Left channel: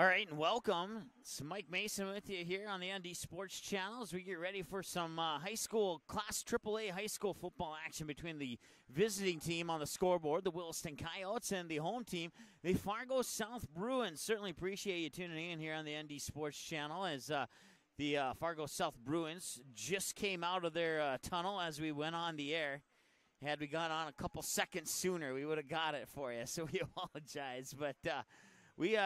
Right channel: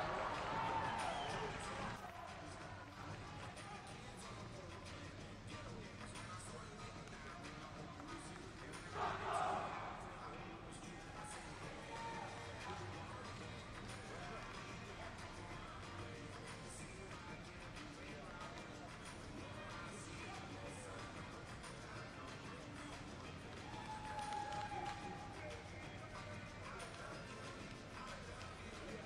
All right, welcome. It's Mike Mason with you here on the ND Sports Channel as we get ready for some high school, Class AAA high school football action between the visiting team on the scoreboard, the Williston Coyotes, and the home team, the Fargo South Bruins. Certainly appreciate you tuning in here on the ND Sports Channel as the Fargo South Bruins just came out of their tunnel as we went on the air. Had we gone on a couple seconds sooner, we would have got it for you, so we apologize. But we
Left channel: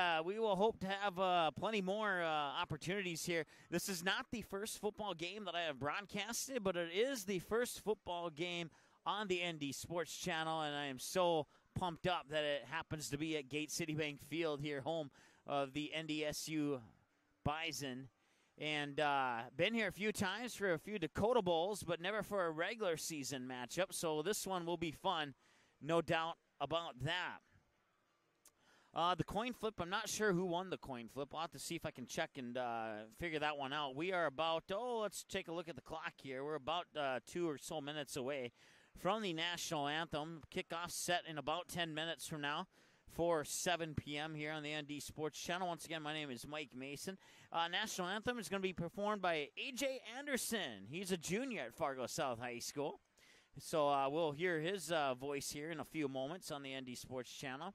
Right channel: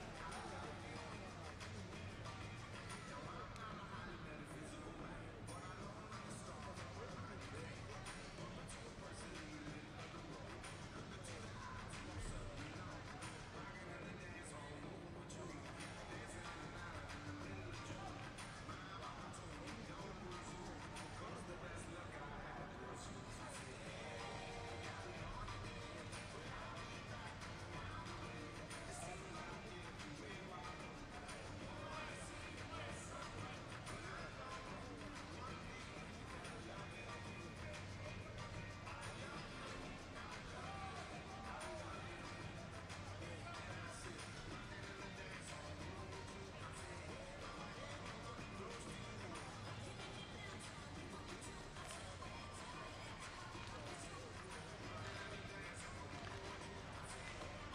will hope to have plenty more opportunities here. This is not the first football game that I have broadcasted, but it is the first football game on the ND Sports Channel, and I am so pumped up that it happens to be at Gate City Bank Field here, home of the NDSU Bison. And been here a few times for a few Dakota Bowls, but never for a regular season matchup, so this one will be fun, no doubt about that. The coin flip, I'm not sure who won the coin flip. I'll have to see if I can check and figure that one out. We are about, let's take a look at the clock here. We're about 2 or so minutes away from the national anthem. Kickoff set in about 10 minutes from now for 7 p.m. here on the ND Sports Channel. Once again, my name is Mike Mason. National anthem is going to be performed by A.J. Anderson. He's a junior at Fargo South High School. So we'll hear his voice here in a few moments on the ND Sports Channel.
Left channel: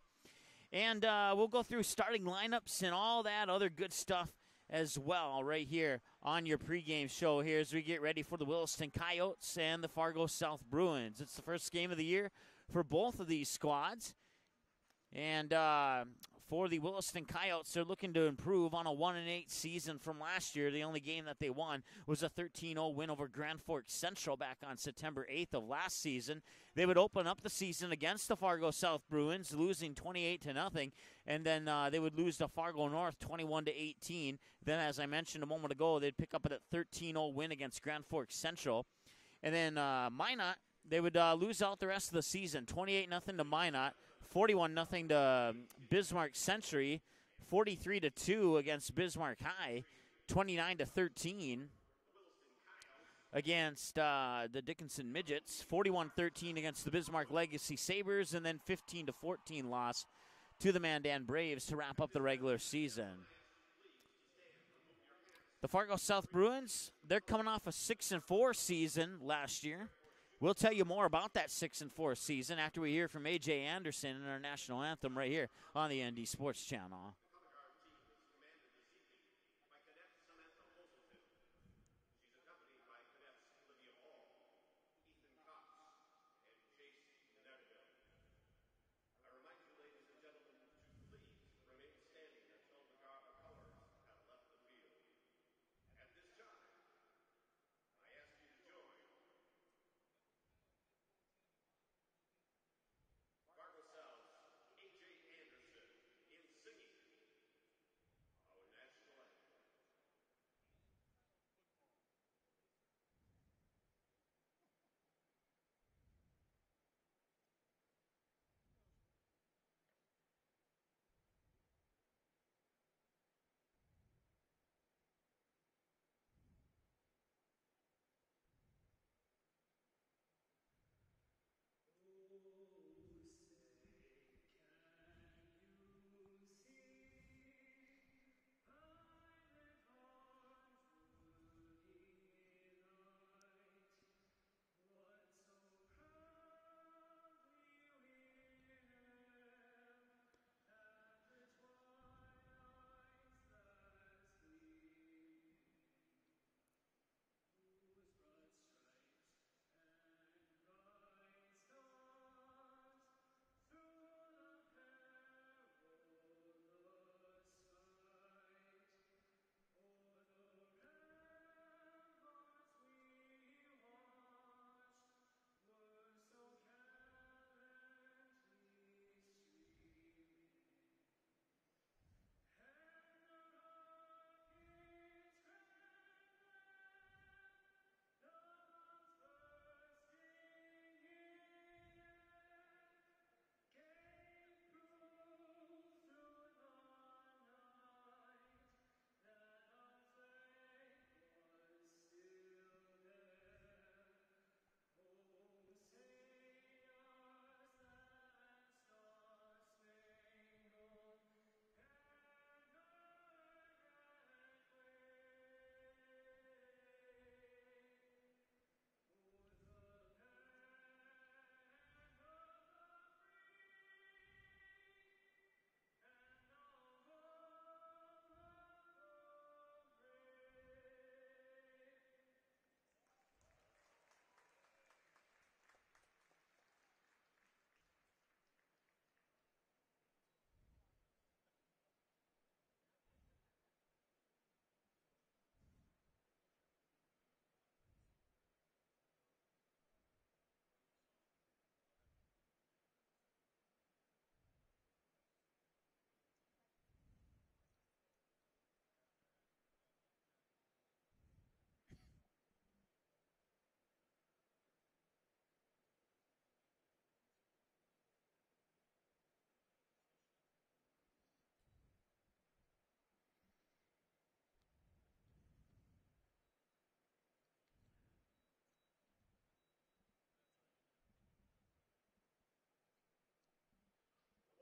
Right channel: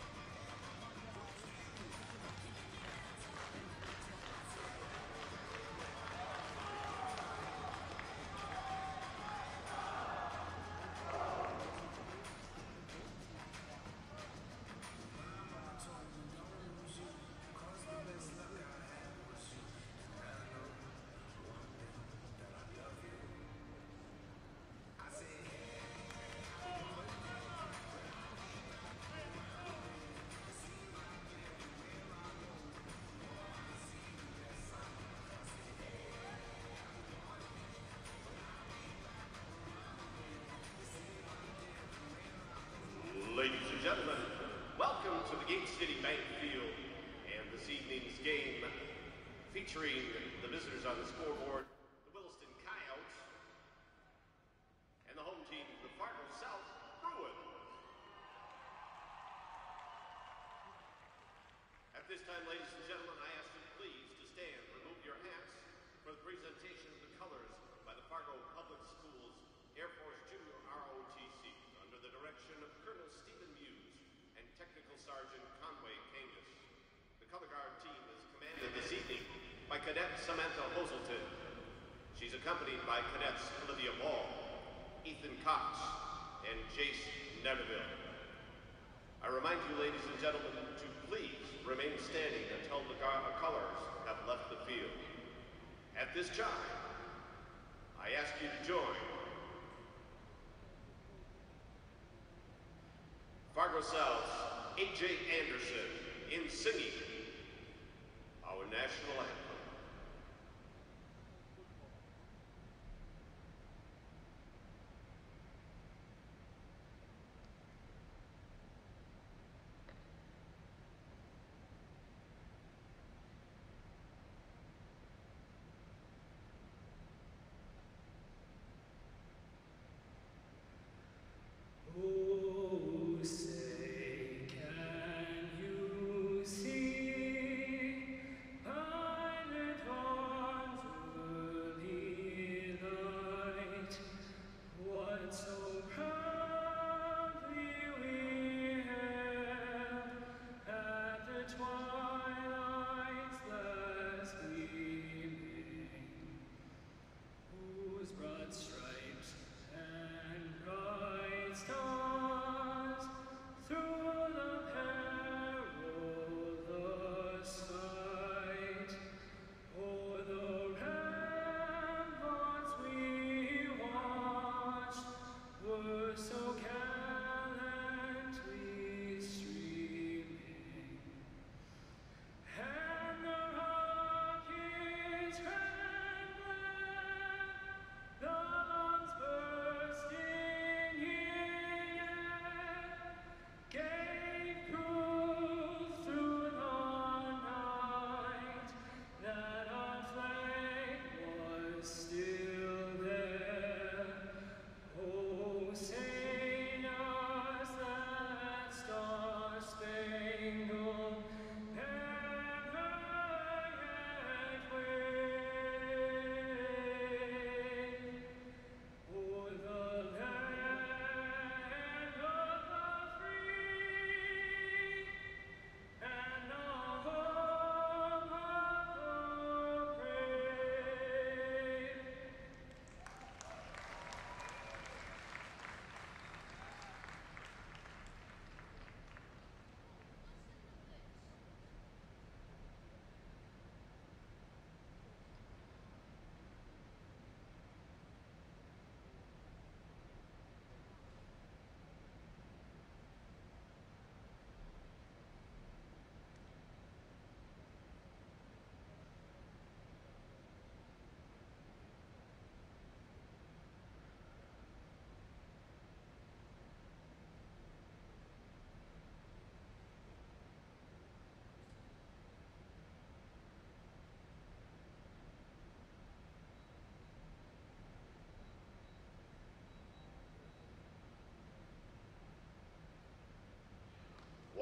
And we'll go through starting lineups and all that other good stuff as well right here on your pregame show here as we get ready for the Williston Coyotes and the Fargo South Bruins. It's the first game of the year for both of these squads. And for the Williston Coyotes, they're looking to improve on a 1-8 season from last year. The only game that they won was a 13-0 win over Grand Forks Central back on September 8th of last season. They would open up the season against the Fargo South Bruins, losing 28-0, and then they would lose to Fargo North 21-18. Then, as I mentioned a moment ago, they'd pick up a 13-0 win against Grand Forks Central. And then Minot, they would lose out the rest of the season, 28-0 to Minot, 41-0 to Bismarck Century, 43-2 against Bismarck High, 29-13 against the Dickinson Midgets, 41-13 against the Bismarck Legacy Sabres, and then 15-14 loss to the Mandan Braves to wrap up the regular season. The Fargo South Bruins, they're coming off a 6-4 season last year. We'll tell you more about that 6-4 season after we hear from A.J. Anderson in our national anthem right here on the ND Sports Channel. The color guard team is commanded this evening by Cadet Samantha Hoselton. She's accompanied by Cadets Olivia Ball, Ethan Cox, and Jace Neville. I remind you, ladies and gentlemen, to please remain standing until the colors have left the field. At this time, I ask you to join Fargo South's A.J. Anderson in singing our national anthem. Oh, say, can you see by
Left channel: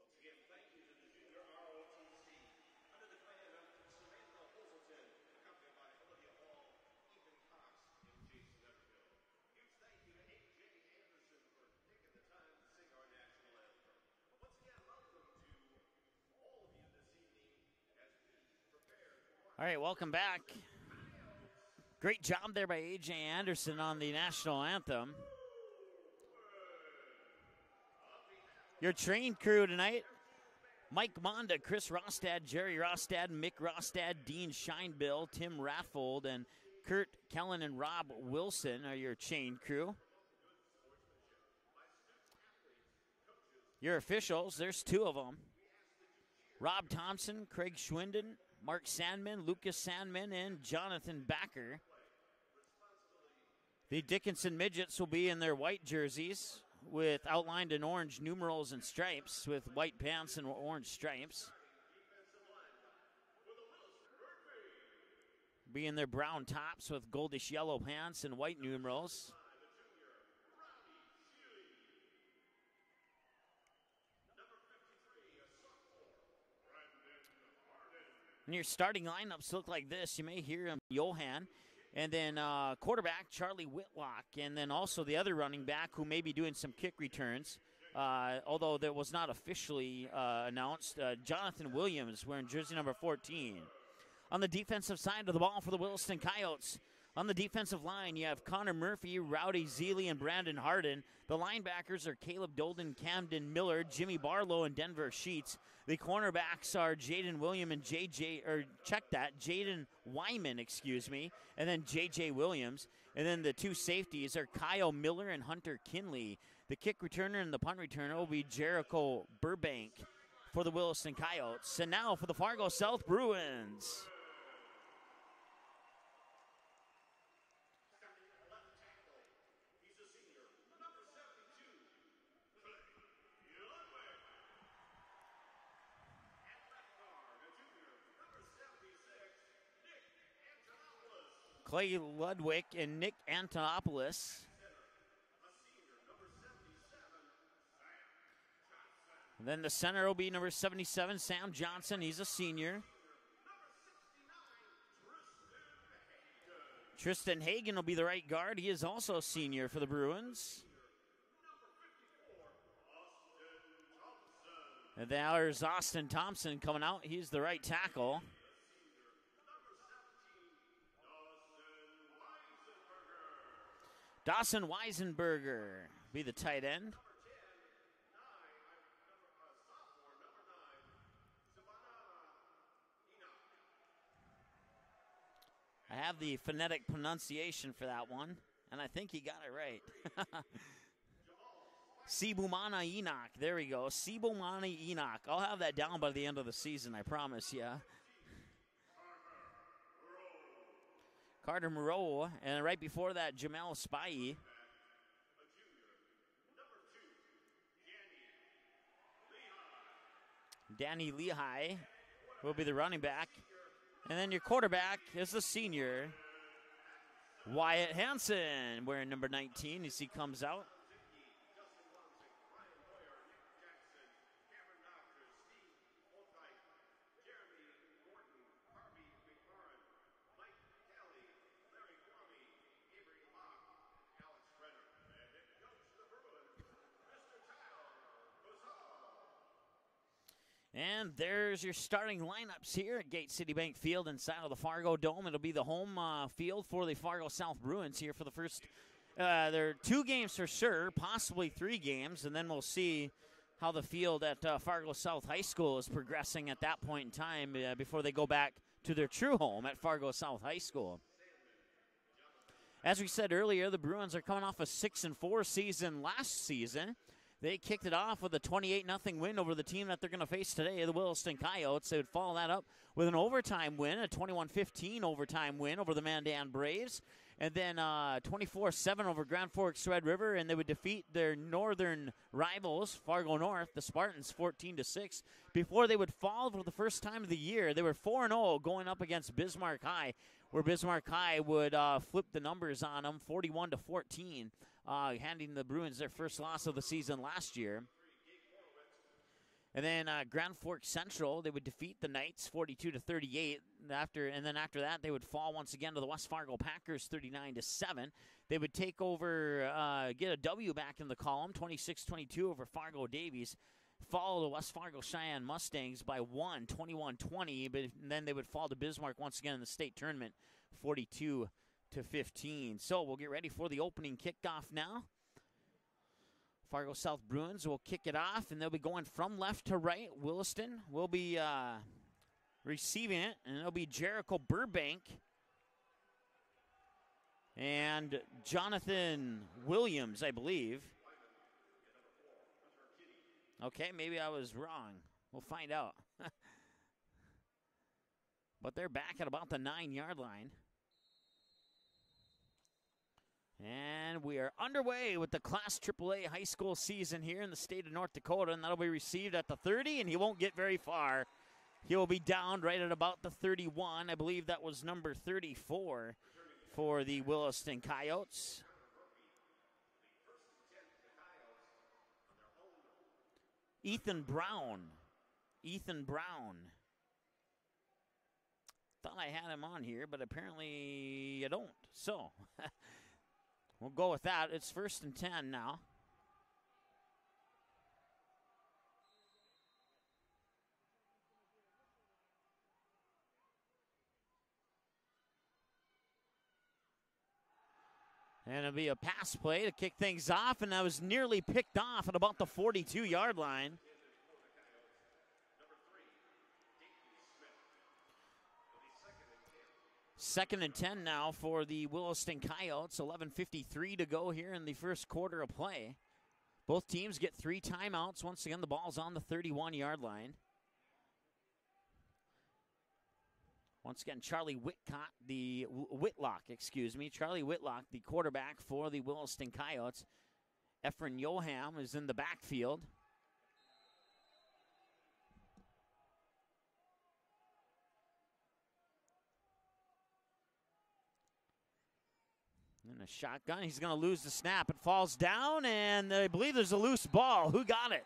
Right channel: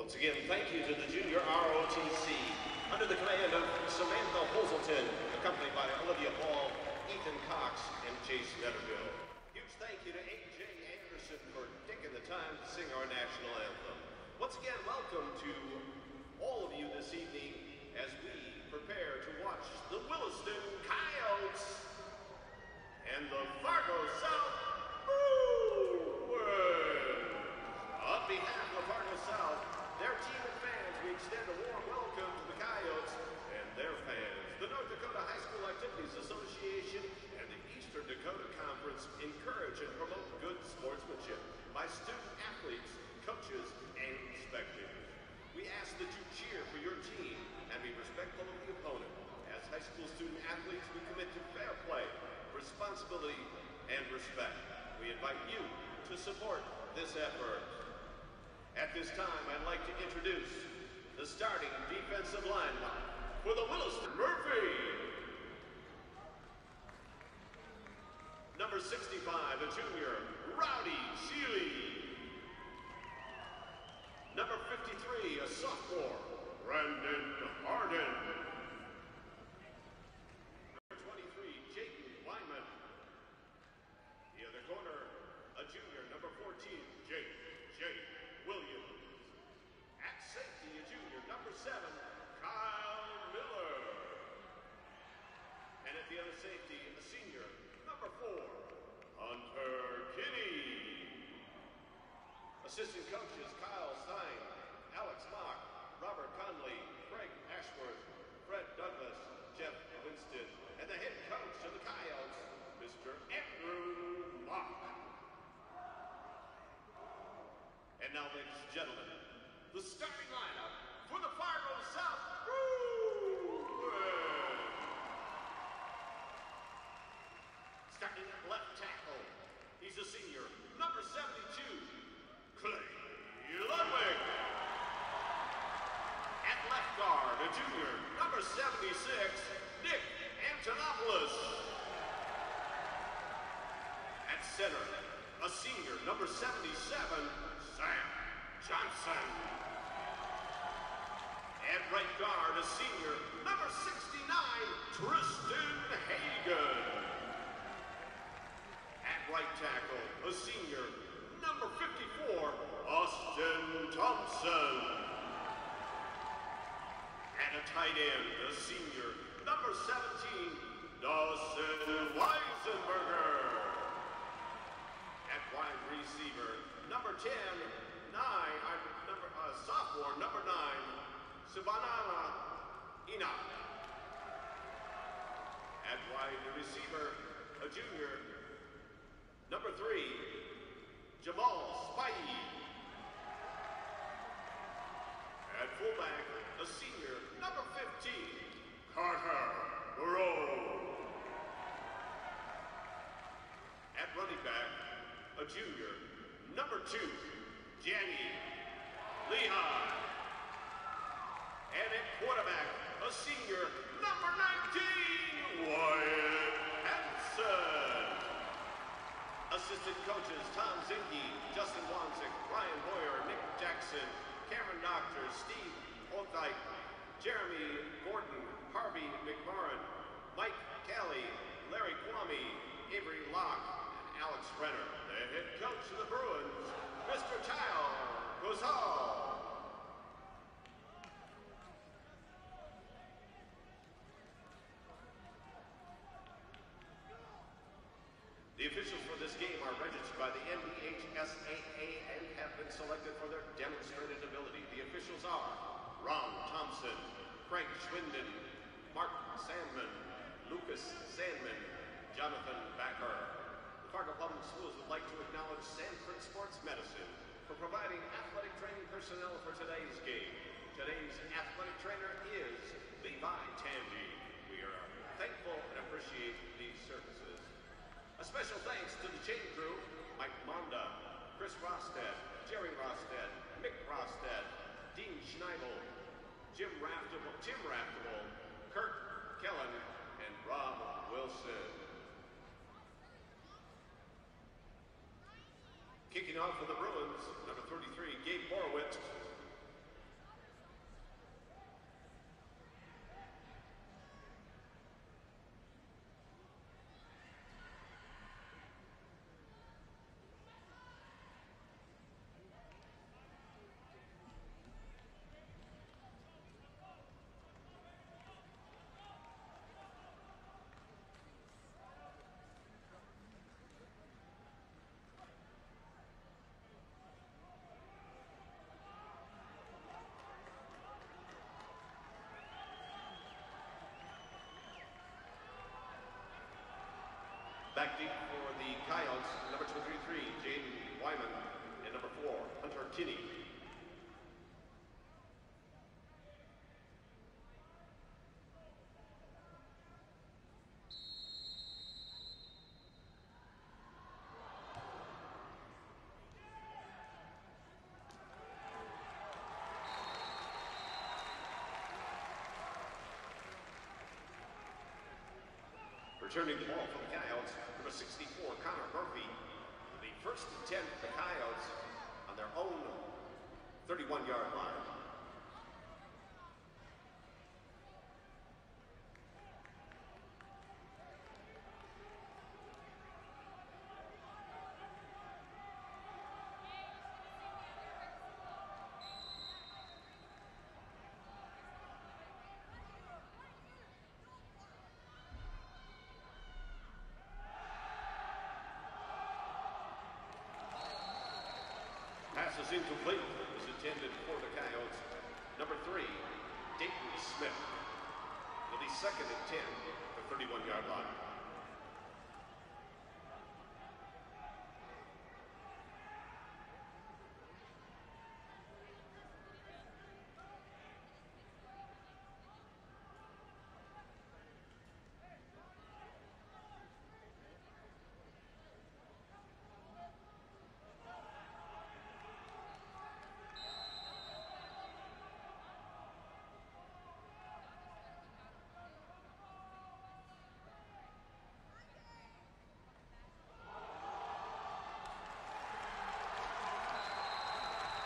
Once again, thank you to the Junior ROTC under the command of Samantha Hoselton, accompanied by Olivia Ball, Ethan Cox, and Jace Netterville. Huge thank you to A.J. Anderson for taking the time to sing our national anthem. Once again, welcome to all of you this evening as we prepare to watch. All right, welcome back. Coyotes. Great job there by A.J. Anderson on the national anthem. Your train crew tonight: Mike Monda, Chris Rostad, Jerry Rostad, Mick Rostad, Dean Scheinbill, Tim Raffold, and Kurt Kellen and Rob Wilson are your chain crew. Your officials, there's two of them: Rob Thompson, Craig Schwinden, Mark Sandman, Lucas Sandman, and Jonathan Backer. The Dickinson Midgets will be in their white jerseys with outlined in orange numerals and stripes, with white pants and orange stripes. The starting defensive lineman for the Williston Murphy. Be in their brown tops with goldish yellow pants and white Number numerals. 65, a junior, Rowdy Seeley. Number 53, a sophomore, Brandon Harden. And your starting lineups look like this. You may hear him, Johan. And then quarterback, Charlie Whitlock. And then also the other running back who may be doing some kick returns, although that was not officially announced, Jonathan Williams, wearing jersey number 14. On the defensive side of the ball for the Williston Coyotes, on the defensive line, you have Connor Murphy, Rowdy Seeley, and Brandon Harden. The linebackers are Caleb Dolden, Camden Miller, Jimmy Barlow, and Denver Sheets. The cornerbacks are Jaden William and Jaden Wyman, and then J.J. Williams. And then the two safeties are Kyle Miller and Hunter Kinley. The kick returner and the punt returner will be Jericho Burbank for the Williston Coyotes. And now for the Fargo South Bruins. Starting at left tackle, he's a senior, number 72, Clay Ludwig. At left guard, a junior, number 76, Nick Antonopoulos. Clay Ludwig and Nick Antonopoulos. At center, a senior, number 77, Sam Johnson. Then the center will be number 77, Sam Johnson. He's a senior. Number 69, Tristan Hagan. Tristan Hagan will be the right guard. He is also a senior for the Bruins. A senior, number 54, Austin Thompson. And there's Austin Thompson coming out. He's the right tackle. A senior, number 17, Dawson Weisenberger. Dawson Weisenberger be the tight end. Number 10, sophomore, number 9, Sabanana Enoch. I have the phonetic pronunciation for that one, and I think he got it number right. 3, Jamal Spikey. Sibumana Enoch. There we go. Sibumana Enoch. I'll have that down by the end of the season, I promise you. Number 15, Carter Moreau. Carter Moreau, and right before that, Jamal Spivey. Running back, a junior, number 2, Danny Lehigh. Danny Lehigh And at quarterback, will be the running back. a senior, And then your quarterback is the senior, Wyatt Hansen. Hansen, wearing number 19 as he comes out. Tom Zinke, Justin Wanzik, Ryan Boyer, Nick Jackson, Cameron Doctor, Steve Olddyke, Jeremy Gordon, Harvey McMorrin, Mike Kelly, Larry Kwame, Avery Locke, and Alex Renner. The head coach of the Bruins, Mr. Kyle Gozal. And there's your starting lineups here at Gate City Bank Field inside of the Fargo Dome. It'll be the home field for the Fargo South Bruins here for the first. There are 2 games for sure, possibly 3 games, and then we'll see how the field at Fargo South High School is progressing at that point in time before they go back to their true home at Fargo South High School. As we said earlier, the Bruins are coming off a 6-4 season last season. They kicked it off with a 28-0 win over the team that they're going to face today, the Williston Coyotes. They would follow that up with an overtime win, a 21-15 overtime win over the Mandan Braves, and then 24-7 over Grand Forks Red River, and they would defeat their northern rivals, Fargo North, the Spartans, 14-6, before they would fall for the first time of the year. They were 4-0 going up against Bismarck High, where Bismarck High would flip the numbers on them, 41-14. Handing the Bruins their first loss of the season last year. And then Grand Forks Central, they would defeat the Knights 42-38. And then after that, they would fall once again to the West Fargo Packers 39-7. They would take over, get a W back in the column, 26-22 over Fargo Davies. Follow the West Fargo Cheyenne Mustangs by 21-20. But then they would fall to Bismarck once again in the state tournament, 42-15. So we'll get ready for the opening kickoff now. Fargo South Bruins will kick it off, and they'll be going from left to right. Williston will be receiving it, and it'll be Jericho Burbank and Jonathan Williams, I believe. And number 4, Hunter Kinney. Okay, maybe I was wrong. We'll find out. But they're back at about the 9-yard line. And we are underway with the Class AAA high school season here in the state of North Dakota, and that'll be received at the 30, and he won't get very far. He will be down right at about the 31. I believe that was number 34 for the Williston Coyotes. Connor Murphy, the first and 10 for the Coyotes on their own. Ethan Brown. Ethan Brown. Thought I had him on here, but apparently you don't. So we'll go with that. It's first and 10 now. And it'll be a pass play to kick things off, and that was nearly picked off at about the 42-yard line. Intended for the Coyotes. Number 3, Dayton Smith. It'll be second and 10. Second and 10 now for the Williston Coyotes. 11:53 to go here in the first quarter of play. Both teams get 3 timeouts. Once again, the ball's on the 31-yard line. Once again, Charlie Whitlock, the quarterback for the Williston Coyotes. Efren Yoham is in the backfield. And a shotgun, he's going to lose the snap. It falls down, and I believe there's a loose ball. Who got it?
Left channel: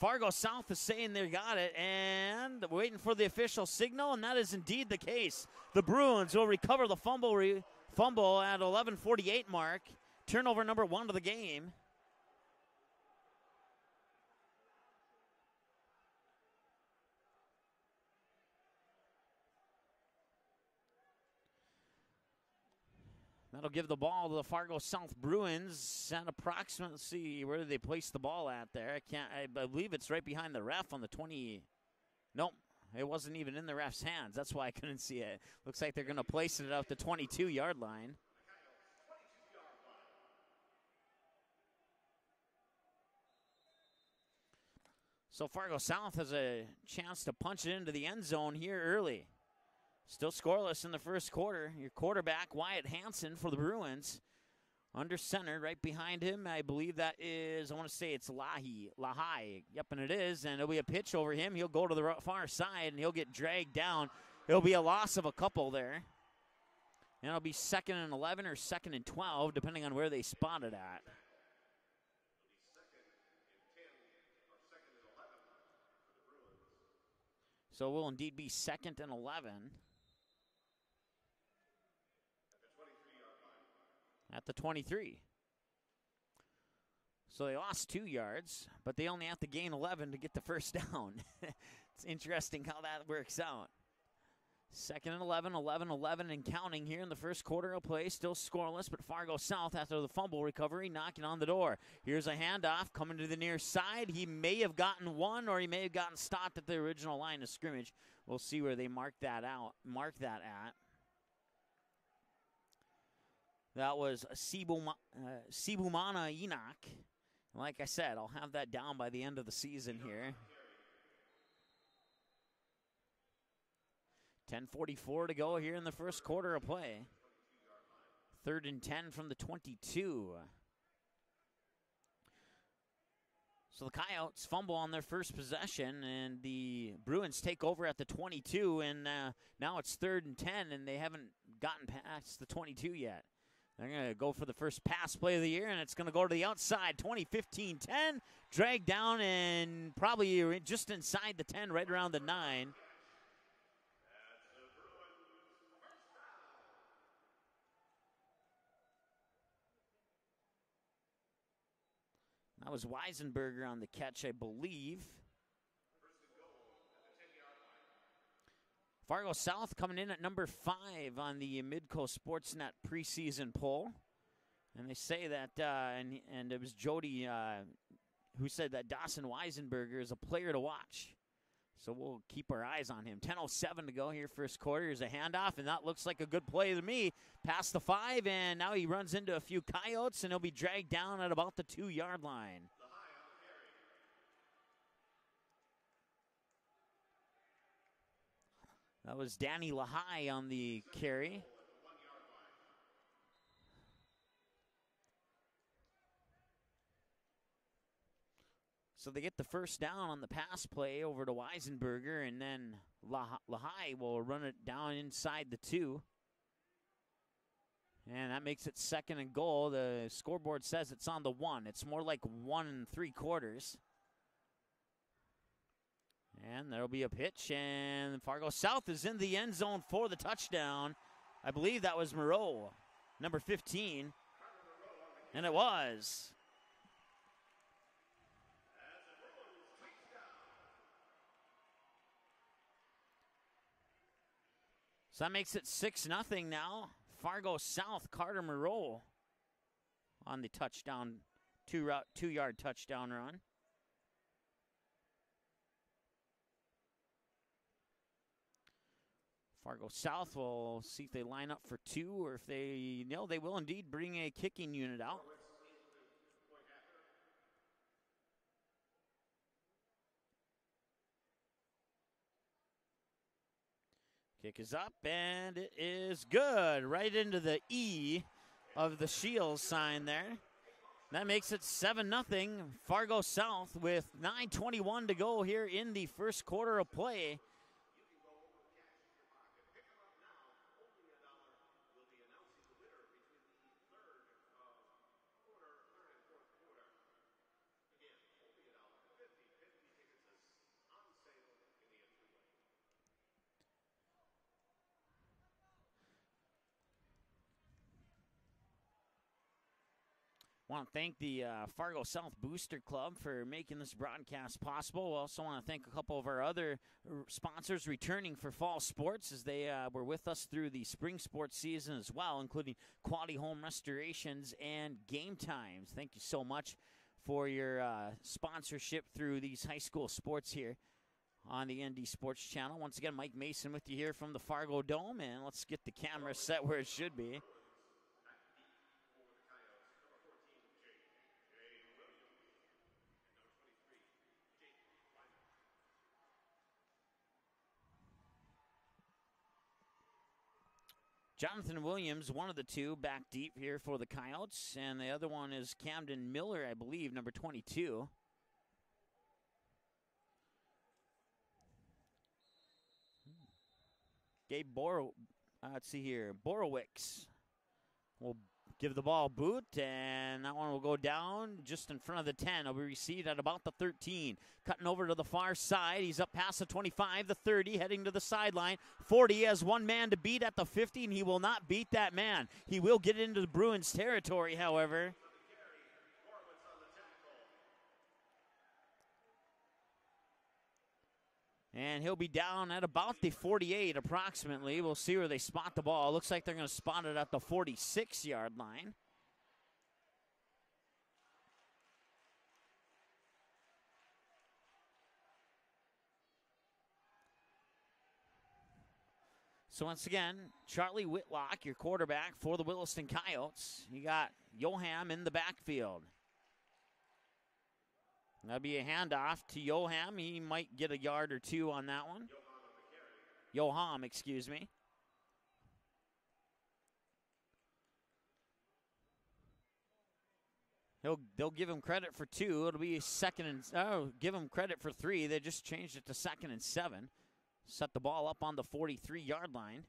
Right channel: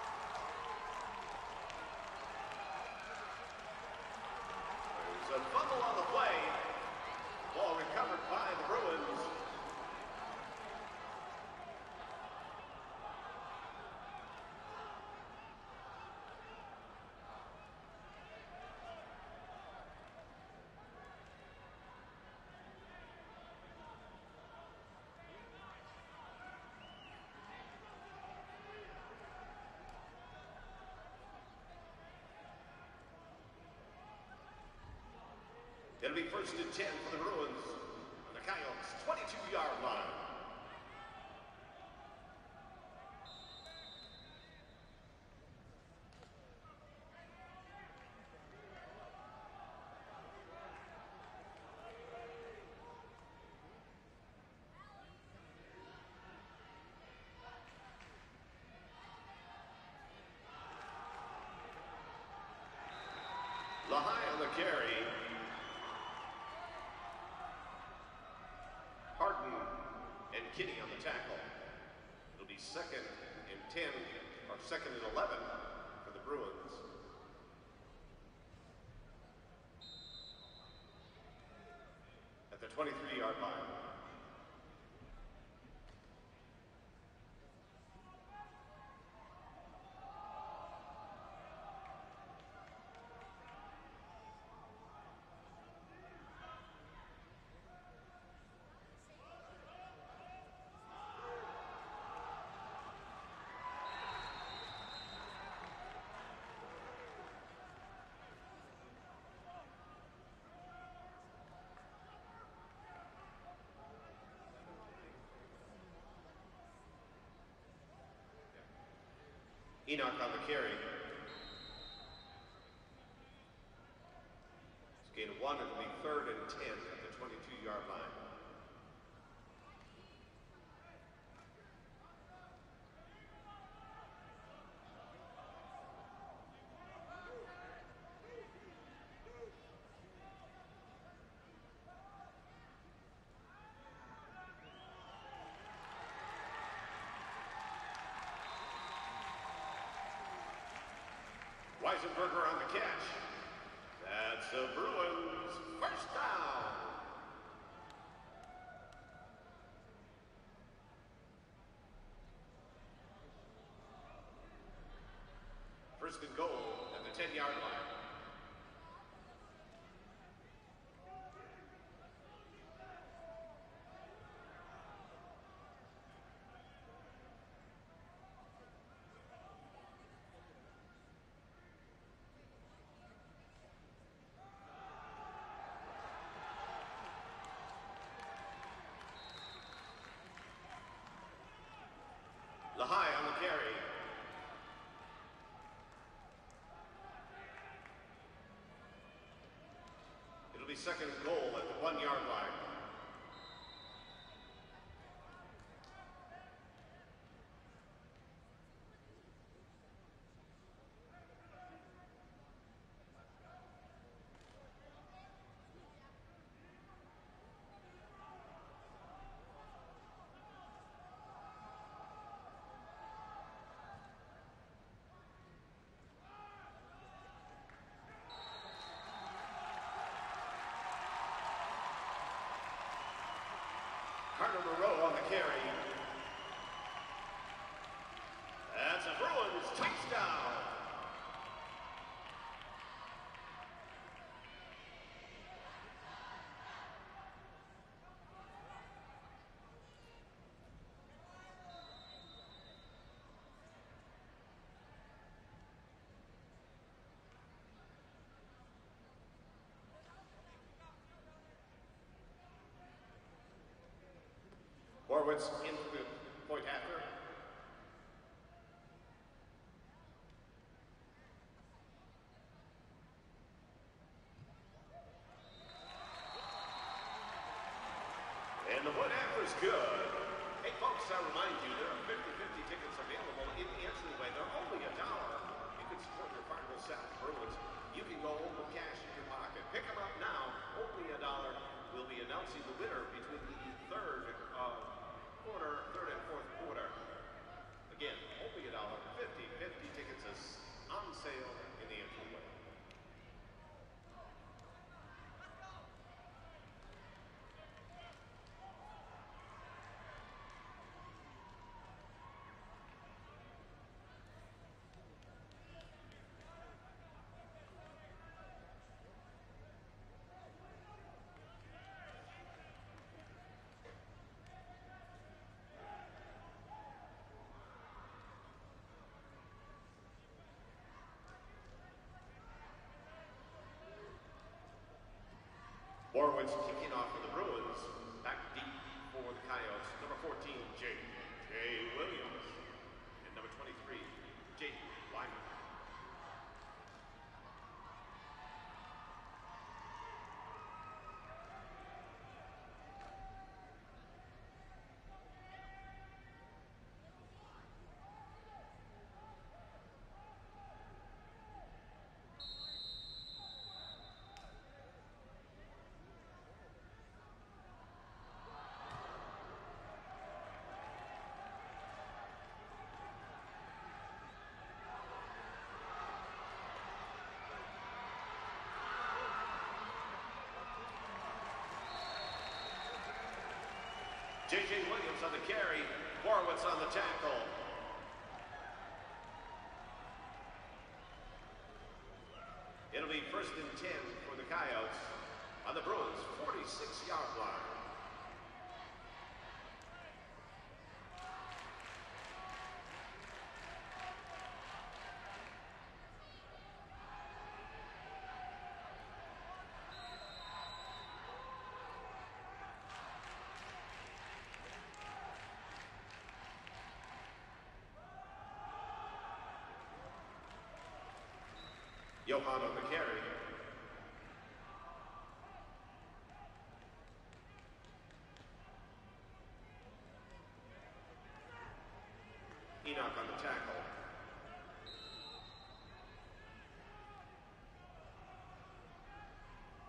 Fargo South is saying they got it, and waiting for the official signal, and that is indeed the case. The Bruins will recover the fumble at 11:48 mark. Turnover number 1 of the game. That'll give the ball to the Fargo South Bruins at approximately, let's see, where did they place the ball at there? I believe it's right behind the ref on the 20. Nope, it wasn't even in the ref's hands. That's why I couldn't see it. Looks like they're going to place it at the 22-yard line. The Coyotes, 22-yard line. So Fargo South has a chance to punch it into the end zone here early. Still scoreless in the first quarter. Your quarterback, Wyatt Hansen for the Bruins. Under center, right behind him, I believe that is, I want to say it's Lahai. Yep, and it is, and it'll be a pitch over him. He'll go to the far side, and he'll get dragged down. It'll be a loss of a couple there. And it'll be 2nd and 11 or 2nd and 12, depending on where they spot it at. It'll be 2nd and 10 or 2nd and 11 for the Bruins. So it will indeed be 2nd and 11. At the 23-yard line. At the 23. So they lost 2 yards, but they only have to gain 11 to get the first down. It's interesting how that works out. 2nd and 11, 11 and counting here in the first quarter of play. Still scoreless, but Fargo South, after the fumble recovery, knocking on the door. At a handoff coming to the near side. He may have gotten one, or he may have gotten stopped at the original line of scrimmage. We'll see where they mark that at. That was Sibumana Enoch. Like I said, I'll have that down by the end of the season. Enoch on the carry. 10:44 to go here in the first quarter of play. 22-yard line. 3rd and 10 from the 22. So the Coyotes fumble on their first possession, and the Bruins take over at the 22, and now it's 3rd and 10, and they haven't gotten past the 22 yet. They're going to go for the first pass play of the year, and it's going to go to the outside. 20-15-10. dragged down and probably just inside the 10, right around the 9. That's the Bruins' first down. That was Weisenberger on the catch, I believe. First and goal at the 10-yard line. Fargo South coming in at number 5 on the Midcoast Sportsnet preseason poll. And they say that, and it was Jody who said that Dawson Weisenberger is a player to watch. So we'll keep our eyes on him. 10:07 to go here, first quarter. Here's a handoff, and that looks like a good play to me. Past the 5, and now he runs into a few coyotes, and he'll be dragged down at about the 2-yard line. Lehigh on the carry. That was Danny Lehigh on the second carry. goal at the 1-yard line. So they get the first down on the pass play over to Weisenberger, and then Lehigh will run it down inside the 2. And that makes it 2nd and goal. The scoreboard says it's on the 1. It's more like 1 3/4. And there'll be a pitch, and Fargo South is in the end zone for the touchdown. I believe that was Moreau, number 15. Carter Moreau on the carry. And it was. That's a Bruins touchdown. So that makes it 6-0 now. Fargo South, Carter Moreau on the touchdown, 2-yard touchdown run. Fargo South will see if they line up for 2, or if they, no, they will indeed bring a kicking unit out. Horwitz into the point after. Kick is up, and it is good. Right into the E of the Shields sign there. That makes it 7-0. Fargo South with 9:21 to go here in the first quarter of play. You can go home with cash in your pocket. Pick them up now. Only $1. We'll be announcing the winner between the third and fourth quarter. Again, only $1. 50 tickets is on sale in the entryway. I want to thank the Fargo South Booster Club for making this broadcast possible. We also want to thank a couple of our other sponsors returning for fall sports, as they were with us through the spring sports season as well, including Quality Home Restorations and Game Times. Thank you so much for your sponsorship through these high school sports here on the ND Sports Channel. Once again, Mike Mason with you here from the Fargo Dome, and let's get the camera set where it should be. Back deep for the Coyotes. Number 14, Jay Williams. And number 23, Jake Lyman. Jonathan Williams, one of the two, back deep here for the Coyotes, and the other one is Camden Miller, I believe, number 22. Gabe let's see here, Borowicz will give the ball a boot, and that one will go down just in front of the 10. It'll be received at about the 13. Cutting over to the far side. He's up past the 25, the 30, heading to the sideline. 40 has one man to beat at the 50, and he will not beat that man. He will get into the Bruins territory, however. Williams on the carry, Horwitz on the tackle. And he'll be down at about the 48 approximately. We'll see where they spot the ball. Looks like they're going to spot it at the 46-yard line. So once again, Charlie Whitlock, your quarterback for the Williston Coyotes. You got Joham in the backfield. That'll be a handoff to Joham. He might get a yard or two on that one. Johan on the carry. Joham, excuse me. They'll give him credit for 2. It'll be second and give him credit for 3. They just changed it to 2nd and 7. Set the ball up on the 43-yard line.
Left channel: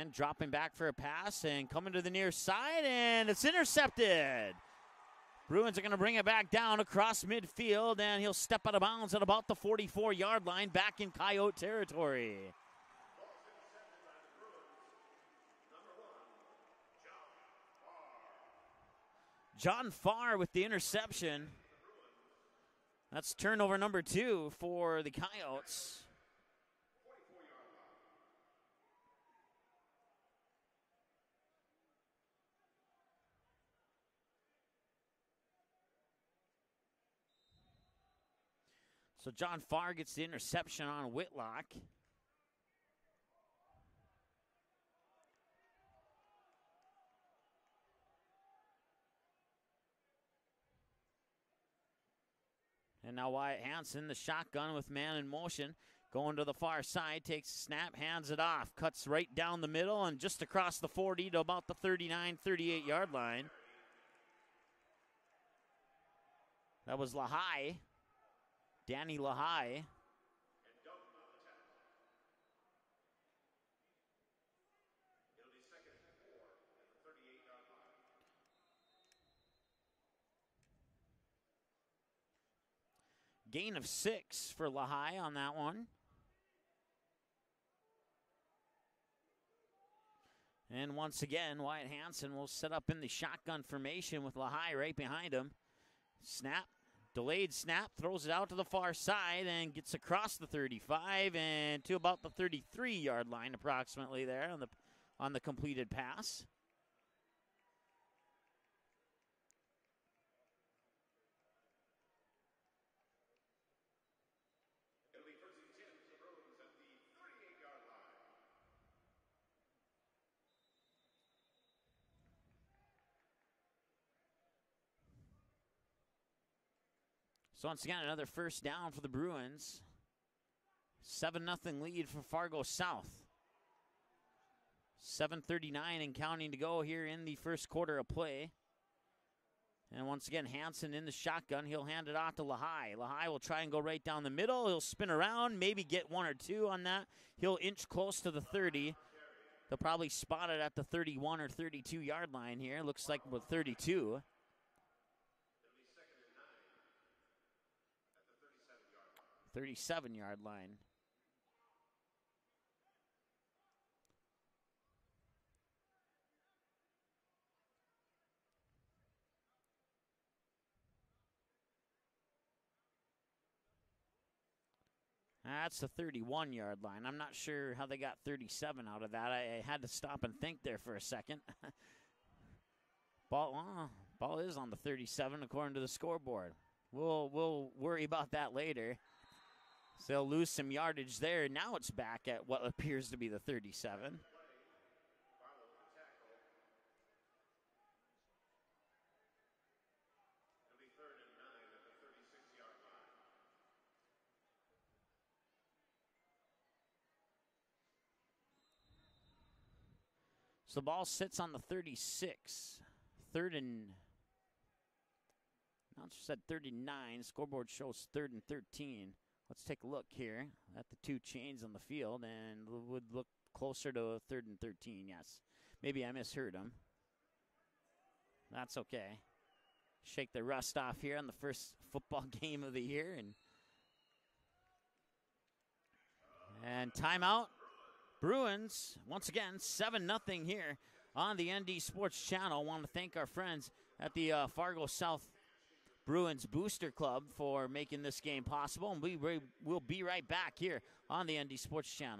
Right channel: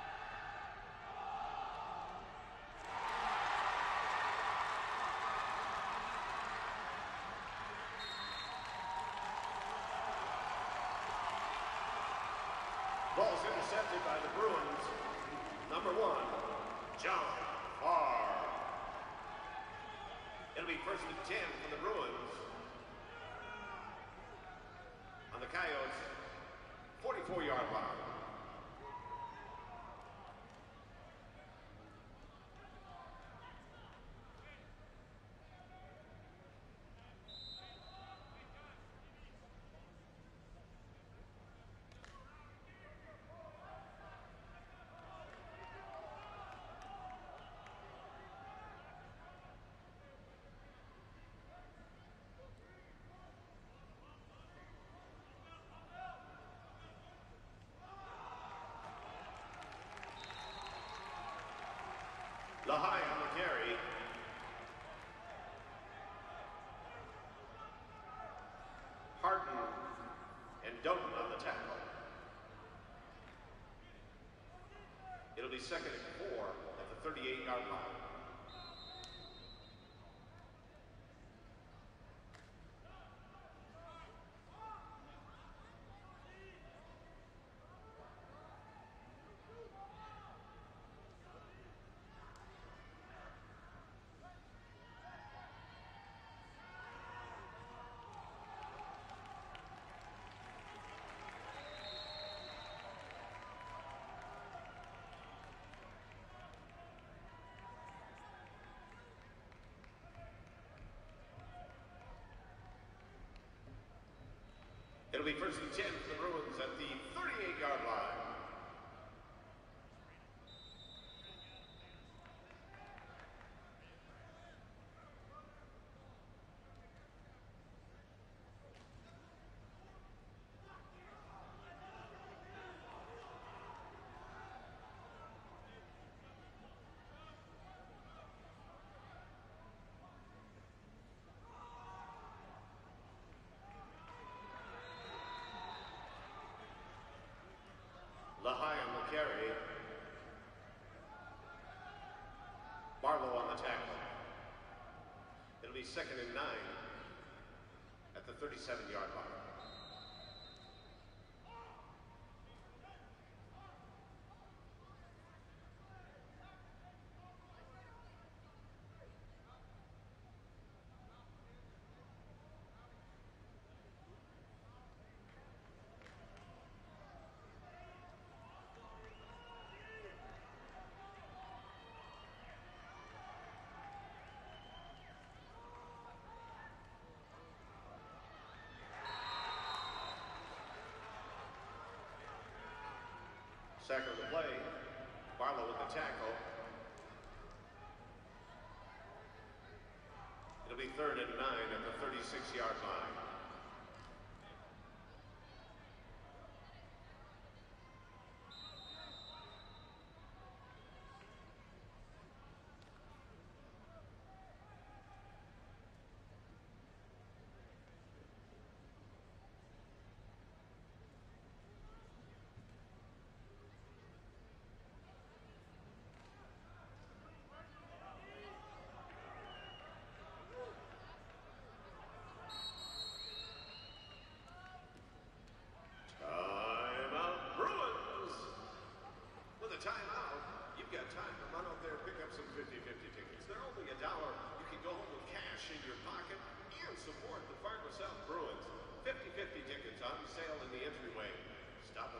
And dropping back for a pass and coming to the near side, and it's intercepted. Bruins are going to bring it back down across midfield, and he'll step out of bounds at about the 44-yard line, back in Coyote territory. Ball's intercepted by the Bruins. Number 1, John Farr. John Farr with the interception. For the Bruins. That's turnover number 2 for the Coyotes. 44-yard line. So John Farr gets the interception on Whitlock. And now Wyatt Hansen, the shotgun with man in motion, going to the far side, takes a snap, hands it off, cuts right down the middle and just across the 40 to about the 39, 38-yard line. That was Lahai. Danny Lahai. And Doughton on the tackle. It'll be 2nd and 4 at the 38-yard line. Gain of 6 for Lahai on that one. And once again, Wyatt Hansen will set up in the shotgun formation with Lahai right behind him. Snap. Delayed snap, throws it out to the far side and gets across the 35 and to about the 33-yard line approximately there on the completed pass. It'll be 1st and 10 for the Bruins at the 38-yard line. So once again, another first down for the Bruins. 7-0 lead for Fargo South. 7:39 and counting to go here in the first quarter of play. And once again, Hansen in the shotgun. He'll hand it off to Lahai. Lahai will try and go right down the middle. He'll spin around, maybe get 1 or 2 on that. He'll inch close to the 30. He'll probably spot it at the 31 or 32-yard line here. Looks like the 32. It'll be 2nd and 9. At the 37-yard line. 37-yard line. That's the 31-yard line. I'm not sure how they got 37 out of that. I had to stop and think there for a second. Ball is on the 37 according to the scoreboard. We'll worry about that later. So they'll lose some yardage there. Now it's back at what appears to be the 37. Second play. Barlow with the tackle. It'll be 3rd and 9 at the 36-yard line. So the ball sits on the 36. 3rd and at 39. Scoreboard shows 3rd and 13. Let's take a look here at the 2 chains on the field, and would look closer to 3rd and 13. Yes, maybe I misheard him. That's okay. Shake the rust off here on the first football game of the year, and timeout. Bruins once again 7-0 here on the ND Sports Channel. Want to thank our friends at the Fargo South Bruins Booster Club for making this game possible, and we'll be right back here on the ND Sports Channel.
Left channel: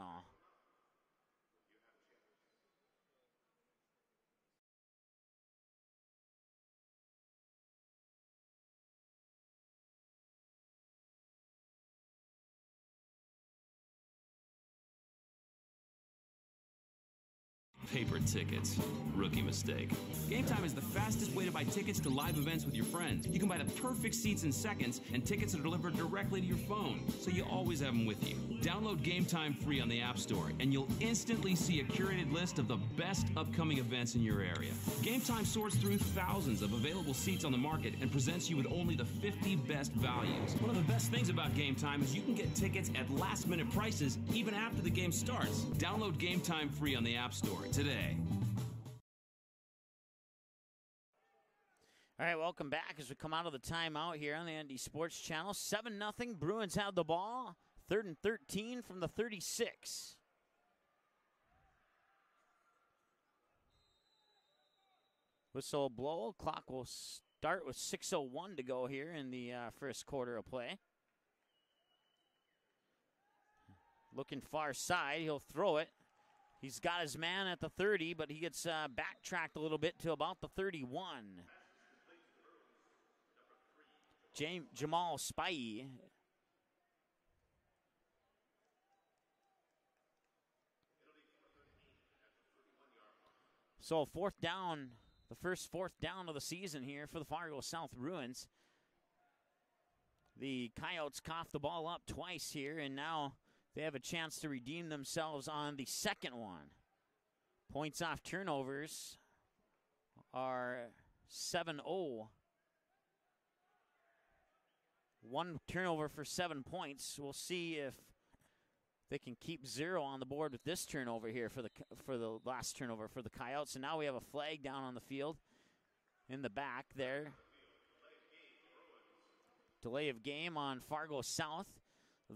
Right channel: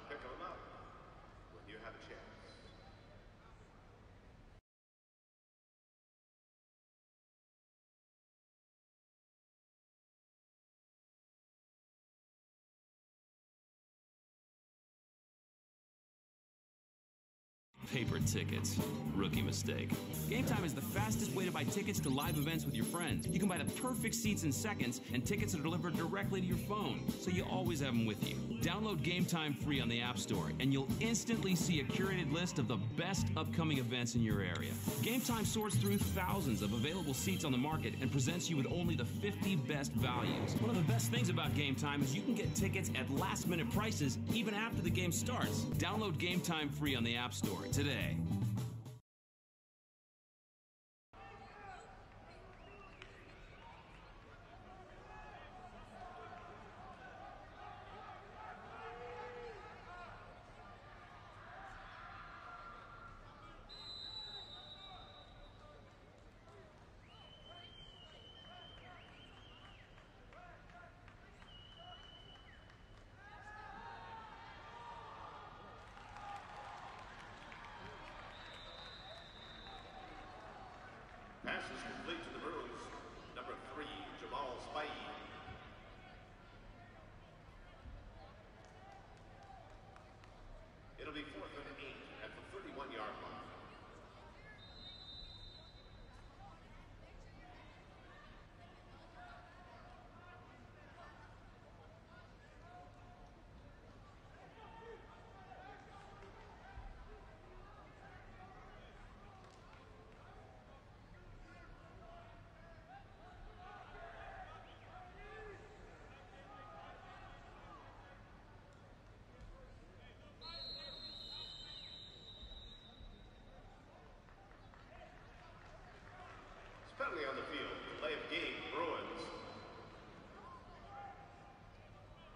Paper tickets. Rookie mistake. Game Time is the fastest way to buy tickets to live events with your friends. You can buy the perfect seats in seconds, and tickets are delivered directly to your phone, so you always have them with you. Download Game Time free on the App Store, and you'll instantly see a curated list of the best upcoming events in your area. Game Time sorts through thousands of available seats on the market and presents you with only the 50 best values. One of the best things about Game Time is you can get tickets at last-minute prices even after the game starts. Download Game Time free on the App Store today. All right, welcome back as we come out of the timeout here on the ND Sports Channel. 7-0, Bruins have the ball. 3rd and 13 from the 36. Whistle blow, clock will start with 6:01 to go here in the first quarter of play. Looking far side, he'll throw it. He's got his man at the 30, but he gets backtracked a little bit to about the 31. Pass is complete to the Bruins. Number 3, Jamal Spivey. It'll be 4th and 8 at the 31-yard line. So 4th down, the first 4th down of the season here for the Fargo South Bruins. The Coyotes coughed the ball up twice here, and now they have a chance to redeem themselves on the second one. Points off turnovers are 7-0. 1 turnover for 7 points. We'll see if they can keep 0 on the board with this turnover here for the last turnover for the Coyotes. And now we have a flag down on the field in the back there. On the field, delay of game, Bruins. Delay of game on Fargo South.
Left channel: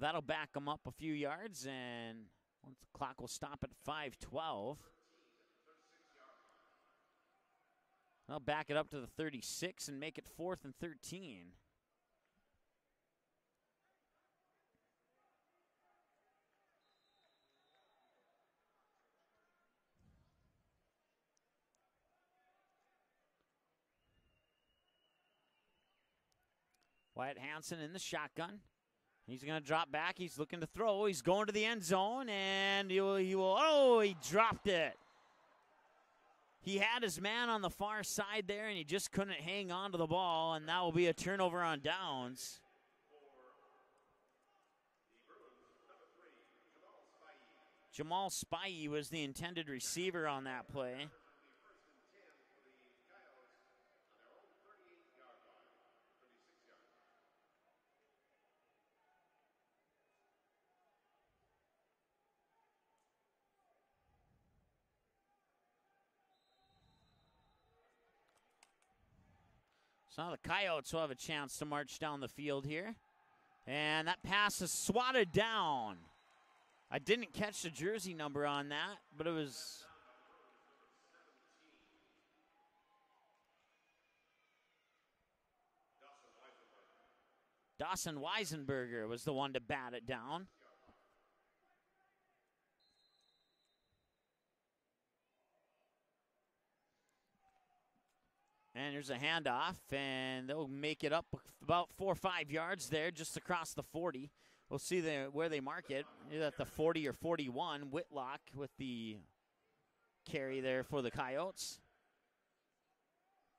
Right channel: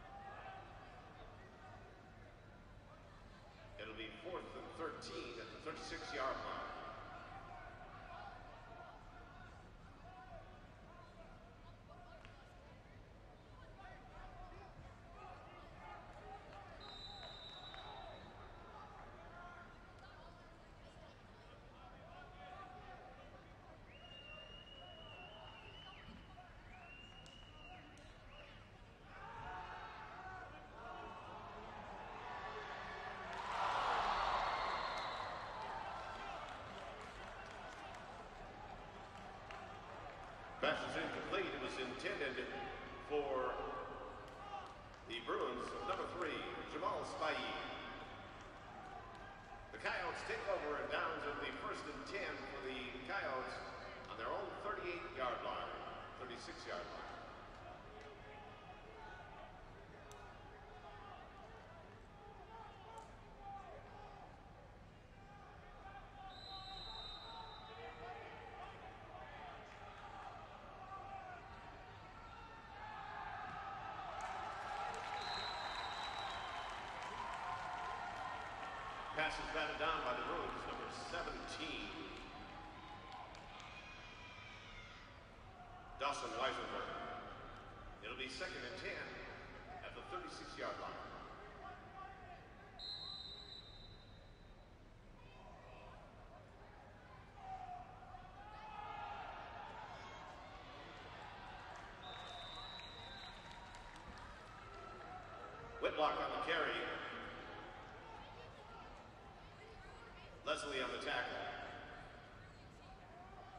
That'll back them up a few yards, and the clock will stop at 5:12. 13 at the 36-yard line. They'll back it up to the 36 and make it 4th and 13. Wyatt Hansen in the shotgun. He's going to drop back. He's looking to throw. He's going to the end zone, and he dropped it. He had his man on the far side there, and he just couldn't hang on to the ball, and that will be a turnover on downs. For the Bruins, number 3, Jamal Spivey. Jamal Spivey was the intended receiver on that play. Downs at the 1st and 10 for the Coyotes on their own 38-yard line, 36-yard line. So now the Coyotes will have a chance to march down the field here. And that pass is swatted down. I didn't catch the jersey number on that, but it was batted down by the Bruins, number 17. Dawson Weisenberger was the one to bat it down. And there's a handoff, and they'll make it up about 4 or 5 yards there, just across the 40. We'll see where they mark it. Either at the 40 or 41. Whitlock with the carry there for the Coyotes.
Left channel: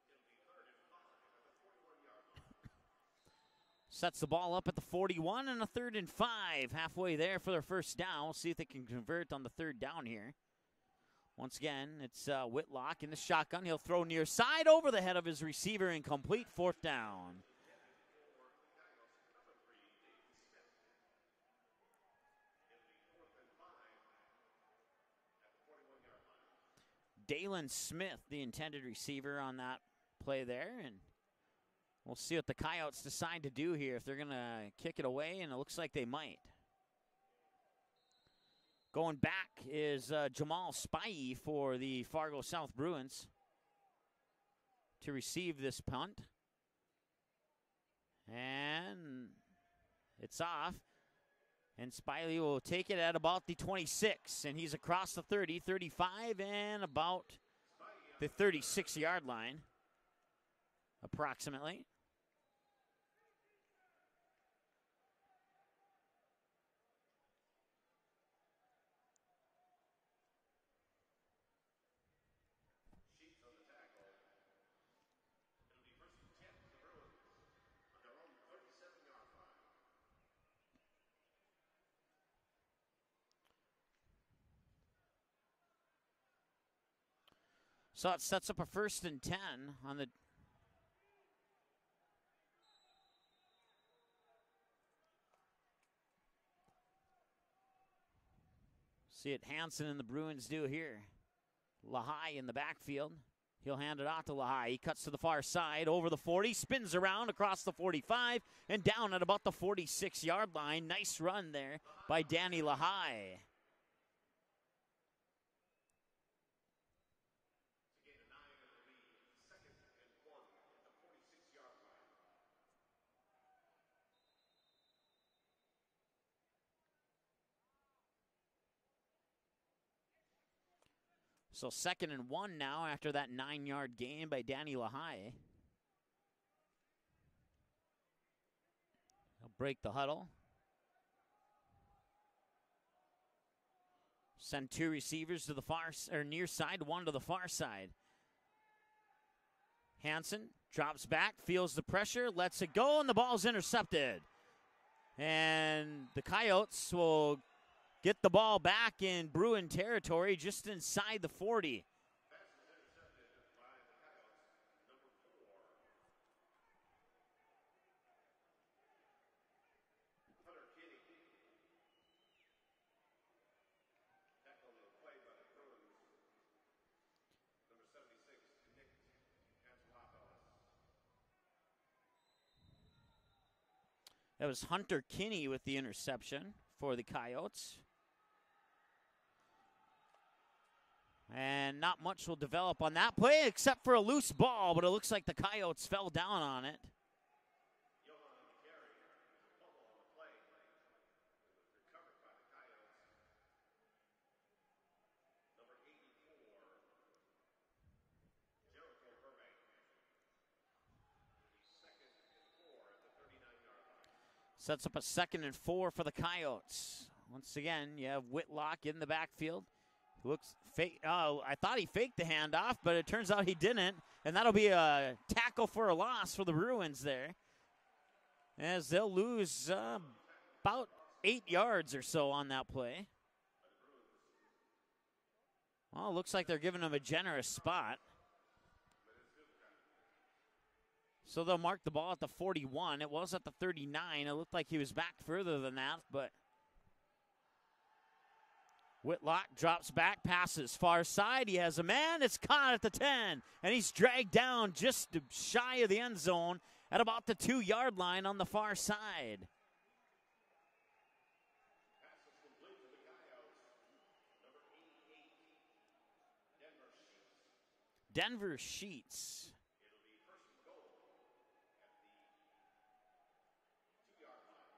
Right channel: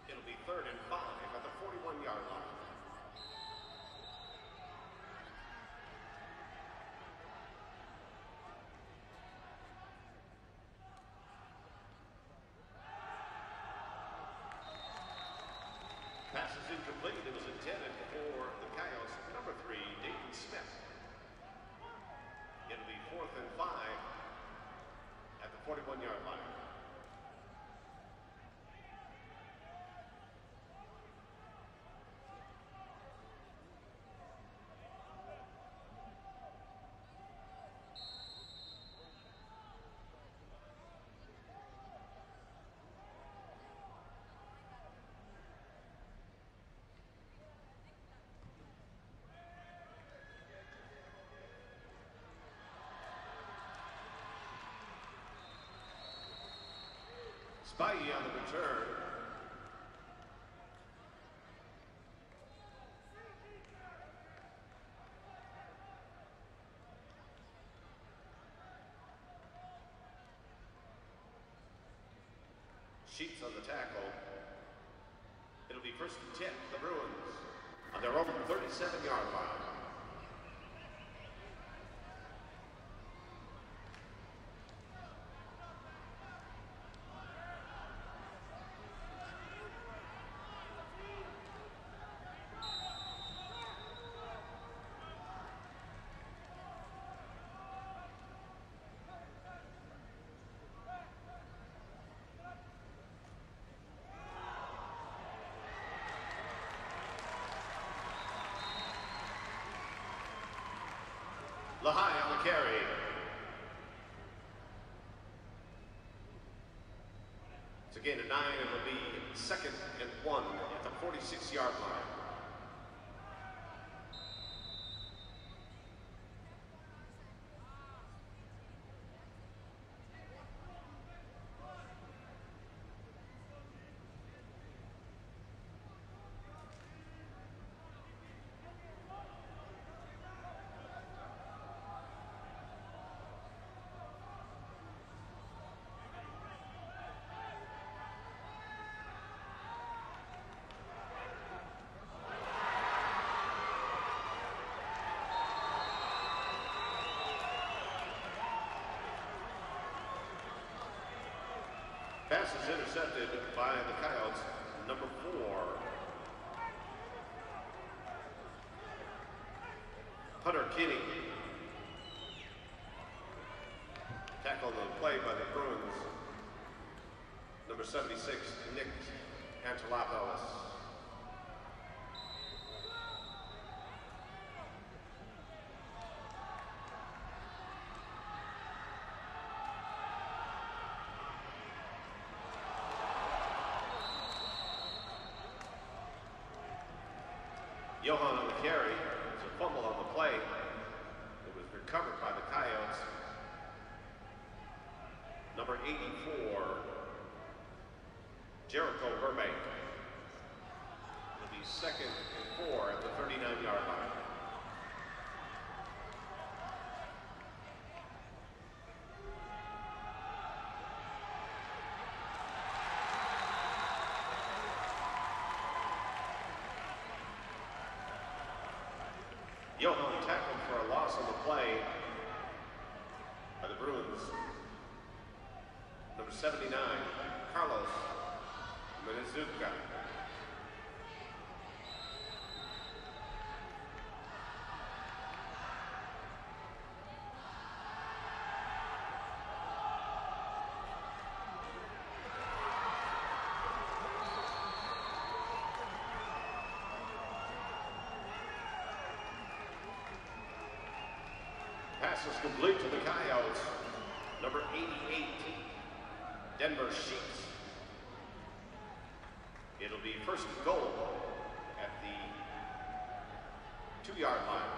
It'll be 3rd and 5 at the 41-yard line. Sets the ball up at the 41 and a 3rd and 5. Halfway there for their first down. We'll see if they can convert on the 3rd down here. Once again, it's Whitlock in the shotgun. He'll throw near side over the head of his receiver and complete 4th down. It was intended for the Coyotes, number 3, Dayton Smith. It'll be 4th and 5 at the 41-yard line. Dalen Smith, the intended receiver on that play there. And we'll see what the Coyotes decide to do here, if they're going to kick it away, and it looks like they might. Going back is Jamal Spivey for the Fargo South Bruins to receive this punt. And it's off. And Spivey will take it at about the 26. And he's across the 30, 35, and about the 36-yard line, approximately. Sheets on the tackle. It'll be 1st and 10, the Bruins, on their own 37-yard line. So it sets up a 1st and 10 on the see what Hansen and the Bruins do here. Lahai in the backfield. He'll hand it off to Lahai. He cuts to the far side, over the 40, spins around across the 45, and down at about the 46-yard line. Nice run there by Danny Lahai. It's a gain of 9, and it'll be 2nd and 1 at the 46-yard line. So 2nd and 1 now after that 9-yard gain by Danny Lahai. Break the huddle. Send 2 receivers to the near side, 1 to the far side. Hansen drops back, feels the pressure, lets it go, and the ball's intercepted. And the Coyotes will get the ball back in Bruin territory, just inside the 40. Pass is intercepted by the Coyotes, number 4. Hunter Kinney. Tackle on the play by the Bruins. Number 76, Nick Angelopoulos. That was Hunter Kinney with the interception for the Coyotes. And not much will develop on that play except for a loose ball, but it looks like the Coyotes fell down on it. Johan on the carry. There's a fumble on the play. It was recovered by the Coyotes. Number 84, Jericho Burbank. It'll be 2nd and 4 at the 39-yard line. Sets up a 2nd and 4 for the Coyotes. Once again, you have Whitlock in the backfield. Looks fake. Oh, I thought he faked the handoff, but it turns out he didn't. And that'll be a tackle for a loss for the Bruins there, as they'll lose about 8 yards or so on that play. By the Bruins. Oh, looks like they're giving him a generous spot. So they'll mark the ball at the 41. It was at the 39. It looked like he was back further than that, but Whitlock drops back, passes far side. He has a man. It's caught at the 10, and he's dragged down just shy of the end zone at about the 2-yard line on the far side. Pass is complete to the Coyotes. Number 88, Denver Sheets. Denver Sheets. It'll be 1st and goal at the 2-yard line.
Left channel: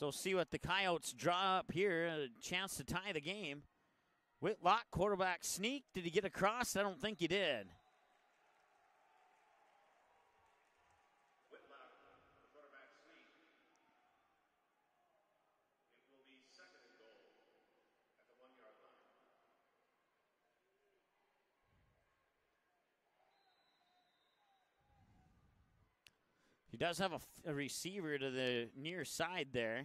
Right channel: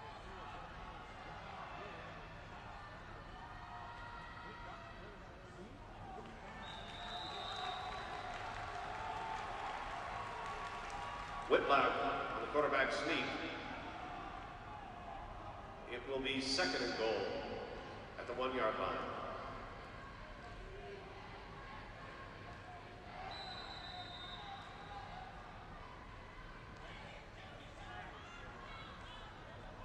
So see what the Coyotes draw up here, a chance to tie the game. Whitlock, quarterback sneak. Did he get across? I don't think he did. Whitlock on the quarterback sneak. It will be 2nd and goal at the 1-yard line. He does have a receiver to the near side there.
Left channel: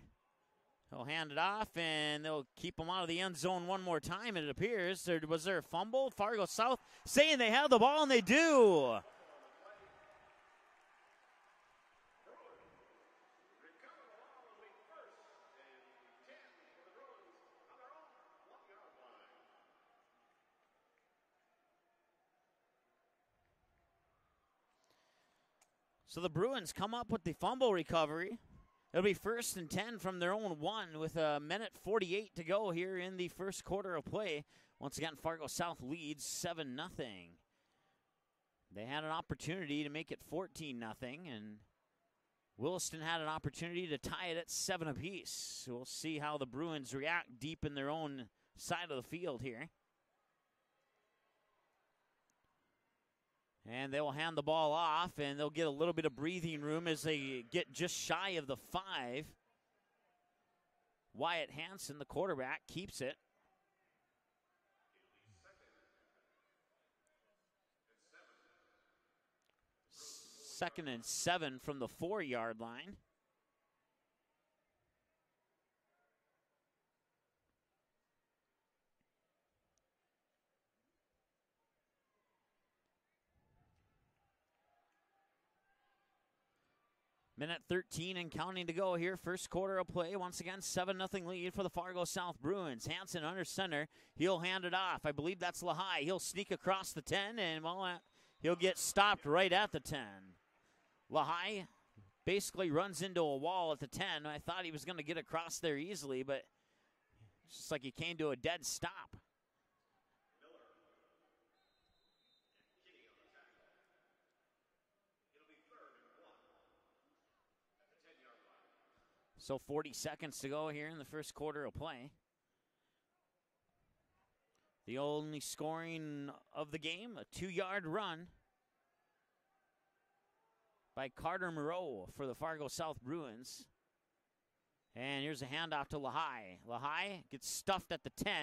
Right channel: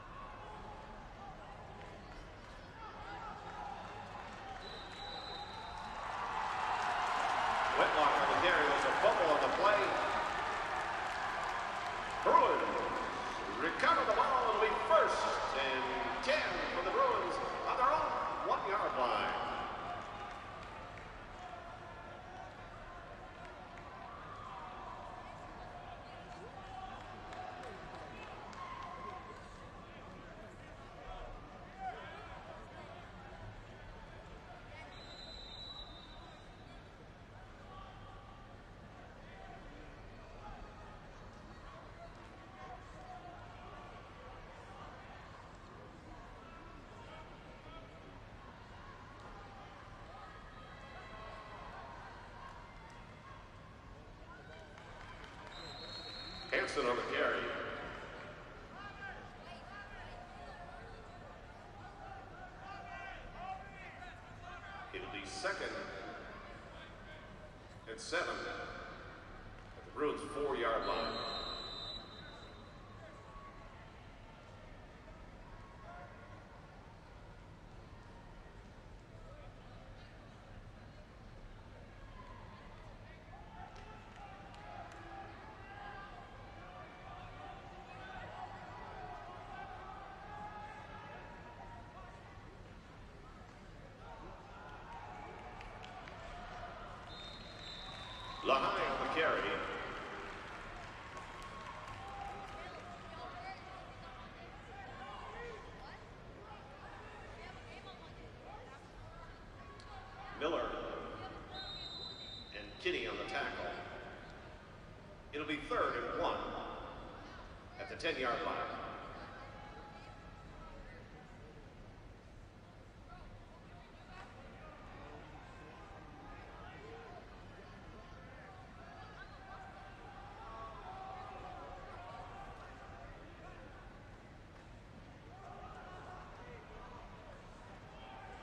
They'll hand it off, and they'll keep him out of the end zone one more time, it appears. Was there a fumble? Fargo South saying they have the ball, and they do. Fumble on the play. Bruins recover the ball. It'll be 1st and 10 for the Bruins on their own 1-yard line. So the Bruins come up with the fumble recovery. It'll be 1st and 10 from their own 1 with a minute 48 to go here in the first quarter of play. Once again, Fargo South leads 7-0. They had an opportunity to make it 14-0, and Williston had an opportunity to tie it at 7 apiece. We'll see how the Bruins react deep in their own side of the field here. And they will hand the ball off, and they'll get a little bit of breathing room as they get just shy of the 5. Wyatt Hansen, the quarterback, keeps it. It'll be 2nd and 7 at the Bruins 4-yard line. 2nd and 7 from the 4-yard line. Minute 13 and counting to go here. First quarter of play. Once again, 7-0 lead for the Fargo South Bruins. Hansen under center. He'll hand it off. I believe that's Lahai. He'll sneak across the 10, and well, he'll get stopped right at the 10. Lahai basically runs into a wall at the 10. I thought he was going to get across there easily, but it's just like he came to a dead stop. Miller and Kinney on the tackle. It'll be 3rd and 1 at the 10-yard line. So 40 seconds to go here in the first quarter of play. The only scoring of the game, a 2-yard run by Carter Moreau for the Fargo South Bruins. And here's a handoff to Lahai. Lahai gets stuffed at the 10.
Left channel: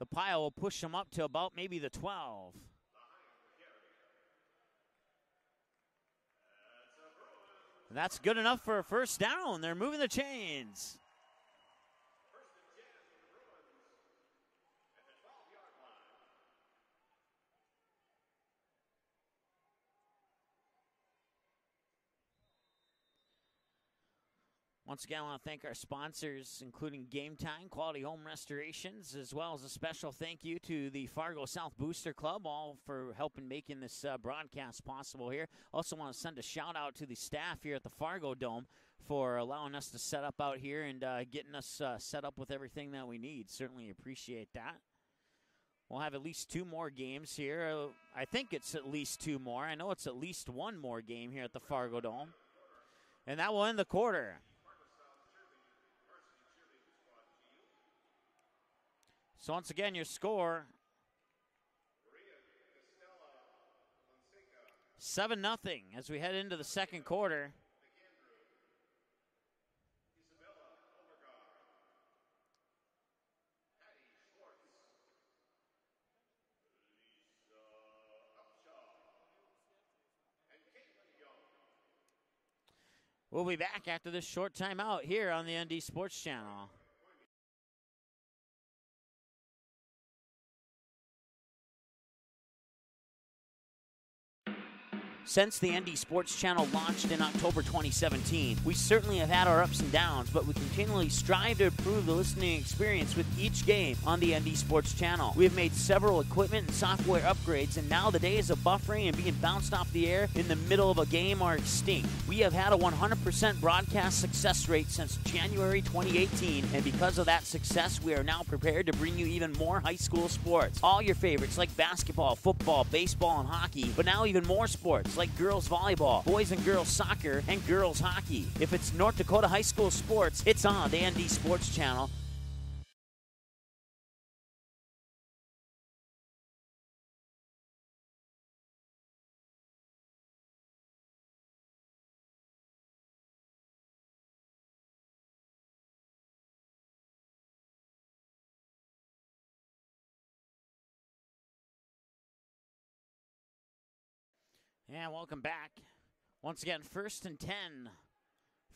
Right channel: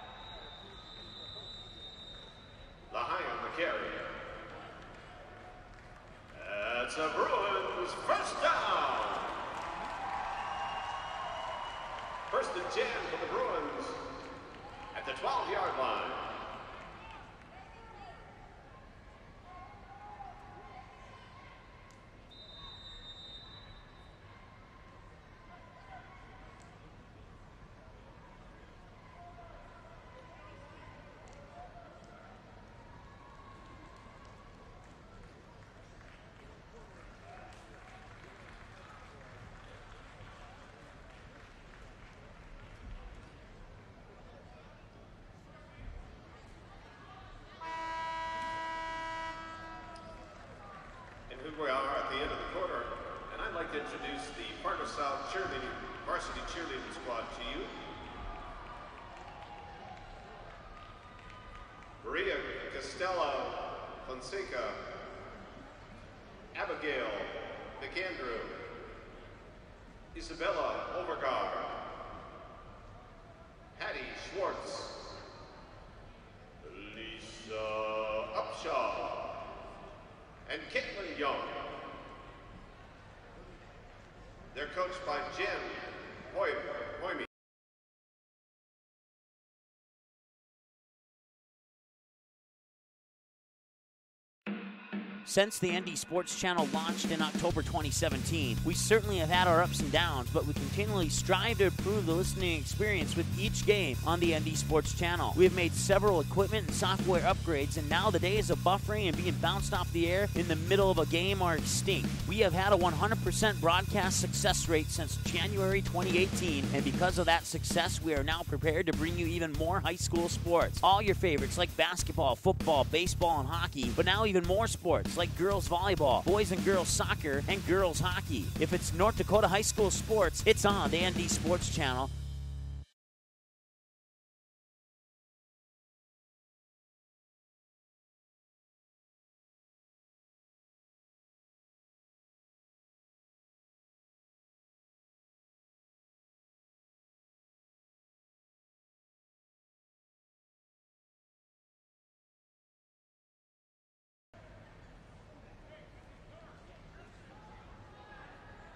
The pile will push him up to about maybe the 12. Lahai on the carry. That's a Bruins. That's good enough for a first down. They're moving the chains. 1st and 10 for the Bruins at the 12-yard line. Once again, I want to thank our sponsors, including Game Time, Quality Home Restorations, as well as a special thank you to the Fargo South Booster Club, all for helping making this broadcast possible here. Also want to send a shout out to the staff here at the Fargo Dome for allowing us to set up out here and getting us set up with everything that we need. Certainly appreciate that. We'll have at least 2 more games here. I think it's at least 2 more. I know it's at least 1 more game here at the Fargo Dome. At the end of the quarter. And that will end the quarter. The Fargo South cheerleading, varsity cheerleading squad to you. So once again, your score. Maria Costello Fonseca. 7-0 as we head into the Abigail second quarter. McAndrew. Isabella Overgaard. Patty Schwartz. Lisa Upshaw. And Caitlin Young. We'll be back after this short timeout here on the ND Sports Channel. Since the ND Sports Channel launched in October 2017, we certainly have had our ups and downs, but we continually strive to improve the listening experience with each game on the ND Sports Channel. We have made several equipment and software upgrades, and now the days of buffering and being bounced off the air in the middle of a game are extinct. We have had a 100% broadcast success rate since January 2018, and because of that success, we are now prepared to bring you even more high school sports. All your favorites like basketball, football, baseball, and hockey, but now even more sports like girls volleyball, boys and girls soccer, and girls hockey. If it's North Dakota high school sports, it's on the ND Sports Channel. And welcome back. Once again, 1st and 10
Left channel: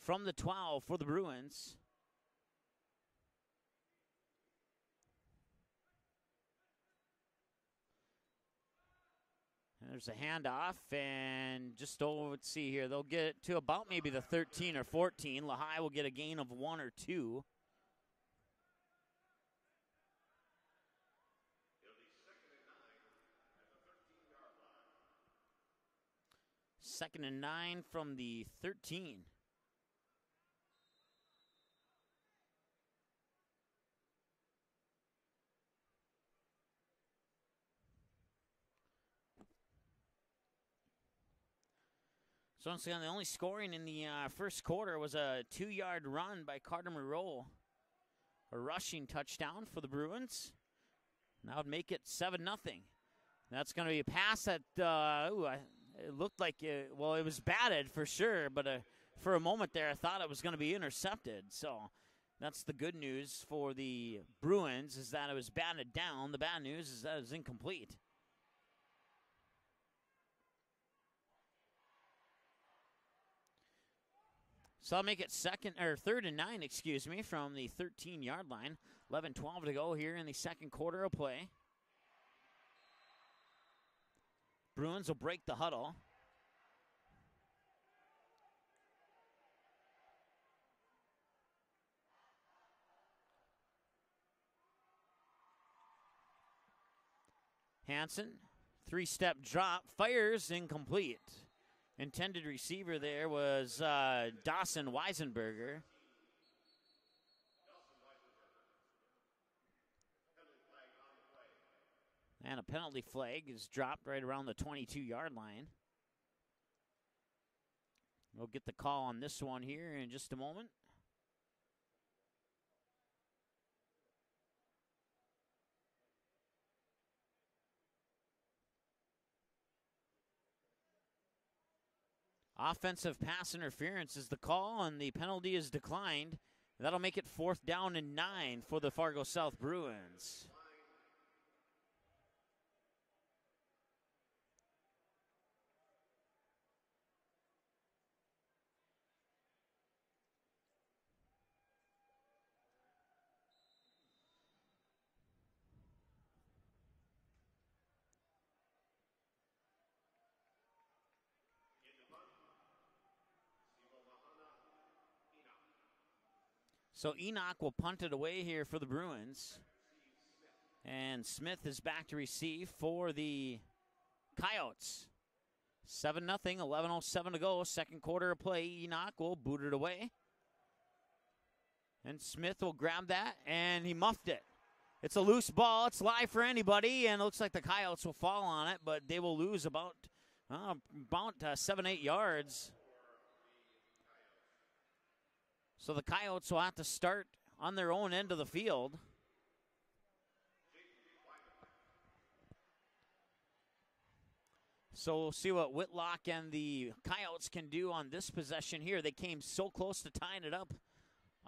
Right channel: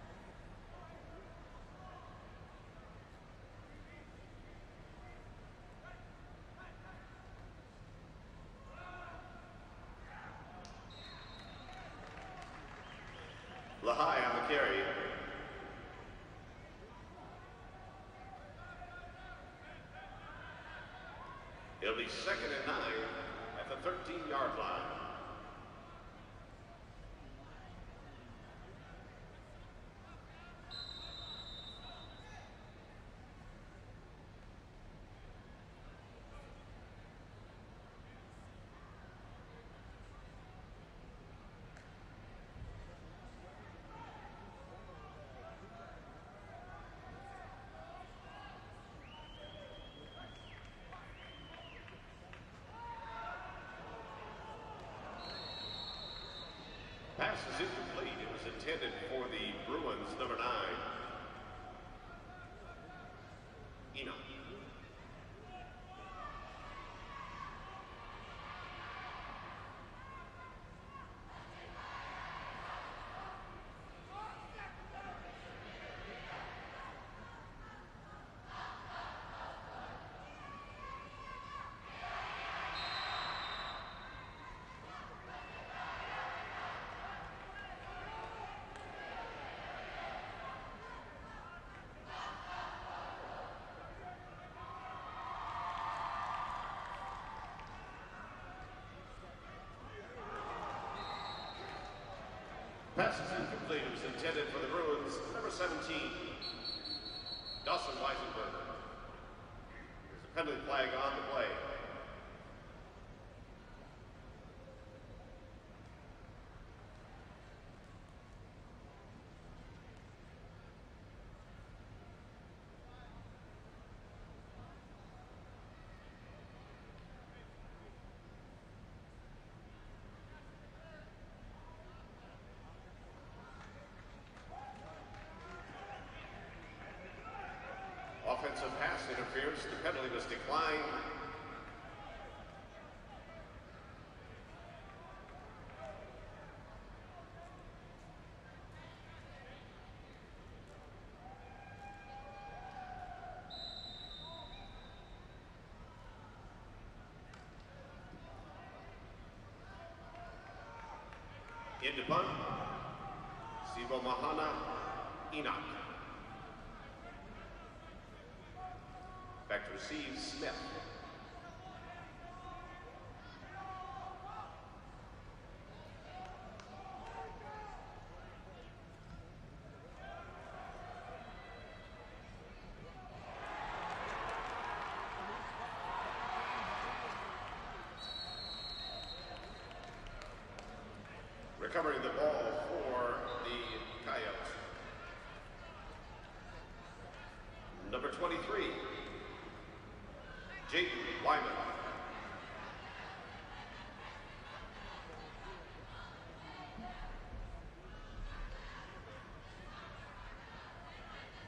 from the 12 for the Bruins. There's a handoff, and just over, let's see here, they'll get it to about maybe the 13 or 14. Lahai will get a gain of 1 or 2. It'll be 2nd and 9 at the 13-yard line. 2nd and 9 from the 13. So once again, the only scoring in the first quarter was a 2-yard run by Carter Moreau. A rushing touchdown for the Bruins. That would make it 7-0. That's going to be a pass that it looked like it was batted for sure, but for a moment there I thought it was going to be intercepted. So that's the good news for the Bruins, is that it was batted down. The bad news is that it was incomplete. So I'll make it 3rd and 9, excuse me, from the 13-yard line. 11-12 to go here in the second quarter of play. Bruins will break the huddle. Hansen, three-step drop, fires incomplete. Intended receiver there was Dawson Weisenberg. 17, Dawson Weisenberger. There's a penalty flag on the play. And a penalty flag is dropped right around the 22-yard line. We'll get the call on this one here in just a moment. Offensive pass interference is the call, and the penalty is declined. That'll make it 4th down and 9 for the Fargo South Bruins. Penalty was declined. Into punt, Sibo Mahana Enoch. So Enoch will punt it away here for the Bruins. Back to receive Smith. And Smith is back to receive for the Coyotes. 7-0, 11:07 to go, second quarter of play. Enoch will boot it away. And Smith will grab that, and he muffed it. It's a loose ball, it's live for anybody, and it looks like the Coyotes will fall on it, but they will lose about 7-8 yards. For the Coyotes. So the Coyotes will have to start on their own end of the field. Jake Wyman. So we'll see what Whitlock and the Coyotes can do on this possession here. They came so close to tying it up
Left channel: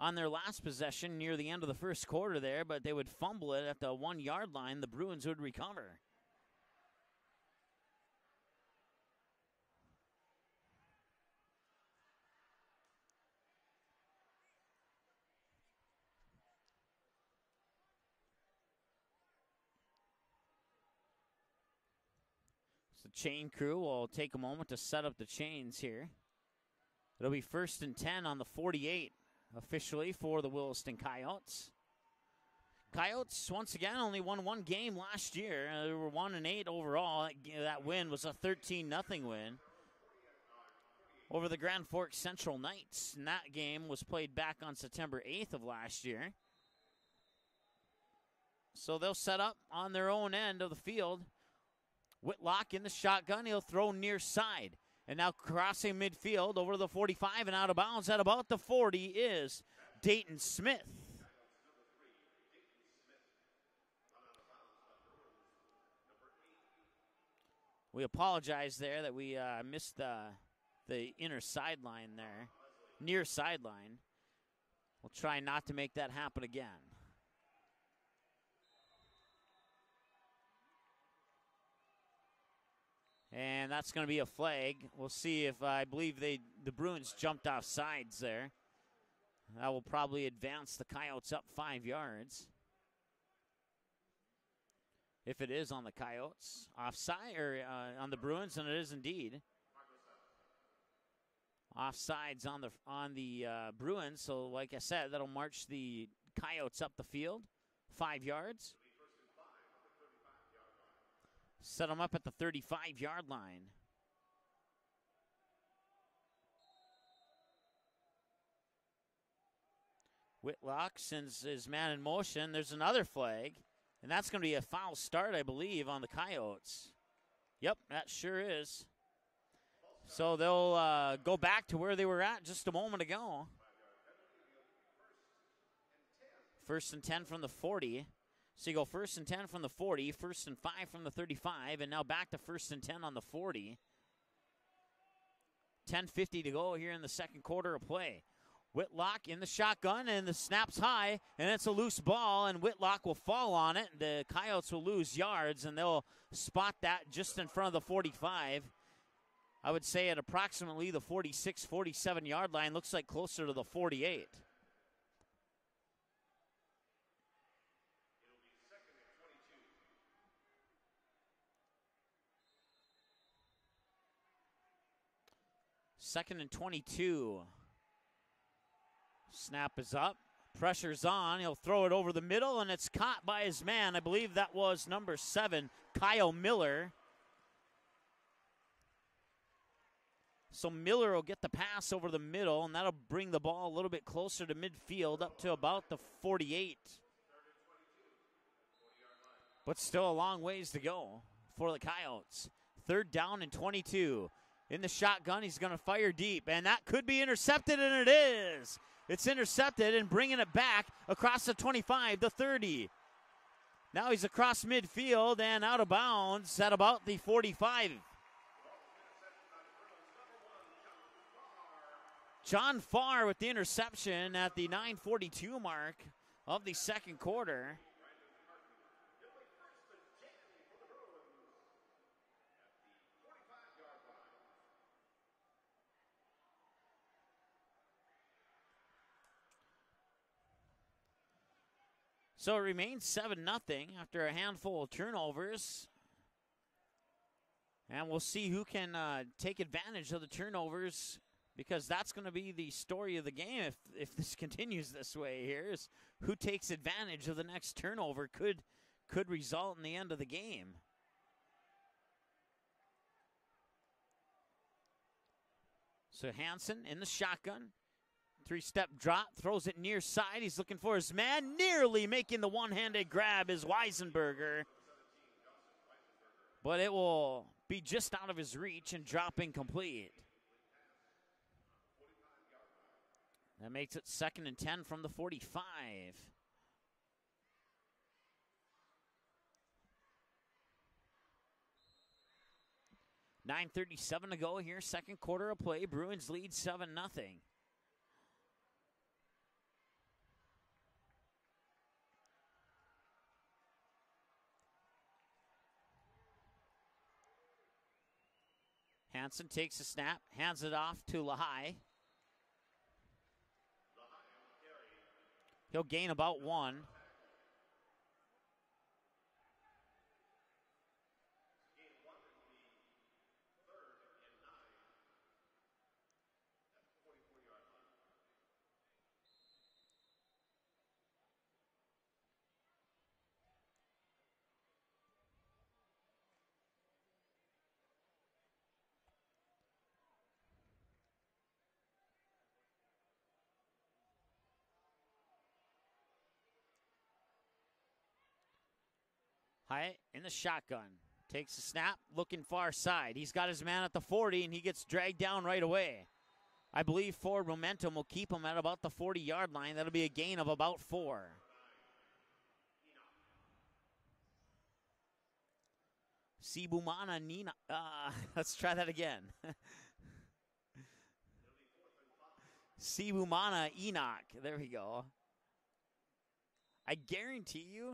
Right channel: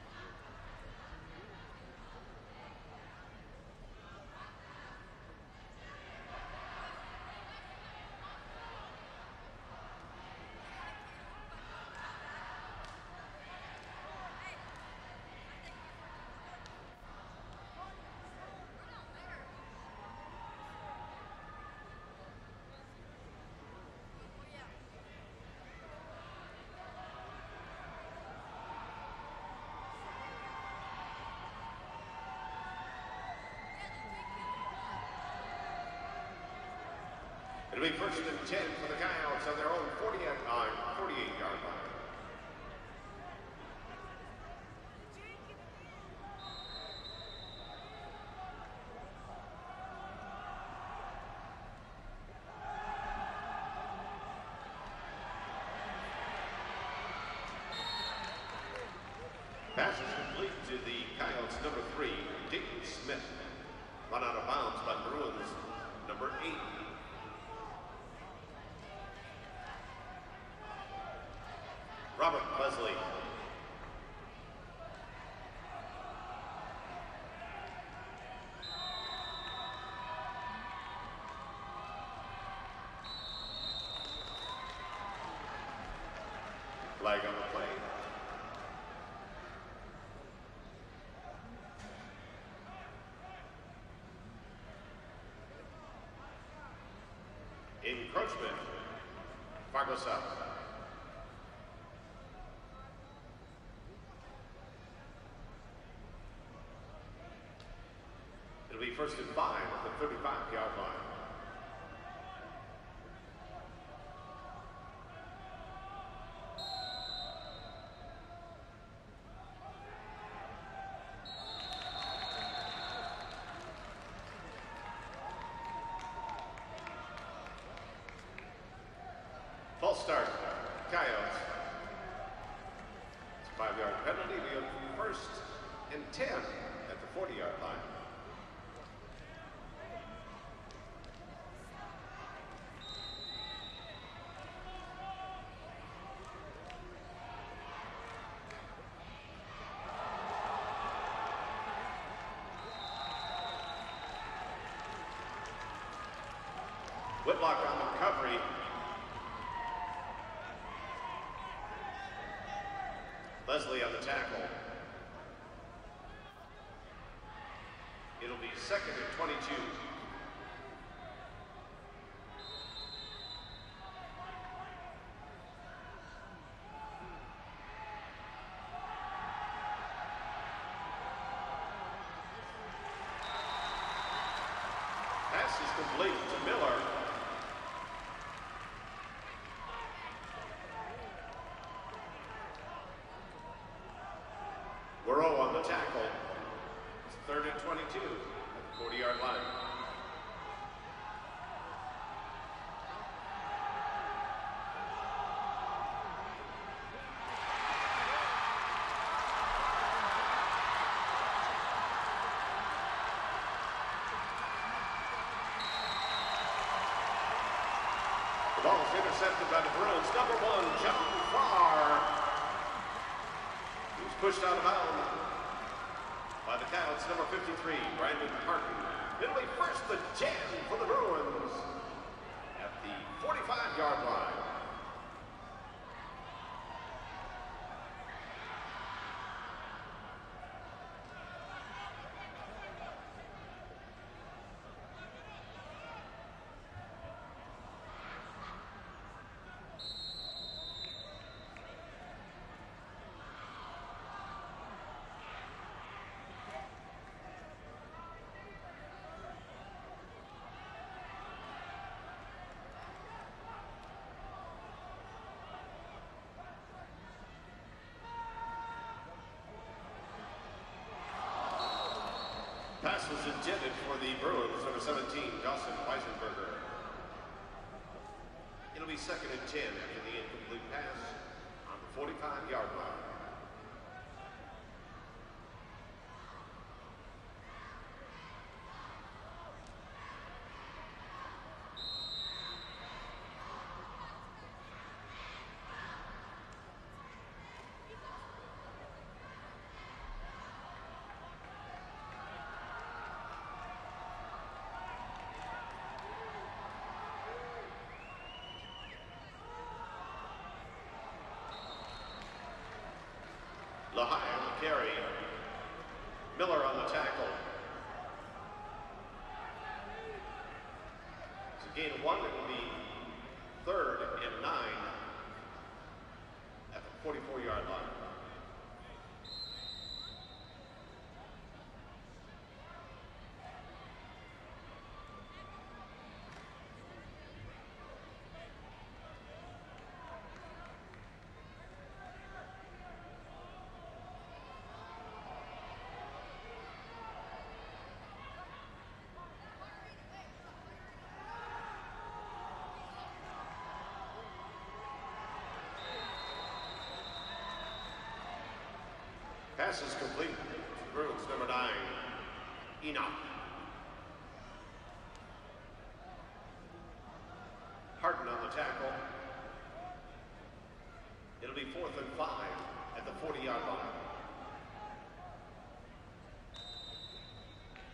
on their last possession near the end of the first quarter there, but they would fumble it at the 1-yard line. The Bruins would recover. Chain crew will take a moment to set up the chains here. It'll be 1st and 10 on the 48 officially for the Williston Coyotes. Coyotes, once again, only won one game last year. They were 1-8 overall. That win was a 13-0 over the Grand Forks Central Knights. And that game was played back on September 8th of last year. So they'll set up on their own end of the field. Whitlock in the shotgun, he'll throw near side. And now crossing midfield over the 45 and out of bounds at about the 40 is Dayton Smith. The Coyotes number 3, Dayton Smith. Run out of bounds by Bruins number 8. We apologize there that we missed the inner sideline. Robert Leslie. Near sideline. We'll try not to make that happen again. And that's going to be a flag. We'll see if I believe the Bruins jumped off sides there. That will probably advance the Coyotes up 5 yards. If it is on the Coyotes. Offside, or on the Bruins, and it is indeed. Fargo South. Offsides on the Bruins, so like I said, that'll march the Coyotes up the field 5 yards. It'll be 1st and 5 at the 35-yard line. Set them up at the 35-yard line. Whitlock sends his man in motion. There's another flag, and that's going to be a foul start, I believe, on the Coyotes. Yep, that sure is. False start. So they'll go back to where they were at just a moment ago. 5-yard penalty. Be 1st and 10. 1st and 10 from the 40. So you go 1st and 10 from the 40, 1st and 5 from the 35, and now back to 1st and 10 on the 40. 10:50 to go here in the second quarter of play. Whitlock in the shotgun, and the snap's high, and it's a loose ball, and Whitlock will fall on it. The Coyotes will lose yards, and they'll spot that just in front of the 45. I would say at approximately the 46, 47-yard line. Looks like closer to Leslie the 48. It'll be 2nd and 22. Second and 22. Snap is up. Pressure's on. He'll throw it over the middle, and it's caught by his man. I believe that was number 7, Kyle Miller. So Miller will get the pass over the middle, and that'll bring the ball a little bit closer to midfield up to about the 48. It's 3rd and 22 at the 40-yard line. But still a long ways to go for the Coyotes. 3rd down and 22. In the shotgun, he's going to fire deep, and that could be intercepted, and it is. It's intercepted and bringing it back across the 25, the 30. Now he's across midfield and out of bounds at about the 45. The ball is intercepted by the Bruins. Number 1, John Farr. John Farr with the interception at the 9:42 mark of the second quarter. Number 53, Brandon Parton. It'll be 1st and 10 for the Bruins at the 45-yard line. So it remains 7-0 after a handful of turnovers. And we'll see who can take advantage of the turnovers, because that's going to be the story of the game if this continues this way here, is who takes advantage of the next turnover could result in the end of the game. So Hansen in the shotgun. 3-step drop, throws it near side. He's looking for his man, nearly making the one-handed grab as Weisenberger. Number 17, Dawson Weisenberger. But it will be just out of his reach and dropping complete. The incomplete pass on the 45-yard line. It makes it 2nd and 10 from the 45. .9:37 to go here, second quarter of play. Bruins lead 7-0. Hansen takes a snap, hands it off to Lehigh. Lehigh on the carry. They'll gain about Miller 1. on the tackle. It's a gain of 1. It will be 3rd and 9 at the 44-yard line. In the shotgun, takes a snap, looking far side. He's got his man at the 40, and he gets dragged down right away. I believe forward momentum will keep him at about the 40-yard line. That'll be a gain of about 4. Number 9, Enoch. Sibumana Nina. Let's the try that tackle. again. It'll be 4th and 5. Sibumana Enoch. There we go. I guarantee you,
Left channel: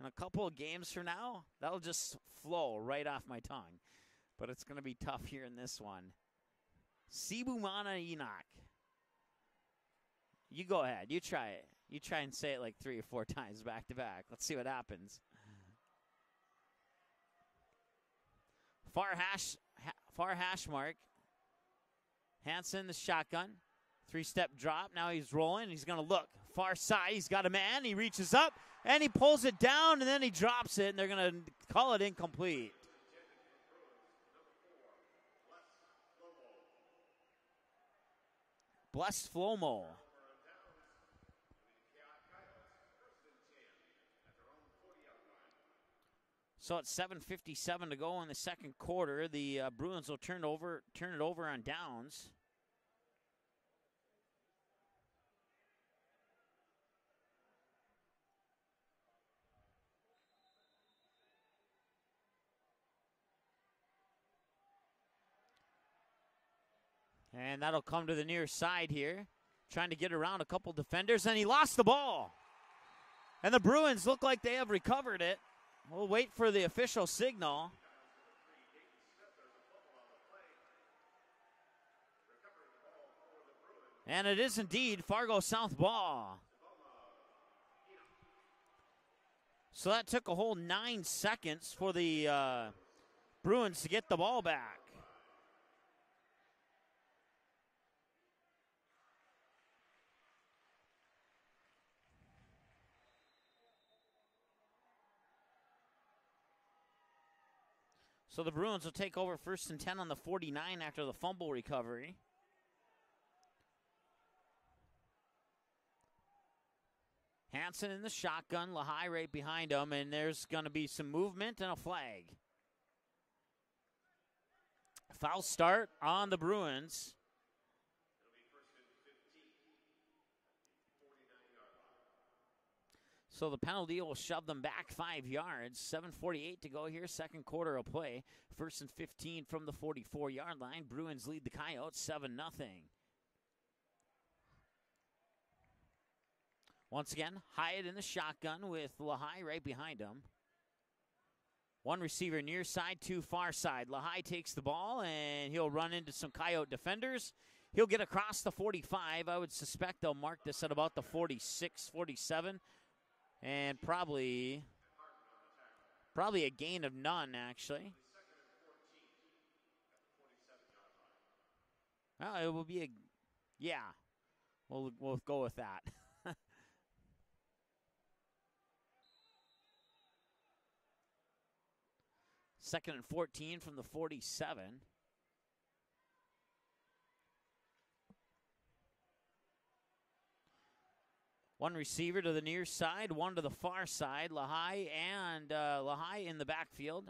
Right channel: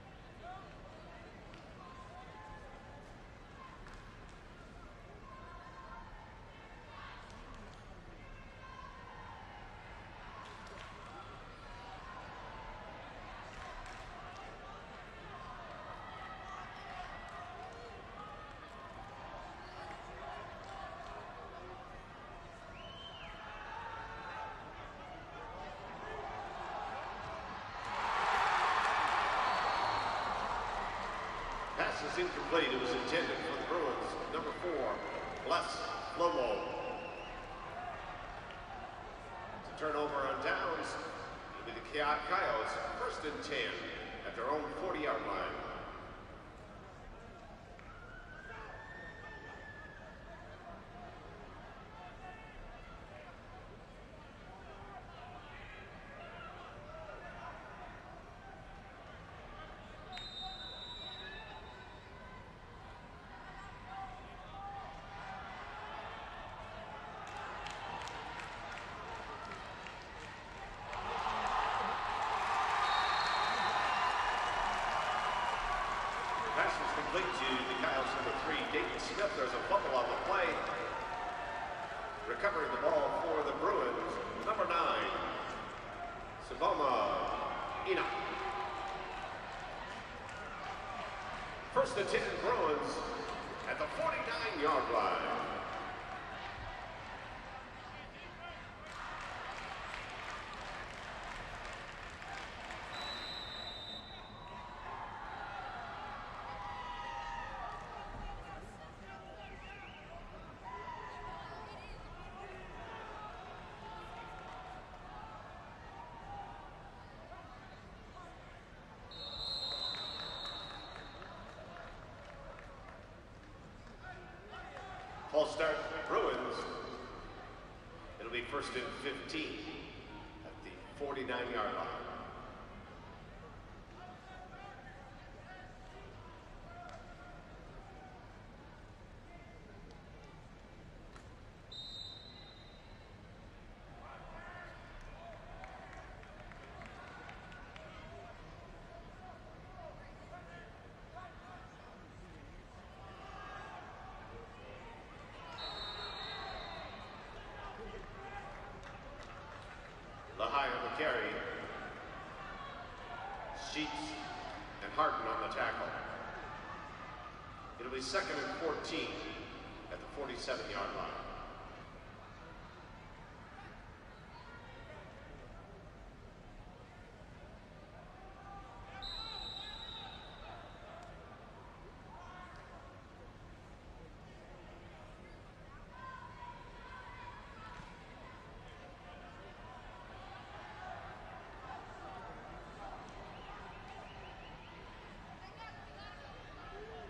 in a couple of games from now, that'll just flow right off my tongue. But it's going to be tough here in this one. Sibumana Enoch. You go ahead. You try it. You try and say it like 3 or 4 times back to back. Let's see what happens. Far hash mark. Hansen the shotgun. 3-step drop. Now he's rolling. He's going to look far side. He's got a man. He reaches up and he pulls it down, and then he drops it. And they're going to call it incomplete. It was intended for the Bruins. Number 4, Bless Flomo. Bless Flomo. Turnover on downs. It'll be the Coyotes 1st and 10 at their own 40-yard line. So it's 7:57 to go in the second quarter. The Bruins will turn it over on downs. And that'll come to the near side here. Trying to get around a couple defenders, and he lost the ball. And the Bruins look like they have recovered it. We'll wait for the official signal. The Coyotes number 3, Dayton Smith. There's a fumble on the play. Recovering the ball for the Bruins. And it is number indeed 9, Fargo South ball. Saboma Enoch. So that took a whole 9 seconds for First the and 10 Bruins to get the ball back. 49-yard line. So the Bruins will take over 1st and 10 on the 49 after the fumble recovery. Hansen in the shotgun, Lehigh right behind him, and there's going to be some movement and a flag. Foul start on the Bruins. It'll be 1st and 15 at the 49-yard line. So the penalty will shove them back 5 yards. 7:48 to go here, second quarter of play. 1st and 15 from the 44-yard line. Bruins lead the Coyotes 7-0. Once again, Hyatt in the shotgun with Lehigh right behind him. One receiver near side, two far side. Lehigh takes the ball and he'll run into some Coyote defenders. He'll get across the 45. I would suspect they'll mark this at about the 46, 47. And probably and Harton on the tackle. Probably a gain of none, actually. It'll be 2nd and 14 at the 47-yard line. It will be a, yeah. We'll go with that. 2nd and 14 from the 47. One receiver to the near side, one to the far side. Lehigh in the backfield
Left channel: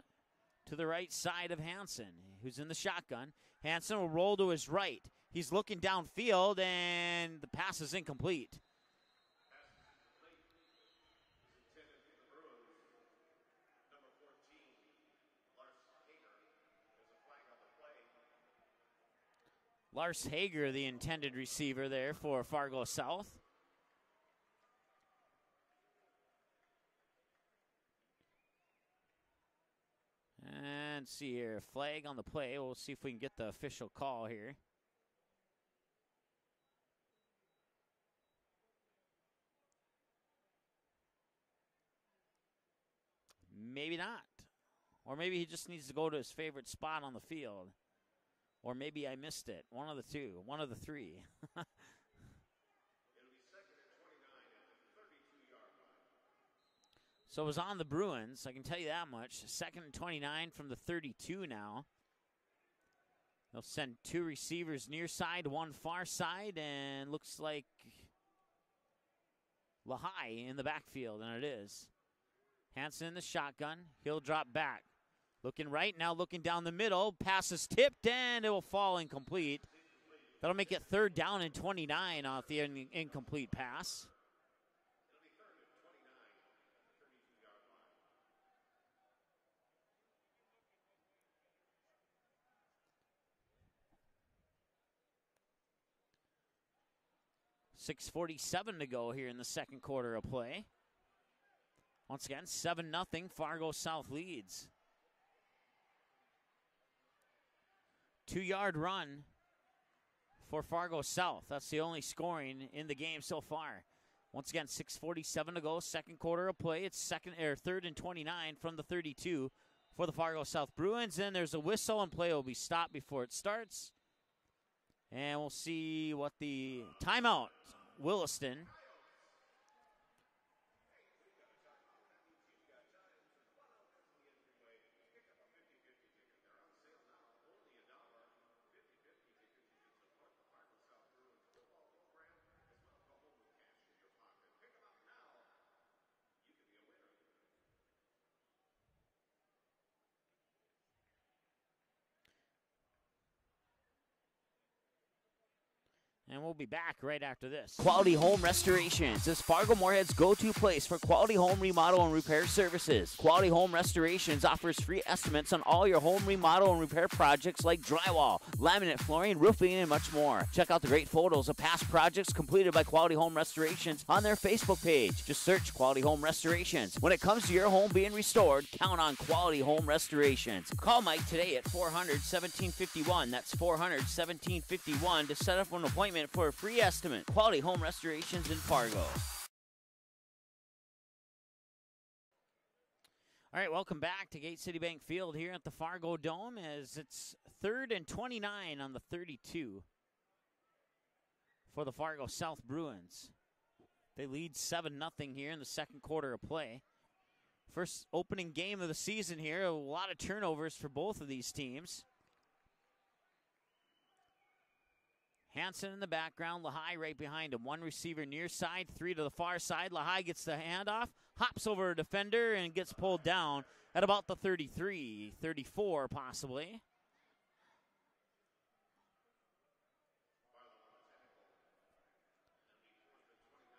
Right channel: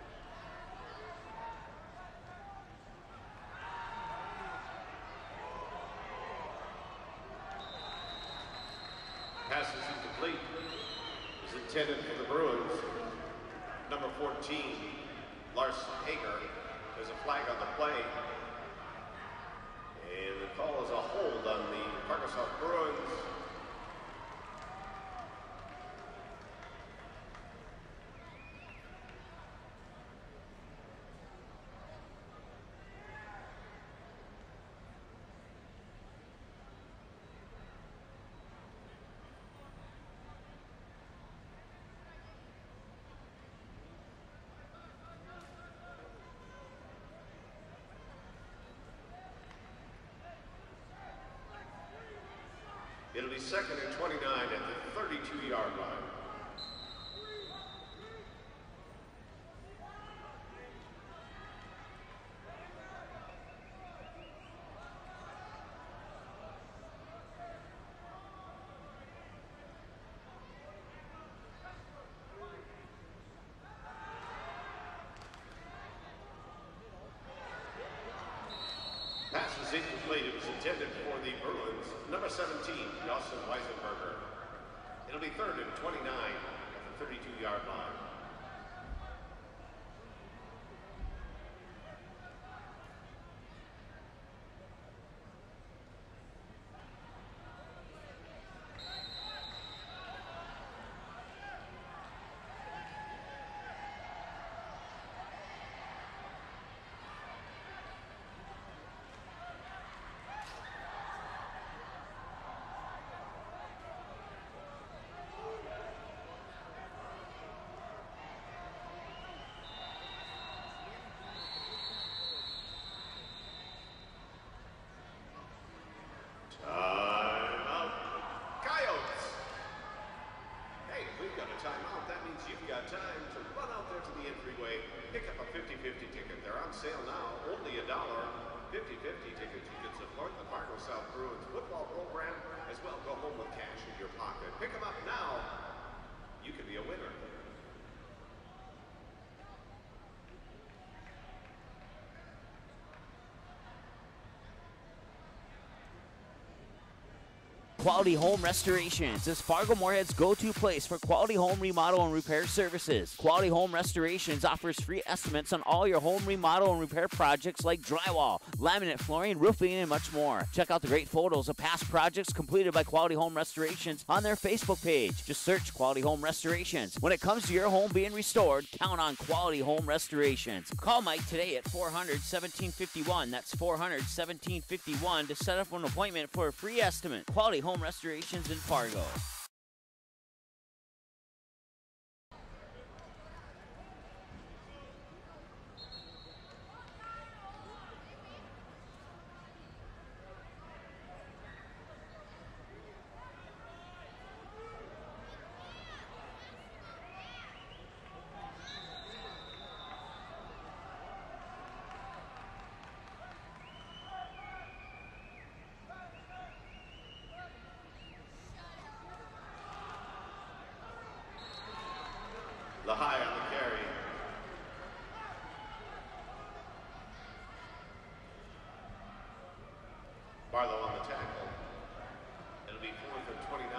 to the right side of Hansen, who's in the shotgun. Hansen will roll to his right. He's looking downfield, and the pass is incomplete. Pass is incomplete. Is intended for the Bruins. Number 14, Lars Hager. There's a flag on the play. Lars Hager, the intended receiver there for Fargo South. See here, flag on the play. We'll see if we can get the official call here. Maybe not. Or maybe he just needs to go to his favorite spot on the field. Or maybe I missed it. One of the two, one of the three. It'll be 2nd and 29 at the 32-yard line. So it was on the Bruins, I can tell you that much. 2nd and 29 from the 32 now. They'll send two receivers near side, one far side, and looks like Lehigh in the backfield, and it is. Hansen in the shotgun, he'll drop back. Looking right, now looking down the middle. Pass is tipped, and it will fall incomplete. That'll make it 3rd down and 29 off the incomplete pass. It'll be 3rd and 29. 32-yard line. .647 to go here in the second quarter of play. Once again, 7-0, Fargo South leads. 2-yard run for Fargo South. That's the only scoring in the game so far. Once again, 6:47 to go, second quarter of play. It's 3rd and 29 from the 32 for the Fargo South Bruins. And there's a whistle, and play will be stopped before it starts. And we'll see what the timeout, Williston. Coyotes. Hey, we've got a timeout. That means you've got time to run out there to the entryway, pick up a 50-50 ticket. They're on sale now, only $1. 50-50 tickets. You can support the Fargo South Bruins football program as well. Go home with cash in your pocket. Pick them up now. You could be a winner. And we'll be back right after this. Quality Home Restorations is Fargo Moorhead's go-to place for quality home remodel and repair services. Quality Home Restorations offers free estimates on all your home remodel and repair projects like drywall, laminate flooring, roofing, and much more. Check out the great photos of past projects completed by Quality Home Restorations on their Facebook page. Just search Quality Home Restorations. When it comes to your home being restored, count on Quality Home Restorations. Call Mike today at 400-1751. That's 400-1751 to set up an appointment for a free estimate. Quality Home Restorations in Fargo. All right, welcome back to Gate City Bank Field here at the Fargo Dome as it's 3rd and 29 on the 32 for the Fargo South Bruins. They lead 7-0 here in the second quarter of play. First opening game of the season here. A lot of turnovers for both of these teams. Hansen in the background, Lehigh right behind him. One receiver near side, three to the far side. Lehigh gets the handoff, hops over a defender, and gets pulled down at about the 33, 34 possibly. Barlow on the tackle. It'll be 4th and 29.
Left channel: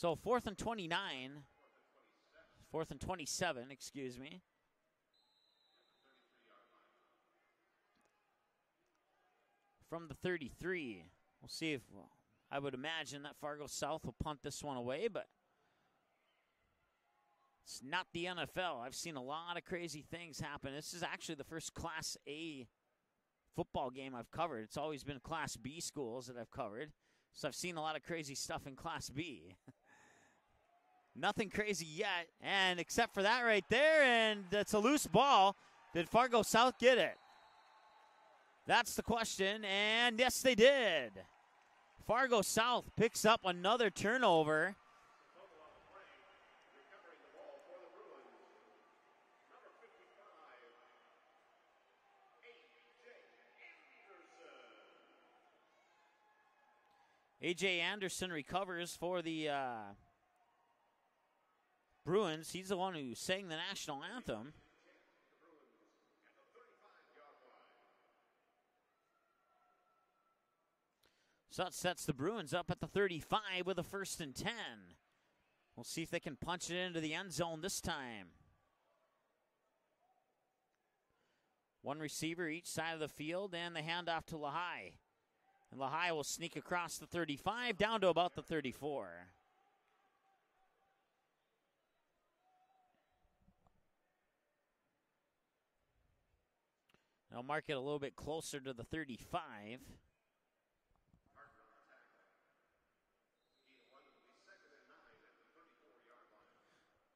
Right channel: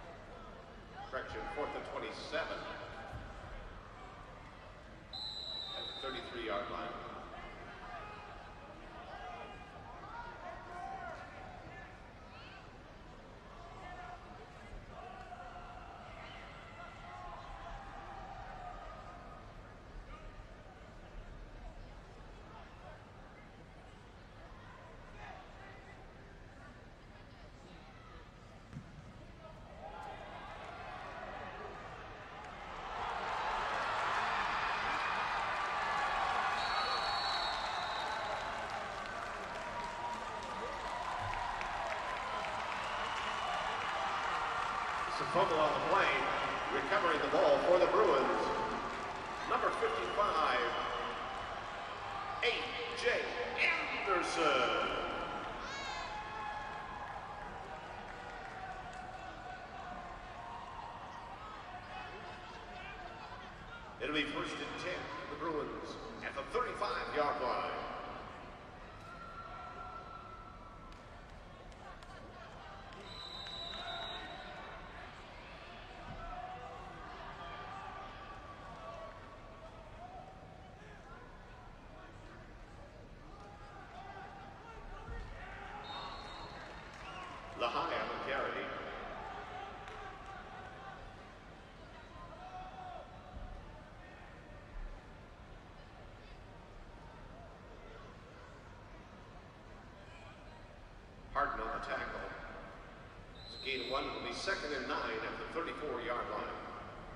So 4th and 29. Correction, 4th and 27. 4th and 27, excuse me. At the 33-yard line. From the 33. See if, I would imagine that Fargo South will punt this one away, but it's not the NFL. I've seen a lot of crazy things happen. This is actually the first Class A football game I've covered. It's always been Class B schools that I've covered. So I've seen a lot of crazy stuff in Class B. Nothing crazy yet, and except for that right there, and it's a loose ball. Did Fargo South get it? That's the question, and yes, they did. Fargo South picks up another turnover. It's a fumble on the play. Recovering the ball for the Bruins. Number 55, A.J. Anderson. A.J. Anderson recovers for the Bruins. He's the one who sang the national anthem. It'll be 1st and 10. The Bruins at the 35-yard line. So that sets the Bruins up at the 35 with a 1st and 10. We'll see if they can punch it into the end zone this time. One receiver each side of the field, and the handoff to Lehigh. Lehigh will sneak across the 35 down to about the 34. I'll mark it a little bit closer to the 35. Harden on the tackle. So gain 1 will be 2nd and 9 at the 34-yard line.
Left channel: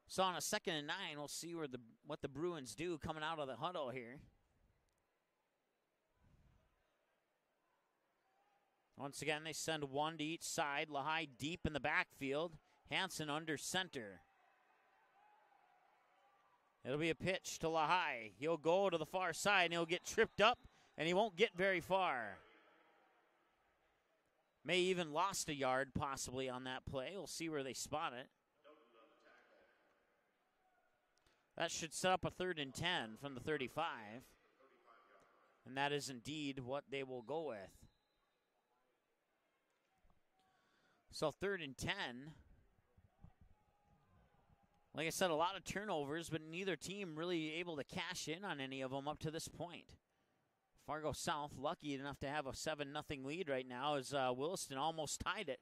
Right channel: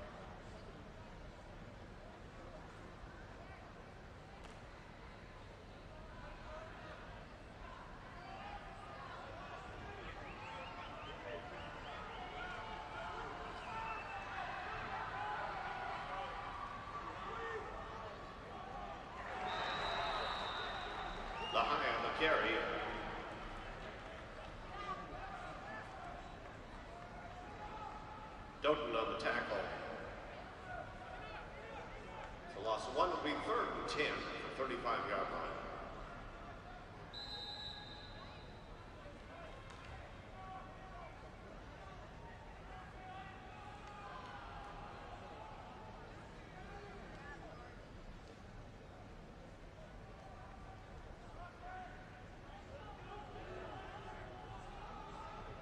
So on a 2nd and 9, we'll see what the Bruins do coming out of the huddle here. Once again, they send one to each side. Lehigh deep in the backfield. Hansen under center. It'll be a pitch to Lehigh. He'll go to the far side and he'll get tripped up, and he won't get very far. May even lost a yard possibly on that play. We'll see where they spot it. Doughton on the tackle. That should set up a 3rd and 10 1 will be from 3rd 35. and 10 for 35-yard line. And that is indeed what they will go with. So 3rd and 10. Like I said, a lot of turnovers, but neither team really able to cash in on any of them up to this point. Fargo South lucky enough to have a 7-0 lead right now as Williston almost tied it.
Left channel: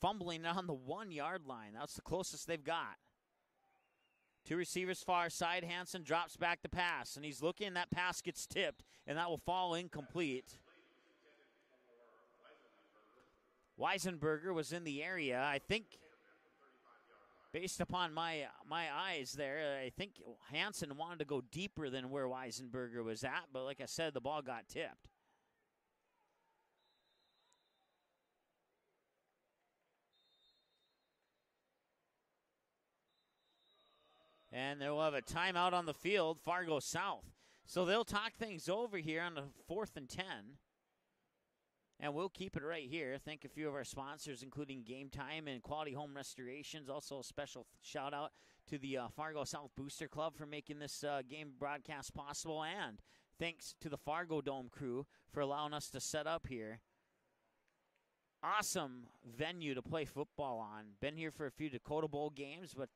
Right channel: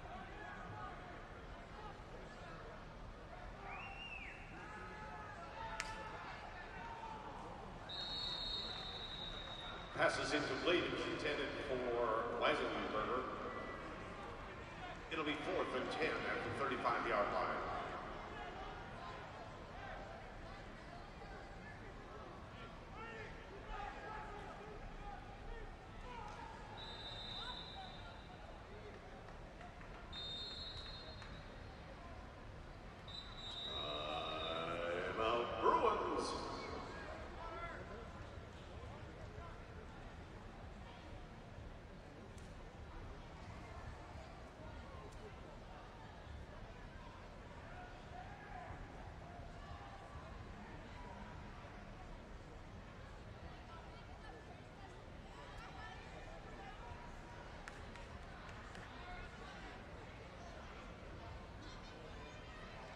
Fumbling on the 1-yard line. That's the closest they've got. Two receivers far side. Hansen drops back to pass, and he's looking. That pass gets tipped, and that will fall Pass is incomplete. incomplete. It was intended for Weisenberger. Weisenberger was in the It'll be area. I 4th think, and 10 at the 35-yard line. based upon my eyes there, I think Hansen wanted to go deeper than where Weisenberger was at, but like I said, the ball got tipped. And they'll have a timeout on the field, Fargo South. So they'll talk things over here on the 4th and 10. And we'll keep it right here. Thank a few of our sponsors, including Game Time and Quality Home Restorations. Also a special shout out to the Fargo South Booster Club for making this game broadcast possible. And thanks to the Fargo Dome crew for allowing us to set up here. Awesome venue to play football on. Been here for a few Dakota Bowl games, but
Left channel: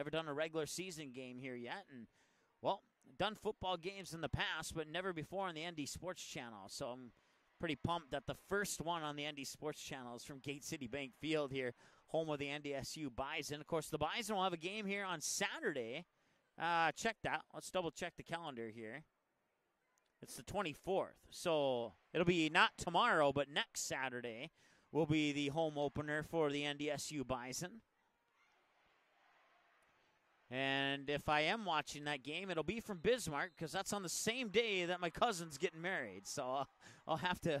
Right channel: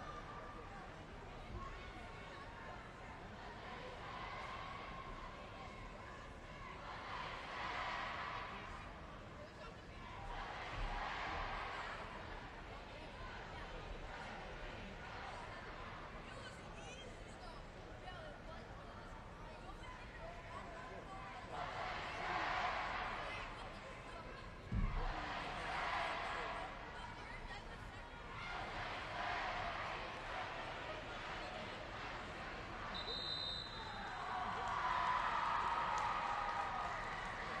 never done a regular season game here yet. And, well, done football games in the past, but never before on the ND Sports Channel. So I'm pretty pumped that the first one on the ND Sports Channel is from Gate City Bank Field here, home of the NDSU Bison. Of course, the Bison will have a game here on Saturday. Check that. Let's double check the calendar here. It's the 24th. So it'll be not tomorrow, but next Saturday will be the home opener for the NDSU Bison. And if I am watching that game, it'll be from Bismarck, because that's on the same day that my cousin's getting married. So I'll have to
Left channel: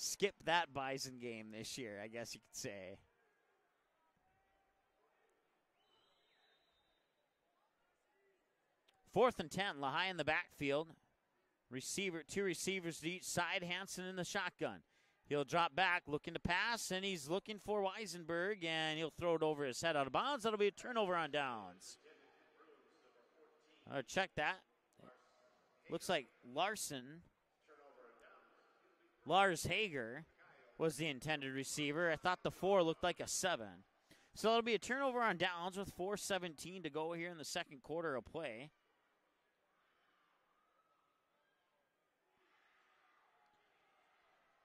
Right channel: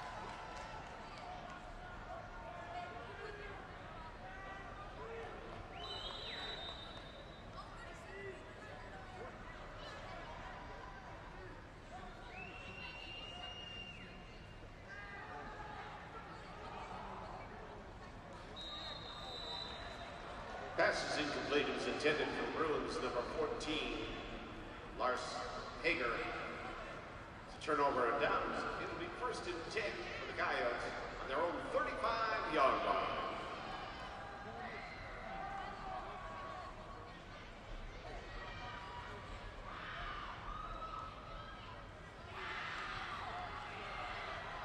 skip that Bison game this year, I guess you could say. 4th and 10, Lehigh in the backfield. Two receivers to each side, Hansen in the shotgun. He'll drop back, looking to pass, and he's looking for Weisenberg, and he'll throw it over his head out of bounds. That'll be a turnover on down. It was intended for Bruins number 14. Check that. Looks like Larson. Turnover on downs. Lars Hager was the intended receiver. I thought the 4 looked like a 7. So it'll be a turnover on downs with 4:17 to go here in the second quarter of play.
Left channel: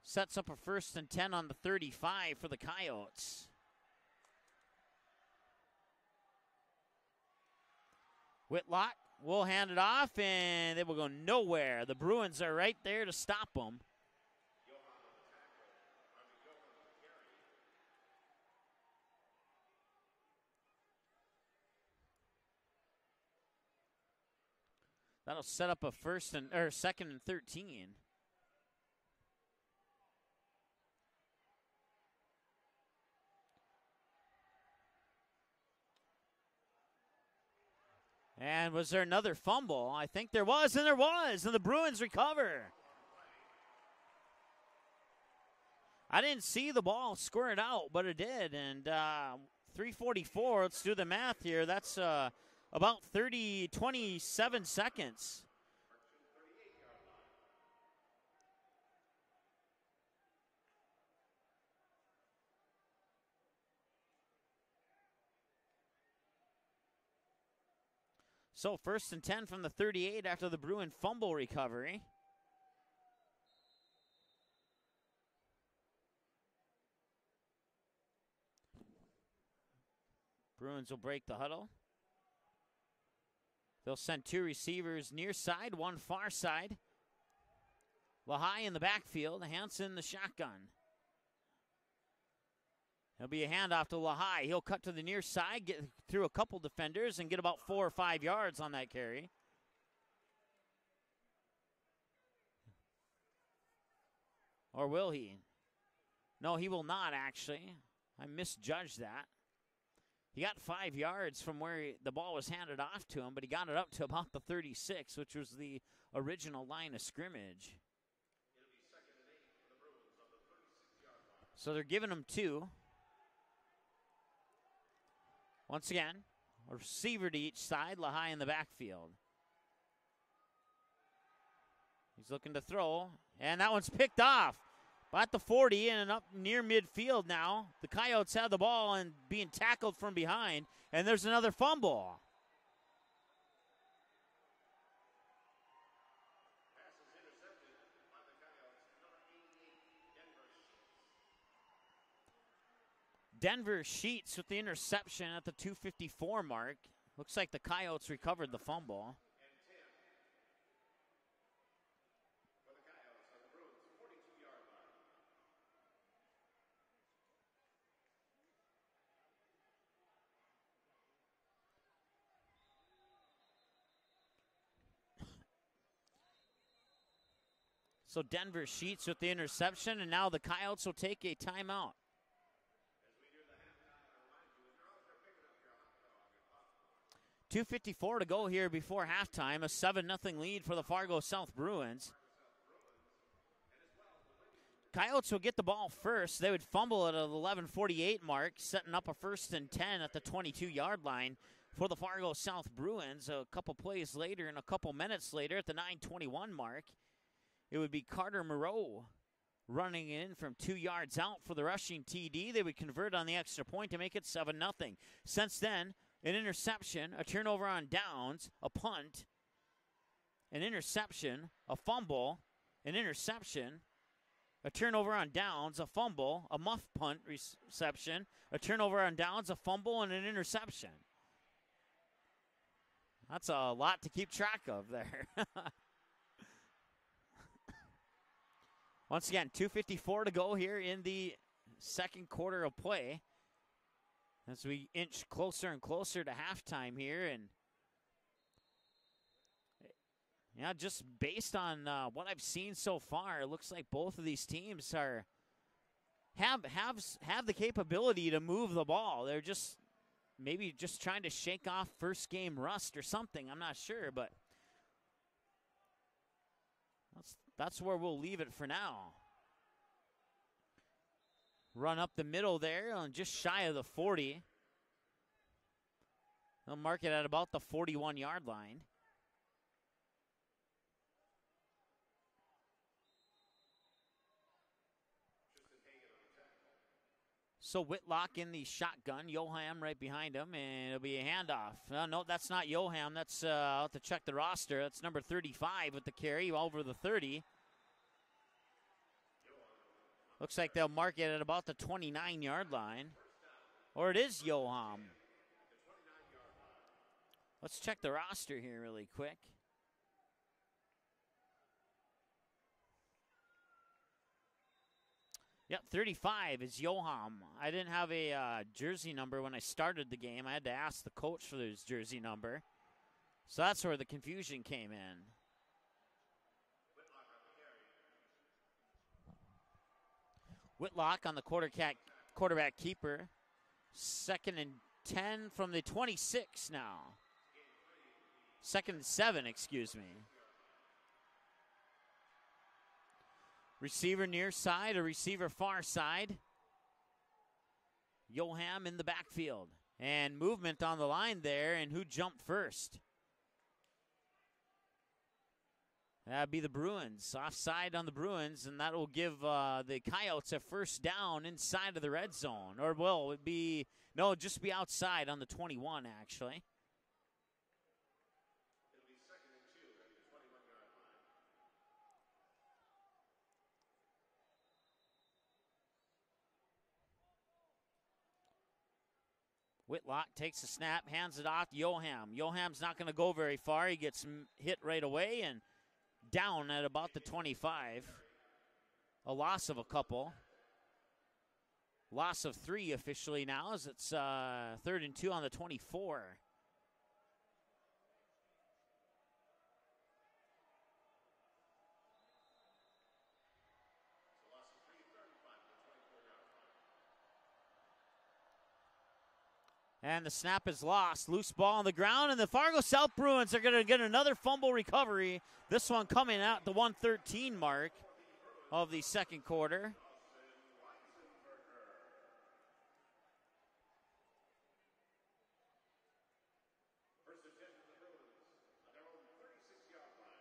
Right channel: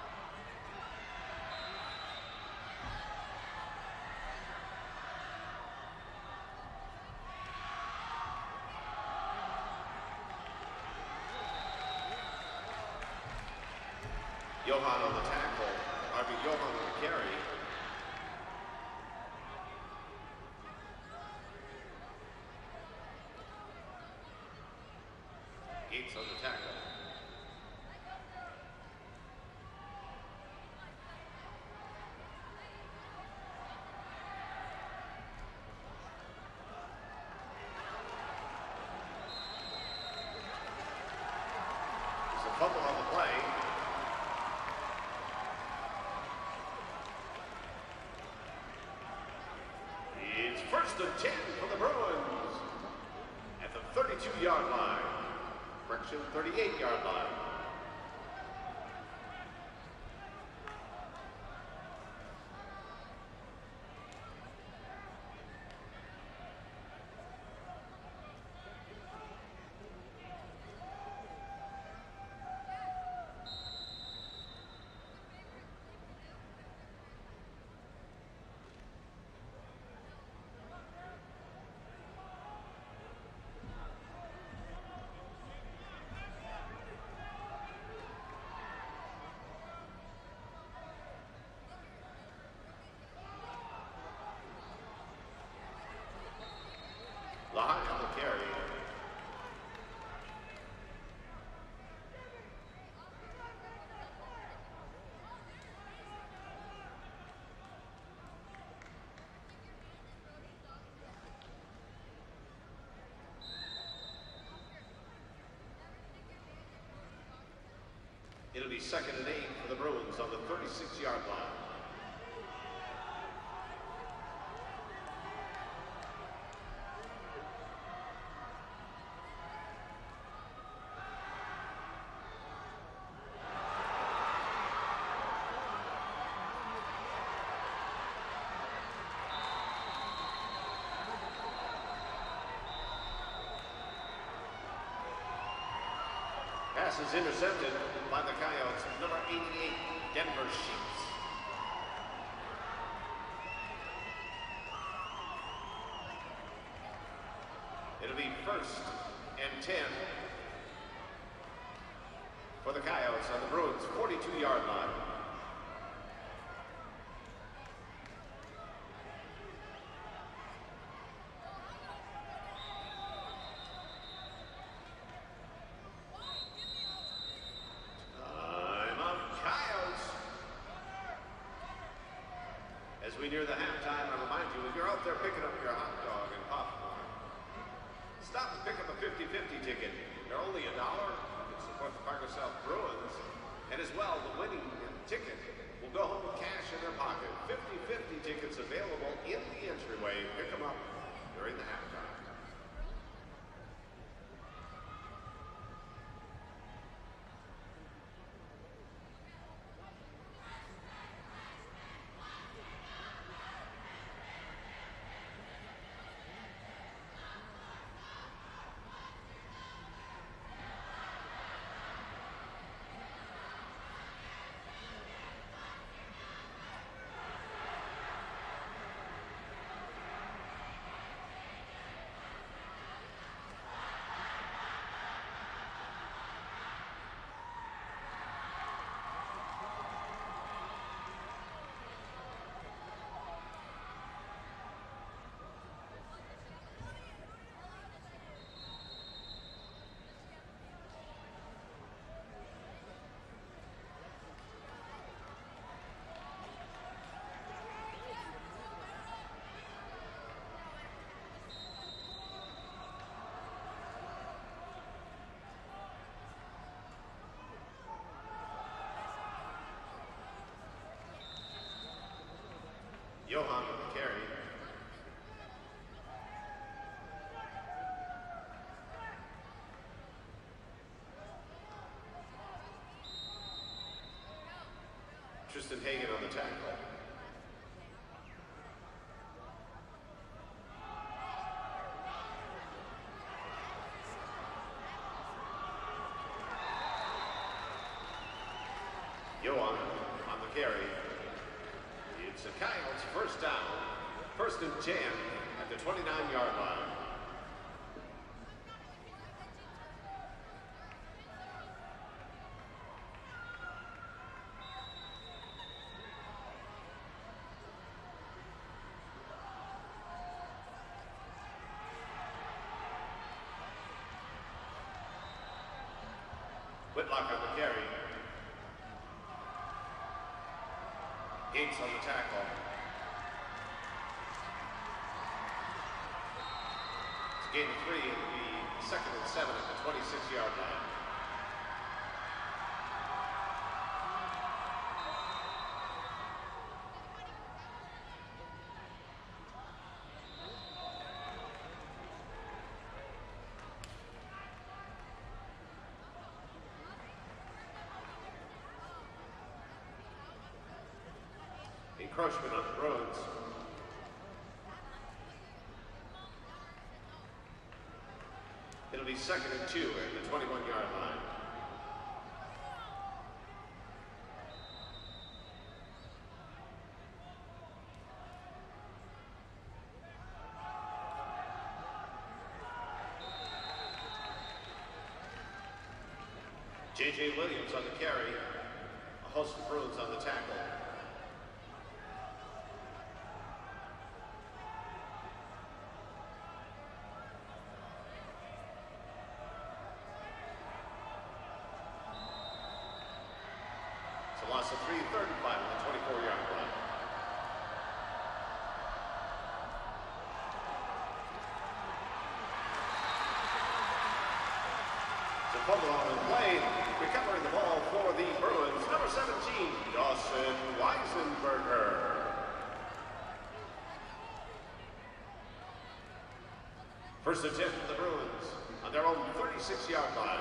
Sets up a 1st and 10 on the 35 for the Coyotes. Whitlock will hand it off, and it will go nowhere. The Bruins are right there to stop them. Johan on the tackle. Johan on the carry. That'll set up a 2nd and 13. And was there another fumble? I think there was, and the Bruins recovered. Fumble on the play. I didn't see the ball squared out, but it did, and 3:44, let's do the math here. That's about 27 seconds. Correction, 38-yard line. So 1st and 10 from the 38 after the Bruin fumble recovery. Bruins will break the huddle. They'll send 2 receivers near side, 1 far side. Lehigh in the backfield, Hansen in the shotgun. There'll be a handoff to Lehigh. He'll cut to the near side, get through a couple defenders, and get about 4 or 5 yards on that carry. Or will he? No, he will not, actually. I misjudged that. He got 5 yards from where the ball was handed off to him, but he got it up to about the 36, which was the original line of scrimmage. It'll be 2nd and 8 for the Bruins on the 36-yard line. So they're giving him 2. Once again, receiver to each side, Lehigh in the backfield. He's looking to throw, and that one's picked off. At the 40 and up near midfield now. The Coyotes have the ball and being tackled from behind, and there's another fumble. Pass is intercepted by the Coyotes. Number 88, Denver Sheets. Denver Sheets with the interception at the 2:54 mark. Looks like the Coyotes recovered the fumble. And 10 for the Coyotes on the Bruins 42-yard line. So Denver Sheets with the interception, and now the Coyotes will take a timeout. As we near the halftime, I remind you, if you're out there picking up your hot dog and popcorn. 2:54 to go here before halftime. A 7-0 lead for the Fargo South Bruins. And as well, the winning Coyotes will get the ball first. They would fumble at an 11:48 mark, setting up a 1st and 10 at the 22-yard line for the Fargo South Bruins. A couple plays later and a couple minutes later at the 9:21 mark, it would be Carter Moreau running in from 2 yards out for the rushing TD. They would convert on the extra point to make it 7-0. Since then, an interception, a turnover on downs, a punt, an interception, a fumble, an interception, a turnover on downs, a fumble, a muff punt reception, a turnover on downs, a fumble, and an interception. That's a lot to keep track of there. Once again, 2:54 to go here in the second quarter of play as we inch closer and closer to halftime here. And yeah, just based on what I've seen so far, it looks like both of these teams have the capability to move the ball. They're just maybe just trying to shake off first game rust or something. I'm not sure, but that's where we'll leave it for now. Run up the middle there, just shy of the 40. They'll mark it at about the 41-yard line. Tristan Hagan on the tackle. So Whitlock in the shotgun, Yoham right behind him, and it'll be a handoff. No, that's not Yoham. That's, I'll have to check the roster. That's number 35 with the carry, over the 30. Yoham on the Looks carry. like they'll mark it at about the 29-yard line. First down. Or it is First and Yoham. 10 at the 29-yard line. Let's check the roster here really quick. Yep, 35 is Yoham. I didn't have a jersey number when I started the game. I had to ask the coach for his jersey number. So that's where the confusion came in. Whitlock on the carry. Whitlock on the quarterback keeper. Second and 10 from the 26 now. It's gain of 3 in the Second and 7, excuse me. 26-yard line. Receiver near side, a receiver far side. Yoham in the backfield. And movement on the line there, and who jumped first? That'd be the Bruins. Offside on the Bruins, and that will give the Coyotes a first down inside of the red zone. Or well, it would be, no, just be outside on the 21, actually. It'll be second and 2 at the 21-yard line. Whitlock takes a snap, hands it off to Yoham. Yoham's not going to go very far. He gets hit right away and down at about the 25. On the carry. A loss of a couple. Loss of 3 officially now, as it's third and 2 on the 24. It's a loss of 3, third and 5 on the 24-yard line. And the snap is lost. Loose ball on the ground, and the Fargo South Bruins are going to get another fumble recovery. This one coming at the 113 mark of the second quarter. Dawson Weisenberger. First and 10 for the Bruins on their own 36-yard line.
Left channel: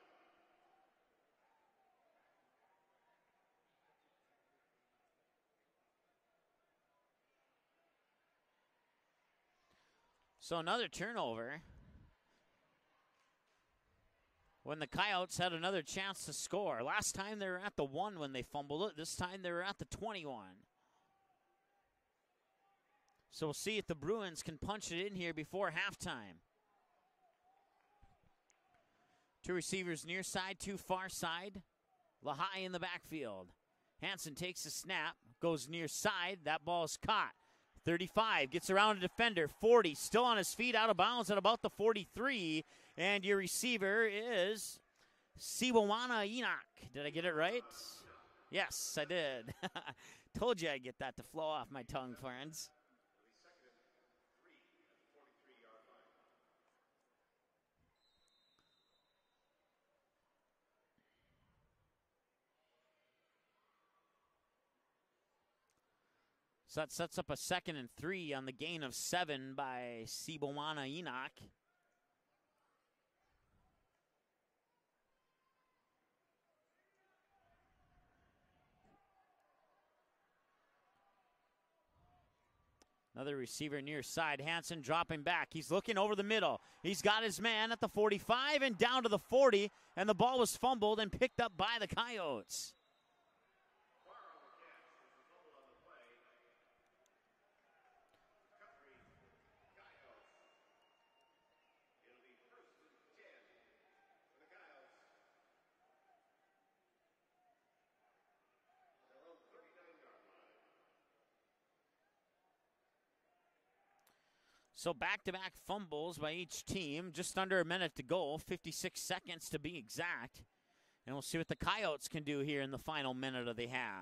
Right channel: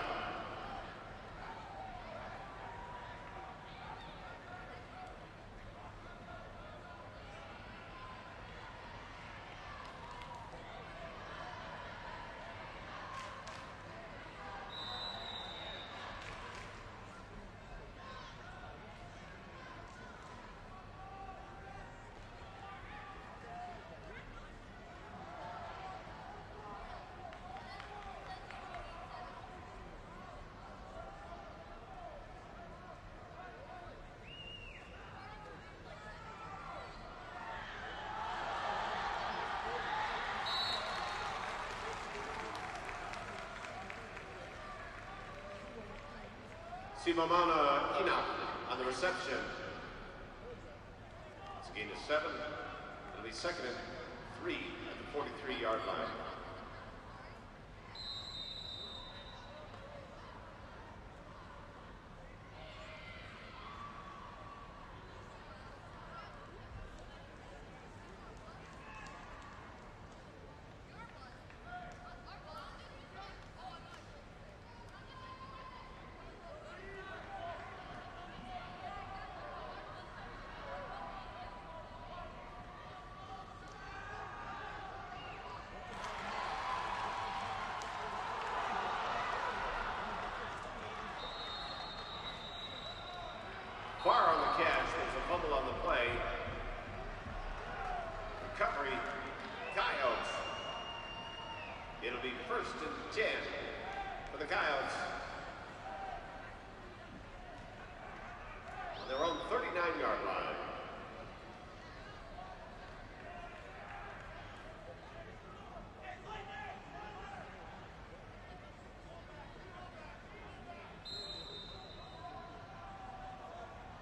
So another turnover. When the Coyotes had another chance to score. Last time they were at the 1 when they fumbled it. This time they were at the 21. So we'll see if the Bruins can punch it in here before halftime. 2 receivers near side, 2 far side. Lahai in the backfield. Hansen takes the snap, goes near side. That ball's caught. 35, gets around the defender. 40, still on his feet, out of bounds at about the 43. And your receiver is Siwawana Enoch. Siwawana Enoch yes, on the reception. Told you I'd get that to flow off my tongue. 7. It'll be second and 3 at the 43-yard line. So that sets up a second and 3 on the gain of 7 by Siwawana Enoch. Another receiver near side. Hansen dropping back. He's looking over the middle. He's got his man at the 45 and down to the 40, and the ball was fumbled and picked up by the Coyotes. Far on the catch. There's a fumble on the play. Recovery, Coyotes. It'll be first and 10 for the Coyotes. On their own 39-yard line. So back-to-back fumbles by each team, just under a minute to go, 56 seconds to be exact. And we'll see what the Coyotes can do here in the final minute of the half.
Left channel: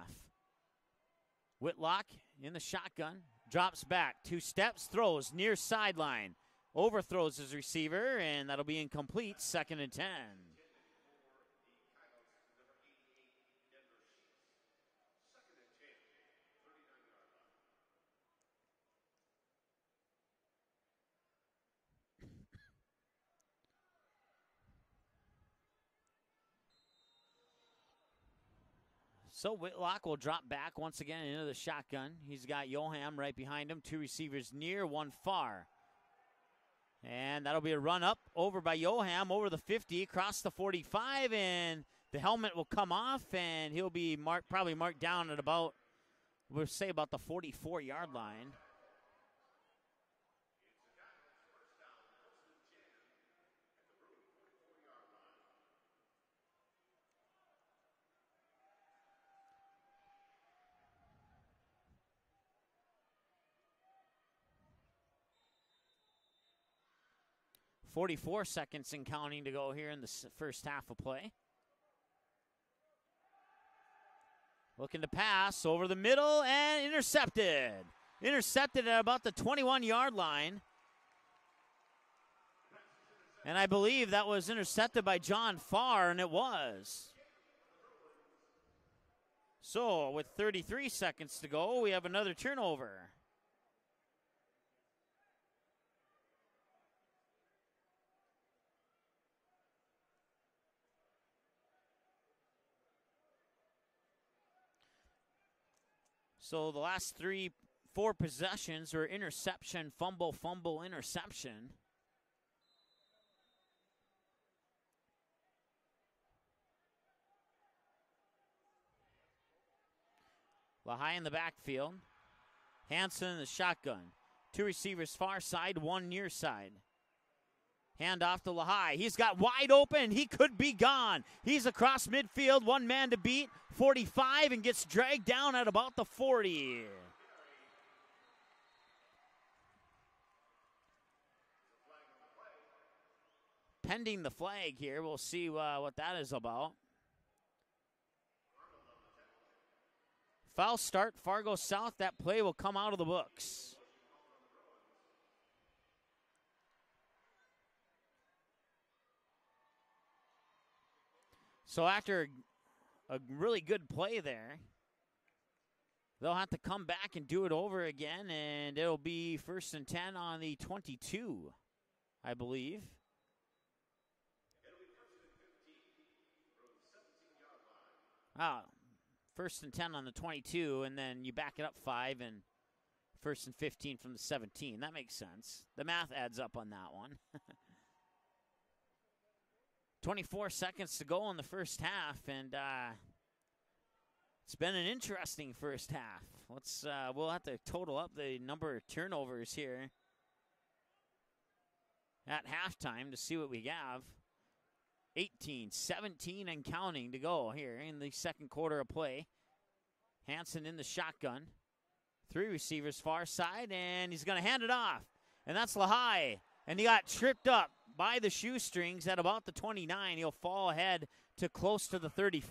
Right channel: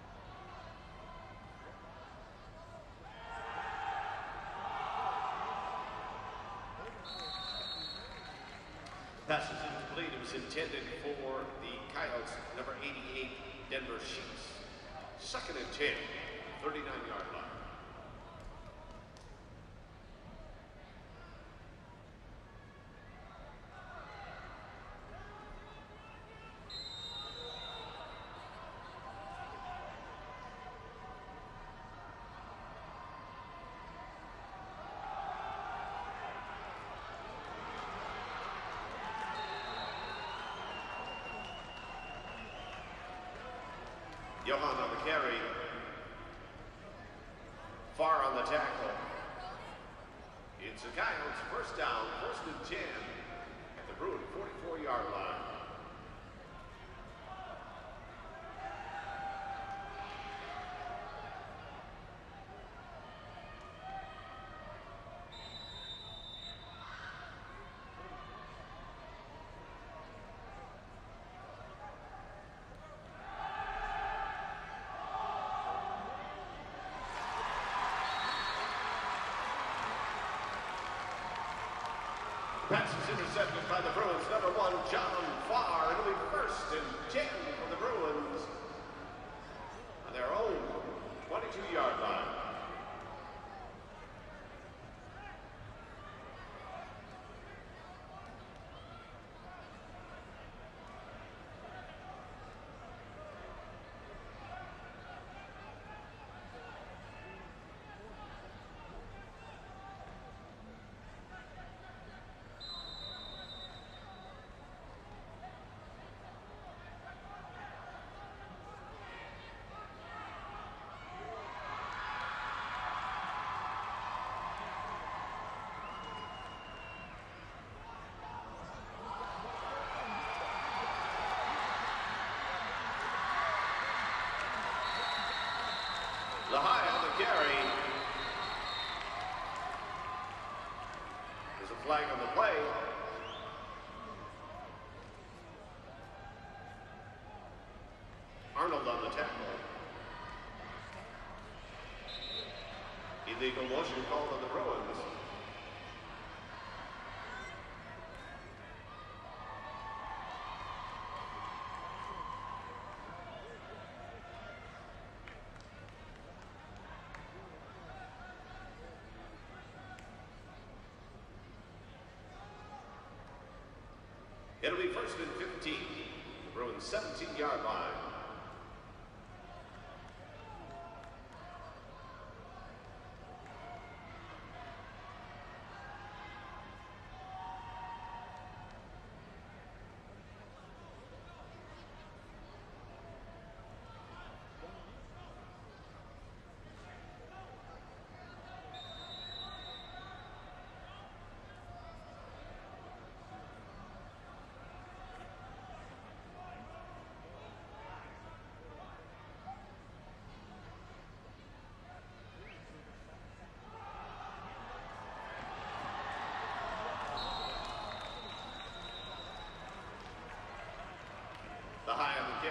Whitlock in the shotgun, drops back, 2 steps, throws near sideline, overthrows his receiver, and that'll be incomplete. Pass 2nd and 10. is intended for the Coyotes, number 88, Denver Sheets. 2nd and 10, 39-yard line. So Whitlock will drop back once again into the shotgun. He's got Yoham right behind him, 2 receivers near, 1 far. And that'll be a run up over by Yoham over the 50, across the 45, and the helmet will come off, and he'll be probably marked down at about, we'll say about the 44-yard line. Far on the tackle. It's the Coyotes, first down, 1st and 10 at the Bruin 44-yard line. .44 seconds and counting to go here in the first half of play. Looking to pass over the middle and intercepted. Intercepted at about the 21-yard line. And I believe that was intercepted by John Farr, and it was. So with 33 seconds to go, we have another turnover. So the last 4 possessions were interception, fumble, fumble, interception. High in the backfield. Hansen in the shotgun. 2 receivers far side, 1 near side. Hand off to Lehigh. He's got wide open. He could be gone. He's across midfield, 1 man to beat. 45 and gets dragged down at about the 40. Lehigh on the carry. There's a flag on the play. Pending the flag here, we'll see what that is about. Arnold on the tackle. Foul start, Fargo South. That play will come out of the books. Illegal motion called on the Bruins. So after a really good play there, they'll have to come back and do it over again, and it'll be 1st and 10 on the 22, I believe. It'll be 1st and 15. Bruins 17-yard line. Ah, 1st and 10 on the 22, and then you back it up 5, and 1st and 15 from the 17. That makes sense. The math adds up on that one. 24 seconds to go in the first half, and it's been an interesting first half. We'll have to total up the number of turnovers here at halftime to see what we have. 18, 17, and counting to go here in the second quarter of play. Hansen in the shotgun. 3 receivers far side, and he's going to hand it off. And that's Lehigh. And he got tripped up by the shoestrings at about the 29. He'll fall ahead to close to the 35.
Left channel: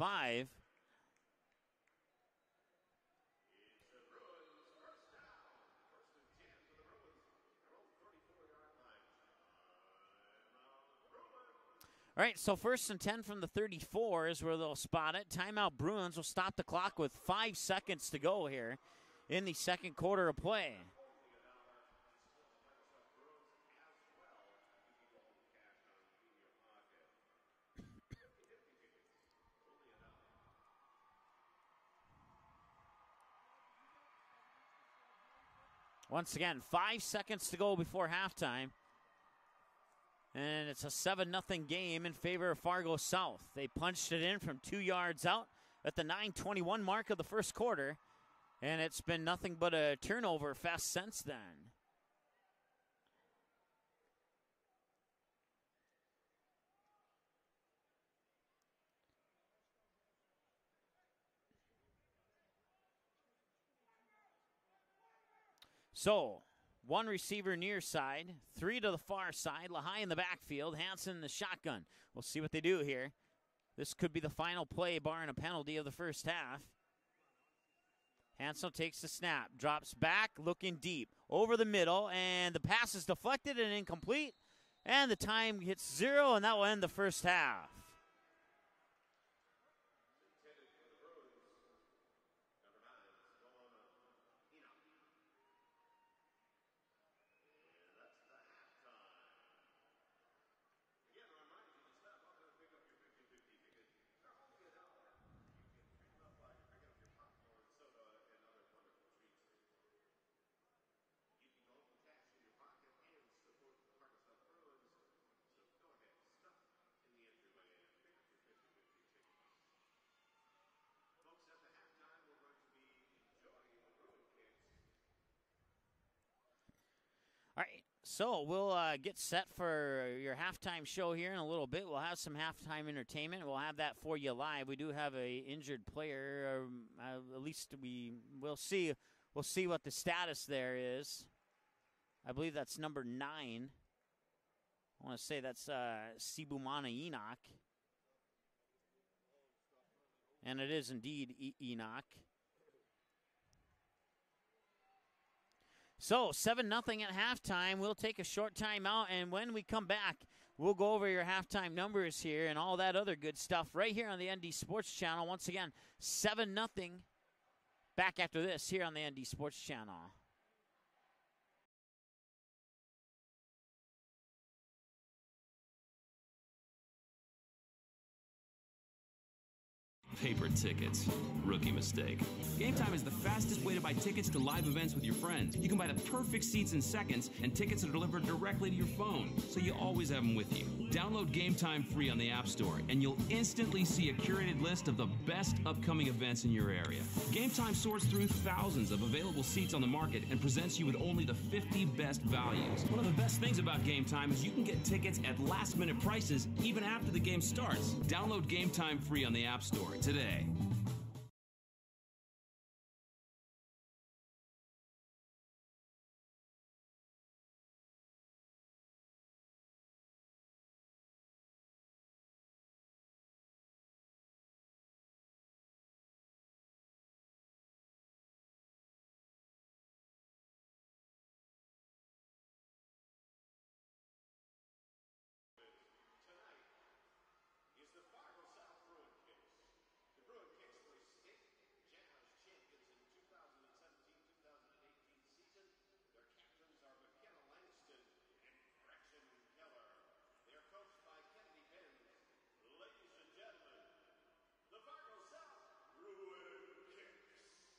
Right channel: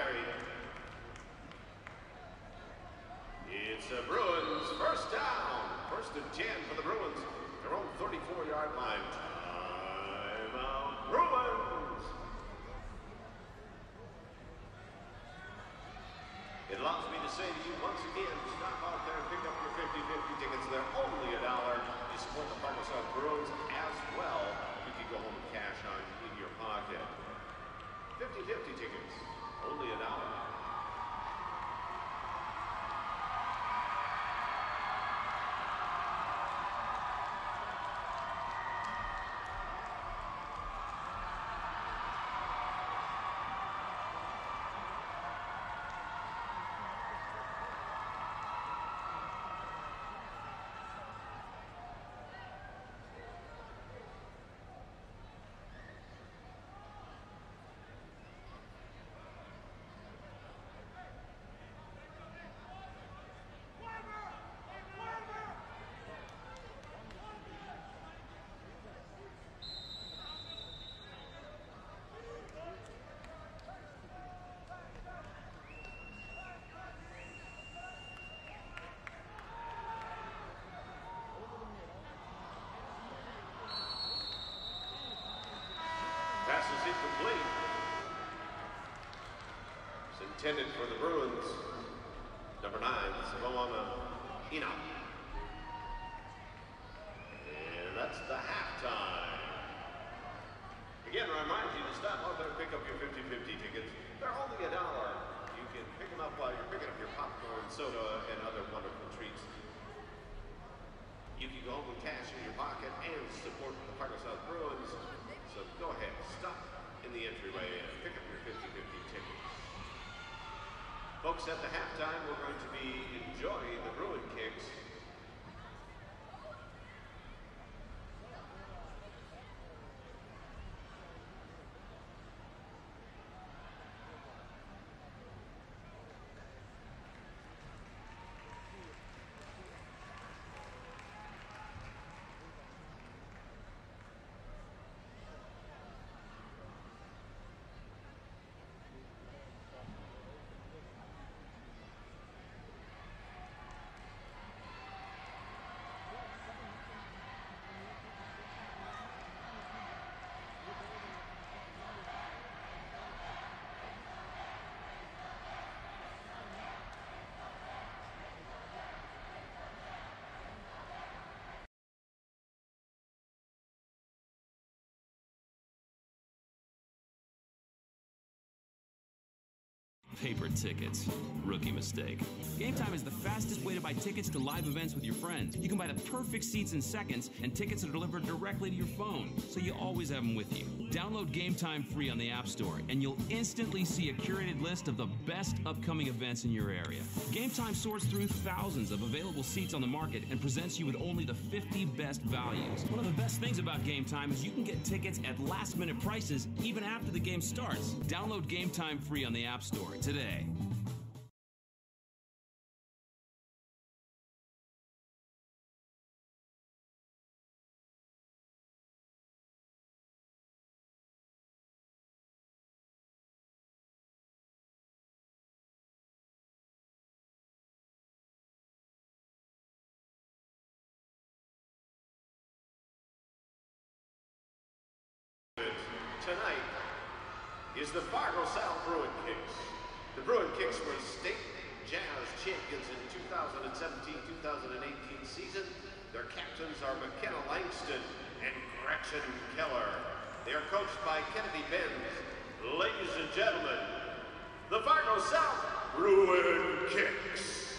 It's the Bruins first down. 1st and 10 for the Bruins. Their own 34-yard line. Timeout Bruins. All right, so 1st and 10 from the 34 is where they'll spot it. Timeout Bruins will stop the clock with 5 seconds to go here in the second quarter of play. They're only $1. You support the Fargo South Bruins as well. You can go home with cash in your pocket. 50-50 tickets, only $1. Once again, 5 seconds to go before halftime. And it's a 7-0 game in favor of Fargo South. They punched it in from 2 yards out at the 9:21 mark of the first quarter. And it's been nothing but a turnover fest since then. So, 1 receiver near side, 3 to the far side, Lehigh in the backfield, Hansen in the shotgun. We'll see what they do here. This could be the final play, barring a penalty of the first half. Ansel takes the snap, drops back, looking deep, over the middle, and the pass is deflected and incomplete, and the time hits 0, and that will end the first half. It's intended for the Bruins. Number 9, Simona Enoch. And that's the halftime. Again, I remind you to stop out there and pick up your 50/50 tickets. They're only $1. You can pick them up while you're picking up your popcorn, soda, and other wonderful treats. You can go home with cash in your pocket and support the Fargo South Bruins. So go ahead, stop in the entryway and pick up your 50/50 tickets. Folks, at the halftime, we're going to be enjoying the Bruin kicks. All right, so we'll get set for your halftime show here in a little bit. We'll have some halftime entertainment. We'll have that for you live. We do have a injured player, or at least we'll see. We'll see what the status there is. I believe that's number 9. I want to say that's Sibumana Enoch. And it is indeed Enoch. So 7-0 at halftime. We'll take a short timeout, and when we come back, we'll go over your halftime numbers here and all that other good stuff right here on the ND Sports Channel. Once again, 7-0. Back after this here on the ND Sports Channel. Paper tickets. Rookie mistake. Game Time is the fastest way to buy tickets to live events with your friends. You can buy the perfect seats in seconds, and tickets are delivered directly to your phone, so you always have them with you. Download Game Time free on the App Store, and you'll instantly see a curated list of the best upcoming events in your area. Game Time sorts through thousands of available seats on the market and presents you with only the 50 best values. One of the best things about Game Time is you can get tickets at last-minute prices even after the game starts. Download Game Time free on the App Store today. Tonight is the Fargo South Bruin Kicks. The Bruin Kicks were state jazz champions in 2017-2018 season. Their captains are McKenna Langston and Gretchen Keller. They are coached by Kennedy Benz. Ladies and gentlemen, the Fargo South Bruin Kicks.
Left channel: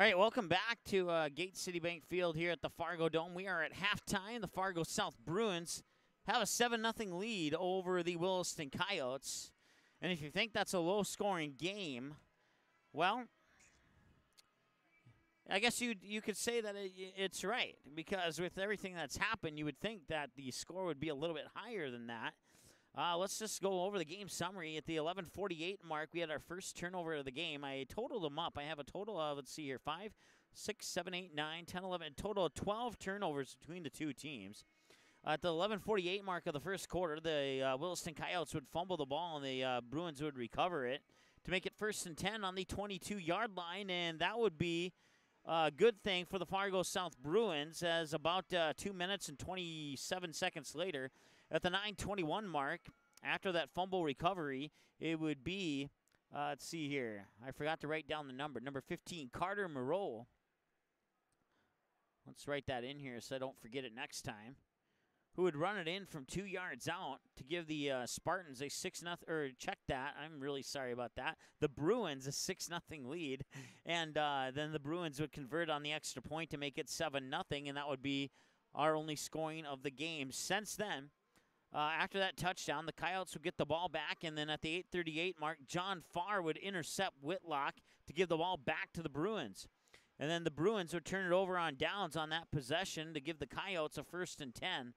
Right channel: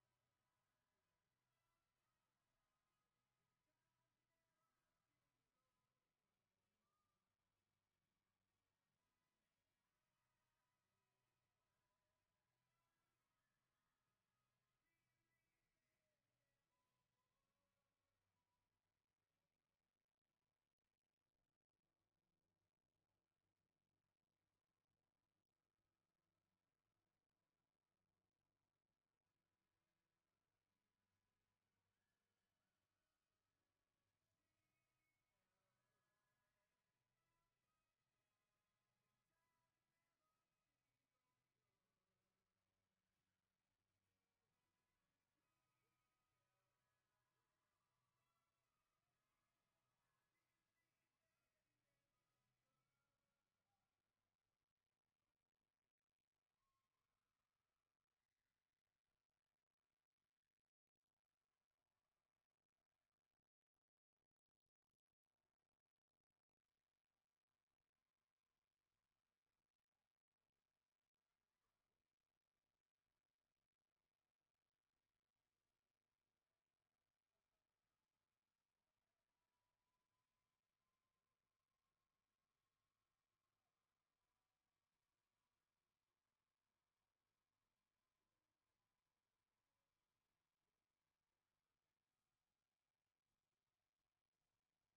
All right, welcome back to Gate City Bank Field here at the Fargo Dome. We are at halftime. The Fargo South Bruins have a 7-0 lead over the Williston Coyotes. And if you think that's a low-scoring game, well, I guess you could say that it's right, because with everything that's happened, you would think that the score would be a little bit higher than that. Let's just go over the game summary. At the 11:48 mark, we had our first turnover of the game. I totaled them up. I have a total of, let's see here, 5, 6, 7, 8, 9, 10, 11, a total of 12 turnovers between the two teams. At the 11:48 mark of the first quarter, the Williston Coyotes would fumble the ball, and the Bruins would recover it to make it 1st and 10 on the 22-yard line, and that would be a good thing for the Fargo South Bruins, as about 2 minutes and 27 seconds later, at the 9:21 mark, after that fumble recovery, it would be, let's see here, I forgot to write down the number 15, Carter Moreau. Let's write that in here so I don't forget it next time. Who would run it in from 2 yards out to give the Spartans a 6-0, or check that, I'm really sorry about that. The Bruins a 6-0 lead, and then the Bruins would convert on the extra point to make it 7-0, and that would be our only scoring of the game. Since then, after that touchdown, the Coyotes would get the ball back, and then at the 8:38 mark, John Farr would intercept Whitlock to give the ball back to the Bruins. And then the Bruins would turn it over on downs on that possession to give the Coyotes a 1st and 10.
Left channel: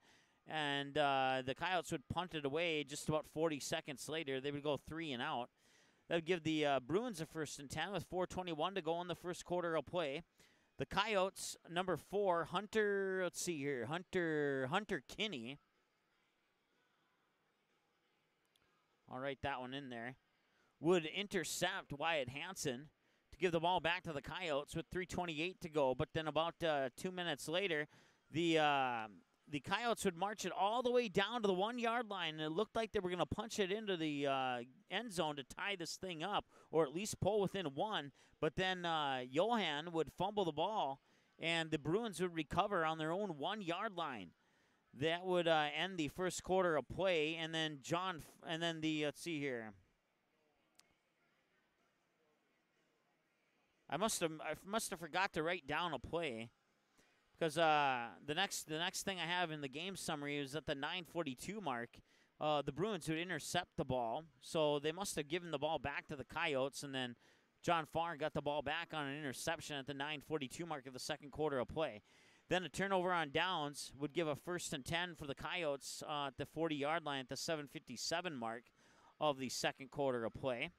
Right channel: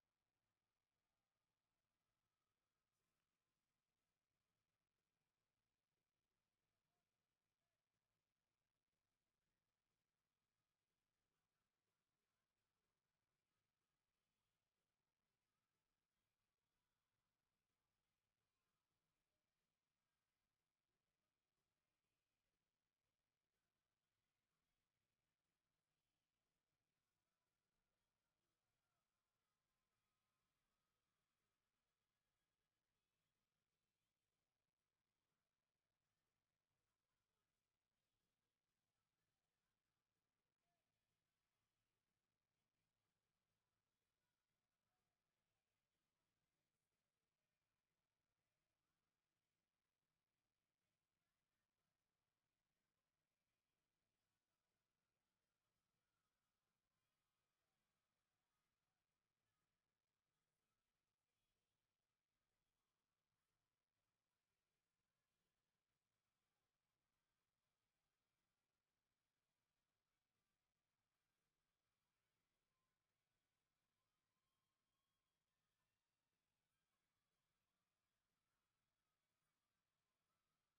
And the Coyotes would punt it away just about 40 seconds later. They would go 3 and out. That would give the Bruins a 1st and 10 with 4:21 to go in the first quarter of play. The Coyotes, number 4, Hunter, let's see here, Hunter Kinney. I'll write that one in there, would intercept Wyatt Hansen to give the ball back to the Coyotes with 3:28 to go. But then about 2 minutes later, the Coyotes would march it all the way down to the 1-yard line, and it looked like they were going to punch it into the end zone to tie this thing up, or at least pull within 1. But then Johan would fumble the ball, and the Bruins would recover on their own 1-yard line. That would end the first quarter of play, and then let's see here. I must have forgot to write down a play, because the next thing I have in the game summary is at the 9:42 mark. The Bruins would intercept the ball, so they must have given the ball back to the Coyotes, and then John Farr got the ball back on an interception at the 9:42 mark of the second quarter of play. Then a turnover on downs would give a 1st and 10 for the Coyotes at the 40-yard line at the 7:57 mark of the second quarter of play.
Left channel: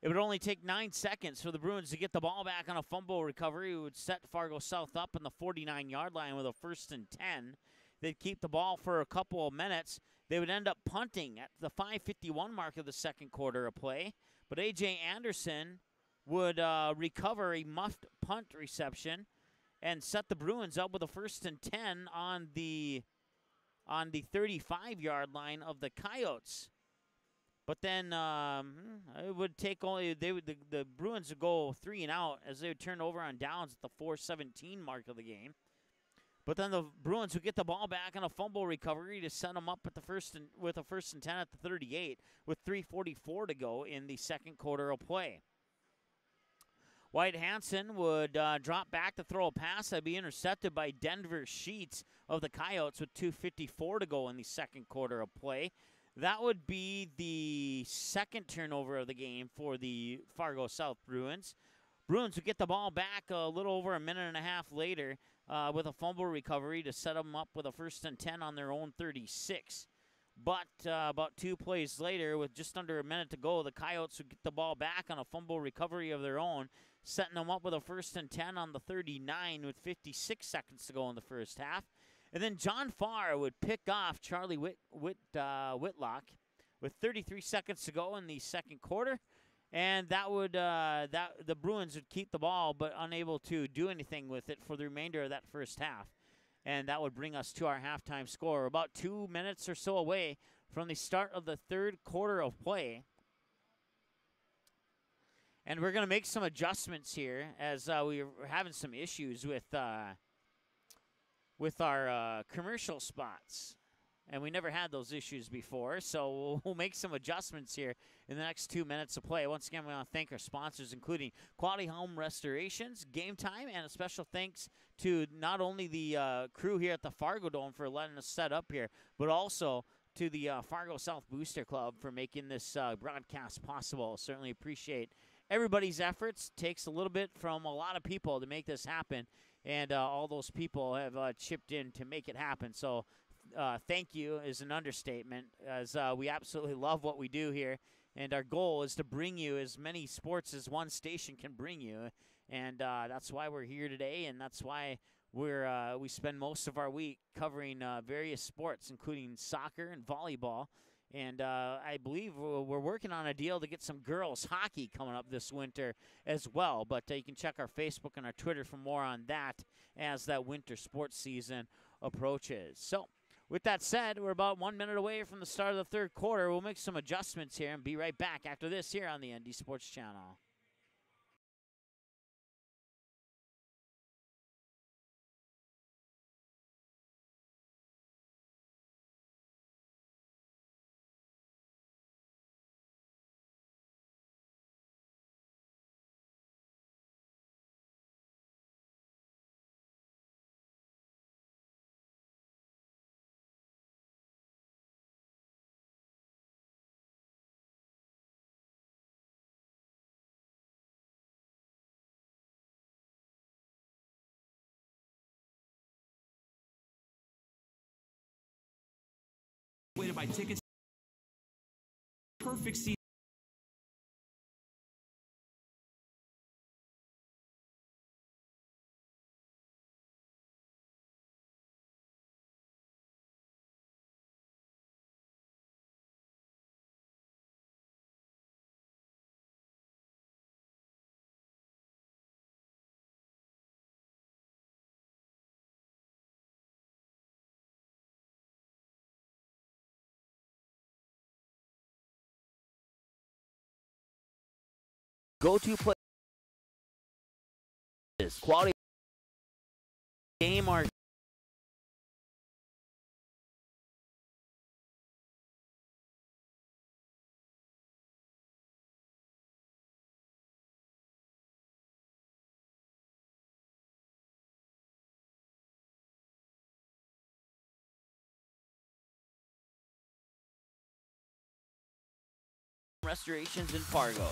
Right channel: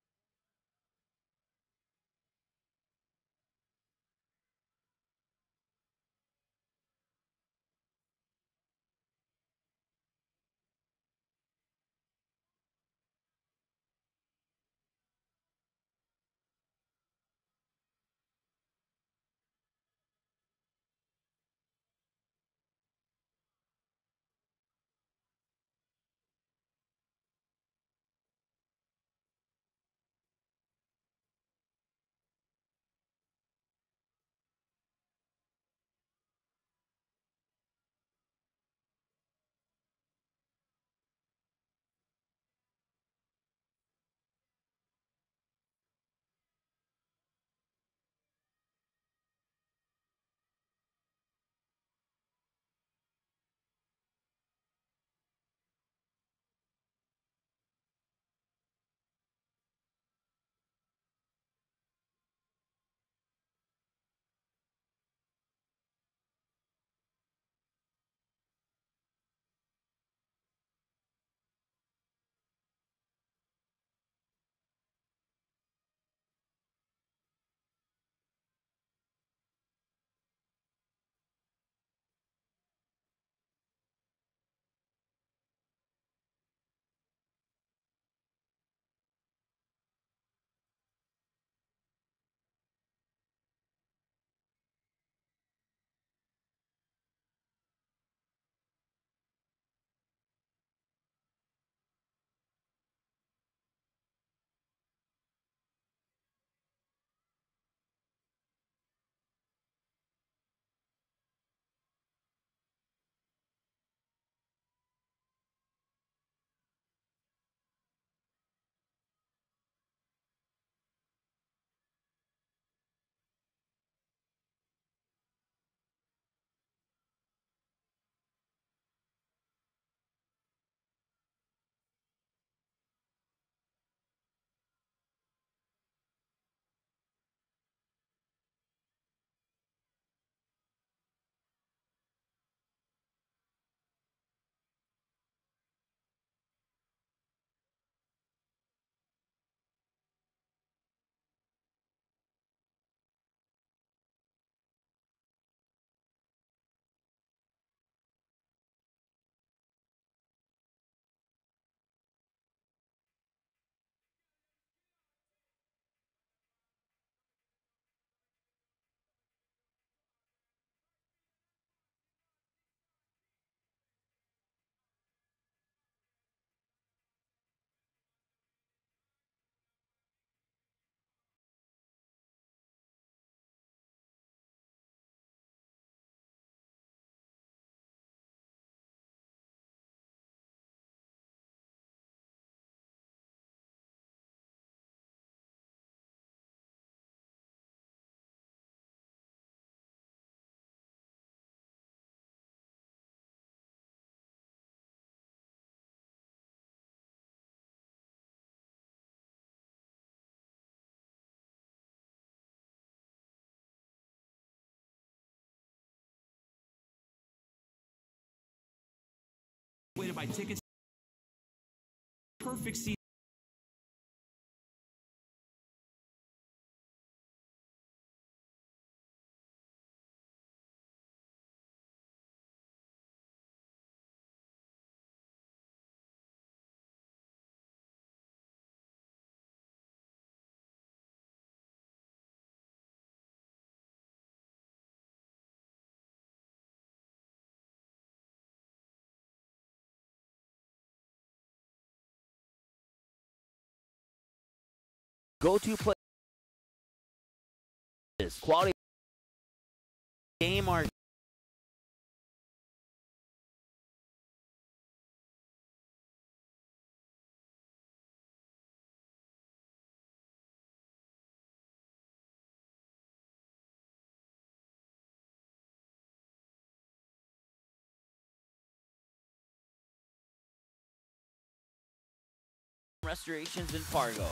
It would only take 9 seconds for the Bruins to get the ball back on a fumble recovery. It would set Fargo South up on the 49-yard line with a 1st and 10. They'd keep the ball for a couple of minutes. They would end up punting at the 5:51 mark of the second quarter of play. But A.J. Anderson would recover a muffed punt reception and set the Bruins up with a 1st and 10 on the 35-yard line of the Coyotes. But then it would take only the Bruins would go 3 and out as they would turn over on downs at the 4:17 mark of the game. But then the Bruins would get the ball back on a fumble recovery to set them up at with a 1st and 10 at the 38 with 3:44 to go in the second quarter of play. Wyatt Hansen would drop back to throw a pass that would be intercepted by Denver Sheets of the Coyotes with 2:54 to go in the second quarter of play. That would be the second turnover of the game for the Fargo South Bruins. Bruins would get the ball back a little over a minute and a half later with a fumble recovery to set them up with a 1st and 10 on their own 36. But about 2 plays later, with just under a minute to go, the Coyotes would get the ball back on a fumble recovery of their own, setting them up with a 1st and 10 on the 39 with 56 seconds to go in the first half. And then John Farr would pick off Charlie Whitlock with 33 seconds to go in the second quarter. And that would the Bruins would keep the ball, but unable to do anything with it for the remainder of that first half. And that would bring us to our halftime score, about 2 minutes or so away from the start of the third quarter of play. And we're going to make some adjustments here as we're having some issues with our commercial spots. and we never had those issues before, so we'll make some adjustments here in the next 2 minutes of play. Once again, we want to thank our sponsors, including Quality Home Restorations, Game Time, and a special thanks to not only the crew here at the Fargo Dome for letting us set up here, but also to the Fargo South Booster Club for making this broadcast possible. Certainly appreciate everybody's efforts. Takes a little bit from a lot of people to make this happen, and all those people have chipped in to make it happen. So thank you is an understatement, as we absolutely love what we do here, and our goal is to bring you as many sports as one station can bring you, and that's why we're here today, and that's why we spend most of our week covering various sports, including soccer and volleyball. And I believe we're working on a deal to get some girls hockey coming up this winter as well. But you can check our Facebook and our Twitter for more on that as that winter sports season approaches. So with that said, we're about 1 minute away from the start of the third quarter. We'll make some adjustments here and be right back after this here on the ND Sports Channel. Way to buy tickets. Perfect seat. Go-to play is quality game or restorations in Fargo.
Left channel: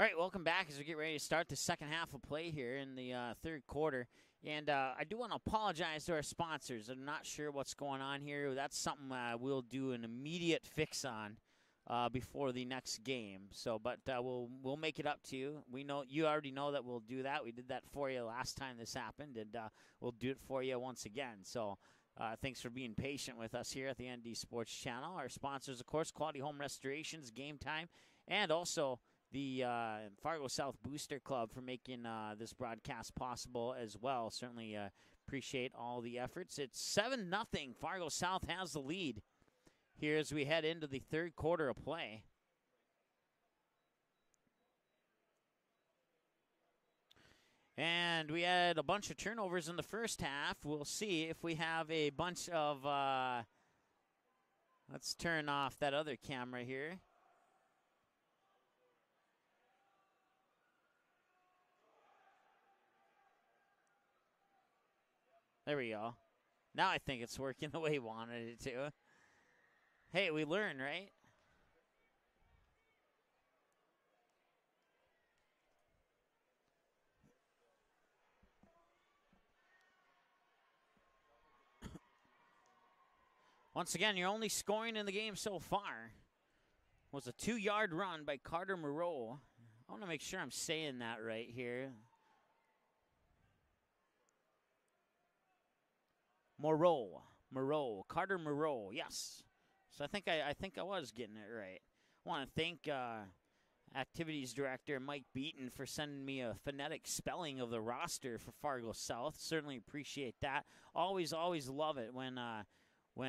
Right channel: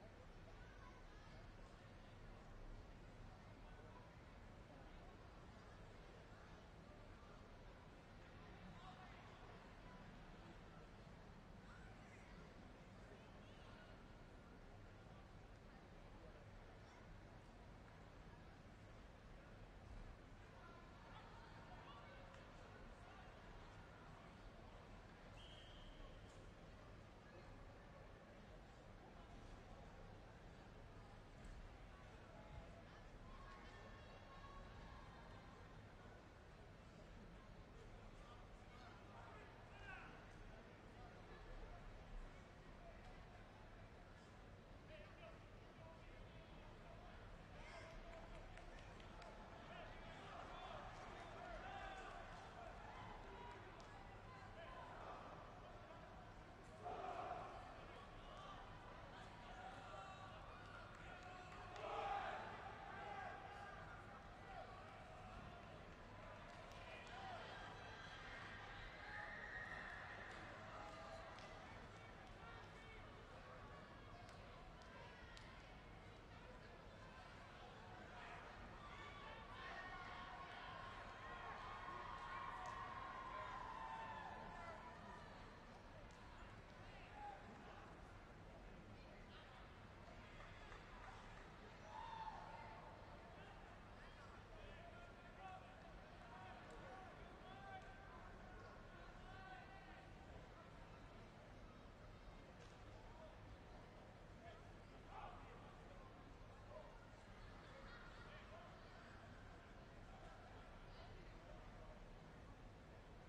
All right, welcome back as we get ready to start the second half of play here in the third quarter. And I do want to apologize to our sponsors. I'm not sure what's going on here. That's something we'll do an immediate fix on before the next game. So, but we'll make it up to you. We know you already know that we'll do that. We did that for you last time this happened, and we'll do it for you once again. So Thanks for being patient with us here at the ND Sports Channel. Our sponsors, of course, Quality Home Restorations, Game Time, and also the Fargo South Booster Club for making this broadcast possible as well. Certainly appreciate all the efforts. It's 7-0. Fargo South has the lead here as we head into the third quarter of play. And we had a bunch of turnovers in the first half. We'll see if we have a bunch of, let's turn off that other camera here. There we go. Now I think it's working the way we wanted it to. Hey, we learn, right? Once again, your only scoring in the game so far was a 2-yard run by Carter Moreau. I want to make sure I'm saying that right here. Moreau, Carter Moreau, yes. So I think I was getting it right. I want to thank Activities Director Mike Beaton for sending me a phonetic spelling of the roster for Fargo South. Certainly appreciate that. Always love it when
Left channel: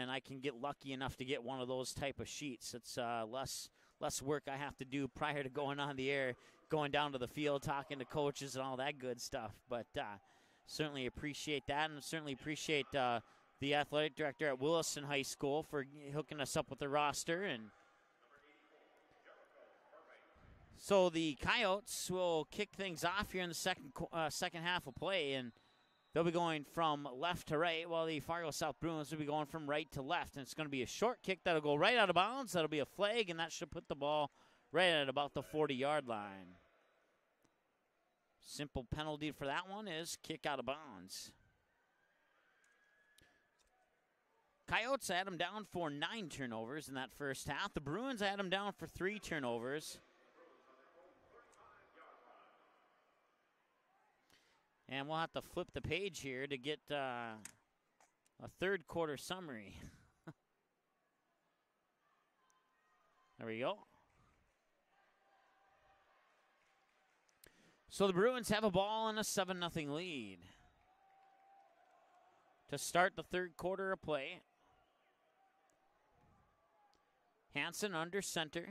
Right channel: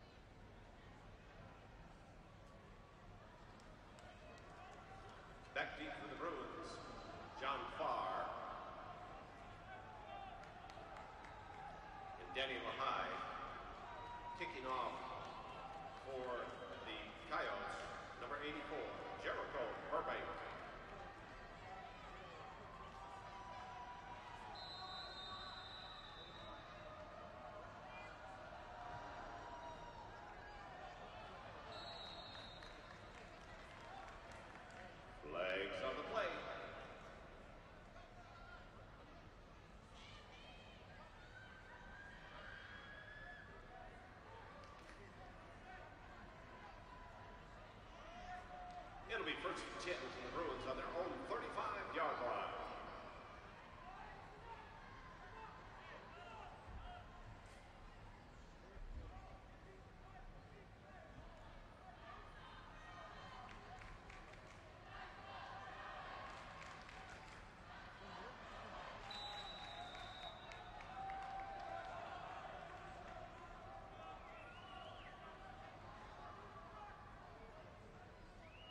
I can get lucky enough to get one of those type of sheets. It's less work I have to do prior to going on the air, going down to the field, talking to coaches and all that good stuff. But certainly appreciate that, and certainly appreciate the athletic director at Williston High School for hooking us up with the roster. And Number 84, Jericho Burbank. so the Coyotes will kick things off here in the second half of play, and they'll be going from left to right, while the Fargo South Bruins will be going from right to left. And it's going to be a short kick that'll go right out of bounds. That'll be a flag, and that should put the ball right at about the 40-yard line. Simple penalty for that one is kick out of bounds. Coyotes had them down for 9 turnovers in that first half. The Bruins had them down for 3 turnovers. The Bruins on their own 35-yard line. And we'll have to flip the page here to get a third quarter summary. There we go. So the Bruins have a ball and a 7-0 lead to start the third quarter of play. Hansen under center.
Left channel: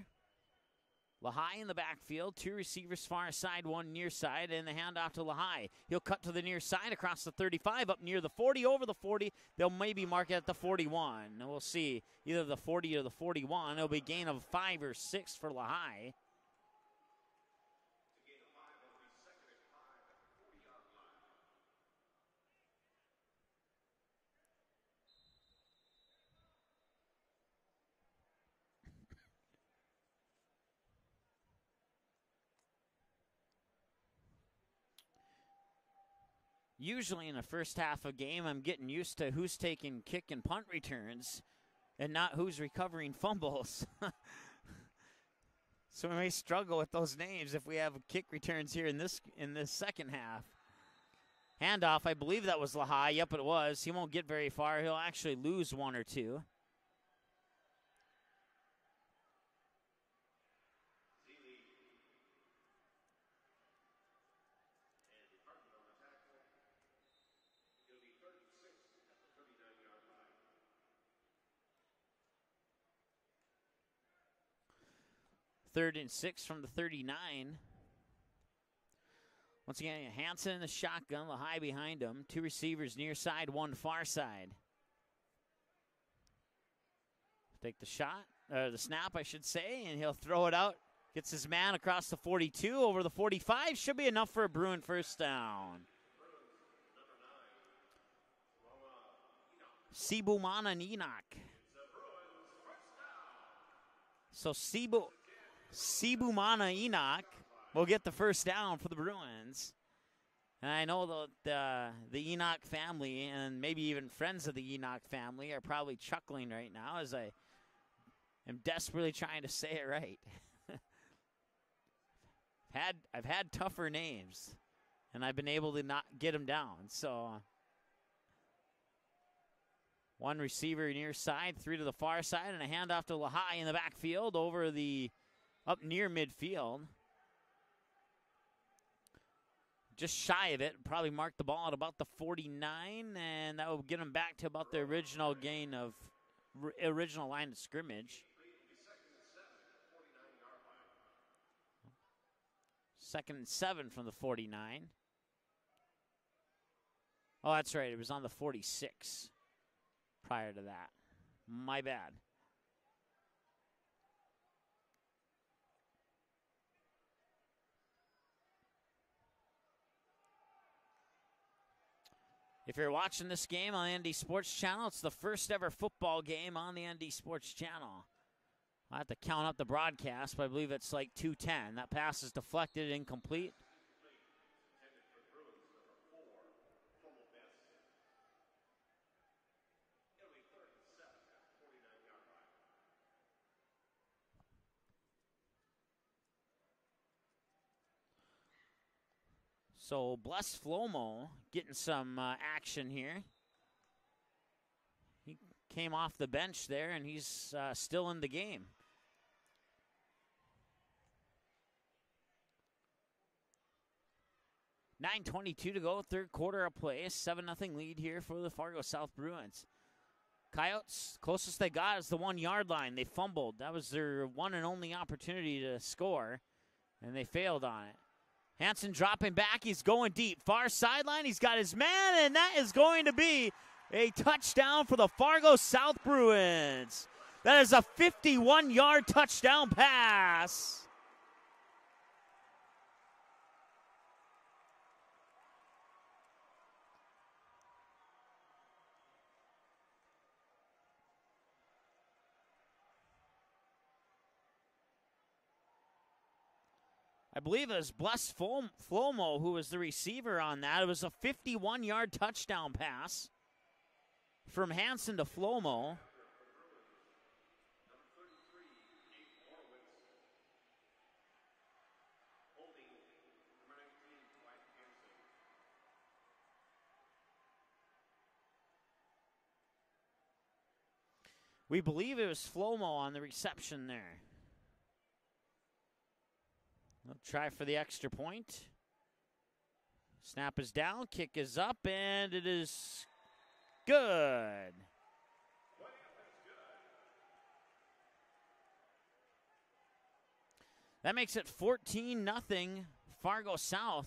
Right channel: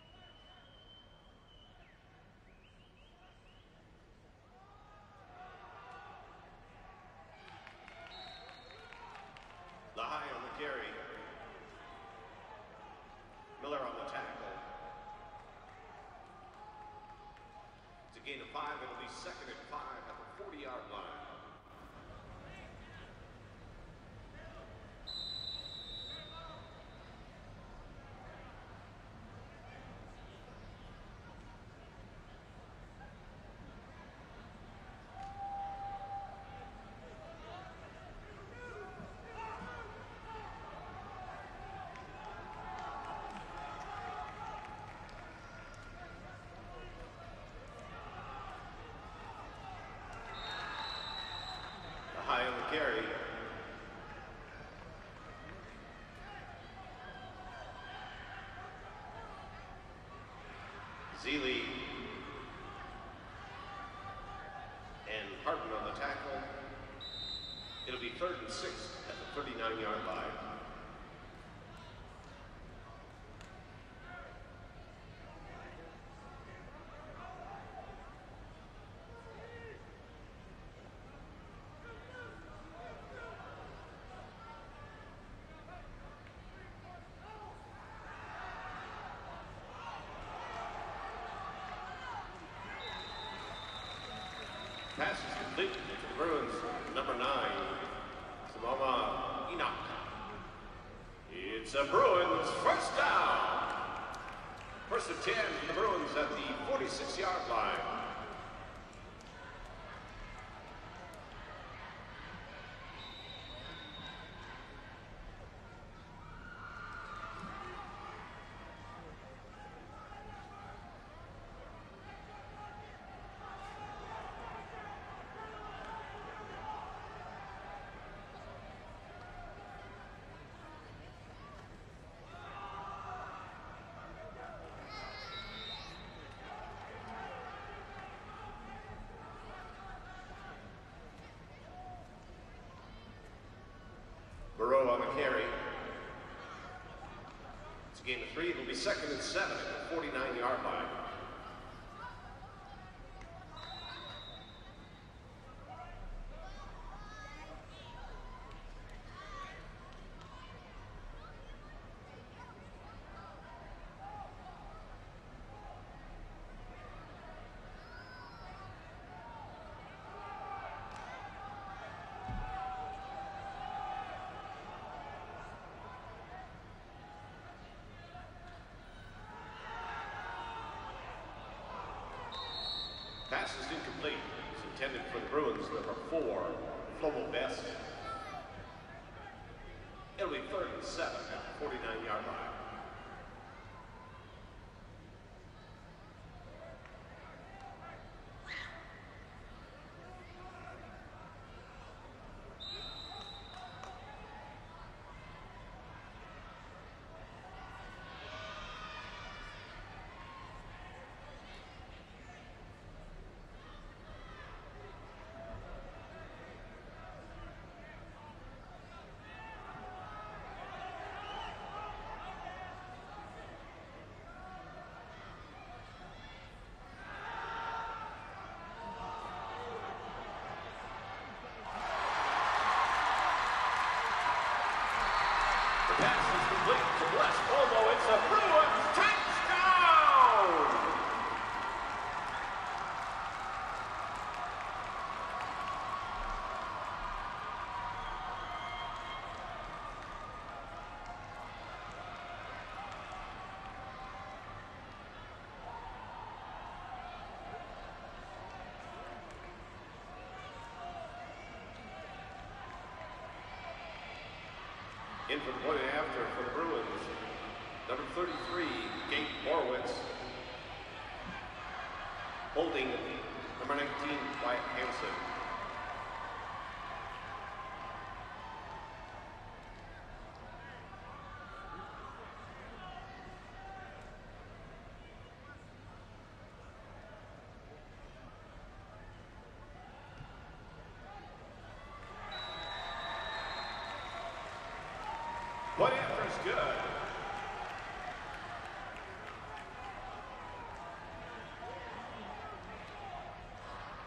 Lahai in the backfield, 2 receivers far side, 1 near side, and the handoff to Lahai. He'll cut to the near side across the 35, up near the 40, over the 40. They'll maybe mark it at the 41. Now we'll see, either the 40 or the 41. It'll be a gain of 5 or 6 for Lahai. It's a gain of 5. It'll be second and 5 at the 40-yard line. Usually in the first half of a game, I'm getting used to who's taking kick and punt returns and not who's recovering fumbles. So we may struggle with those names if we have kick returns here in this second half. Handoff, I believe that was Lahai. Yep, it was. He won't get very far. He'll actually lose 1 or 2. Zeeley and Harden on the tackle. It'll be 3rd and 6 at the 39-yard line. Third and 6 from the 39. Once again, Hansen in the shotgun, Lahai behind him. 2 receivers near side, 1 far side. Take the shot, the snap, I should say, and he'll throw it out. Gets his man across the 42, over the 45. Should be enough for a Bruin first down. Bruins, number 9, Simama Enoch. Sibumana Enoch. It's a Bruins first down. So First and 10, the Bruins Sibumana at the Enoch 46-yard line. will get the first down for the Bruins. And I know the Enoch family and maybe even friends of the Enoch family are probably chuckling right now as I am desperately trying to say it right. I've had tougher names, and I've been able to not get them down. So One receiver near side, 3 to the far side, and a handoff to Lahai in the backfield over up near midfield. Just shy of it, probably marked the ball at about the 49, and that will get him back to about the original line of scrimmage. Game of 3 will be 2nd and 7 at the 49-yard line. 2nd and 7 from the 49. Oh, that's right, it was on the 46 prior to that. My bad. If you're watching this game on the ND Sports Channel, it's the first ever football game on the ND Sports Channel. I have to count up the broadcast, but I believe it's like 2:10. That pass is deflected, incomplete. Pass is incomplete. It's intended for the Bruins, number 4, Flomo Best. It'll be 3rd and 7 at the 49-yard line. So Bless Flomo getting some action here. He came off the bench there, and he's still in the game. .9:22 to go, 3rd quarter of play. 7-0 lead here for the Fargo South Bruins. Coyotes, closest they got is the 1-yard line. They fumbled. That was their one and only opportunity to score, and they failed on it. Hansen dropping back. He's going deep. Far sideline. He's got his man, and that is going to be a touchdown for the Fargo South Bruins. That is a 51-yard touchdown pass. I believe it was Bless Flomo who was the receiver on that. It was a 51-yard touchdown pass from Hansen to Flomo. After for the Bruins, number 33, Gabe Borowitz. Holding number 19, Wyatt Hansen. We believe it was Flomo on the reception there. Try for the extra point. Snap is down, kick is up, and it is good. Point after is good. That makes it 14-0 Fargo South.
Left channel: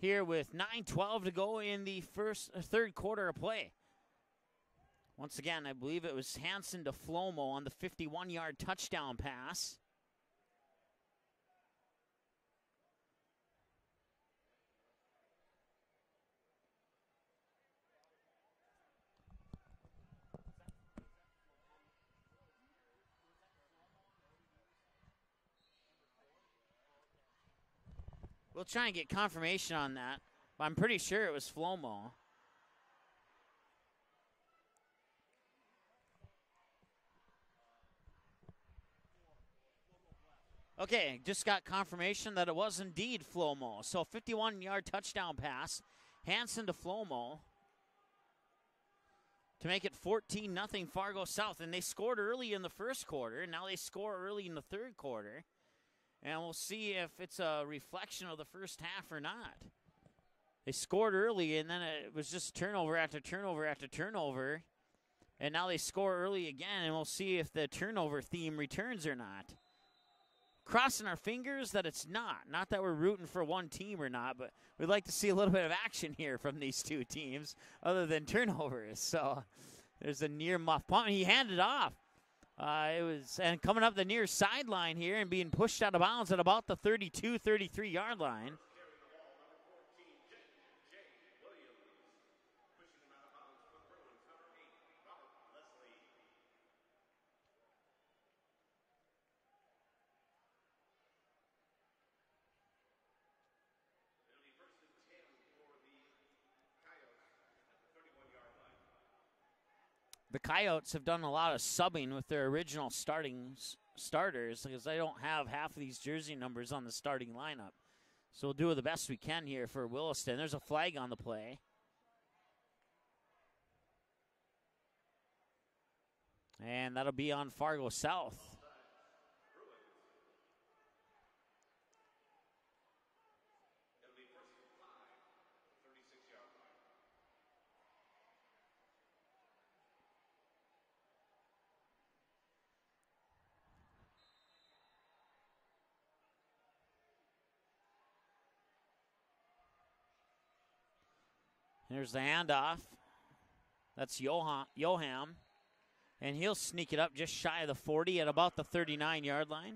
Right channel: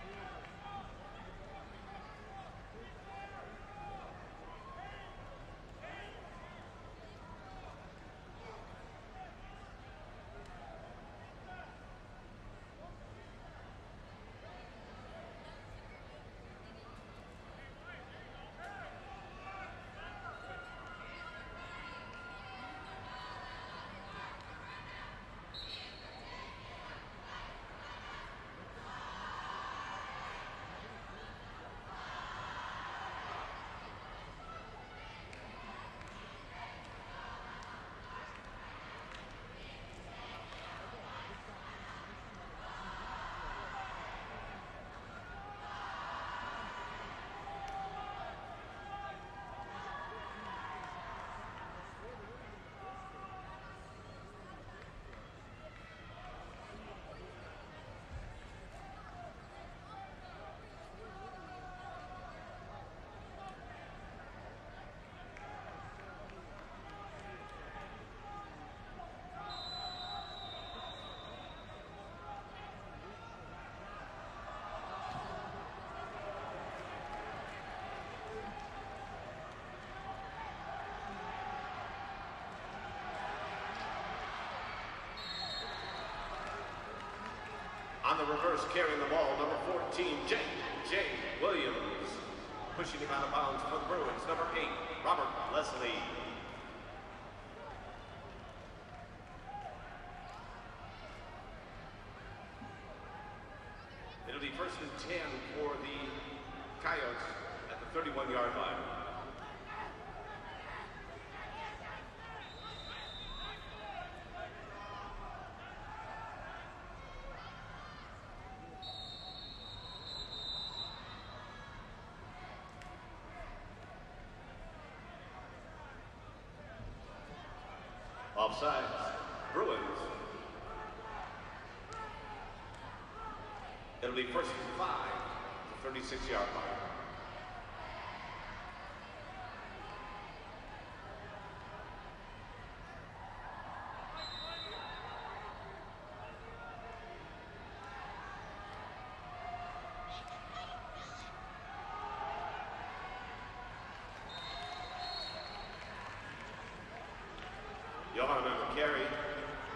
Here with 9:12 to go in the third quarter of play. Once again, I believe it was Hansen to Flomo on the 51-yard touchdown pass. We'll try and get confirmation on that. I'm pretty sure it was Flomo. Okay, just got confirmation that it was indeed Flomo. So 51-yard touchdown pass, Hansen to Flomo to make it 14-0 Fargo South. And they scored early in the first quarter. Now they score early in the third quarter. And we'll see if it's a reflection of the first half or not. They scored early, and then it was just turnover after turnover after turnover. And now they score early again, and we'll see if the turnover theme returns or not. Crossing our fingers that it's not. Not that we're rooting for one team or not, but we'd like to see a little bit of action here from these two teams other than turnovers. So there's a near muff punt. He handed off. And coming up the near sideline here and being pushed out of bounds at about the 32, 33-yard line. On the reverse, carrying the ball, number 14, J. Williams. Pushing him out of bounds for the Bruins, number 8, Robert Leslie. It'll be 1st and 10 for the 4-yard line. The Coyotes have done a lot of subbing with their original starters because they don't have half of these jersey numbers on the starting lineup. So we'll do the best we can here for Williston. There's a flag on the play. And that'll be on Fargo South. Offside, Bruins. It'll be first and 5, the 36-yard line. Here's the handoff. That's Joham. And he'll sneak it up just shy of the 40 at about the 39-yard line.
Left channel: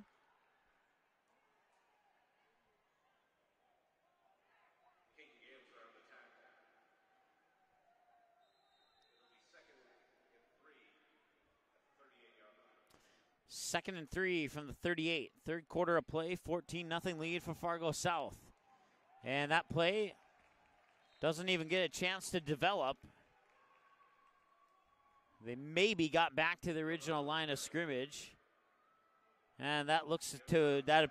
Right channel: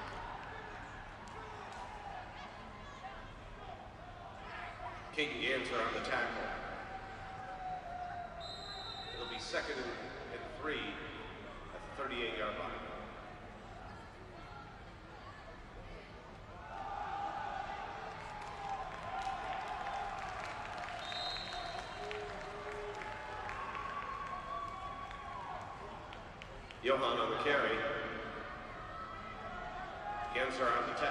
Katie Answer on the tackle. It'll be second and 3 at the 38-yard line. Second and 3 from the 38. Third quarter of play, 14-0 lead for Fargo South. And that play doesn't even get a chance to develop. They maybe got back to the original line of scrimmage. And that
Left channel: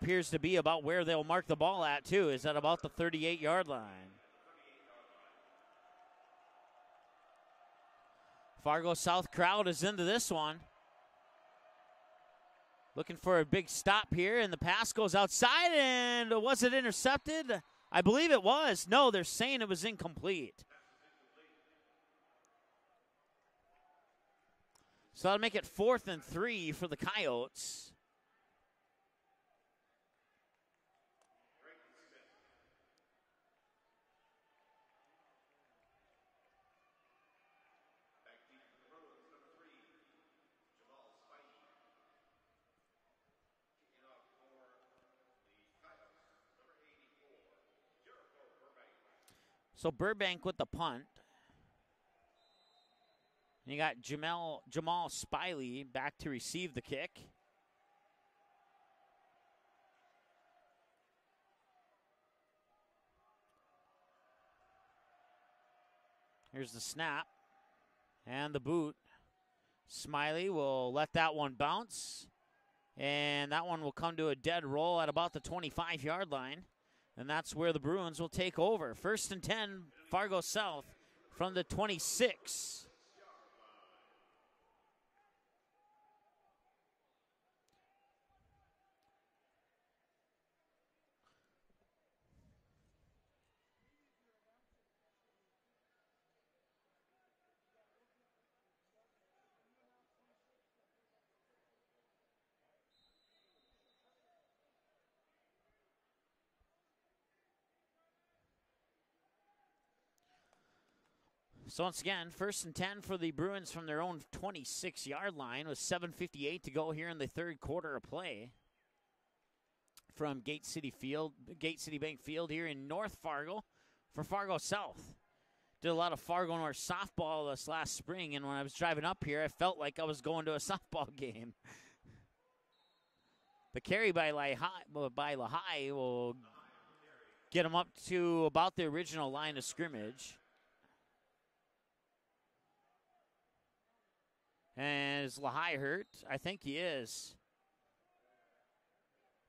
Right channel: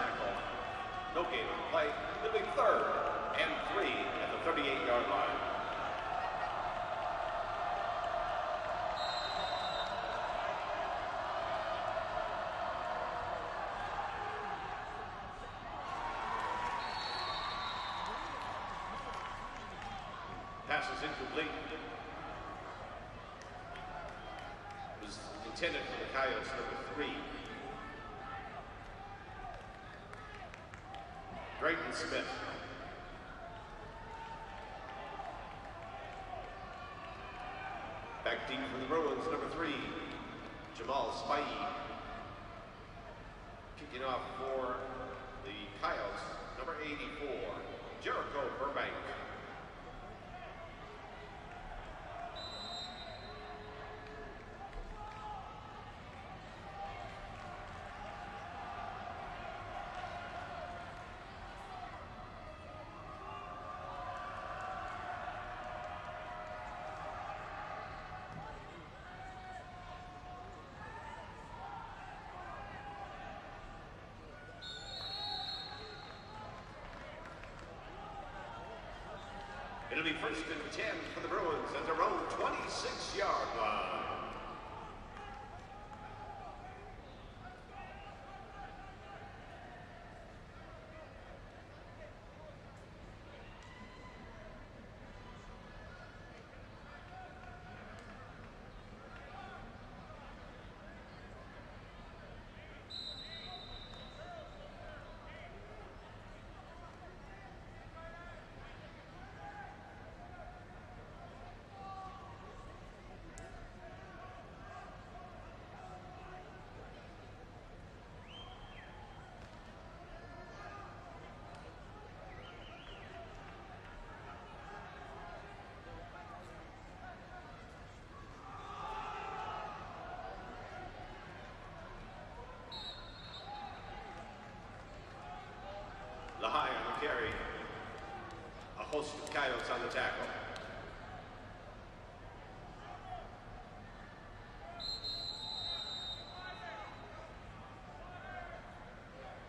appears to be about where they'll mark the ball at too, is at about the 38-yard line. At the 38-yard line. Fargo South crowd is into this one. Looking for a big stop here, and the pass goes outside, and was it intercepted? I believe it was. No, they're saying it was incomplete. Pass is incomplete. So that'll make it 4th and 3 for the Coyotes. Drayton Smith. Back deep for the Bruins, number 3, Jamal Spivey. Kicking off for the Coyotes, number 84, Jericho Burbank. So Burbank with the punt. You got Jamal Spivey back to receive the kick. Here's the snap and the boot. Smiley will let that one bounce, and that one will come to a dead roll at about the 25-yard line. And that's where the Bruins will take over. 1st and 10, Fargo South from the 26. 26-yard line. So once again, 1st and 10 for the Bruins from their own 26-yard line with 7:58 to go here in the third quarter of play. From Gate City Bank Field here in North Fargo for Fargo South. Did a lot of Fargo North softball this last spring, and when I was driving up here, I felt like I was going to a softball game. The carry by Lehigh will on the carry. Get them up to about the original line of scrimmage. And is Lehigh hurt? I think he is.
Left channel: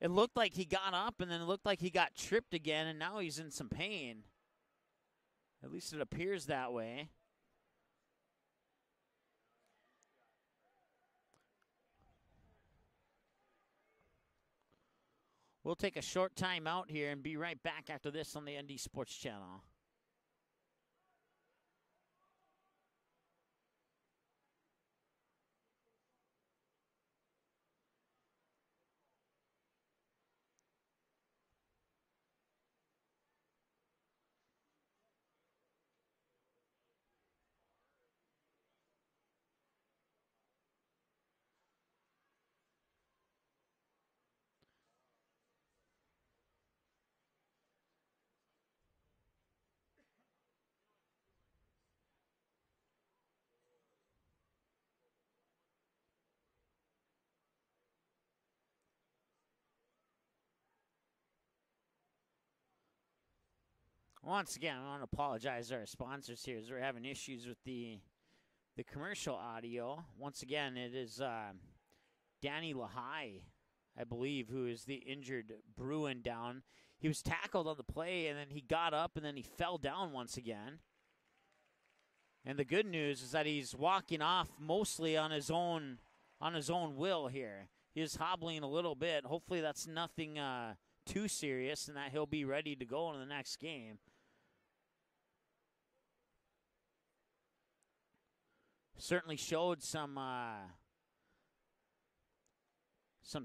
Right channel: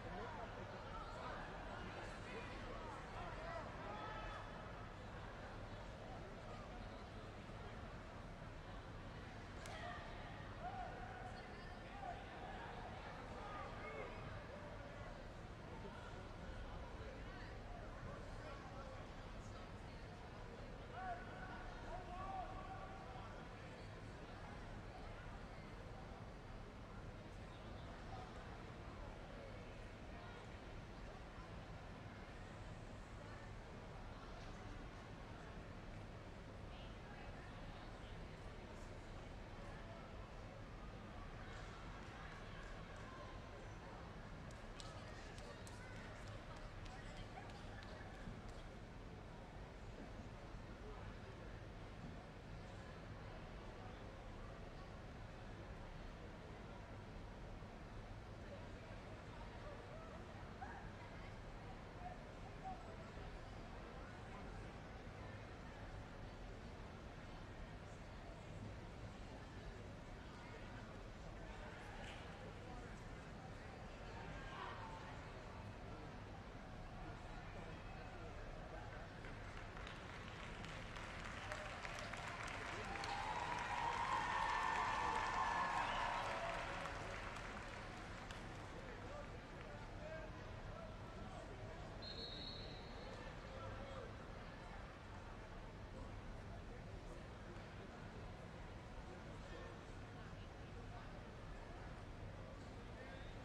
It looked like he got up, and then it looked like he got tripped again, and now he's in some pain. At least it appears that way. We'll take a short time out here and be right back after this on the ND Sports Channel. Once again, I want to apologize to our sponsors here as we're having issues with the commercial audio. Once again, it is Danny Lahai, I believe, who is the injured Bruin down. He was tackled on the play, and then he got up, and then he fell down once again. And the good news is that he's walking off mostly on his own will here. He is hobbling a little bit. Hopefully that's nothing too serious, and that he'll be ready to go in the next game. Certainly showed some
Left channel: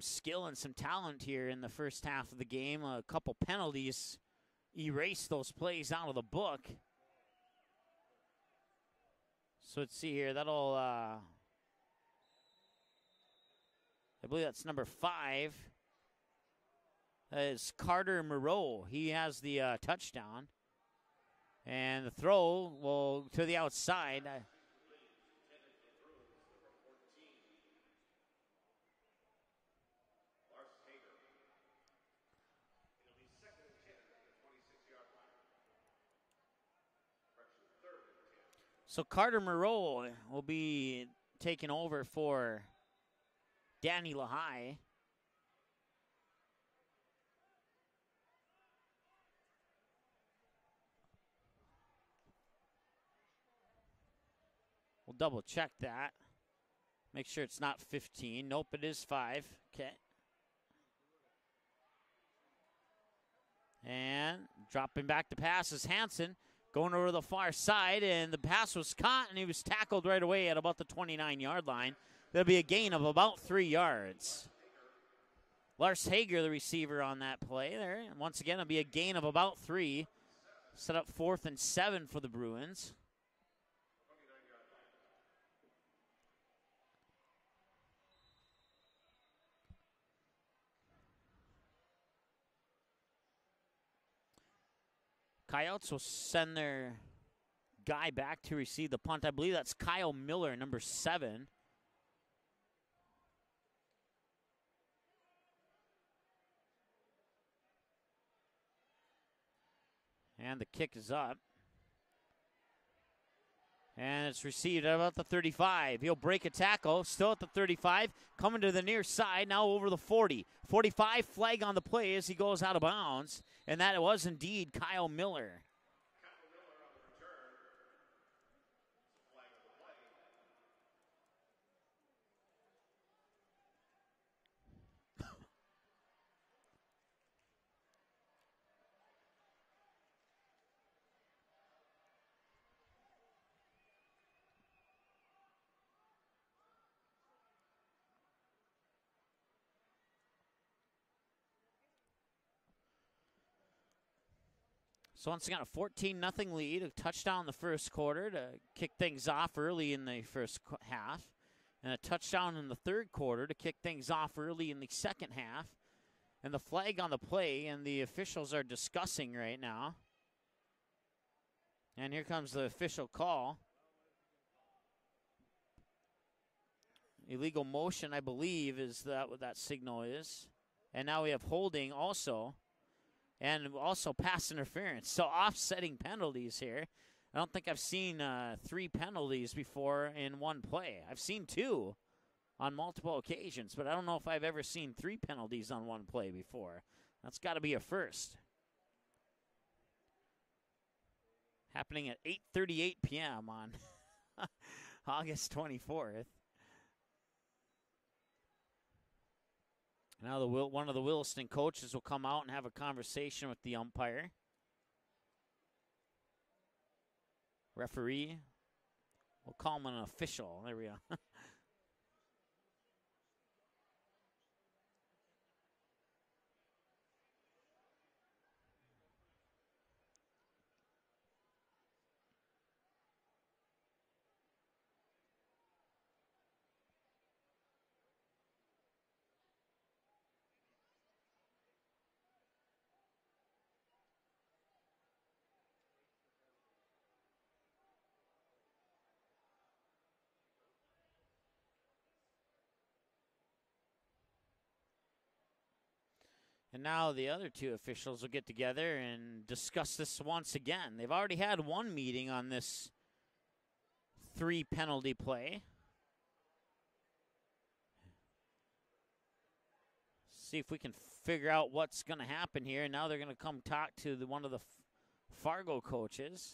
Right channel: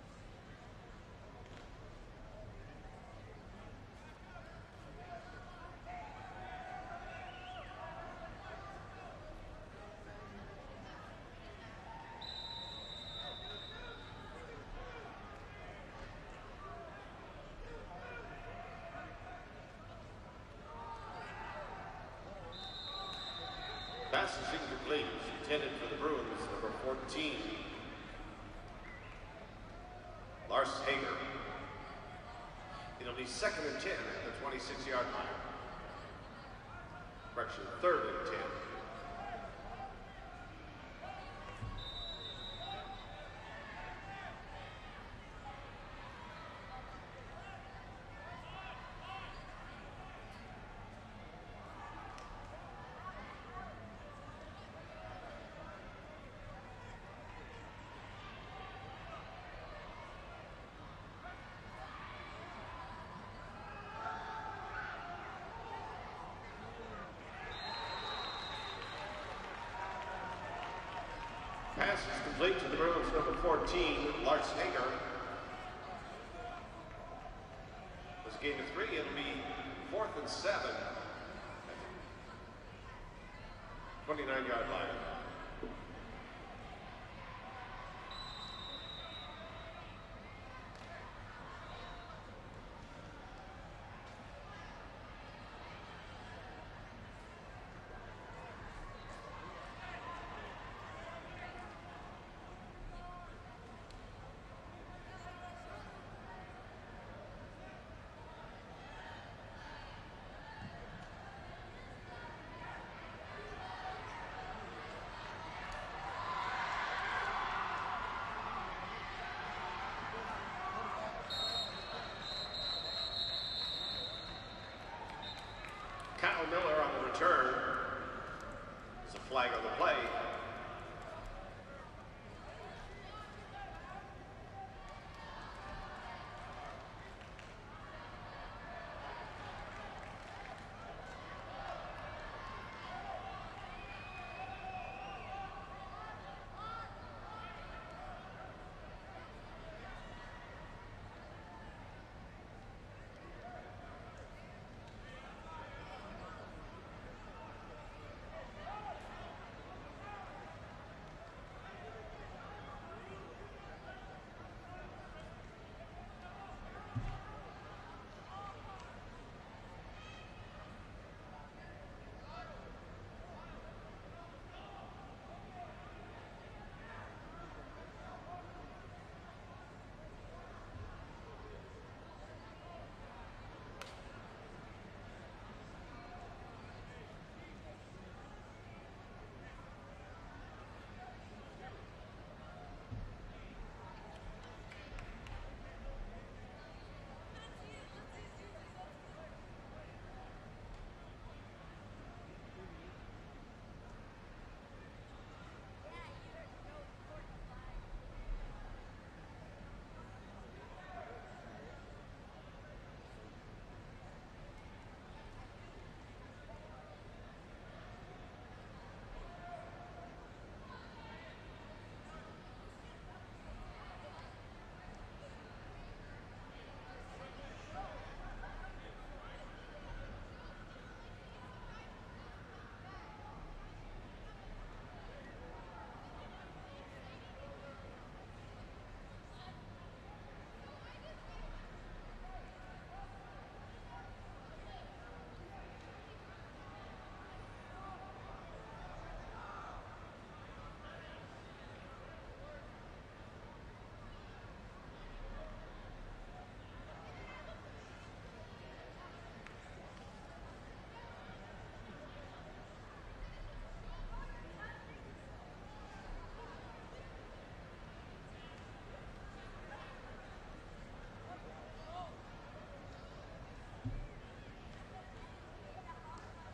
skill and some talent here in the first half of the game. A couple penalties erased those plays out of the book. So let's see here. That'll, I believe that's number 5. It's Carter Moreau. He has the touchdown. And the throw will to the outside. Pass is incomplete. Intended for the Bruins, number 14. Lars Hager. It'll be 2nd and 10 at the 26-yard line. Correction, 3rd and 10. So Carter Moreau will be taking over for Danny Lahai. We'll double check that. Make sure it's not 15. Nope, it is 5. Okay. And dropping back to pass is Hansen. Going over the far side, and the pass was caught, and he was tackled right away at about the 29-yard line. There'll be a gain of about 3 yards. Lars Hager, the receiver on that play there. Once again, it'll be a gain of about 3. Set up 4th and 7 for the Bruins. 29-yard line. Coyotes will send their guy back to receive the punt. I believe that's Kyle Miller, number 7. And the kick is up. And it's received at about the 35. He'll break a tackle, still at the 35, coming to the near side, now over the 40. 45, flag on the play as he goes out of bounds. And that was indeed Kyle Miller. Kyle Miller on the return. There's a flag on the play. So once again, a 14-0 lead, a touchdown in the first quarter to kick things off early in the first half, and a touchdown in the third quarter to kick things off early in the second half. And the flag on the play, and the officials are discussing right now. And here comes the official call. Illegal motion, I believe, is that what that signal is. And now we have holding also. And also pass interference. So offsetting penalties here. I don't think I've seen 3 penalties before in one play. I've seen 2 on multiple occasions, but I don't know if I've ever seen 3 penalties on one play before. That's got to be a first. Happening at 8:38 p.m. on August 24th. Now one of the Williston coaches will come out and have a conversation with the umpire. Referee. We'll call him an official. There we go. the other two officials will get together and discuss this once again. They've already had one meeting on this 3 penalty play. See if we can figure out what's going to happen here. And now they're going to come talk to one of the Fargo coaches.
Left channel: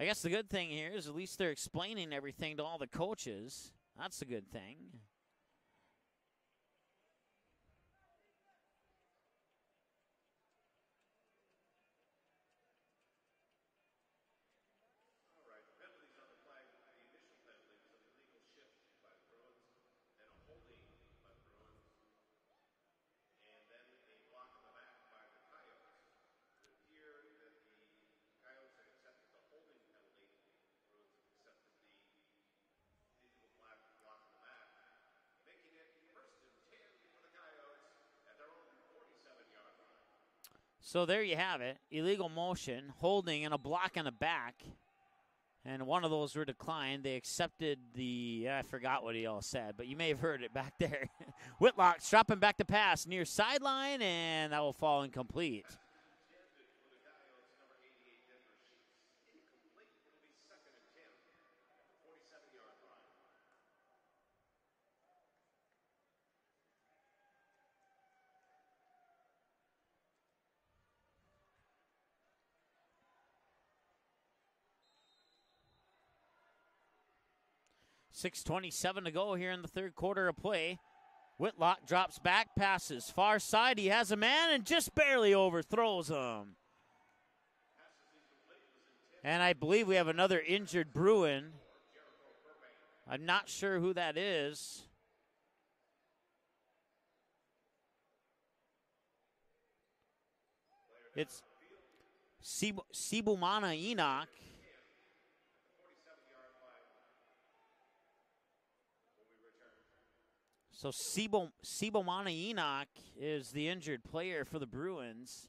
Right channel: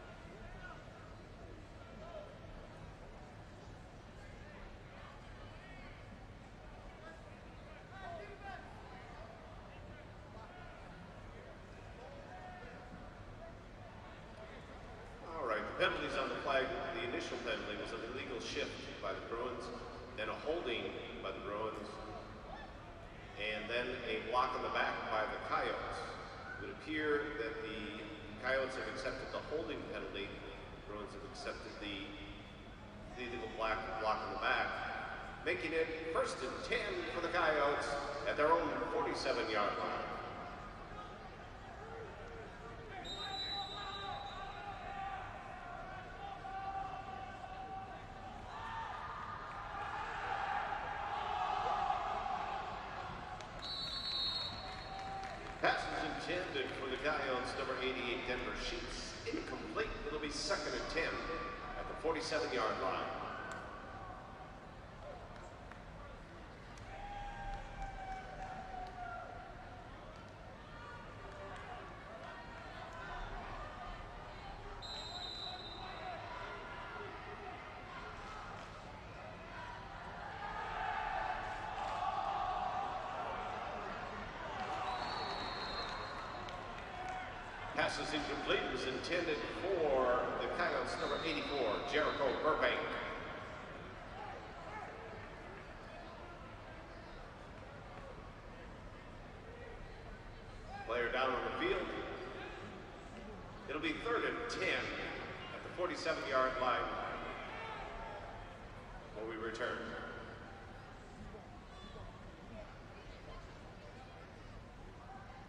I guess the good thing here is at least they're explaining everything to all the coaches. That's a good thing. All right, the penalties on the flag. The initial penalty was an illegal shift by the Bruins, then a holding by the Bruins, and then a block on the back by the Coyotes. It would appear that the Coyotes have accepted the holding penalty. The Bruins have accepted the illegal block on the back, making it 1st and 10 for the Coyotes at their own 47-yard line. So there you have it. Illegal motion, holding, and a block in the back. And one of those were declined. They accepted I forgot what he all said, but you may have heard it back there. Whitlock's dropping back to pass near sideline, and that will fall incomplete. Pass is intended for the Coyotes, number 88, Denver Sheets. Incomplete. It'll be 2nd and 10 at the 47-yard line. .6:27 to go here in the 3rd quarter of play. Whitlock drops back, passes far side. He has a man and just barely overthrows him. Pass is incomplete. It was intended. And I believe we have another injured Bruin. Jericho Burbank. I'm not sure who that is. Player down on the field. Sibumana It'll be Enoch. 3rd and 10 at the 47-yard line. When we return. So Sibomana Enoch is the injured player for the Bruins.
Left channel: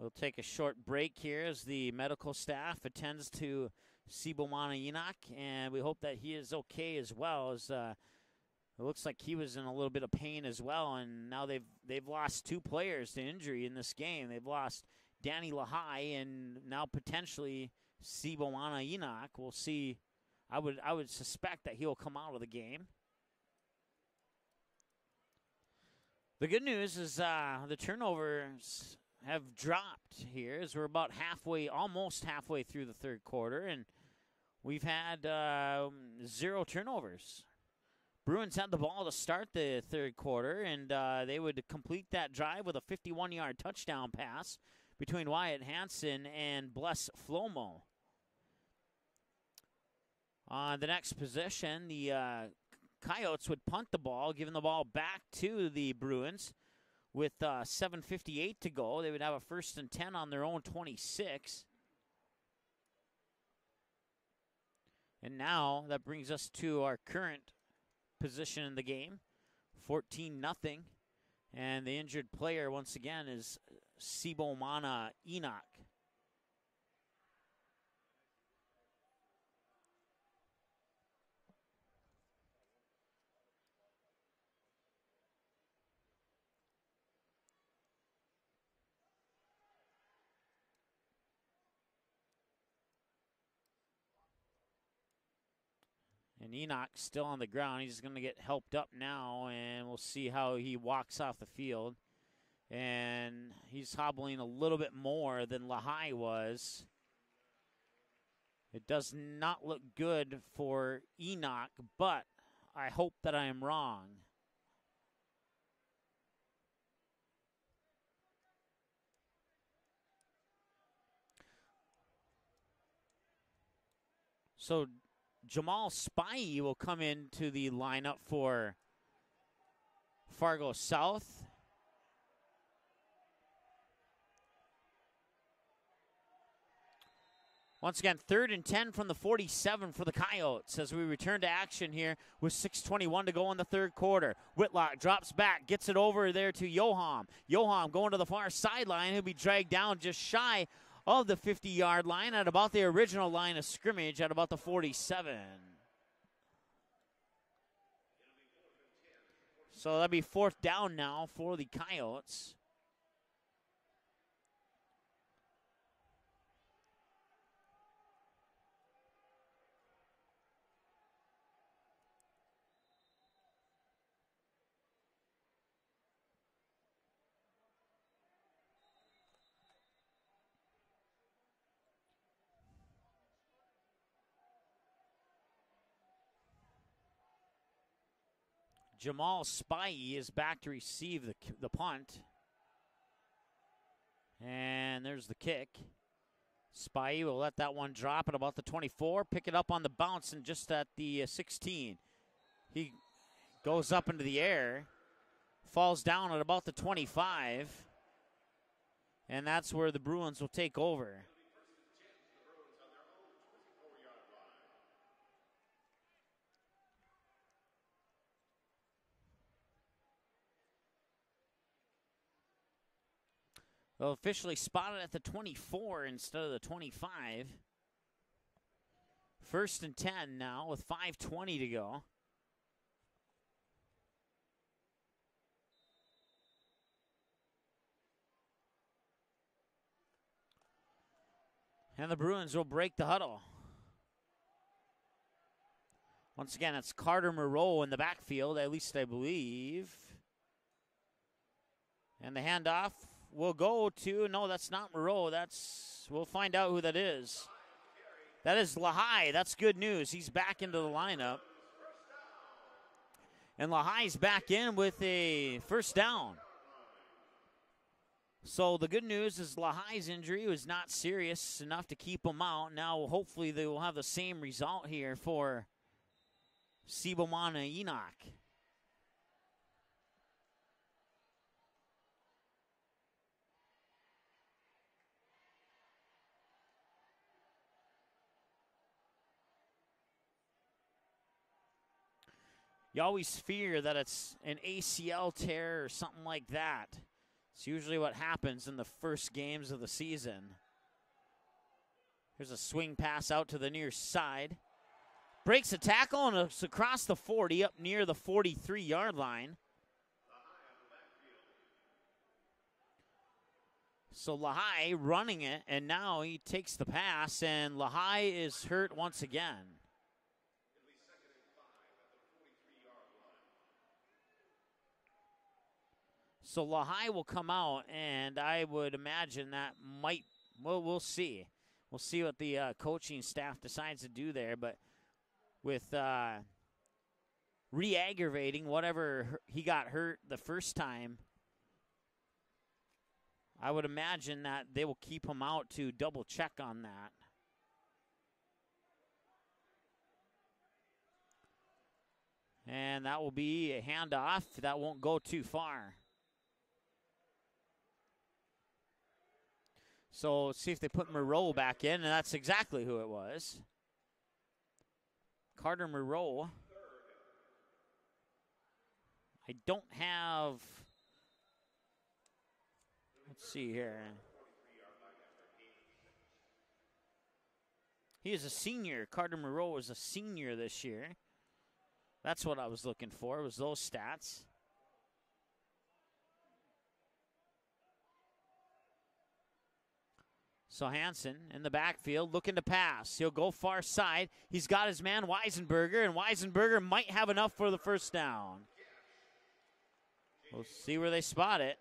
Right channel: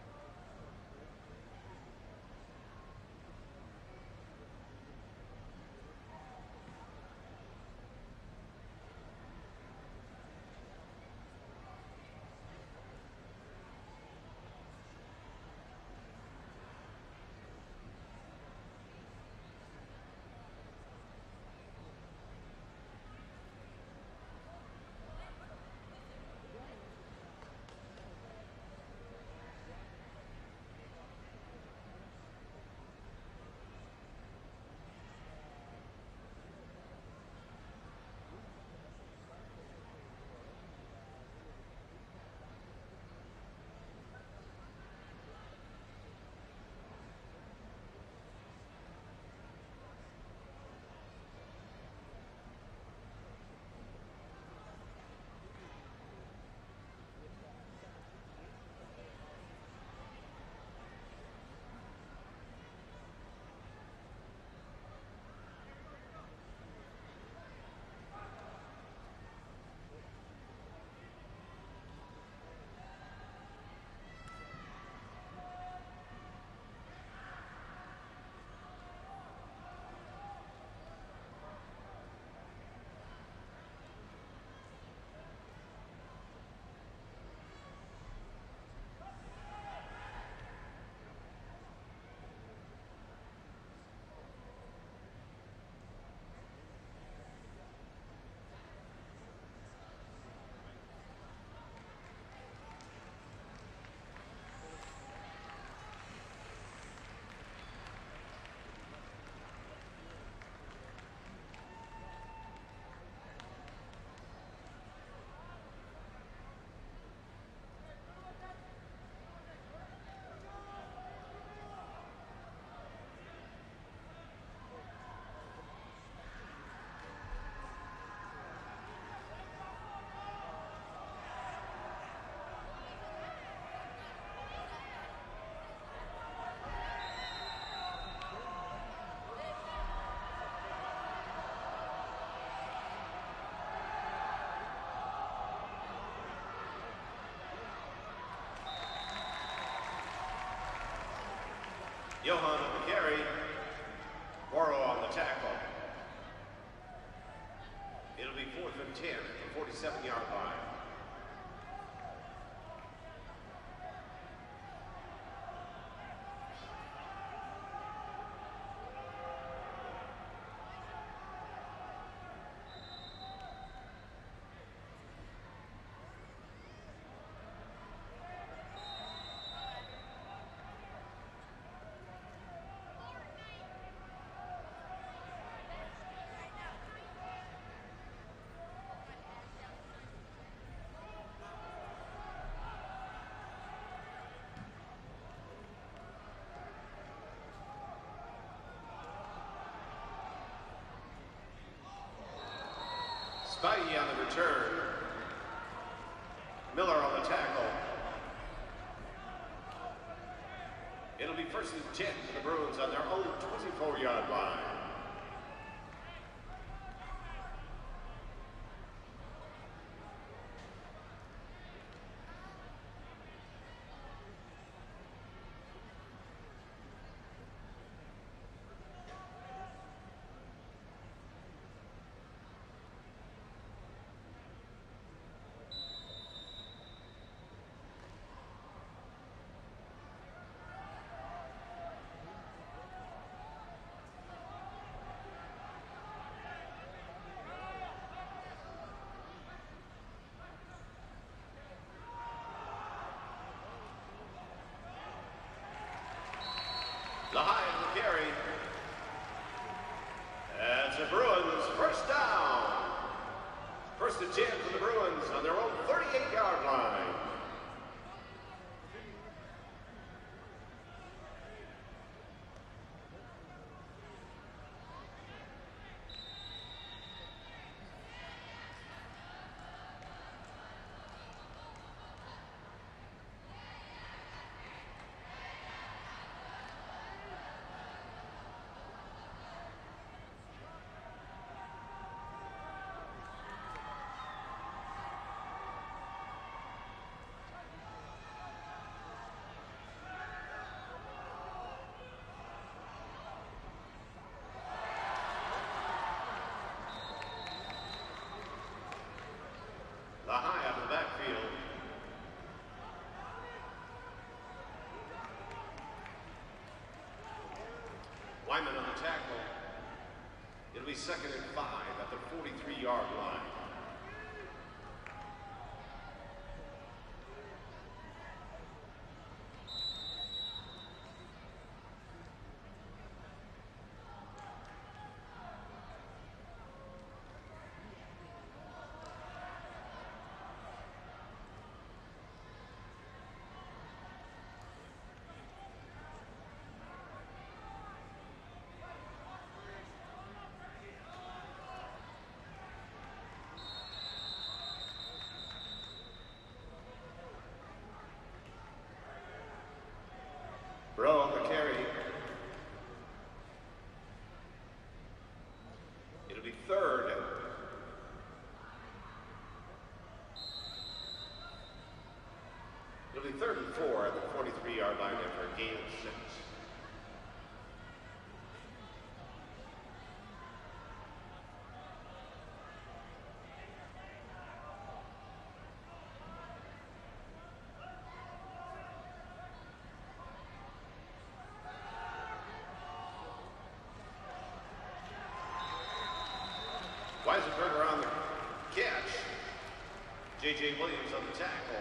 We'll take a short break here as the medical staff attends to Sibomana Enoch, and we hope that he is okay as well. As it looks like he was in a little bit of pain as well, and now they've lost 2 players to injury in this game. They've lost Danny Lahai and now potentially Sibomana Enoch. We'll see. I would suspect that he'll come out of the game. The good news is the turnovers have dropped here as we're about almost halfway through the 3rd quarter, and we've had 0 turnovers. Bruins had the ball to start the 3rd quarter, and they would complete that drive with a 51-yard touchdown pass between Wyatt Hansen and Bless Flomo. On the next possession, the Coyotes would punt the ball, giving the ball back to the Bruins. With 7:58 to go, they would have a 1st and 10 on their own 26. And now that brings us to our current position in the game, 14-0. And the injured player once again is Sibomana Enoch. Enoch still on the ground. He's going to get helped up now, and we'll see how he walks off the field. And he's hobbling a little bit more than Lahai was. It does not look good for Enoch, but I hope that I am wrong. So Jamal Spivey will come into the lineup for Fargo South. Once again, 3rd and 10 from the 47 for the Coyotes as we return to action here with 6:21 to go in the 3rd quarter. Whitlock drops back, gets it over there to Johan. Johan going to the far sideline. He'll be dragged down just shy of the 50-yard line at about the original line of scrimmage at about the 47. It'll be 4th and 10 at the 47. So that'll be 4th down now for the Coyotes. Jamal Spivey is back to receive the punt. And there's the kick. Spivey will let that one drop at about the 24, pick it up on the bounce and just at the 16. He goes up into the air, falls down at about the 25. And that's where the Bruins will take over. It'll be 1st and 10 for the Bruins on their own 24-yard line. Well, officially spotted at the 24 instead of the 25. 1st and 10 now with 5:20 to go. And the Bruins will break the huddle. Once again, it's Carter Moreau in the backfield, at least I believe. And the handoff will go to, no, that's not Moreau. We'll find out who that is. Lahai will carry. That is Lahai. That's good news. He's back into the lineup. Bruins 1st down. And Lahai's back in with a 1st down. So the good news is Lahai's injury was not serious enough to keep him out. Now hopefully they will have the same result here for Sibomana Enoch. You always fear that it's an ACL tear or something like that. It's usually what happens in the first games of the season. There's a swing pass out to the near side. Breaks a tackle and it's across the 40 up near the 43-yard line. Lahai out of the backfield. So Lahai running it, and now he takes the pass, and Lahai is hurt once again. It'll be 2nd and 5 at the 43-yard line. So Lahai will come out, and I would imagine that might, well, we'll see. We'll see what the coaching staff decides to do there, but with re-aggravating whatever he got hurt the first time, I would imagine that they will keep him out to double check on that. And that will be a handoff. That won't go too far. So let's see if they put Moreau back in, and that's exactly who it was. Carter Moreau. It'll be 3rd. I don't have. It'll be 3rd and 4 at the 43-yard line after a gain of 6. He is a senior. Carter Moreau is a senior this year. That's what I was looking for, was those stats. So Hansen in the backfield looking to pass. He'll go far side. He's got his man Weisenberger, and Weisenberger might have enough for the 1st down. Catch. See where they spot it.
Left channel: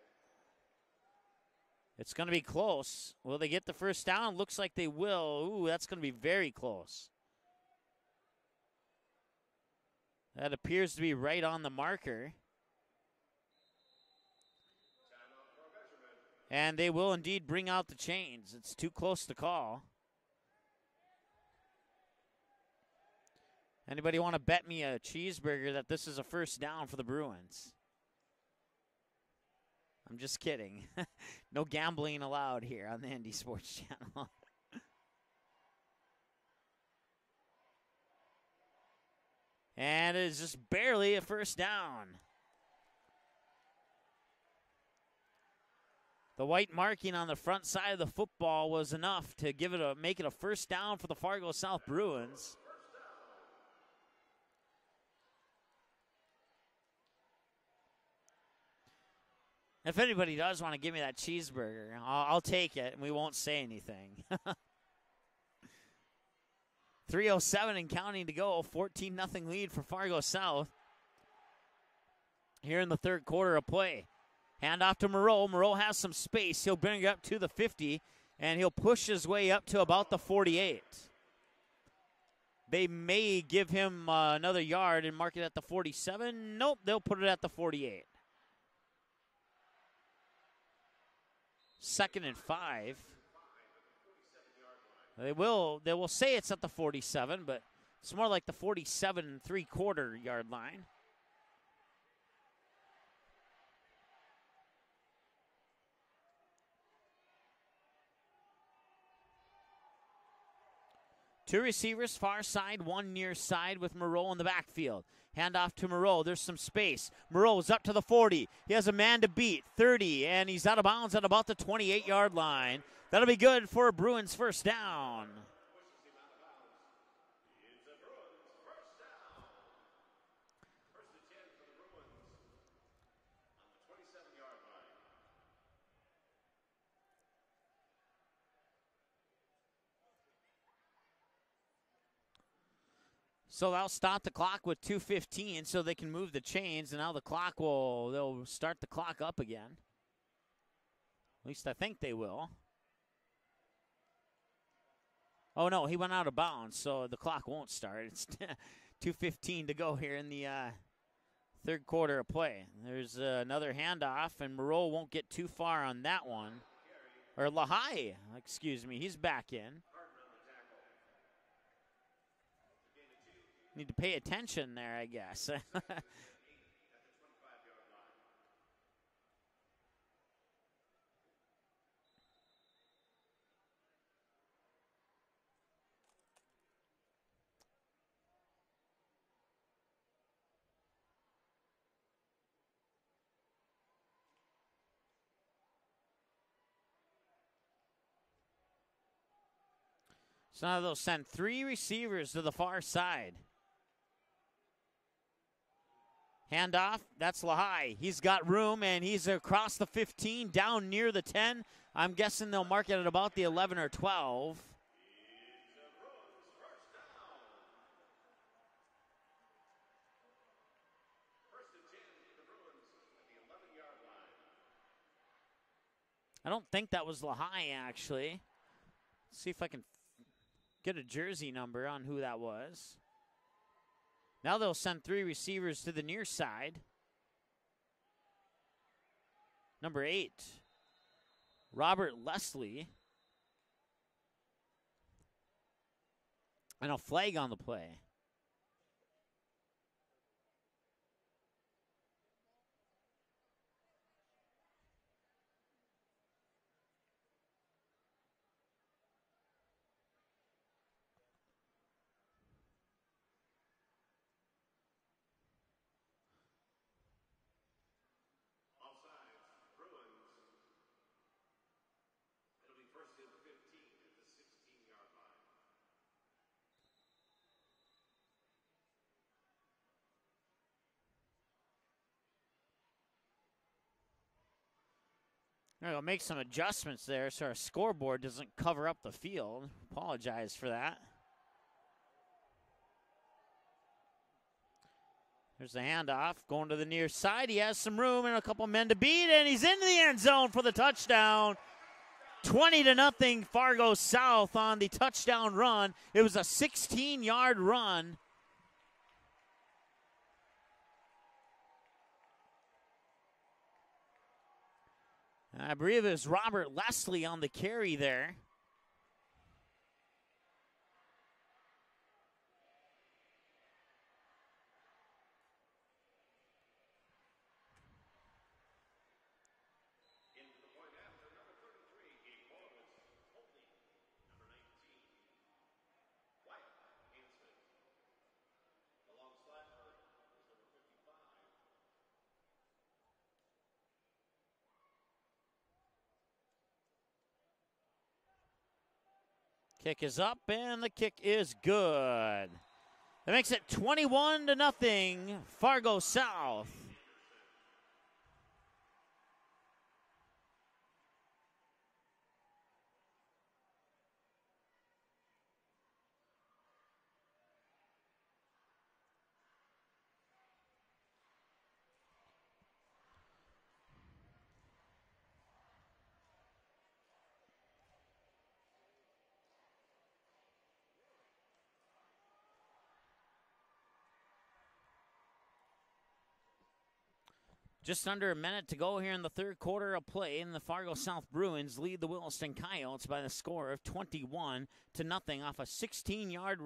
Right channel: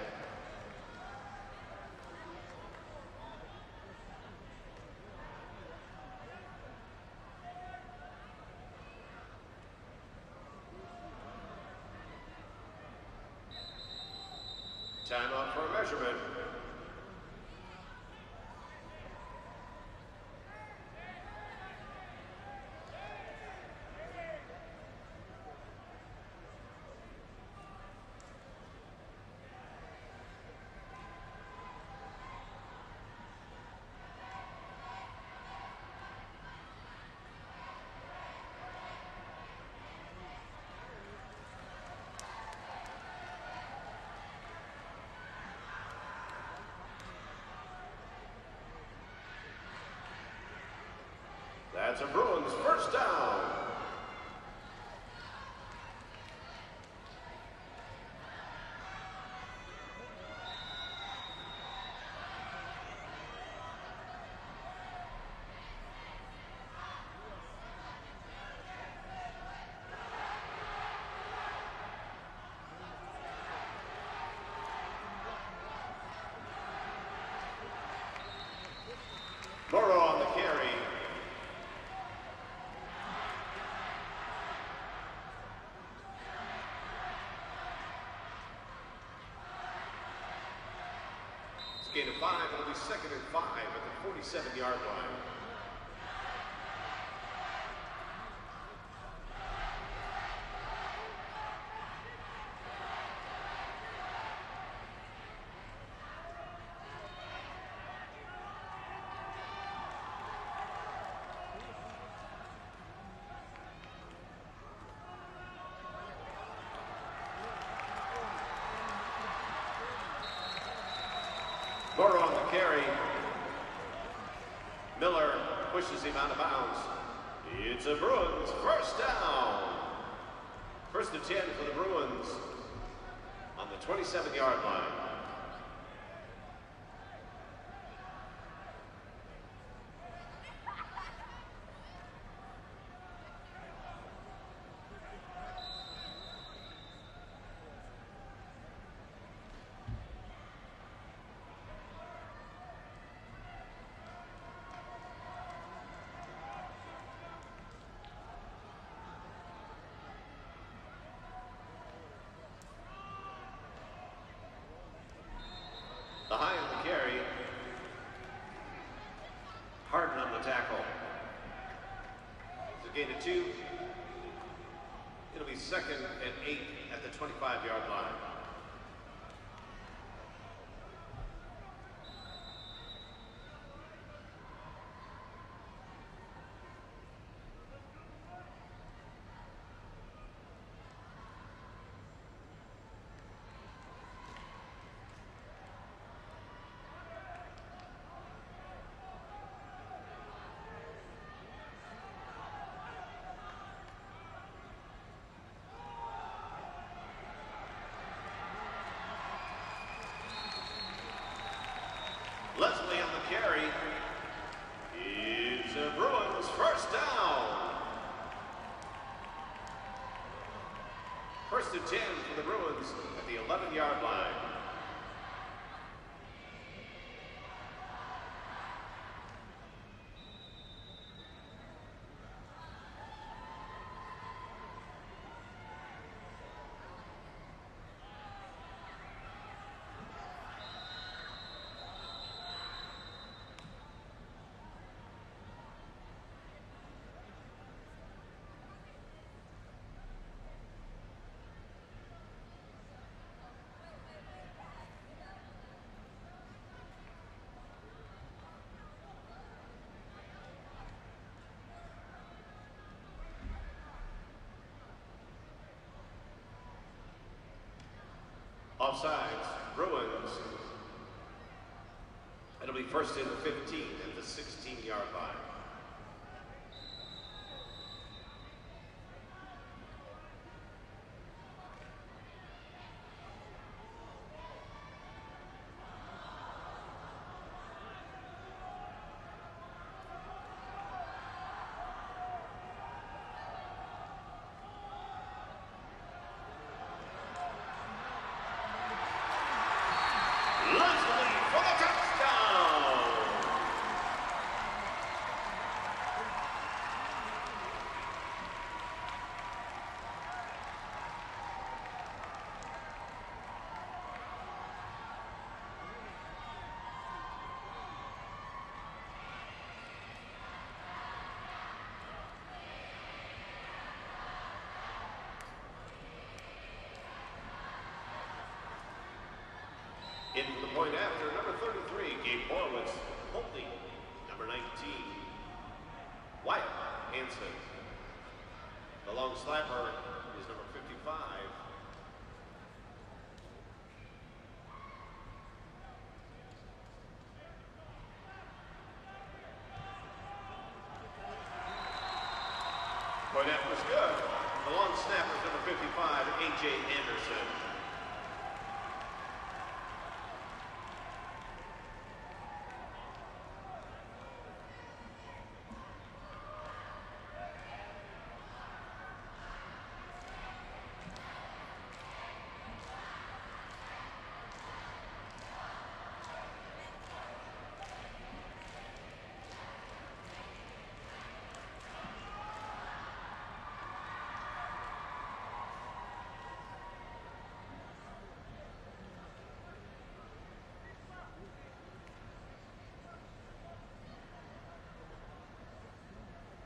It's going to be close. Will they get the 1st down? Looks like they will. Ooh, that's going to be very close. That appears to be right on the marker. Timeout for a measurement. And they will indeed bring out the chains. It's too close to call. Anybody want to bet me a cheeseburger that this is a 1st down for the Bruins? I'm just kidding. No gambling allowed here on the Indy Sports Channel. And it is just barely a 1st down. The white marking on the front side of the football was enough to make it a first down for the Fargo South That's Bruins. a Bruins first down. If anybody does want to give me that cheeseburger, I'll take it. We won't say anything. 3:07 and counting to go. 14-0 lead for Fargo South. Here in the third quarter of play. Hand off to Moreau. Moreau has some space. He'll bring it up to the 50, and he'll push his way up to about the 48. They may give him another yard and mark it at the 47. Nope, they'll put it at the 48. Second and 5. Second and 5 at the 47-yard line. They will say it's at the 47, but it's more like the 47 and 3/4 yard line. Two receivers, far side, one near side with Moreau in the backfield. Hand off to Moreau. There's some space. Moreau is up to the 40. He has a man to beat, 30, and he's out of bounds at about the 28-yard line. That'll be good for a Bruins first down. Miller pushes him out of bounds. It's a Bruins first down. First and 10 for the Bruins on the 27-yard line. So they'll stop the clock with 2:15 so they can move the chains, and now they'll start the clock up again. At least I think they will. Oh no, he went out of bounds, so the clock won't start. It's 2:15 to go here in the third quarter of play. There's another handoff, and Moreau won't get too far on that one. Lahai on the carry. Or Lahai, excuse me, he's back in. Harden on the tackle. Gain of 2. You need to pay attention there, I guess. It'll be second and 8 at the 25-yard line. So now they'll send 3 receivers to the far side. Handoff, that's Lahai. He's got room, and he's across the 15, down near the 10. I'm guessing they'll mark it at about the 11 or 12. It's a Bruins first down. First and 10 for the Bruins at the 11-yard line. I don't think that was Lahai, actually. Let's see if I can get a jersey number on who that was. Now they'll send 3 receivers to the near side. Number 8, Robert Leslie. And a flag on the play. Offsides, Bruins. It'll be first and 15 at the 16-yard line. We'll make some adjustments there so our scoreboard doesn't cover up the field. Apologize for that. There's the handoff, going to the near side. He has some room and a couple men to beat, and he's into the end zone for the touchdown. 20-0 Fargo South on the touchdown run. It was a 16-yard run. I believe it was Robert Leslie on the carry there. In for the point after, number 33, Gabe Horowitz. Holtney, number 19, Wyatt Hansen. The long snapper is number 55. Kick is up, and the kick is good. It makes it 21-0, Fargo South. Just under a minute to go here in the third quarter of play, and the Fargo South Bruins lead the Williston Coyotes by the score of 21-0 off a 16-yard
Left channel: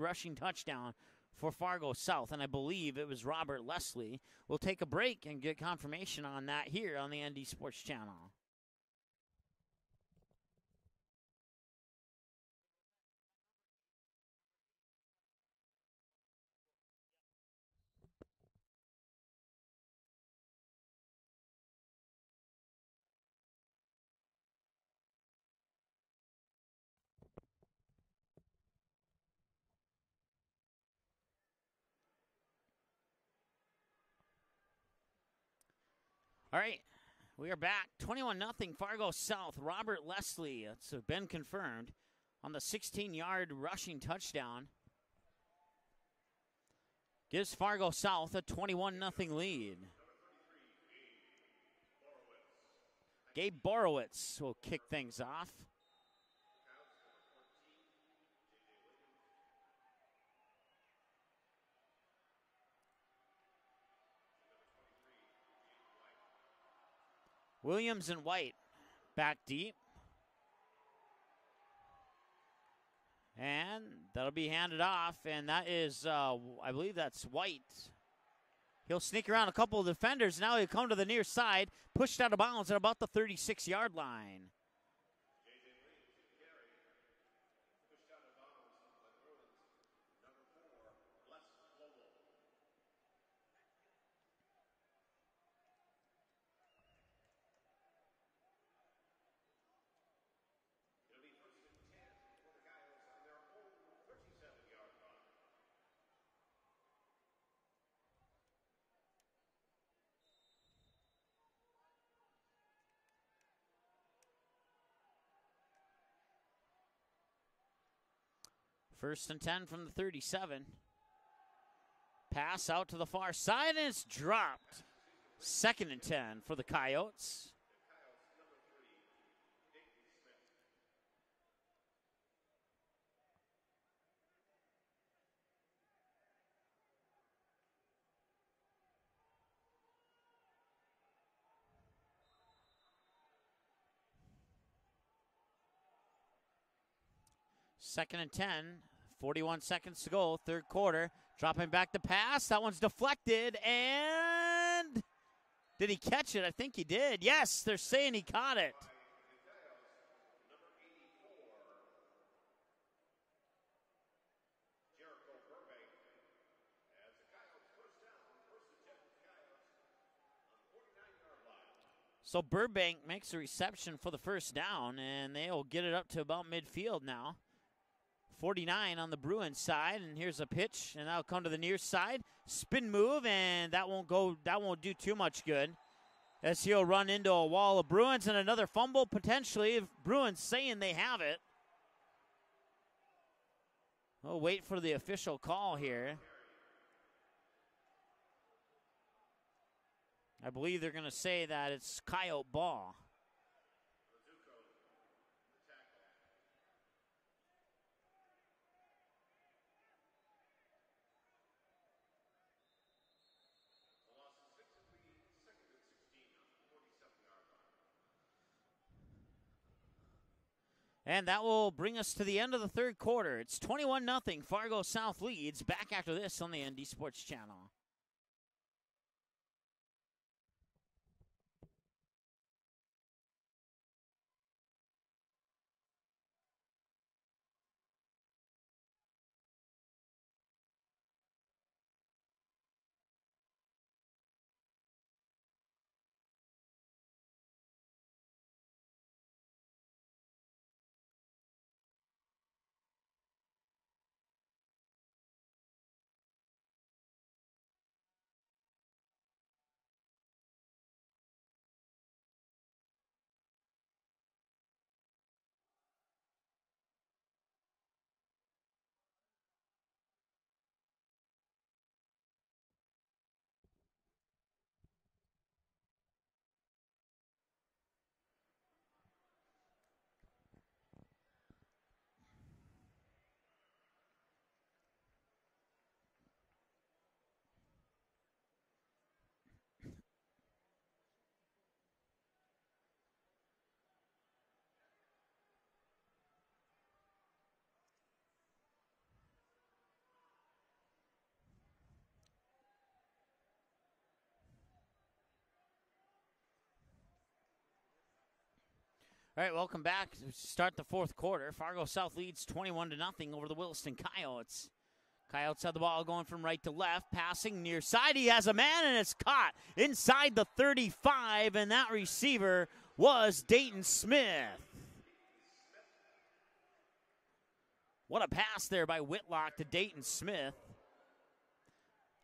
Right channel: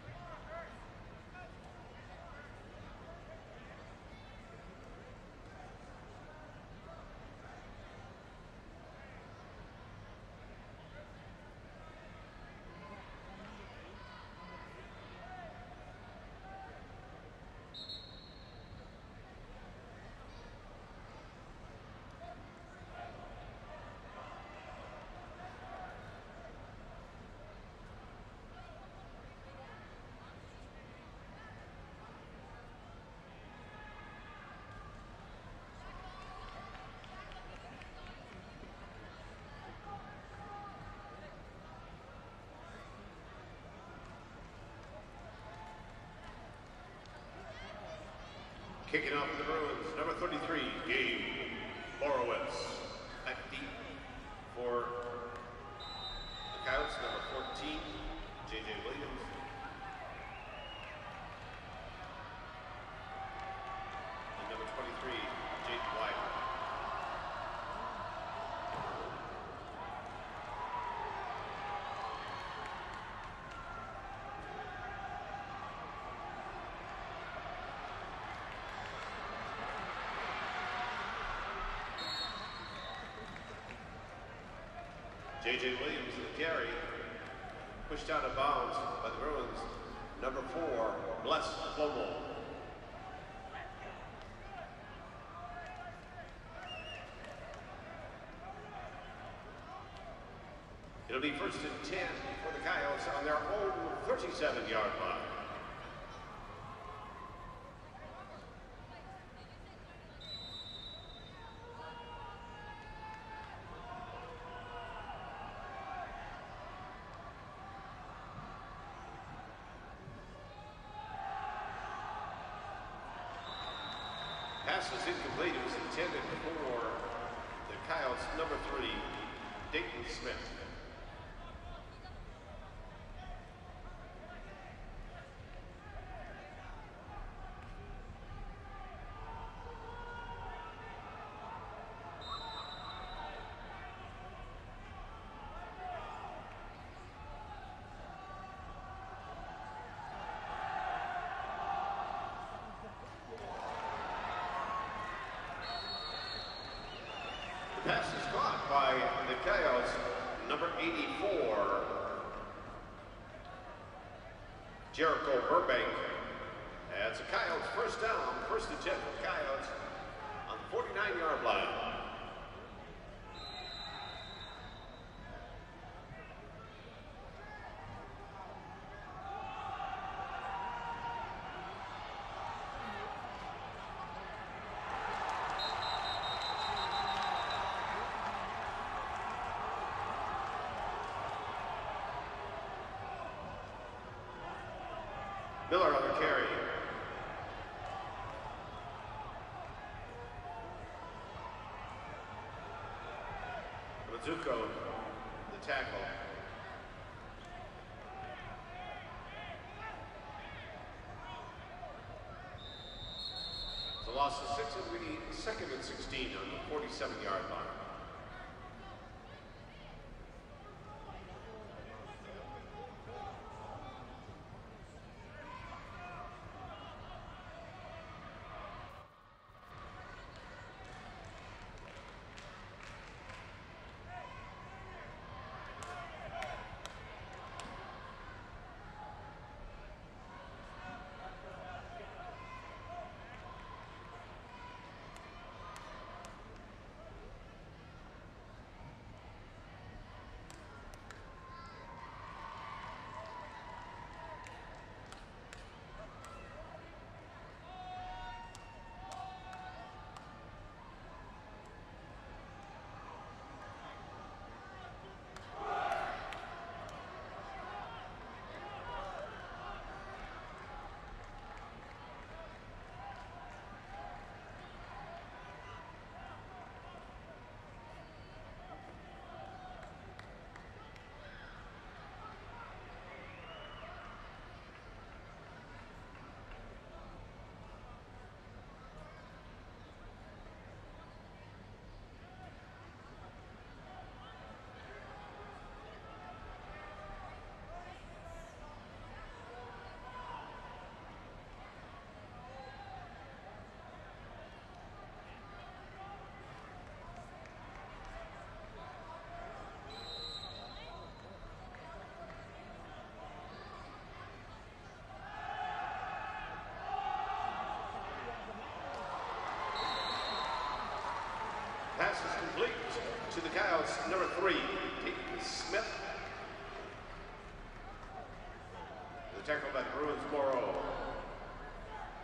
rushing touchdown for Fargo South, and I believe it was Robert Leslie. We'll take a break and get confirmation on that here on the ND Sports Channel. All right, we are back. 21-0 Fargo South. Robert Leslie has been confirmed on the 16-yard rushing touchdown. Gives Fargo South a 21-0 lead. Number 33, Gabe Borowitz. Gabe Borowitz will kick things off. The Coyotes, number 14, J.J. Williams. And number 23, Jake White. Williams and White back deep. And that'll be handed off, and that is, I believe that's White. He'll sneak around a couple of defenders. Now he'll come to the near side, pushed out of bounds at about the 36-yard line. J.J. Williams in the carry, pushed out of bounds by the Bruins. Number 4, Bless Flomo. It'll be first and 10 for the Coyotes on their own 37-yard line. First and 10 from the 37. Pass out to the far side and it's dropped. Pass is incomplete. Second and 10 for the Coyotes. The Coyotes, number 3, Dayton Smith. Second and 10, 41 seconds to go, third quarter. Dropping back the pass, that one's deflected, and did he catch it? I think he did. Yes, they're saying he caught it. By the Coyotes, number 84, Jericho Burbank. That's a Coyotes first down, first and 10 for the Coyotes on the 49-yard line. So Burbank makes a reception for the first down, and they'll get it up to about midfield now. 49 on the Bruins side, and here's a pitch, and that'll come to the near side. Spin move, and that won't do too much good. As he'll run into a wall of Bruins, and another fumble potentially. Bruins saying they have it. We'll wait for the official call. Miller on the carry. I believe they're going to say that it's Coyote ball. Mizuko, the tackle. The loss of 6 will be second and 16 on the 47-yard line. And that will bring us to the end of the third quarter. It's 21-0. Fargo South leads. Back after this on the ND Sports Channel. All right, welcome back. Start the fourth quarter. Fargo South leads 21-0 over the Williston Coyotes. Coyotes have the ball going from right to left, passing near side. He has a man, and it's caught inside the 35, and that receiver was Dayton Smith. What a pass there by Whitlock to Dayton Smith.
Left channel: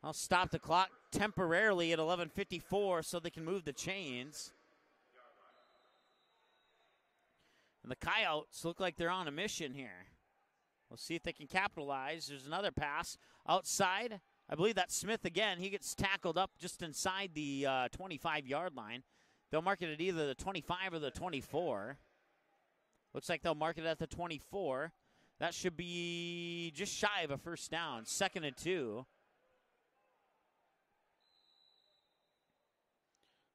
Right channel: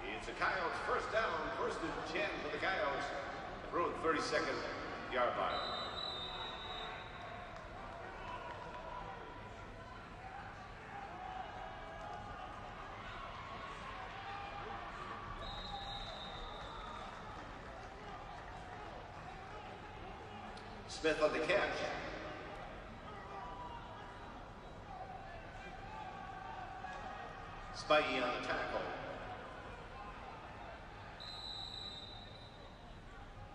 They'll stop the clock temporarily at 11:54 so they can move the chains. And the Coyotes look like they're on a mission here. We'll see if they can capitalize. There's another pass outside. I believe that's Smith again. He gets tackled up just inside the 25-yard line. They'll mark it at either the 25 or the 24. Looks like they'll mark it at the 24. That should be just shy of a first down, 2nd and 2.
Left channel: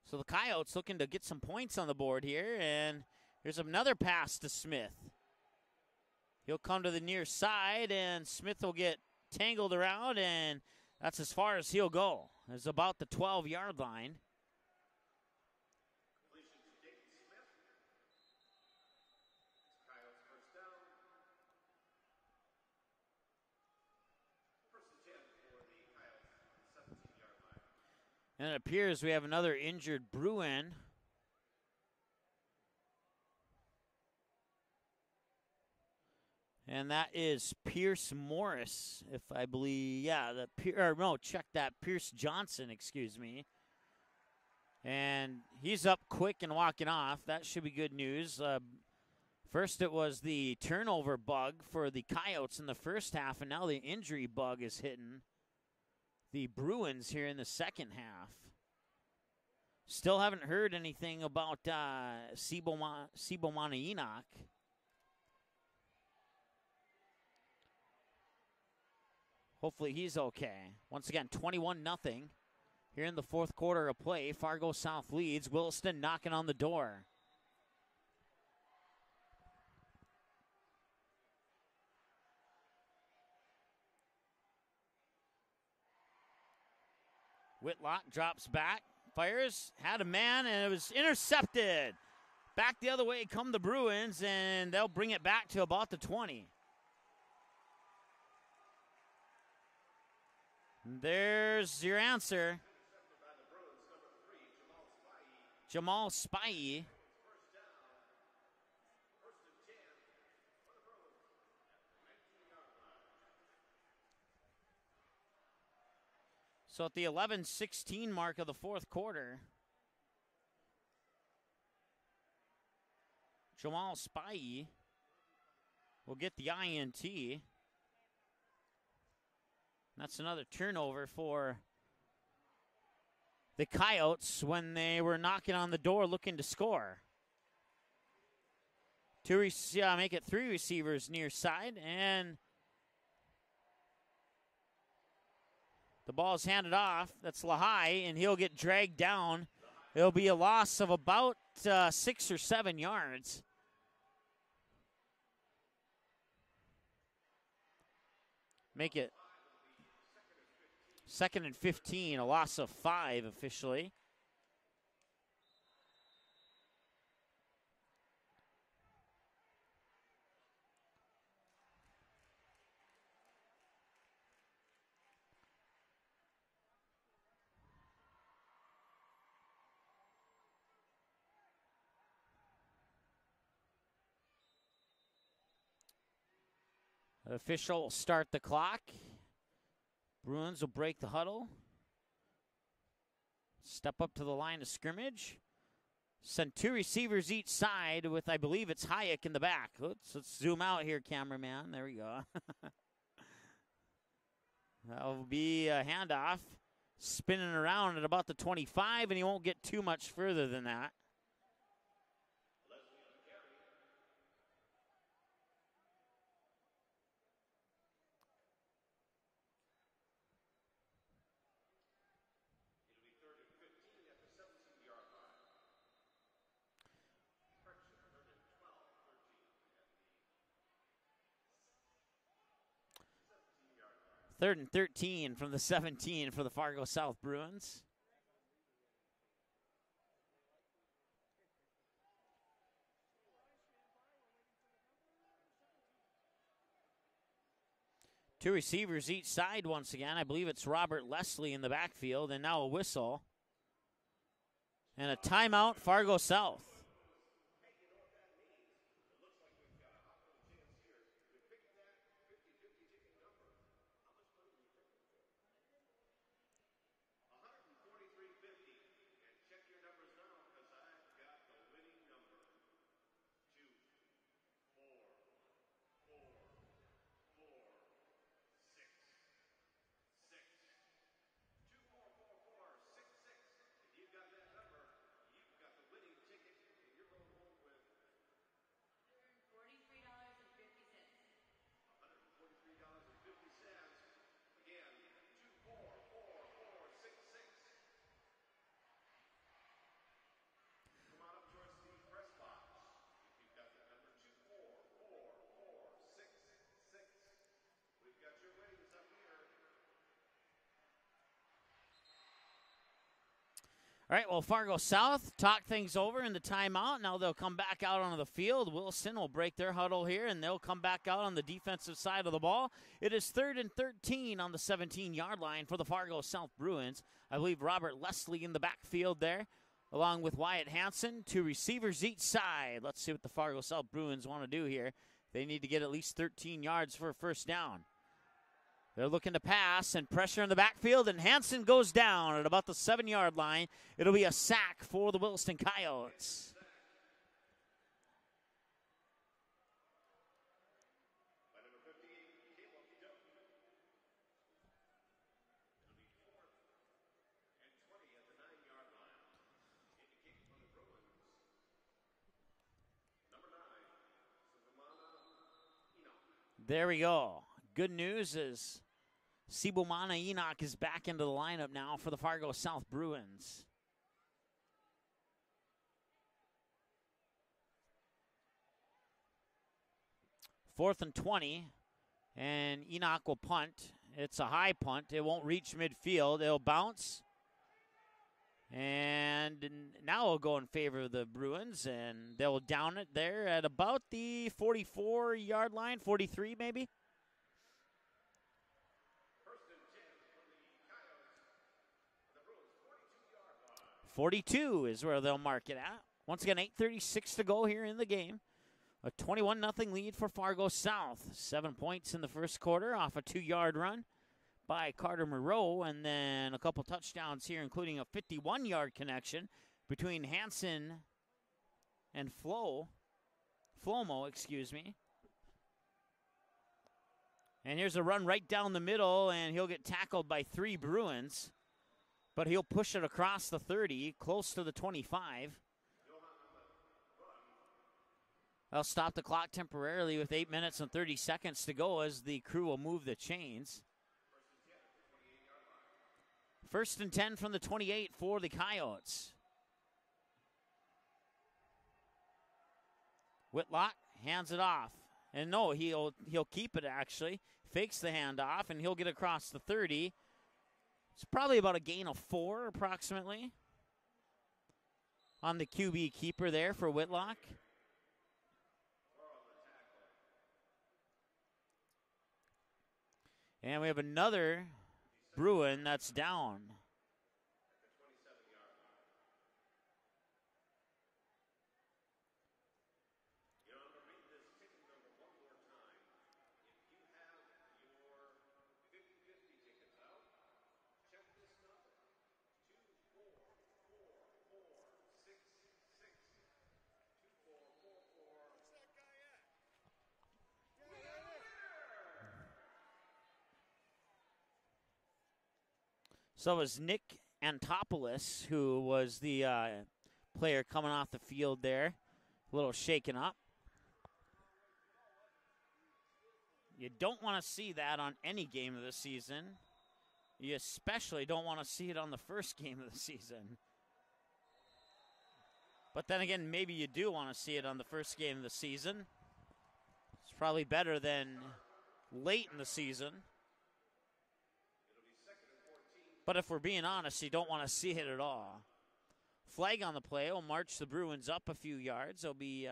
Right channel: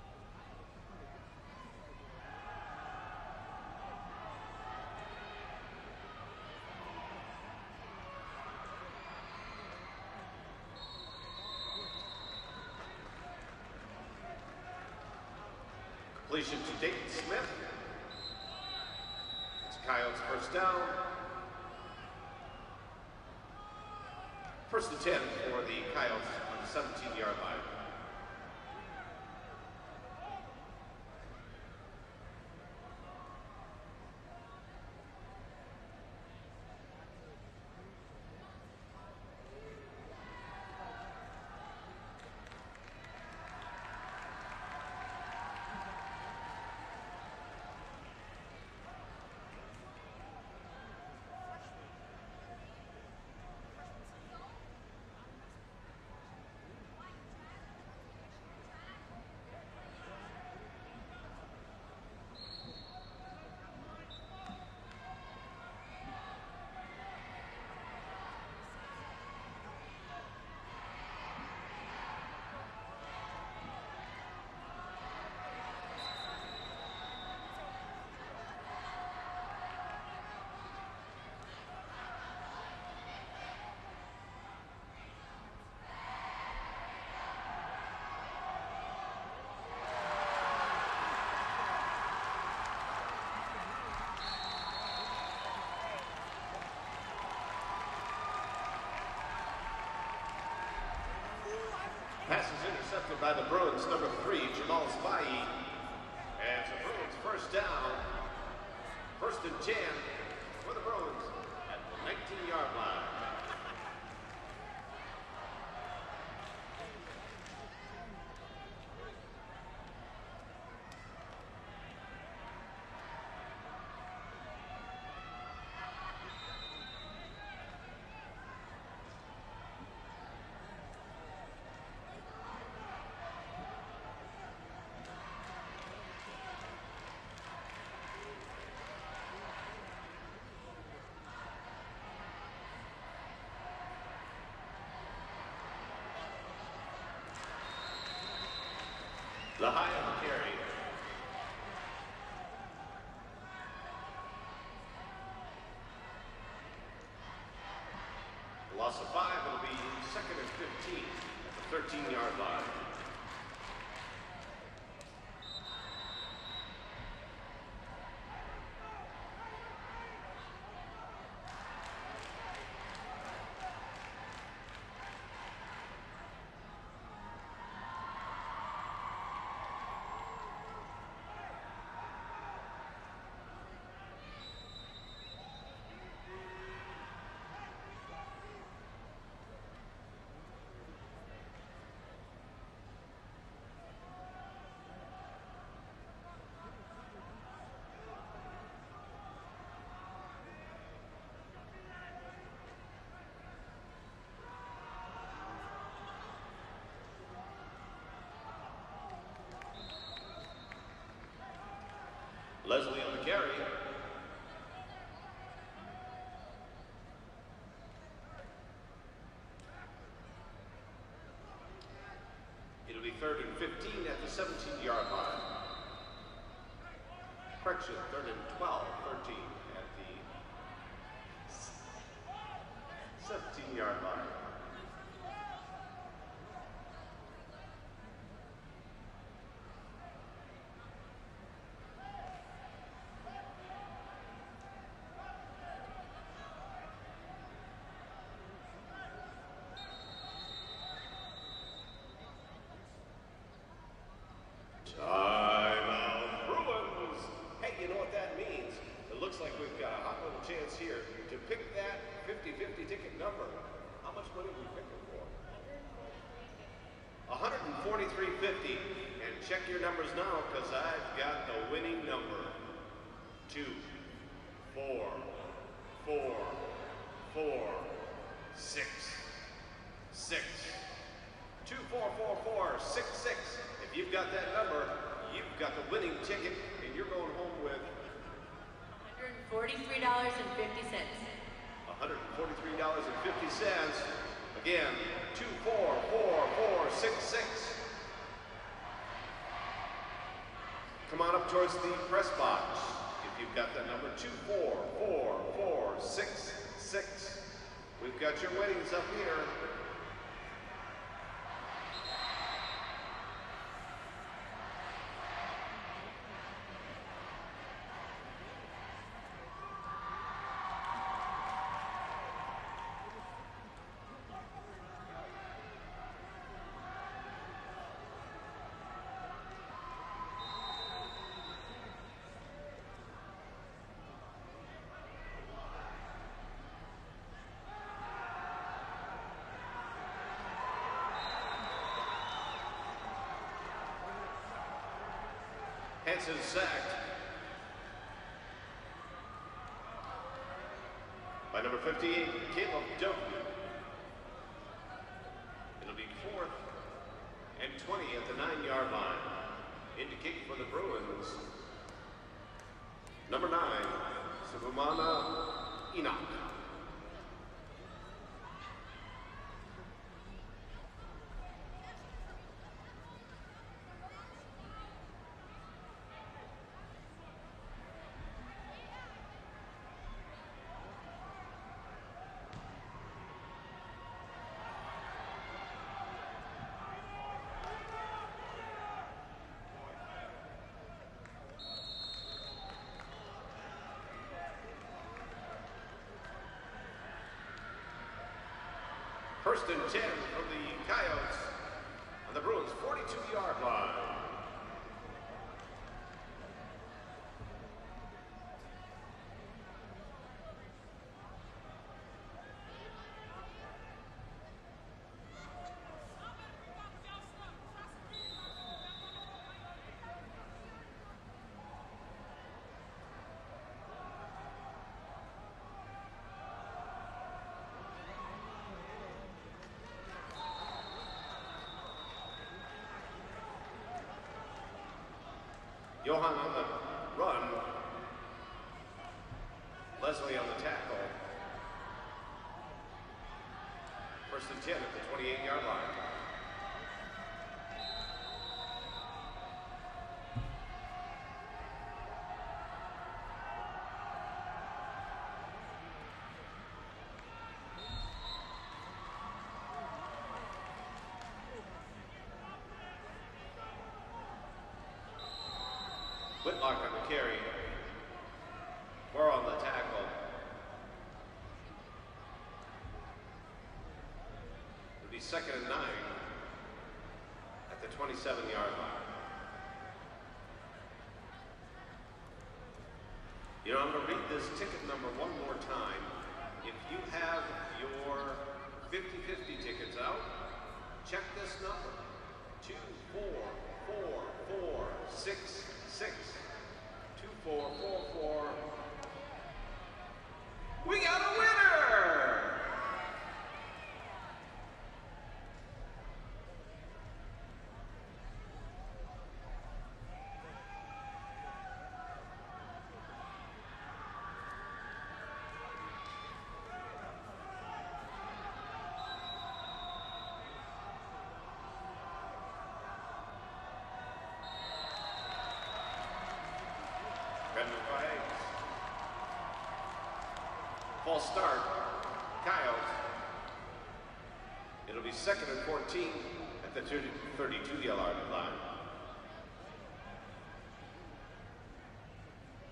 So the Coyotes looking to get some points on the board here, and there's another pass to Smith. He'll come to the near side, and Smith will get tangled around, and that's as far as he'll go. It's about the 12-yard line. Completion to Dayton Smith. It's Coyotes first down. 1st and 10 for the Coyotes on the 17-yard line. And it appears we have another injured Bruin. And that is Pierce Morris, if I believe, yeah, check that, Pierce Johnson, excuse me. And he's up quick and walking off. That should be good news. First it was the turnover bug for the Coyotes in the first half, and now the injury bug is hitting the Bruins here in the second half. Still haven't heard anything about Sibo Manaina. Hopefully he's okay. Once again, 21-0 here in the fourth quarter of play. Fargo South leads. Williston knocking on the door. Whitlock drops back, fires, had a man, and it was intercepted. Back the other way come the Bruins, and they'll bring it back to about the 20. There's your answer. Pass is intercepted by the Bruins, number 3, Jamal Spivey. Jamal Spivey. And the Bruins first down. 1st and 10 for the Bruins at the 19-yard line. So at the 11:16 mark of the fourth quarter, Jamal Spivey will get the INT. That's another turnover for the Coyotes when they were knocking on the door looking to score. Make it 3 receivers near side, and the ball is handed off. That's Lahai, and he'll get dragged down. There'll be a loss of about 6 or 7 yards. Make it 5 will be 2nd and 15. 2nd and 15, a loss of 5 officially. The official will start the clock. Bruins will break the huddle. Step up to the line of scrimmage. Send 2 receivers each side with, I believe it's Hayek in the back. Oops, let's zoom out here, cameraman. There we go. That'll be a handoff. Spinning around at about the 25, and he won't get too much further than that. Leslie on the carry. It'll be 3rd and 15 at the 17-yard line. Correction, 3rd and 12, 13 at the 17-yard line. 3rd and 13 from the 17 for the Fargo South Bruins. Two receivers each side once again. I believe it's Robert Leslie in the backfield, and now a whistle. And a timeout, Fargo South. Hey, you know what that means? It looks like we've got a hot little chance here to pick that 50-50 ticket number. How much money are we picking for? $143.50. And check your numbers now, because I've got the winning number. 2, 4, 4, 4, 6, 6. 2, 4, 4, 4, 6, 6. If you've got that number, you've got the winning ticket, and you're going home with $143.50. $143.50. Again, 2, 4, 4, 4, 6, 6. Come on up towards the press box. If you've got that number, 2, 4, 4, 4, 6, 6. We've got your winnings up here. All right, well, Fargo South talk things over in the timeout. Now they'll come back out onto the field. Williston will break their huddle here, and they'll come back out on the defensive side of the ball. It is 3rd and 13 on the 17-yard line for the Fargo South Bruins. I believe Robert Leslie in the backfield there, along with Wyatt Hansen. Two receivers each side. Let's see what the Fargo South Bruins want to do here. They need to get at least 13 yards for a first down. They're looking to pass and pressure in the backfield, and Hansen goes down at about the 7-yard line. It'll be a sack for the Williston Coyotes. Hansen sacked by number 58, Caleb Doak. It'll be 4th and 20 at the 9-yard line. Indicate for the Bruins, number 9, Subumana Enoch. There we go. Good news is Sibumana Enoch is back into the lineup now for the Fargo South Bruins. 4th and 20, and Enoch will punt. It's a high punt. It won't reach midfield. It'll bounce, and now it'll go in favor of the Bruins, and they'll down it there at about the 44-yard line, 43 maybe. 1st and 10 for the Coyotes on the Bruins' 42-yard line. 42 is where they'll mark it at. Once again, 8:36 to go here in the game. A 21-0 lead for Fargo South. 7 points in the first quarter off a 2-yard run by Carter Moreau, and then a couple touchdowns here, including a 51-yard connection between Hansen and Flomo, excuse me. And here's a run right down the middle, and he'll get tackled by 3 Bruins, but he'll push it across the 30, close to the 25. Johan on the run. They'll stop the clock temporarily with 8 minutes and 30 seconds to go as the crew will move the chains. 1st and 10 at the 28-yard line. 1st and 10 from the 28 for the Coyotes. Whitlock hands it off. And no, he'll keep it actually. Fakes the handoff, and he'll get across the 30. It's probably about a gain of 4 approximately on the QB keeper there for Whitlock. 4 on the tackle. And we have another Bruin that's down at the 27-yard line. You know, I'm going to read this ticket number one more time. If you have your 50-50 tickets out, check this number. 2, 4, 4, 4, 6, 6. 2, 4, 4, 4. We got a winner! So it was Nick Antopoulos, who was the player coming off the field there, a little shaken up. You don't want to see that on any game of the season. You especially don't want to see it on the first game of the season. But then again, maybe you do want to see it on the first game of the season. It's probably better than late in the season. It'll be 2nd and 14. But if we're being honest, you don't want to see it at all. Flag on the play will march the Bruins up a few yards. They'll be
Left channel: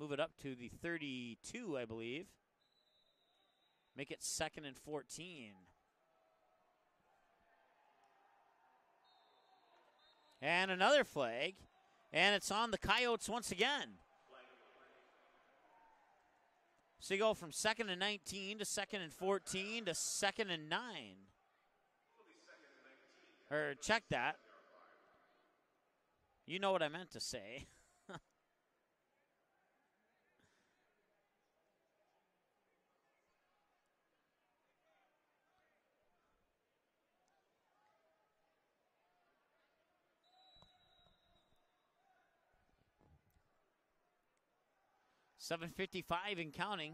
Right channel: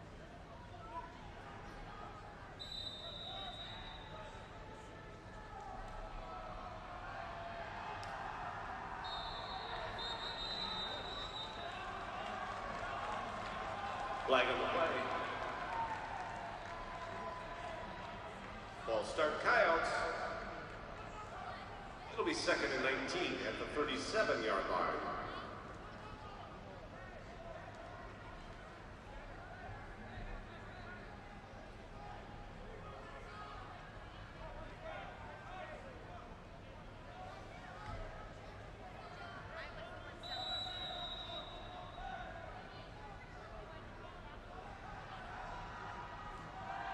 move it up to the 32, I believe. Make it 2nd and 14. And another flag. And it's on the Coyotes once again. Flag on the play. So you go from 2nd and 19 to 2nd and False 14 start, to 2nd and 9. It'll be 2nd and 19 at the Check that. 37-yard line. You know what I meant to say. .7:55 and counting.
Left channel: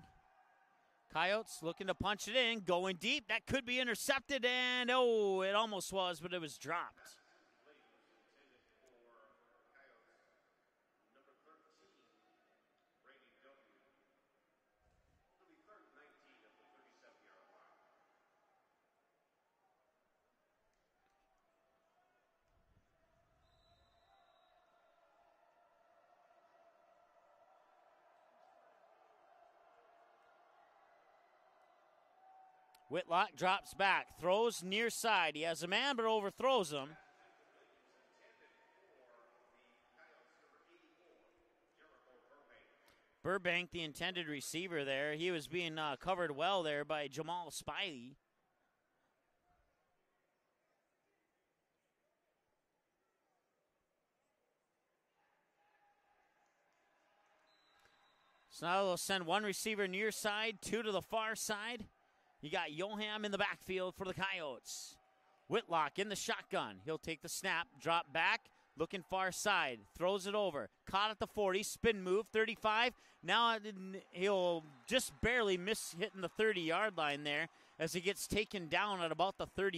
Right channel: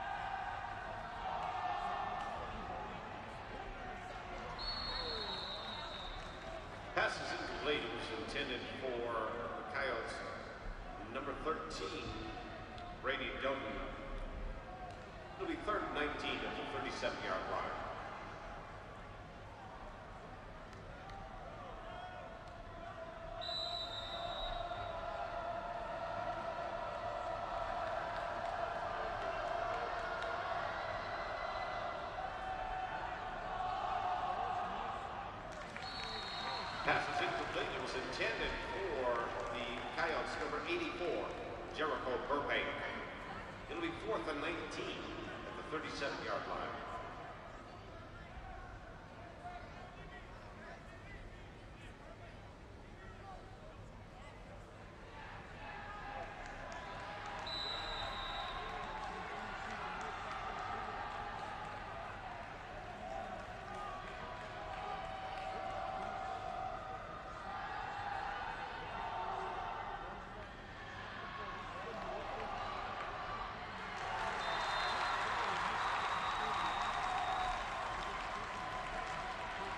Coyotes looking to punch it in, going deep. That could be intercepted, and oh, it almost was, but it was dropped. Pass is incomplete. It was intended for the Coyotes. Number 13, Brady Doughton. It'll be 3rd and 19 at the 37-yard line. Whitlock drops back, throws near side. He has a man, but overthrows him. Pass is incomplete. It was intended for the Coyotes, number 84, Jericho Burbank. Burbank, the intended receiver there. He was being covered well there by Jamal Spiley. So now they'll send one receiver near side, two to the far side. You got Yoham in the backfield for the Coyotes. Whitlock in the shotgun. He'll take the snap, drop back, looking far side, throws it over. Caught at the 40, spin move, 35. Now he'll just barely miss hitting the 30-yard line there as he gets taken down at about the 31.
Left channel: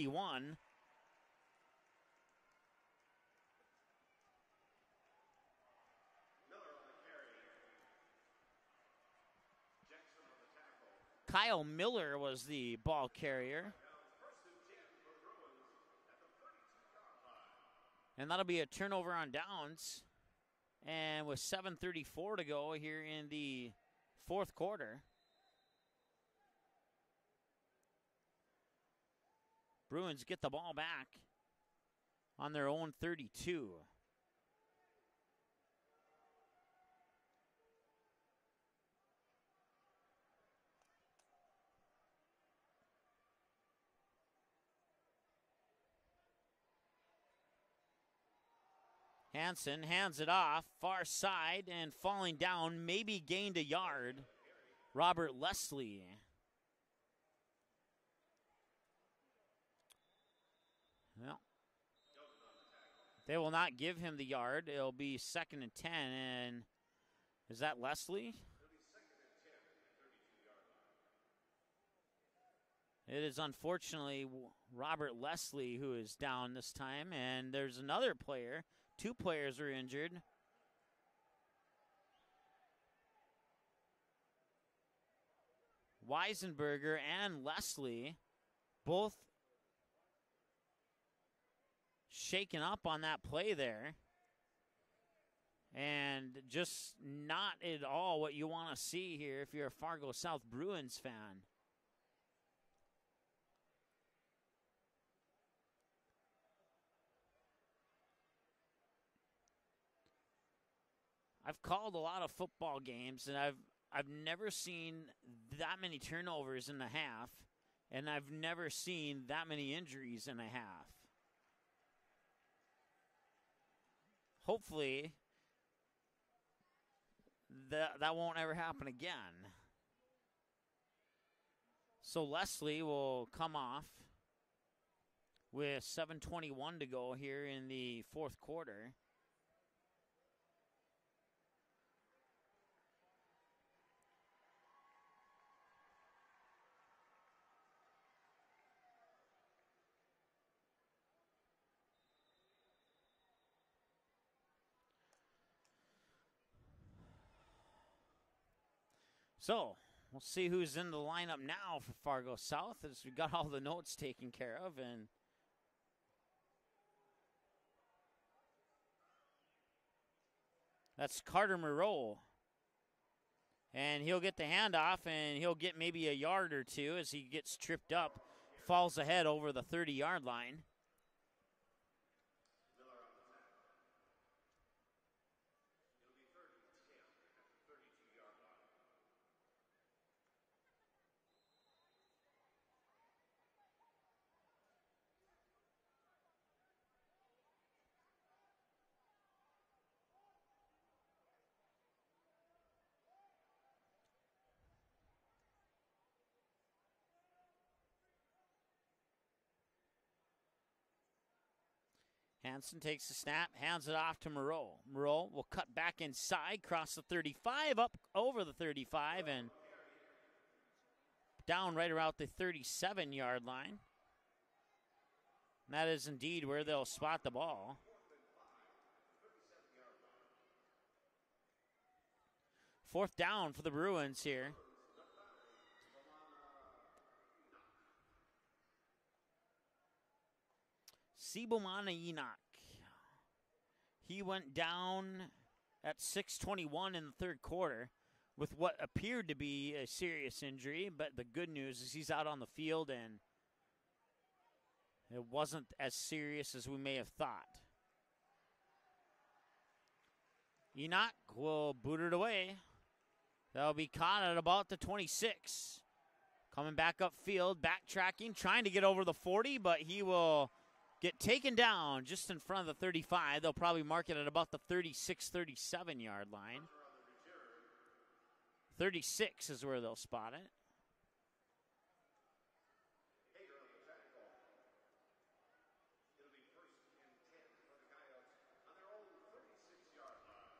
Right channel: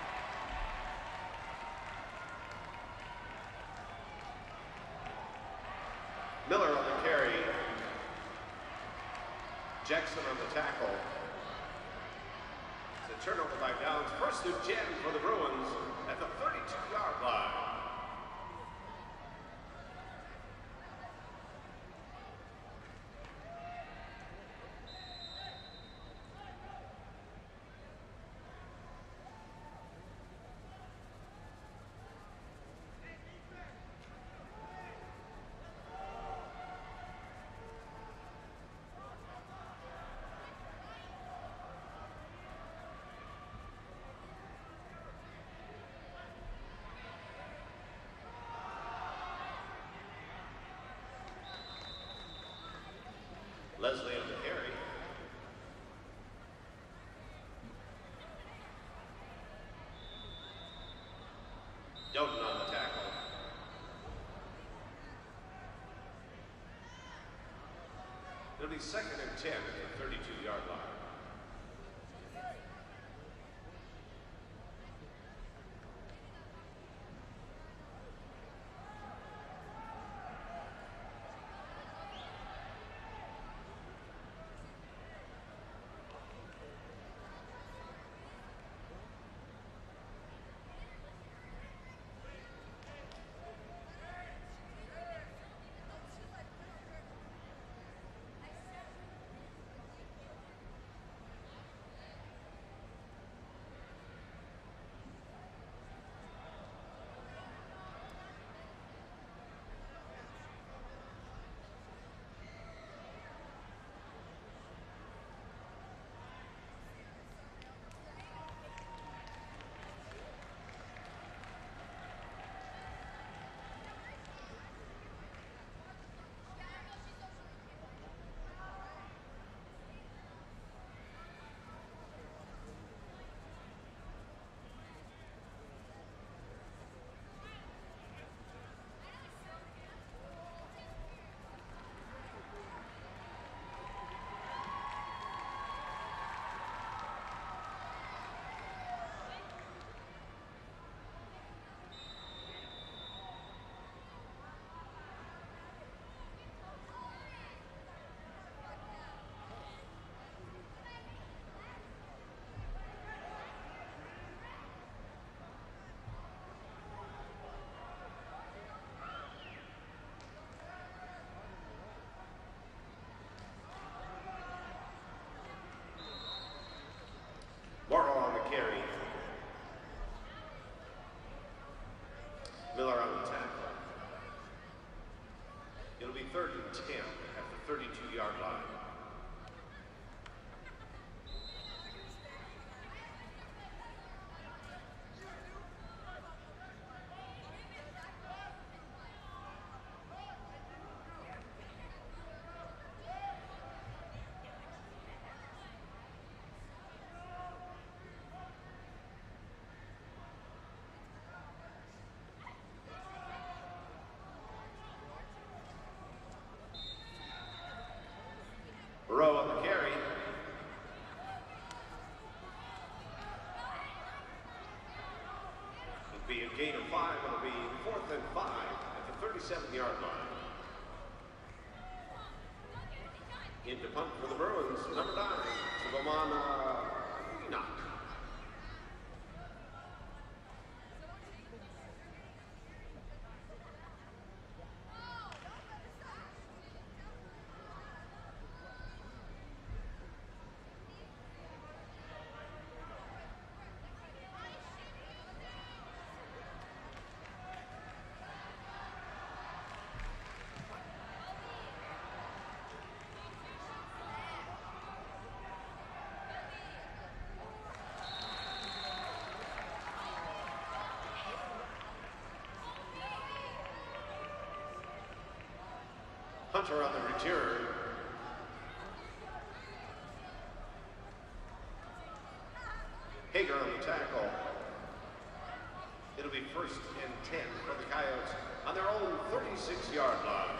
Miller on the carry. Jackson on the tackle. Kyle Miller was the ball The carrier. turnover by downs. 1st and 10 for the Bruins at the 32-yard line. And that'll be a turnover on downs. And with 7:34 to go here in the 4th quarter. Bruins get the ball back on their own 32. Hansen hands it off, far side, and falling down, maybe gained a yard. Leslie on the carry. Robert Leslie. No, Doughton on the tackle. they will not give him the yard. It'll be 2nd and 10, and is that Leslie? It'll be 2nd and 10 at the 32-yard line. It is unfortunately Robert Leslie who is down this time, and there's another player. 2 players were injured. Weisenberger and Leslie both shaken up on that play there. And just not at all what you want to see here if you're a Fargo South Bruins fan. Called a lot of football games, and I've never seen that many turnovers in the half, and I've never seen that many injuries in a half. Hopefully that won't ever happen again. So Leslie will come off with 7:21 to go here in the 4th quarter. So, we'll see who's in the lineup now for Fargo South as we got all the notes taken care of. And that's Carter Moreau, And he'll get the handoff, and he'll get maybe a yard or two as he gets tripped Fargo up, on the carry. falls ahead over the 30-yard line. Miller on the tackle. It'll be 3rd and 10 at the 32-yard line. Hansen takes the snap, hands it off to Moreau. Moreau will cut back inside, cross the 35, up over the 35. Moreau on the carry. Down right around the 37-yard line. And that is indeed where they'll swat the ball. 4th and 5 at the 37-yard line. 4th down for the Bruins here. Bruins, number 9, Sibomana Enoch. Sibomana Enoch. He went down at 6:21 in the 3rd quarter with what appeared to be a serious injury, but the good news is he's out on the field and it wasn't as serious as we may have thought. Enoch will boot it away. That'll be caught at about the 26. Coming back upfield, backtracking, trying to get over the 40, but he will get taken down just in front of the 35. They'll probably mark it at about the 36, 37-yard line. Hunter on the return. 36 is where they'll spot it. Hager on the tackle. It'll be 1st and 10 for the Coyotes on their own 36-yard line.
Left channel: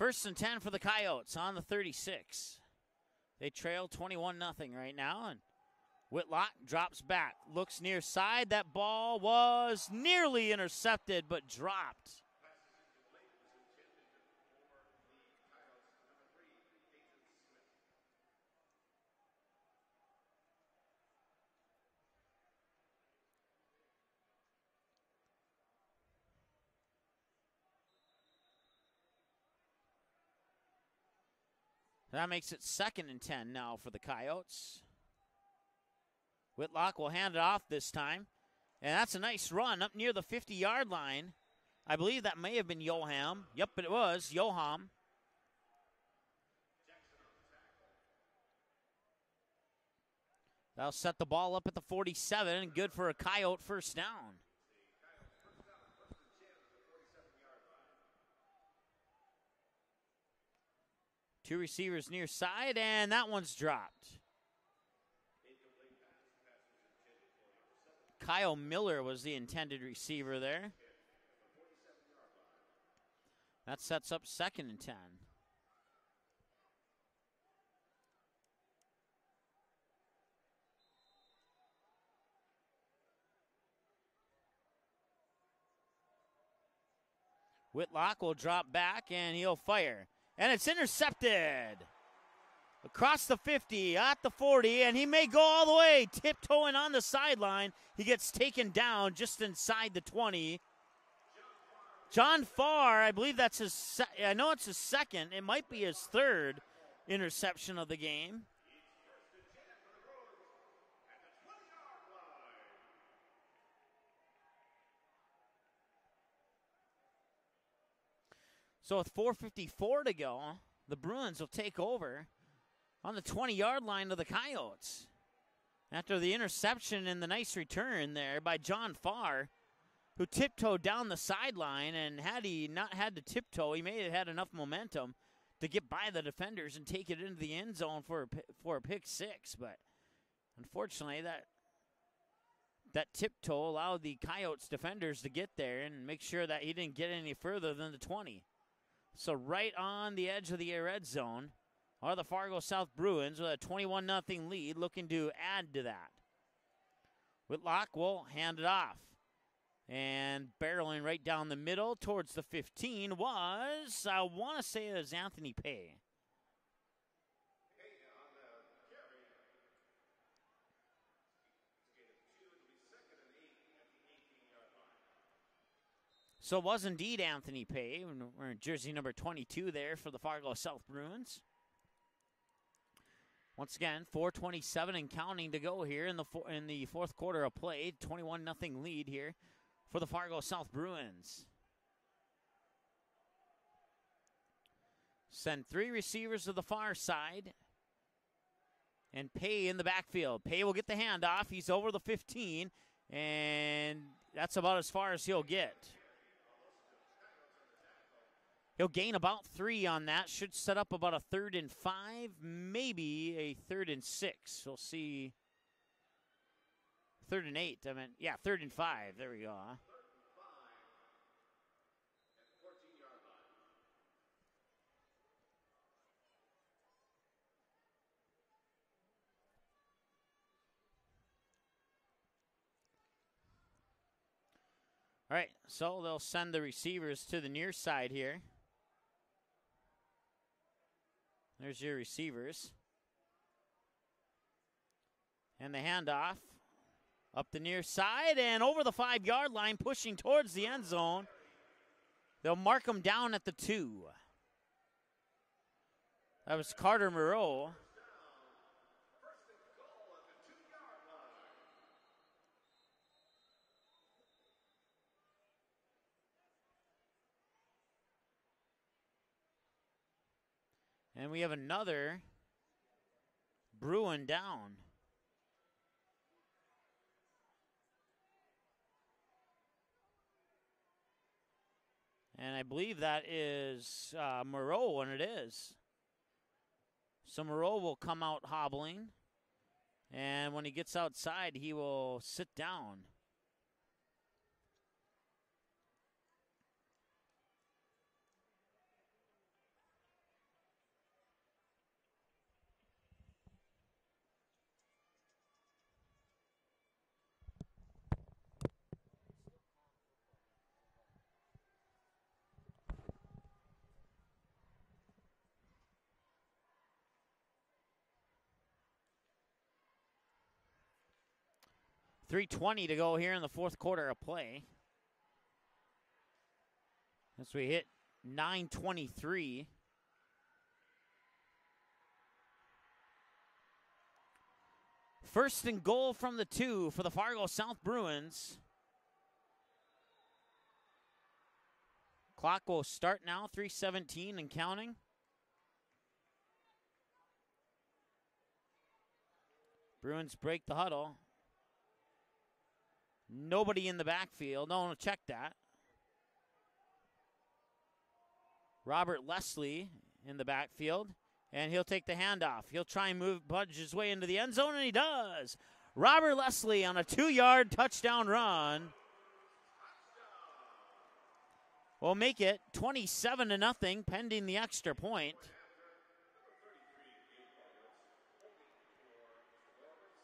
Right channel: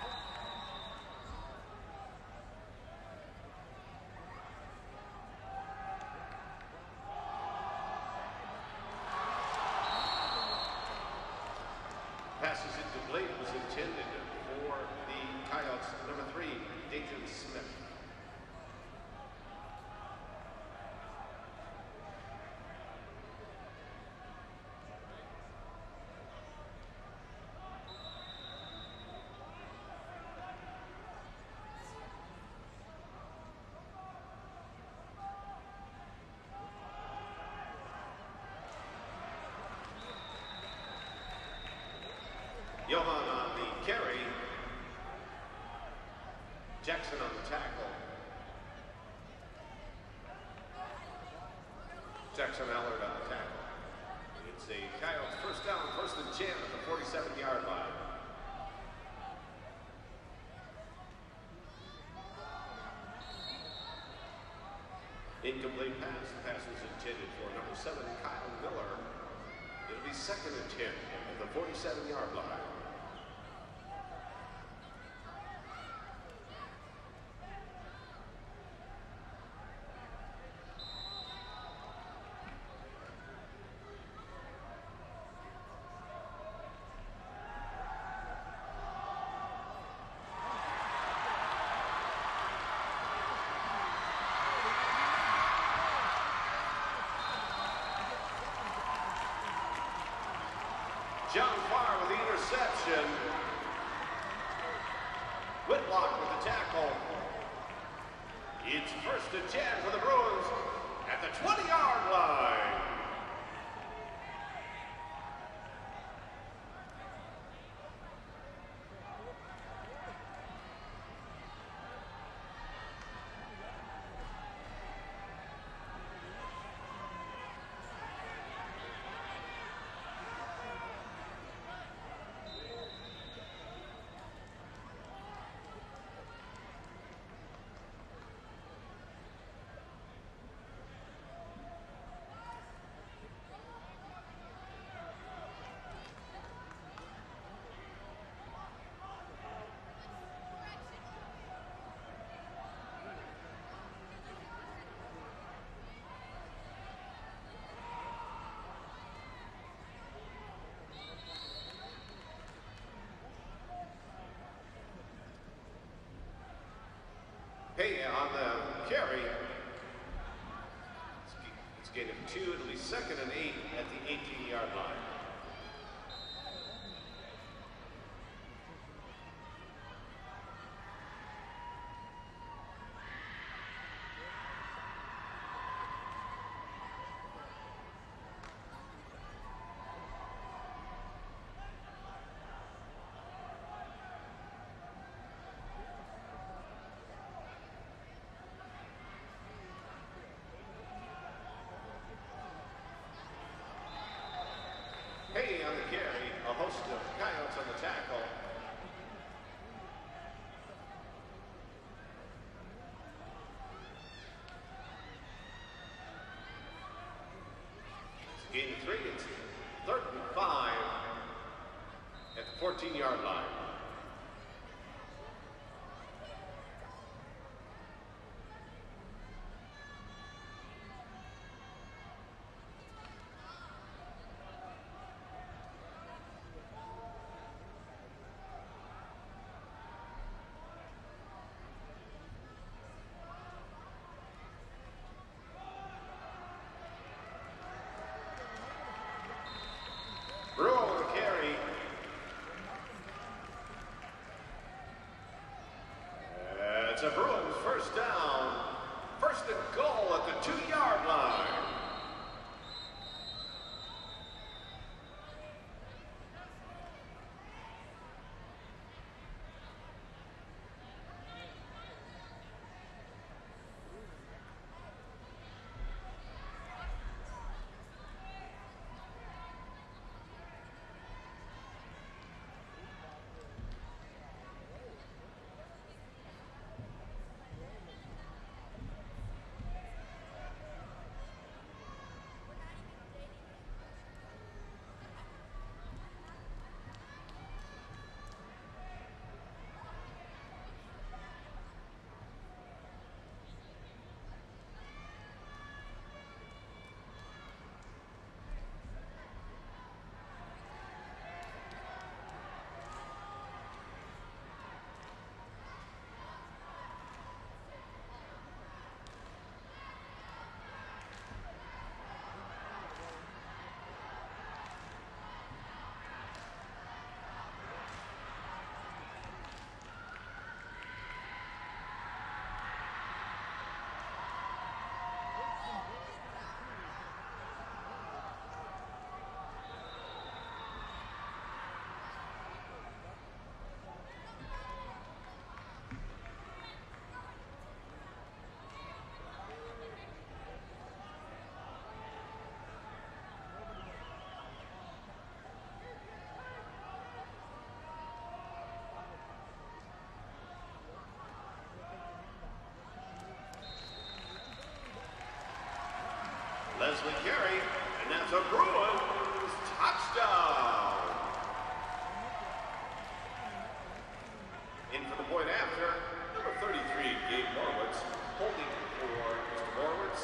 First and 10 for the Coyotes on the 36. They trail 21-0 right now, and Whitlock drops back, looks near side. That ball was nearly intercepted, but dropped. Passes incomplete was intended for the Coyotes, number 3, Dayton Smith. That makes it 2nd and 10 now for the Coyotes. Whitlock will hand it off this time. And that's a nice run up near the 50-yard line. I believe that may have been Johan. Yep, it was Johan. Jackson on the tackle. That'll set the ball up at the 47. Good for a Coyote first down. It's a Coyotes first down, 1st and 10 at the 47-yard line. 2 receivers near side, and that one's dropped. Incomplete pass. The pass was intended for number 7. Kyle Miller was the intended receiver there. 2nd and 10 at the 47-yard line. That sets up 2nd and 10. Whitlock will drop back, and he'll fire. And it's intercepted. Across the 50, at the 40, and he may go all the way, tiptoeing on the sideline. He gets taken down just inside the 20. John Farr, I believe that's his, I know it's his 2nd. It might be his 3rd interception of the game. It's 1st and 10 for the Bruins at the 20-yard line. So with 4:54 to go, the Bruins will take over on the 20-yard line of the Coyotes. After the interception and the nice return there by John Farr, who tiptoed down the sideline, and had he not had to tiptoe, he may have had enough momentum to get by the defenders and take it into the end zone for a pick 6. But unfortunately, that tiptoe allowed the Coyotes defenders to get there and make sure that he didn't get any further than the 20. So right on the edge of the red zone are the Fargo South Bruins with a 21-0 lead, looking to add to that. Whitlock will hand it off. And barreling right down the middle towards the 15 was, I want to say it was Anthony Pay. Pay on the carry. It's gain of 2. It'll be 2nd and 8 at the 18-yard line. So it was indeed Anthony Pay, jersey number 22 there for the Fargo South Bruins. Once again, 4:27 and counting to go here in the fourth quarter of play. 21-0 lead here for the Fargo South Bruins. Send 3 receivers to the far side. And Pay in the backfield. Pay will get the handoff. He's over the 15. And that's about as far as he'll get. On the carry, a host of coyotes on the tackle. He'll gain about 3 on that. Should set up about a 3rd and 5, maybe a 3rd and 6. We'll see. 3rd and 8. I mean, yeah, 3rd and 5. 3rd and 5 at the 14-yard line. All right, so they'll send the receivers to the near side here. There's your receivers. And the handoff up the near side and over the 5-yard line, pushing towards the end zone. They'll mark them down at the 2. That was Carter Moreau. First down, 1st and goal at the 2-yard line. And we have another Bruin down. And I believe that is Moreau when it is. So Moreau will come out hobbling. And when he gets outside, he will sit down. .320 to go here in the fourth quarter of play. As we hit 9:23. First and goal from the 2 for the Fargo South Bruins. Clock will start now, 3:17 and counting. Bruins break the huddle. Nobody in the backfield. No, check that. Robert Leslie in the backfield, and he'll take the handoff. He'll try and budge his way into the end zone, and he does. Robert Leslie on a 2-yard touchdown run. Touchdown. Will make it 27-0, pending the extra point. Point after, number 33, Gabe Morwitz, holding for Mr. Morwitz.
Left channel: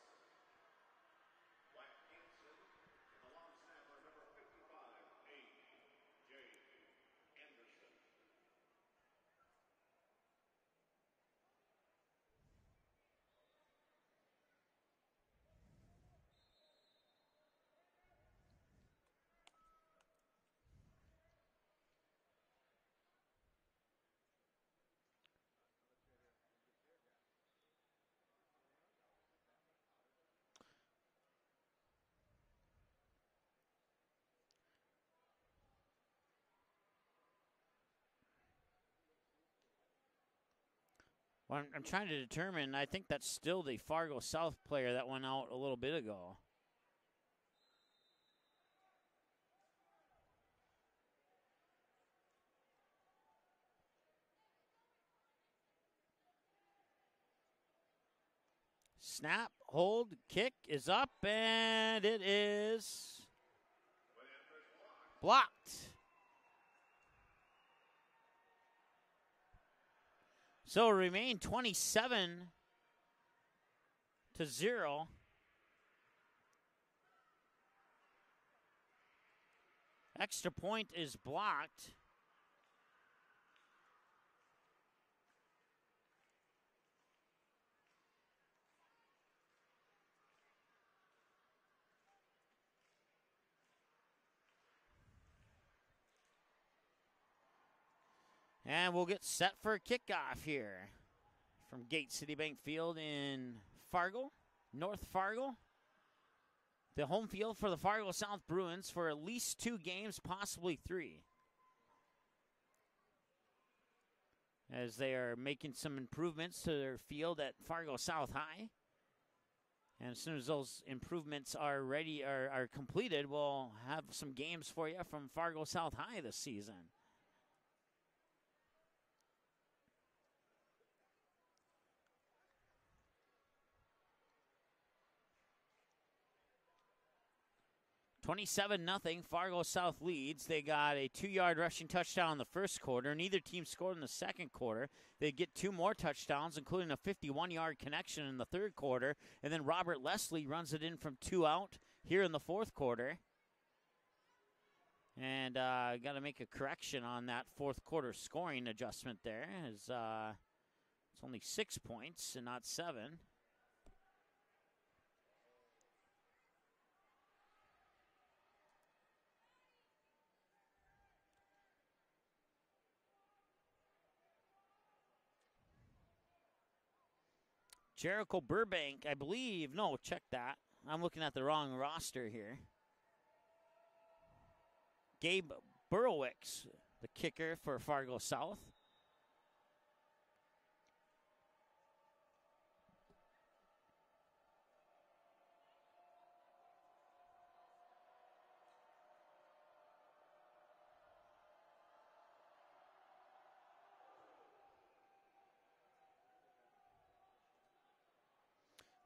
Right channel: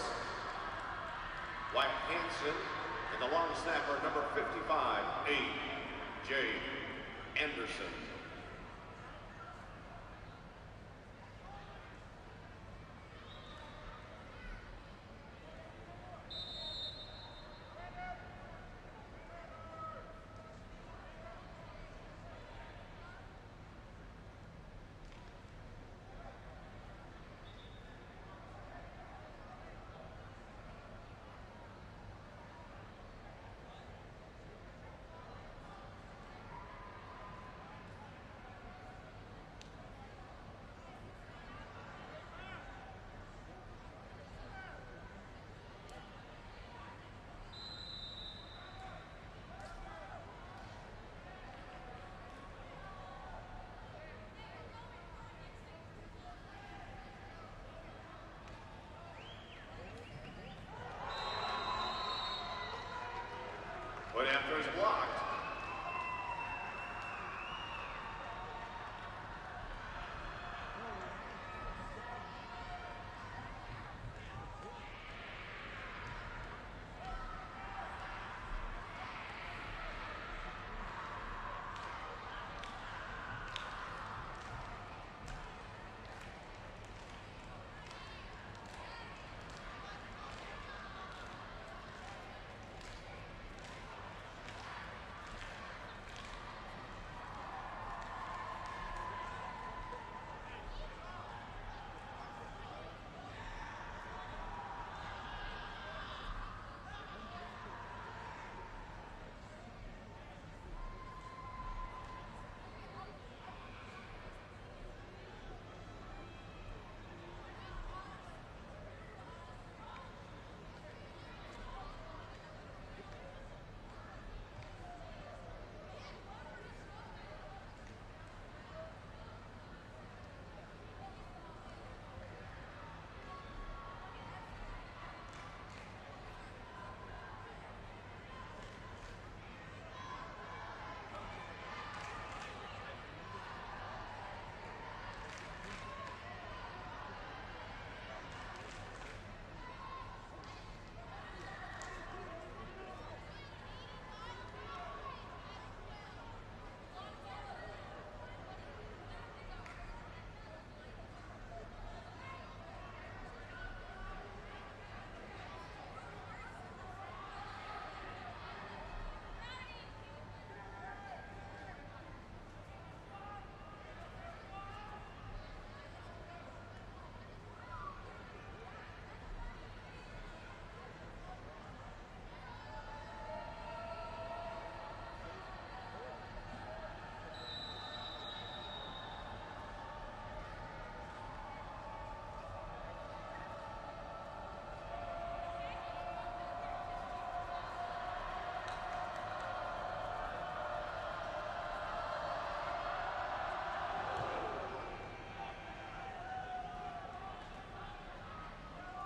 Wyatt Hansen. And the long snapper, number 55, A.J. Anderson. I'm trying to determine, I think that's still the Fargo South player that went out a little bit ago. Snap, hold, kick is up, and it is... Point after is blocked. Blocked. So remain 27-0. Extra point is blocked. we'll get set for a kickoff here from Gate Citibank Field in Fargo, North Fargo. The home field for the Fargo South Bruins for at least 2 games, possibly 3. As they are making some improvements to their field at Fargo South High. And as soon as those improvements are ready, are completed, we'll have some games for you from Fargo South High this season. (27-0). Fargo South leads. They got a 2-yard rushing touchdown in the first quarter. Neither team scored in the second quarter. They get 2 more touchdowns, including a 51-yard connection in the third quarter. And then Robert Leslie runs it in from 2 out here in the fourth quarter. And got to make a correction on that fourth quarter scoring adjustment there. It's only 6 points and not 7. Jericho Burbank, I believe. No, check that. I'm looking at the wrong roster here. Gabe Burowicz, the kicker for Fargo South.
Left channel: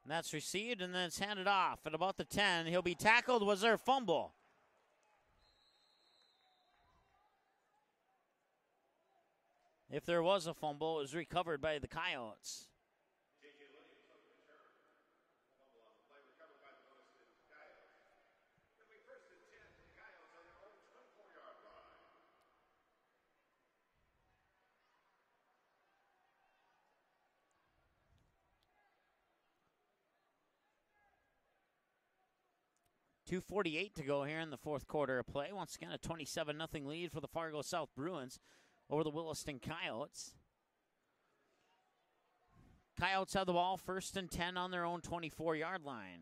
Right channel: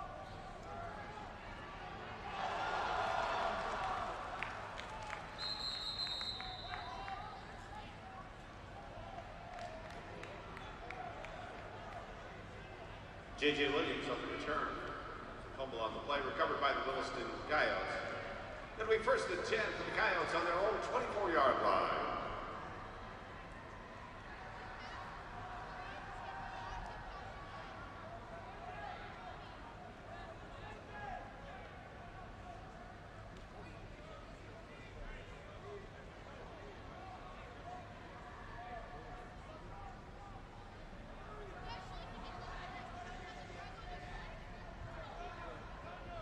That's received and then it's handed off at about the 10. He'll be tackled. Was there a fumble? If there was a fumble, it was recovered by the Coyotes. J.J. Williams on the return. Fumble on the play, recovered by the Williston Coyotes. It'll be first and 10 for the Coyotes on their own 24-yard line. .248 to go here in the fourth quarter of play. Once again, a 27-0 lead for the Fargo South Bruins over the Williston Coyotes. Coyotes have the ball first and 10 on their own 24-yard line.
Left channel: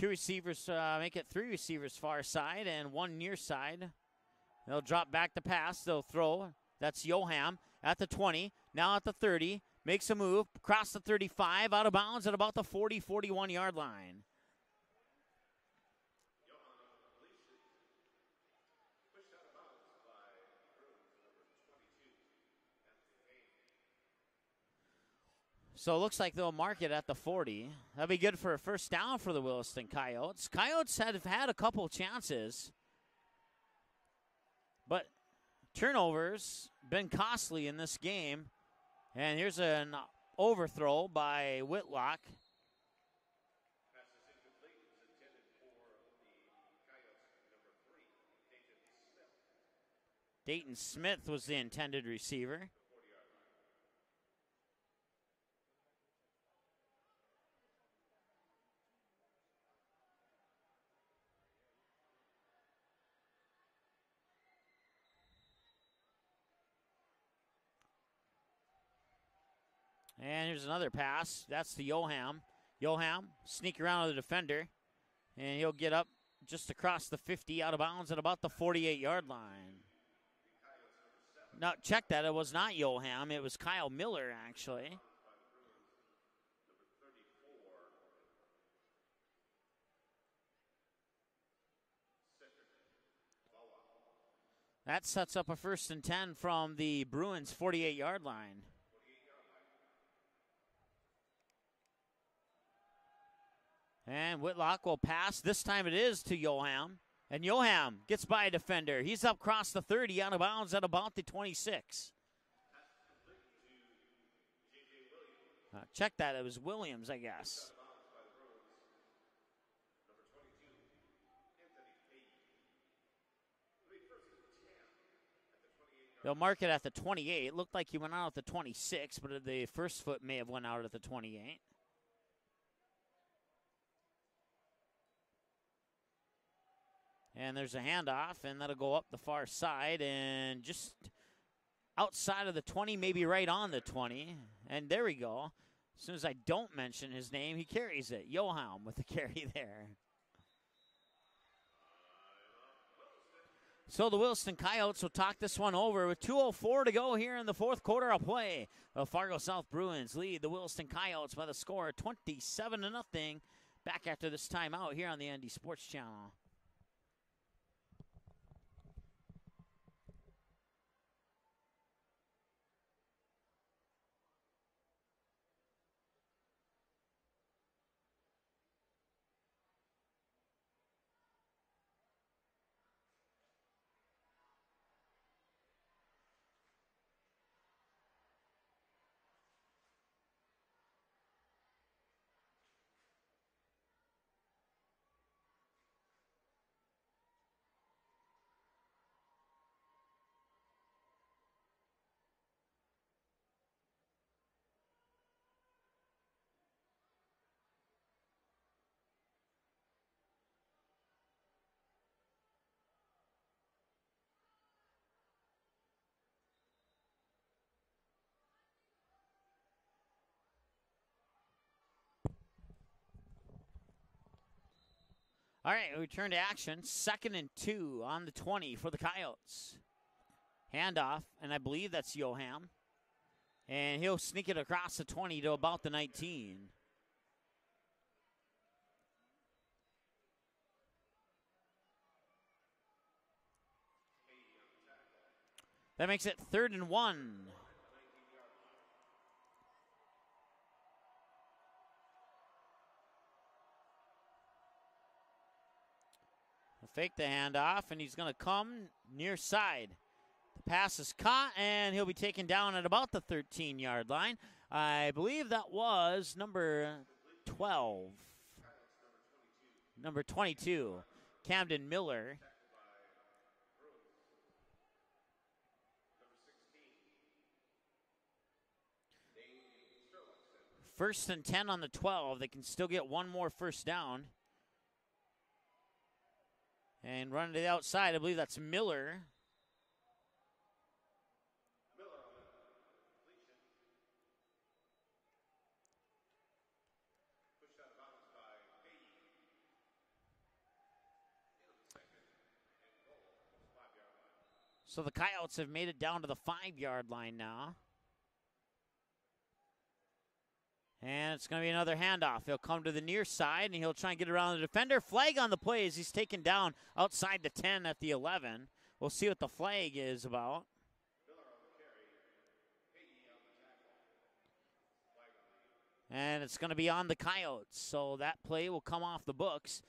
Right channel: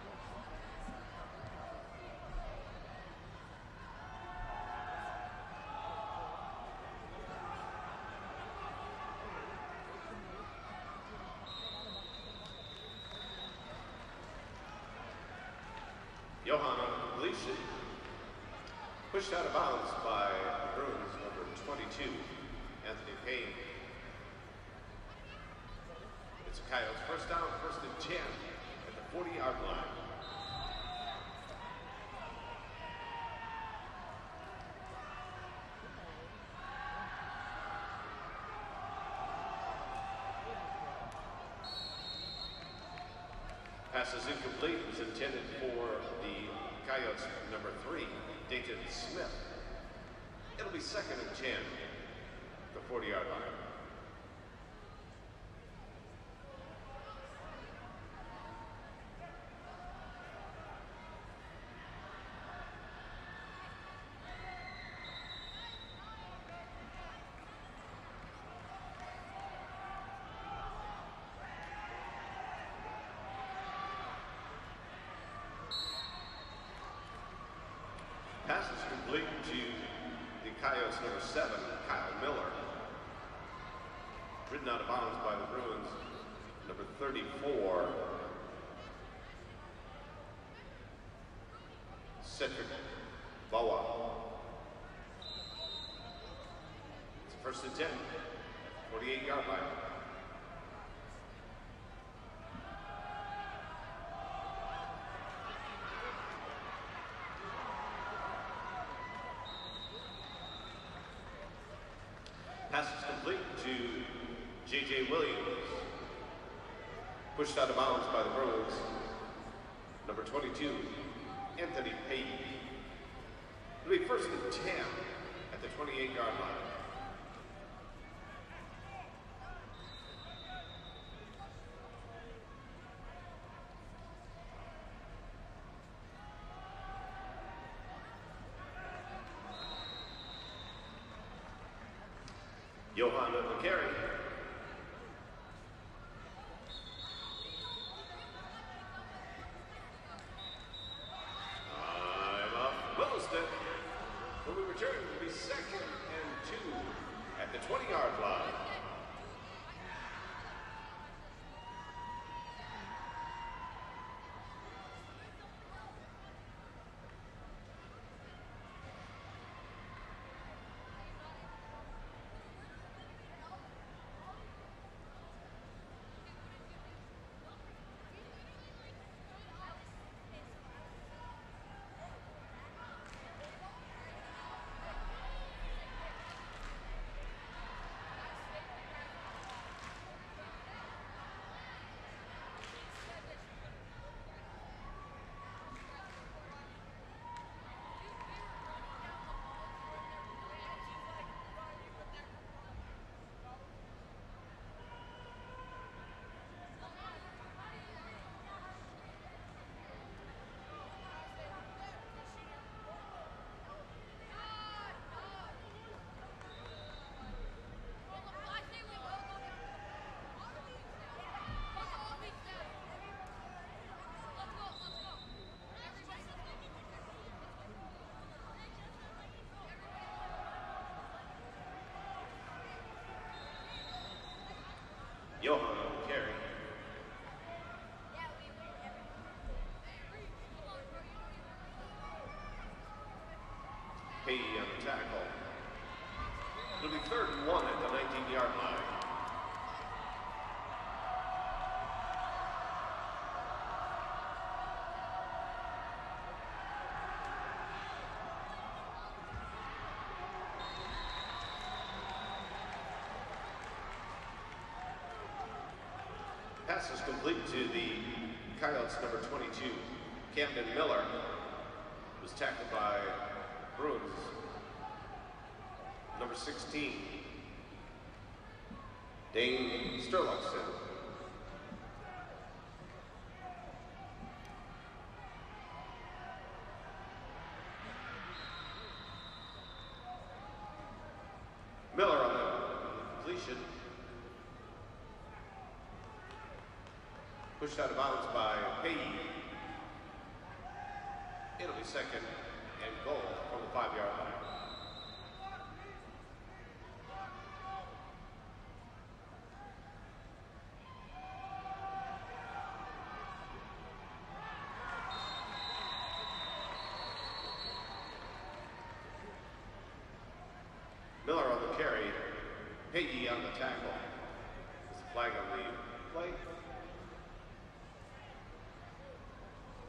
2 receivers, make it 3 receivers far side and 1 near side. They'll drop back the pass, they'll throw. That's Yoham at the 20, now at the 30, makes a move, across the 35, out of bounds at about the 40, 41-yard line. Johan on completion. Pushed out of bounds by the Bruins, number 22, Anthony Payne. So it looks like they'll mark it at the 40. That'll be good for a first down for the Williston Coyotes. Coyotes have had a couple chances, but turnovers been costly in this game. And here's an overthrow by Whitlock. Pass is incomplete. It was intended for the Coyotes number 3, Dayton Smith. Dayton Smith was the intended receiver. The 40-yard line. And here's another pass. That's to Yoham. Yoham sneak around the defender, and he'll get up just across the 50, out of bounds at about the 48-yard line. The Coyotes number 7. Now check that, it was not Yoham, it was Kyle Miller. Ridden out of bounds by the Bruins, number 34. Cedric Bawa. That sets up a first and 10 from the Bruins 48-yard line. 48-yard line. And Whitlock will pass. This time it is to Yoham. And Yoham gets by a defender. He's up across the 30, out of bounds at about the 26. Pass is complete to J.J. Williams. Check that, it was Williams, I guess. Pushed out of bounds by the Bruins. Number 22, Anthony Payne. It'll be first and 10 at the 28-yard line. They'll mark it at the 28. It looked like he went out at the 26, but the first foot may have went out at the 28. And there's a handoff, and that'll go up the far side and just outside of the 20, maybe Johan right with on the the carry. 20. And there we go. As soon as I don't mention his name, he carries it. Johan with the carry there. I'm up, Williston. So the Williston Coyotes will talk this one over with 2:04 to go here in the fourth quarter of play. The Fargo South Bruins lead the Williston Coyotes by the score of 27-0. Back after this timeout here on the ND Sports Channel. All right, we return to action. 2nd and 2 on the 20 for the Coyotes. Handoff, and I believe that's Johan. And he'll sneak it across the 20 to about the 19. Hey on the tackle. That makes it 3rd and 1. 3rd and 1 at the 19-yard line. Fake the handoff, and he's going to come near side. Pass is caught, and he'll be taken down at about the 13-yard line. I believe that was number Pass is complete to 12. the Coyotes, number 22. Number 22, Camden Miller. Camden Miller. Was tackled by Bruins. Number 16. Dane Sturluckson. 1st and 10 on the 12. They can still get one more first down. And run to the outside. I believe that's Miller. Miller on the completion. Pushed out of bounds by Payne. It'll be 2nd and goal from the 5-yard line. So the Coyotes have made it down to the 5-yard line now. And it's going to be another handoff. He'll come to the near side, and he'll try and get around the defender. Flag on the play as he's taken down outside the 10 at the 11. We'll see what the flag is about. Miller on the carry. Peggy on the tackle. There's a flag on the play. And it's going to be on the Coyotes. So that play will come off the books.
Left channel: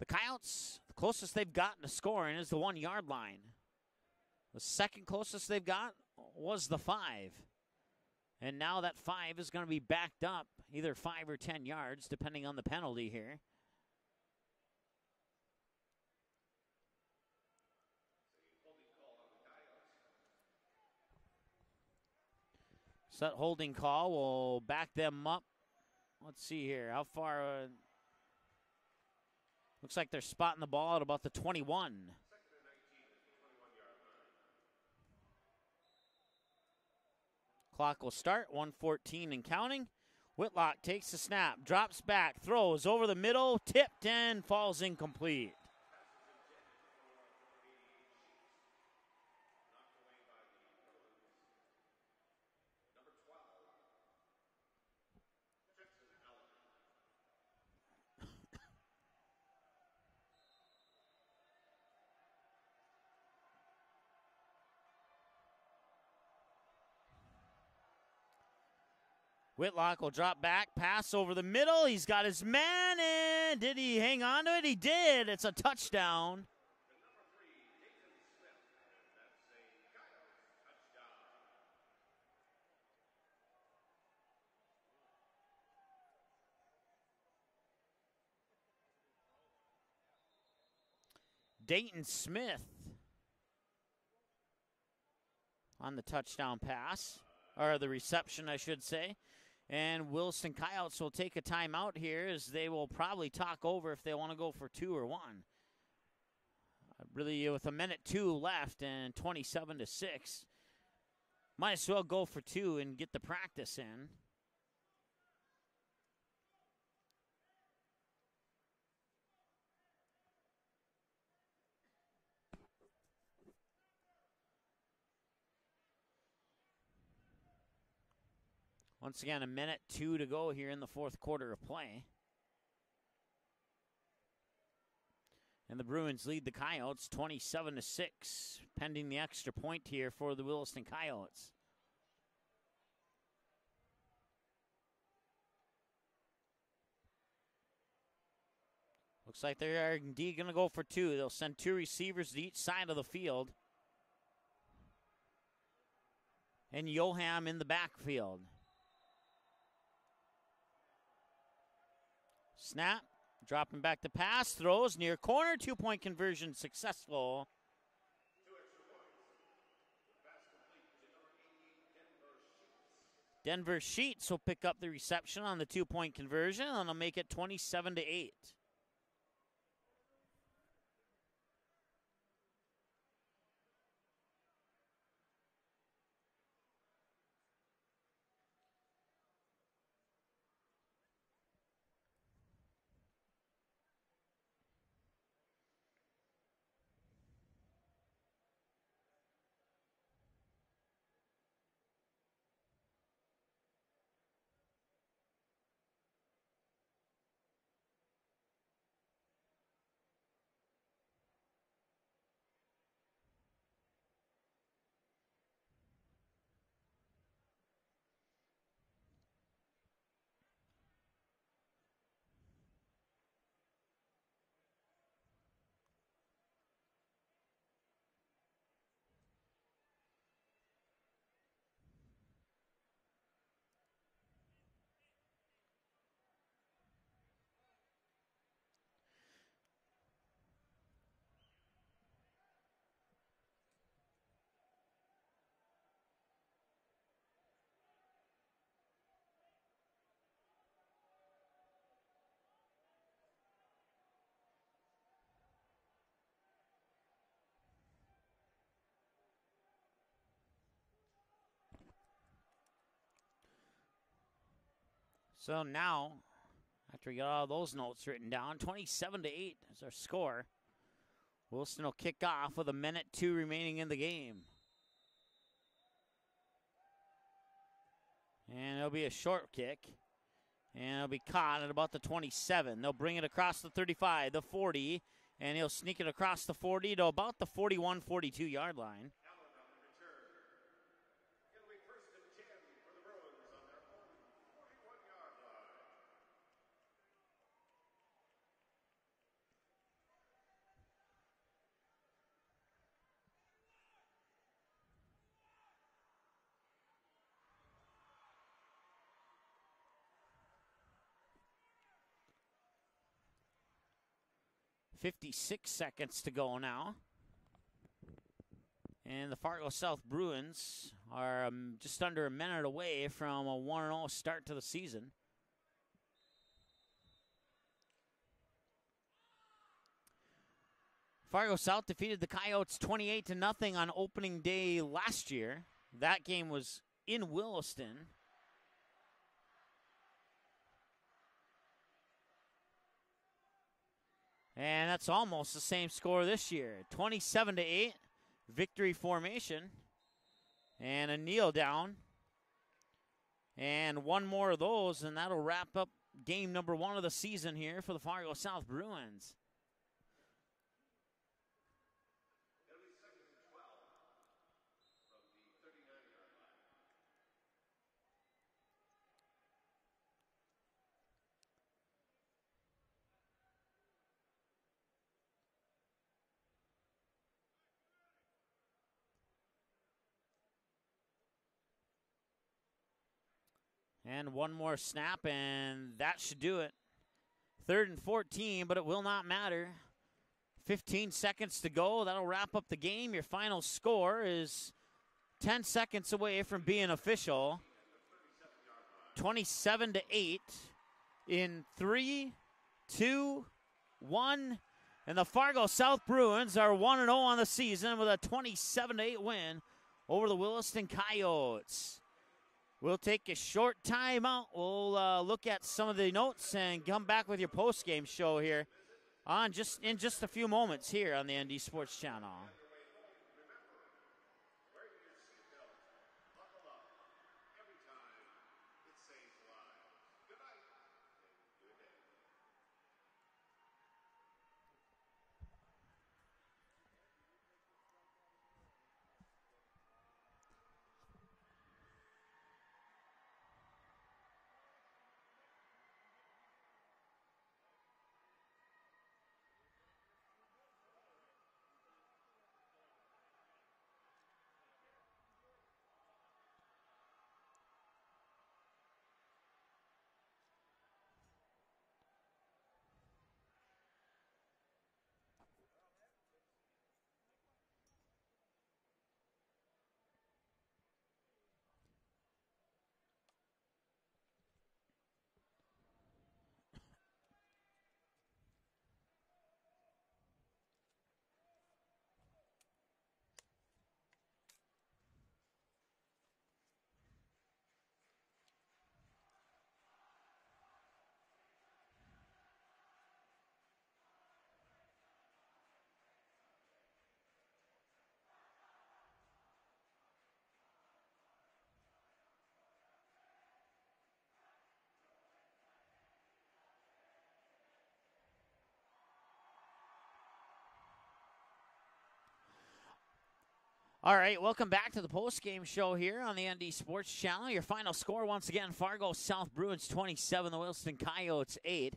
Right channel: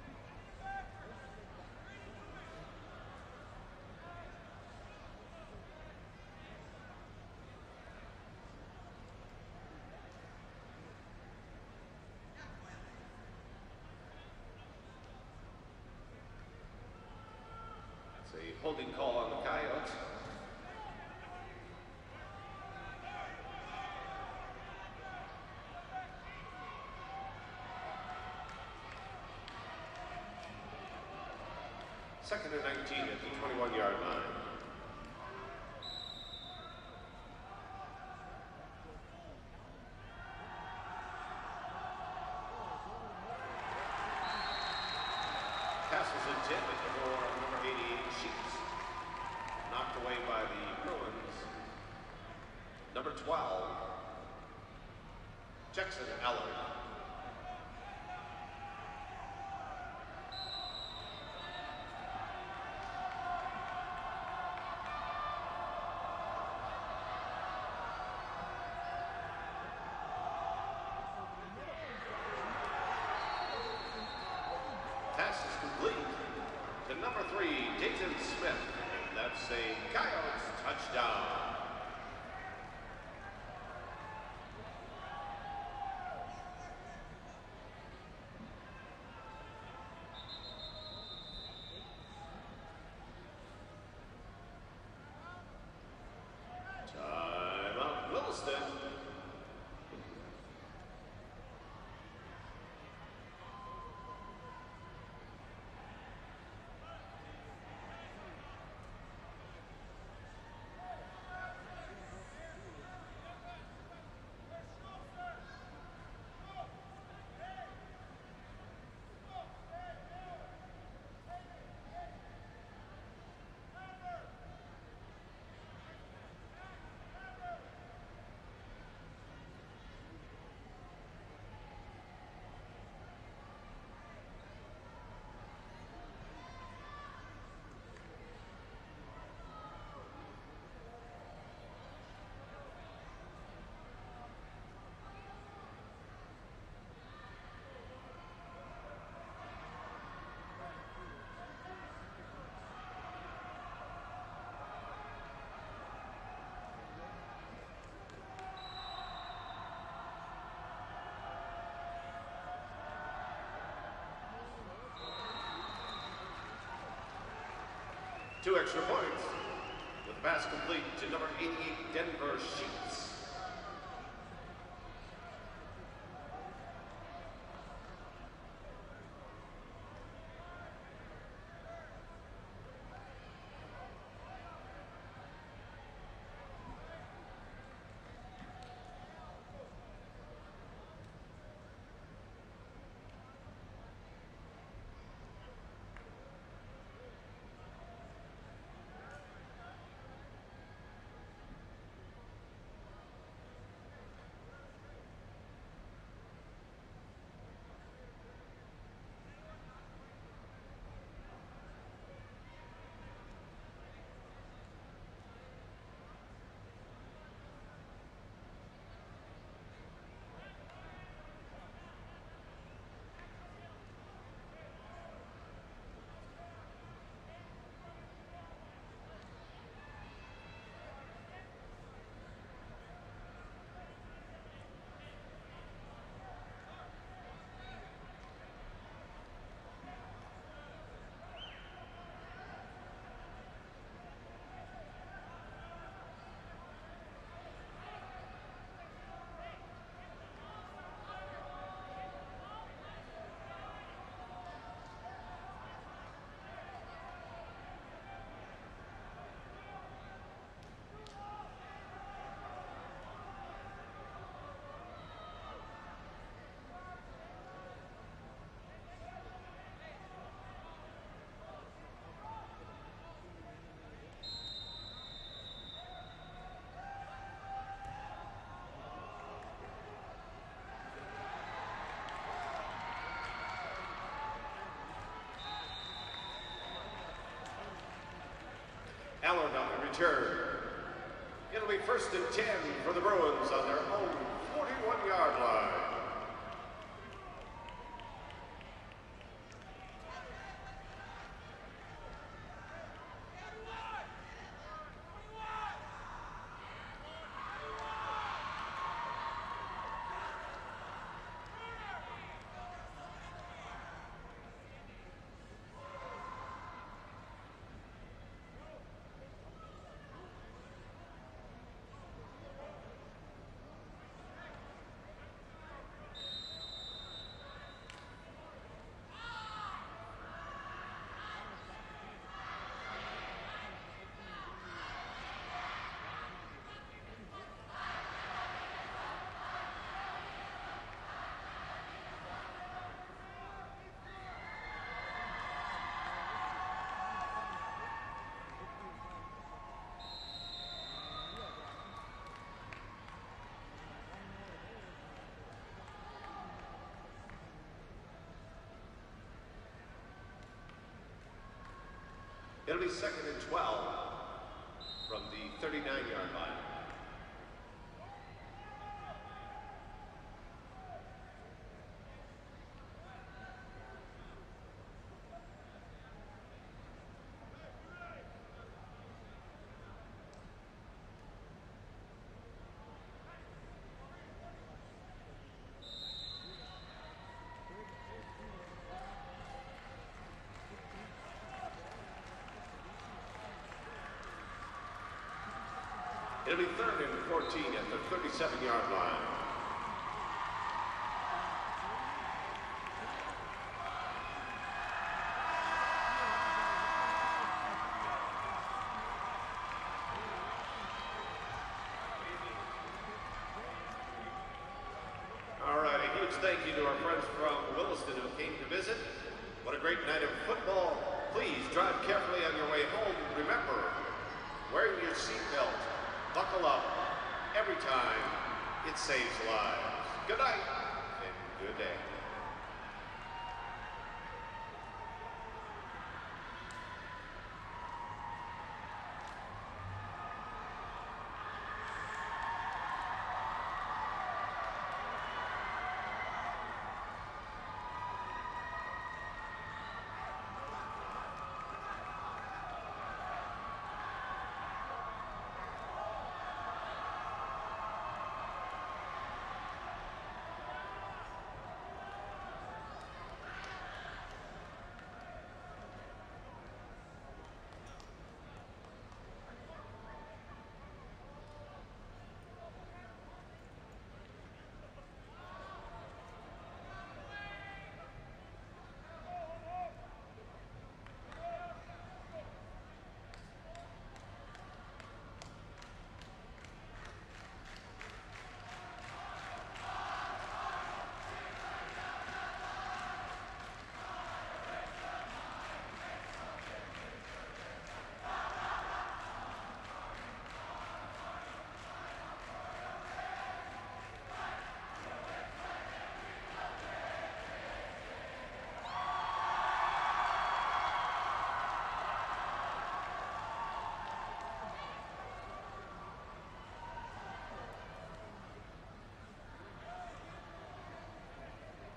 The Coyotes, closest they've gotten to scoring is the 1-yard line. The second closest they've got was the 5. And now that 5 is going to be backed up either 5 or 10 yards, depending on the penalty here. That's a holding call on the Coyotes. So that holding call will back them up. Let's see here, how far? Looks like they're spotting the ball at about the 21. 2nd and 19 at the 21-yard line. Clock will start, 1:14 and counting. Whitlock takes the snap, drops back, throws over the middle, tipped and falls incomplete. Passes intended for number 88, Sheets. Knocked away by the Bruins. Number 12, Jackson Allard. Whitlock will drop back, pass over the middle. He's got his man in. Did he hang on to it? He did. It's a touchdown. To number 3, Dayton Smith. And that's a Coyotes touchdown. Dayton Smith on the touchdown pass, or the reception, I should say. And Williston Coyotes will take a timeout here as they will probably talk over if they want to go for 2 or 1. Really, with a minute 2 left and 27-6. Might as well go for 2 and get the practice in. Once again, 1:02 to go here in the 4th quarter of play. And the Bruins lead the Coyotes 27-6, pending the extra point here for the Williston Coyotes. Looks like they are indeed going to go for 2. They'll send 2 receivers to each side of the field. And Yoham in the backfield. Snap, dropping back to pass, throws near corner, 2-point conversion successful. 2 extra points with the pass complete to number 88, Denver Sheets. Denver Sheets will pick up the reception on the 2-point conversion, and they'll make it 27-8. So now, after we got all those notes written down, 27-8 is our score. Williston will kick off with 1:02 remaining in the game. And it'll be a short kick. And it'll be caught at about the 27. They'll bring it across the 35, the 40, and he'll sneak it across the 40 to about the 41-42 yard line. Allard on the return. It'll be 1st and 10 for the Bruins on their own 41-yard line. .56 seconds to go now. And the Fargo South Bruins are just under a minute away from a 1-0 start to the season. Fargo South defeated the Coyotes 28-0 on opening day last year. That game was in Williston. And that's almost the same score this year. 27-8, victory formation. And a kneel down. And one more of those, and that'll wrap up game number 1 of the season here for the Fargo South Bruins. It'll be 2nd and 12 from the 39-yard line. And one more snap, and that should do it. 3rd and 14, but it will not matter. 15 seconds to go. That'll wrap up the game. Your final score is 10 seconds away from being official. 27-8 in 3, 2, 1. And the Fargo South Bruins are 1-0 on the season with a 27-8 win over the Williston Coyotes. We'll take a short time out. We'll look at some of the notes and come back with your post-game show here in just a few moments here on the ND Sports Channel. Carefully on your way home. Remember, wearing your seatbelt, buckle up. Every time, it saves lives. Good night and good day. All right, welcome back to the post-game show here on the ND Sports Channel. Your final score, once again, Fargo South Bruins 27, the Williston Coyotes 8.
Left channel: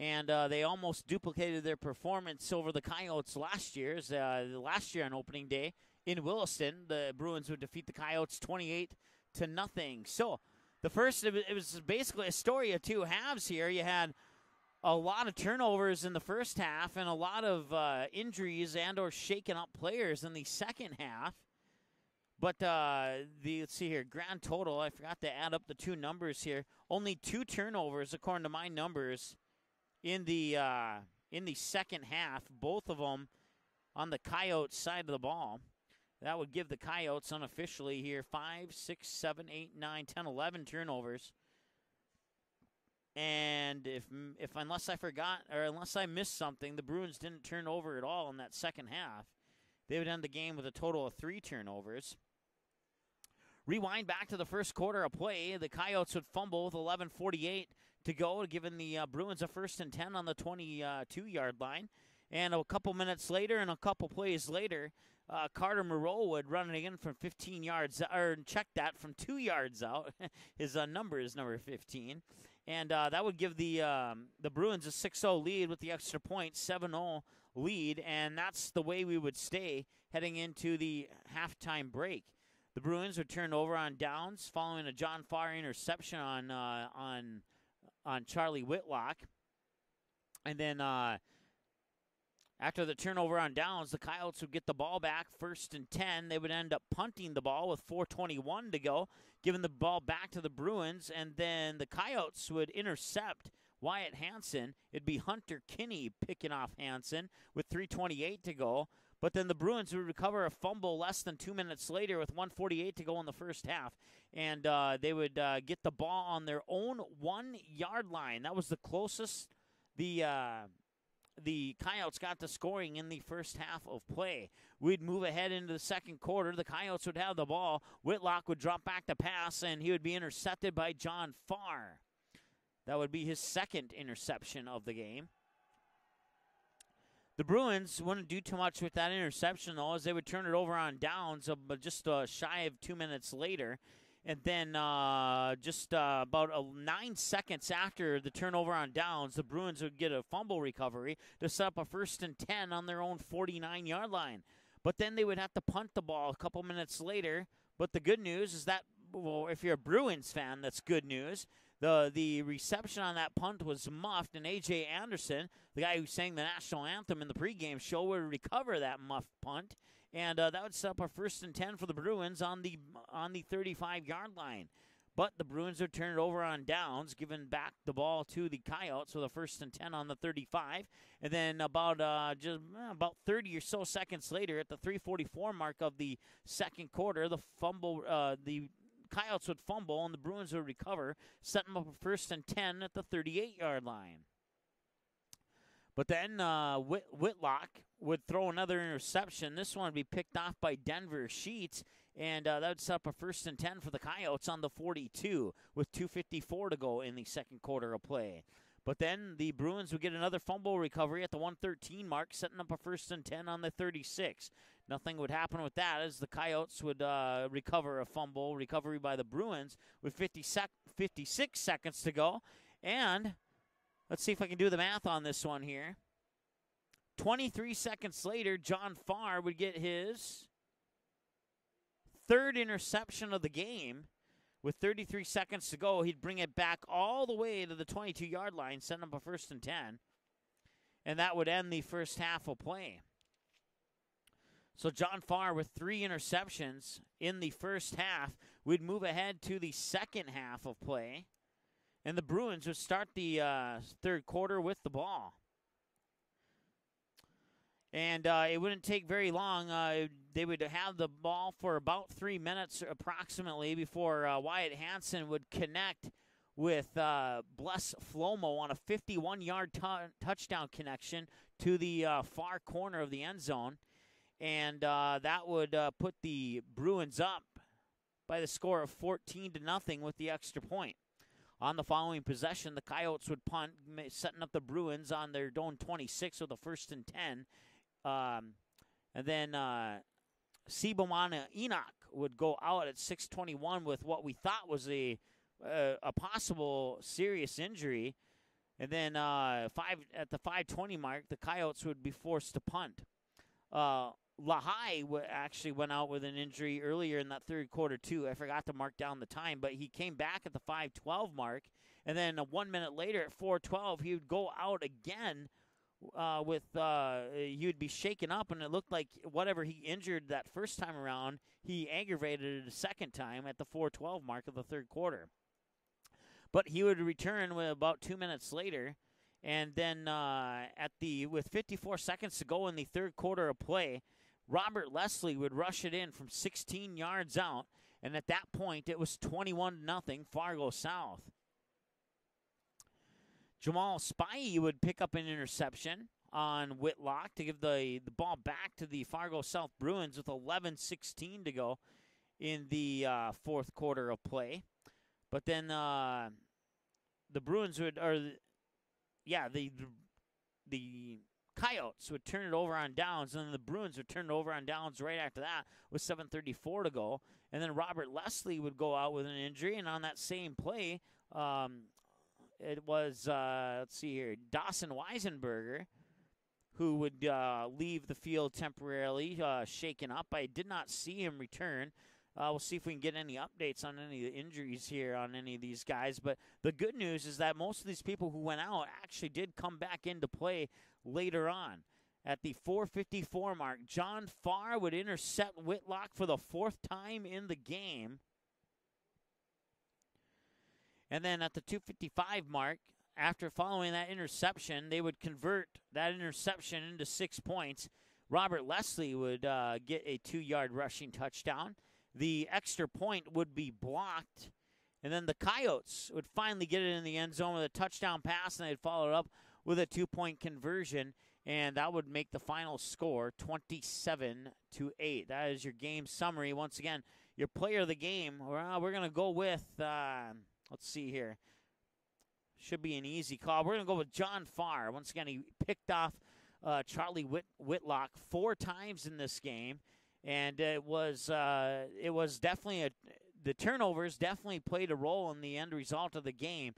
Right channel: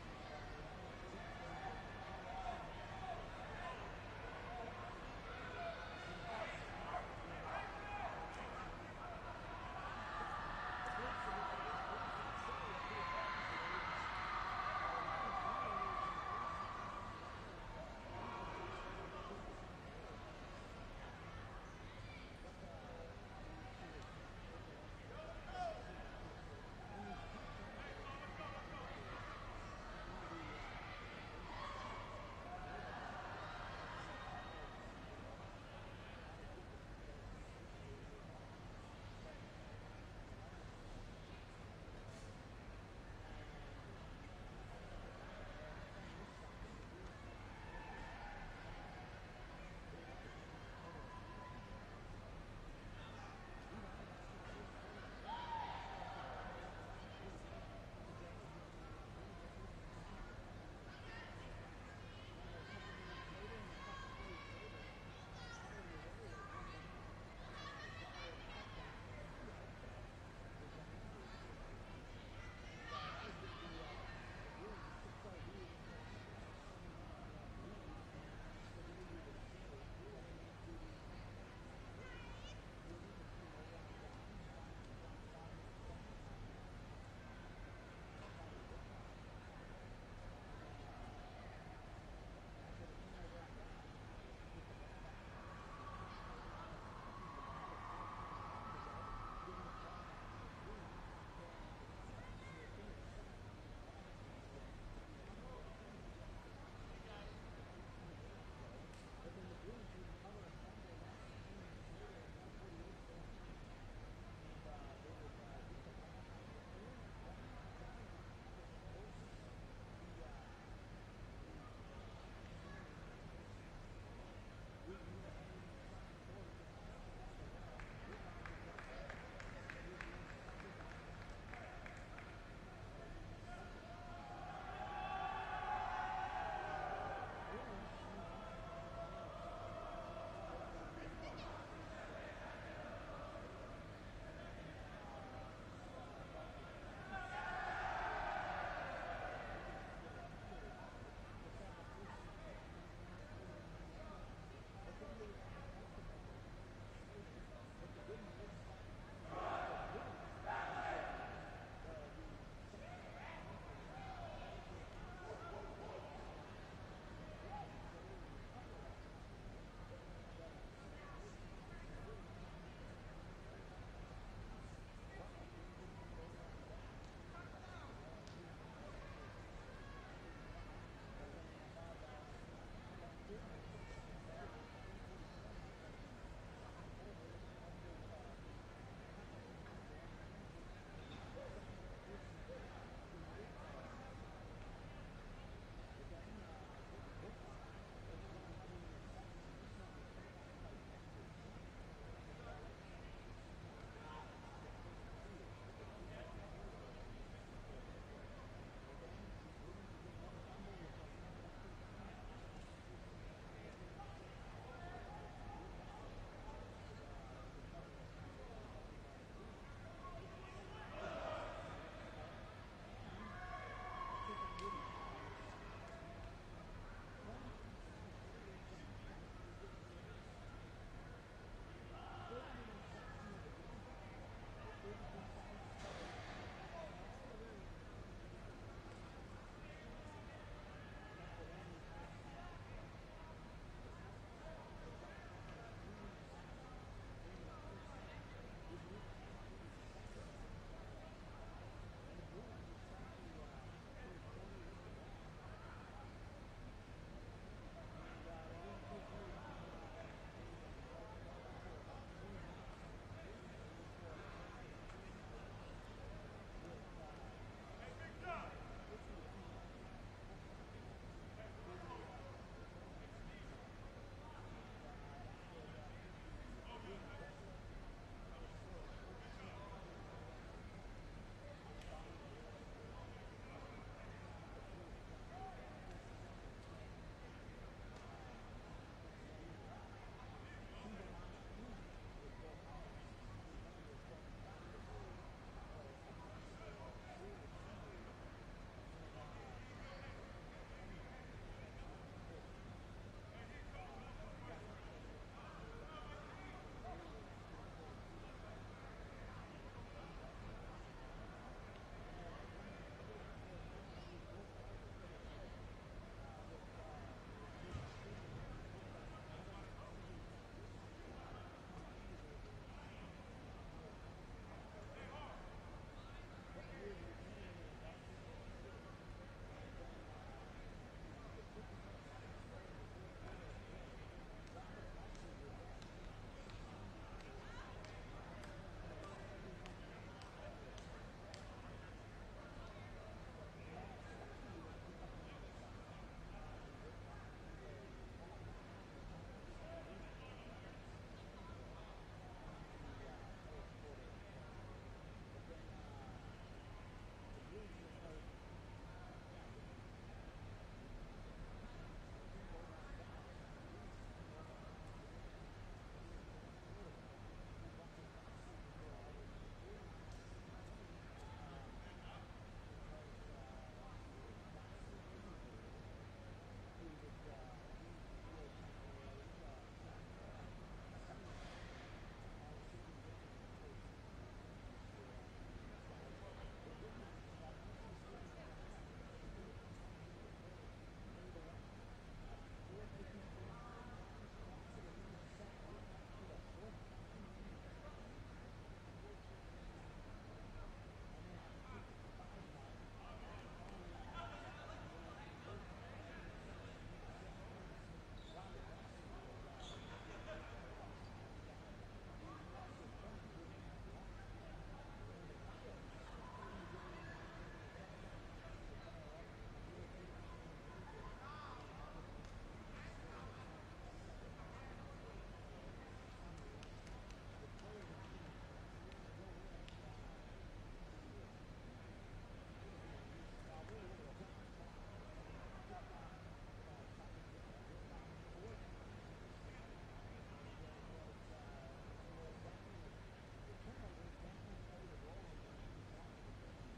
And they almost duplicated their performance over the Coyotes last year on opening day in Williston. The Bruins would defeat the Coyotes 28-0. So the first, it was basically a story of two halves here. You had a lot of turnovers in the first half and a lot of injuries and or shaken up players in the second half. But let's see here, grand total, I forgot to add up the two numbers here. Only 2 turnovers according to my numbers in the second half, both of them on the Coyotes side of the ball. That would give the Coyotes unofficially here 5, 6, 7, 8, 9, 10, 11 turnovers. And if unless I forgot or unless I missed something, the Bruins didn't turn over at all in that second half. They would end the game with a total of 3 turnovers. Rewind back to the first quarter of play. The Coyotes would fumble with 11:48 to go, giving the Bruins a 1st and 10 on the 22-yard line. And a couple minutes later and a couple plays later, Carter Moreau would run it in from 15 yards, or check that from 2 yards out. His number is number 15. And that would give the Bruins a 6-0 lead with the extra point, 7-0 lead. And that's the way we would stay heading into the halftime break. The Bruins would turn over on downs following a John Farr interception on Charlie Whitlock. And then after the turnover on downs, the Coyotes would get the ball back 1st and 10. They would end up punting the ball with 4:21 to go, giving the ball back to the Bruins, and then the Coyotes would intercept Wyatt Hansen. It'd be Hunter Kinney picking off Hansen with 3:28 to go. But then the Bruins would recover a fumble less than 2 minutes later with 1:48 to go in the first half. And they would get the ball on their own 1-yard line. That was the closest the Coyotes got to scoring in the first half of play. We'd move ahead into the second quarter. The Coyotes would have the ball. Whitlock would drop back the pass, and he would be intercepted by John Farr. That would be his second interception of the game. The Bruins wouldn't do too much with that interception, though, as they would turn it over on downs just shy of 2 minutes later. And then about 9 seconds after the turnover on downs, the Bruins would get a fumble recovery to set up a 1st and 10 on their own 49-yard line. But then they would have to punt the ball a couple minutes later. But the good news is that, well, if you're a Bruins fan, that's good news. The reception on that punt was muffed, and A.J. Anderson, the guy who sang the national anthem in the pregame show, would recover that muffed punt. And that would set up a 1st and 10 for the Bruins on the 35-yard line. But the Bruins would turn it over on downs, giving back the ball to the Coyotes with a 1st and 10 on the 35. And then about 30 or so seconds later, at the 3:44 mark of the second quarter, the Coyotes would fumble and the Bruins would recover, setting them up for 1st and 10 at the 38-yard line. But then Whitlock would throw another interception. This one would be picked off by Denver Sheets, and that would set up a 1st and 10 for the Coyotes on the 42 with 2:54 to go in the second quarter of play. But then the Bruins would get another fumble recovery at the 1:13 mark, setting up a 1st and 10 on the 36. Nothing would happen with that as the Coyotes would recover a fumble recovery by the Bruins with 56 seconds to go. And let's see if I can do the math on this one here. 23 seconds later, John Farr would get his 3rd interception of the game. With 33 seconds to go, he'd bring it back all the way to the 22-yard line, setting up a 1st and 10. And that would end the first half of play. So John Farr with 3 interceptions in the first half. We'd move ahead to the second half of play. And the Bruins would start the third quarter with the ball. And it wouldn't take very long. They would have the ball for about 3 minutes approximately before Wyatt Hansen would connect with Bless Flomo on a 51-yard touchdown connection to the far corner of the end zone. And that would put the Bruins up by the score of 14-0 with the extra point. On the following possession, the Coyotes would punt, setting up the Bruins on their own 26 with a 1st and 10. And then Sibomana Enoch would go out at 6:21 with what we thought was a possible serious injury. And then at the 5:20 mark, the Coyotes would be forced to punt. Lahai actually went out with an injury earlier in that third quarter too. I forgot to mark down the time, but he came back at the 5:12 mark. And then 1 minute later at 4:12, he would go out again he would be shaken up, and it looked like whatever he injured that first time around, he aggravated it a second time at the 4:12 mark of the third quarter. But he would return with about 2 minutes later, and then with 54 seconds to go in the third quarter of play, Robert Leslie would rush it in from 16 yards out, and at that point it was 21-0 Fargo South. Jamal Spivey would pick up an interception on Whitlock to give the ball back to the Fargo South Bruins with 11:16 to go in the fourth quarter of play. But then the Bruins would, the Coyotes would turn it over on downs, and then the Bruins would turn it over on downs right after that with 7:34 to go. And then Robert Leslie would go out with an injury, and on that same play, it was, let's see here, Dawson Weisenberger, who would leave the field temporarily, shaken up. I did not see him return. We'll see if we can get any updates on any of the injuries here on any of these guys. But the good news is that most of these people who went out actually did come back into play later on. At the 4:54 mark, John Farr would intercept Whitlock for the 4th time in the game. And then at the 2:55 mark, after following that interception, they would convert that interception into 6 points. Robert Leslie would get a 2-yard rushing touchdown. The extra point would be blocked. And then the Coyotes would finally get it in the end zone with a touchdown pass, and they'd follow it up with a 2-point conversion. And that would make the final score 27-8. That is your game summary. Once again, your player of the game, we're going to go with... let's see here. Should be an easy call. We're going to go with John Farr. Once again, he picked off Charlie Whitlock 4 times in this game. And it was definitely the turnovers definitely played a role in the end result of the game.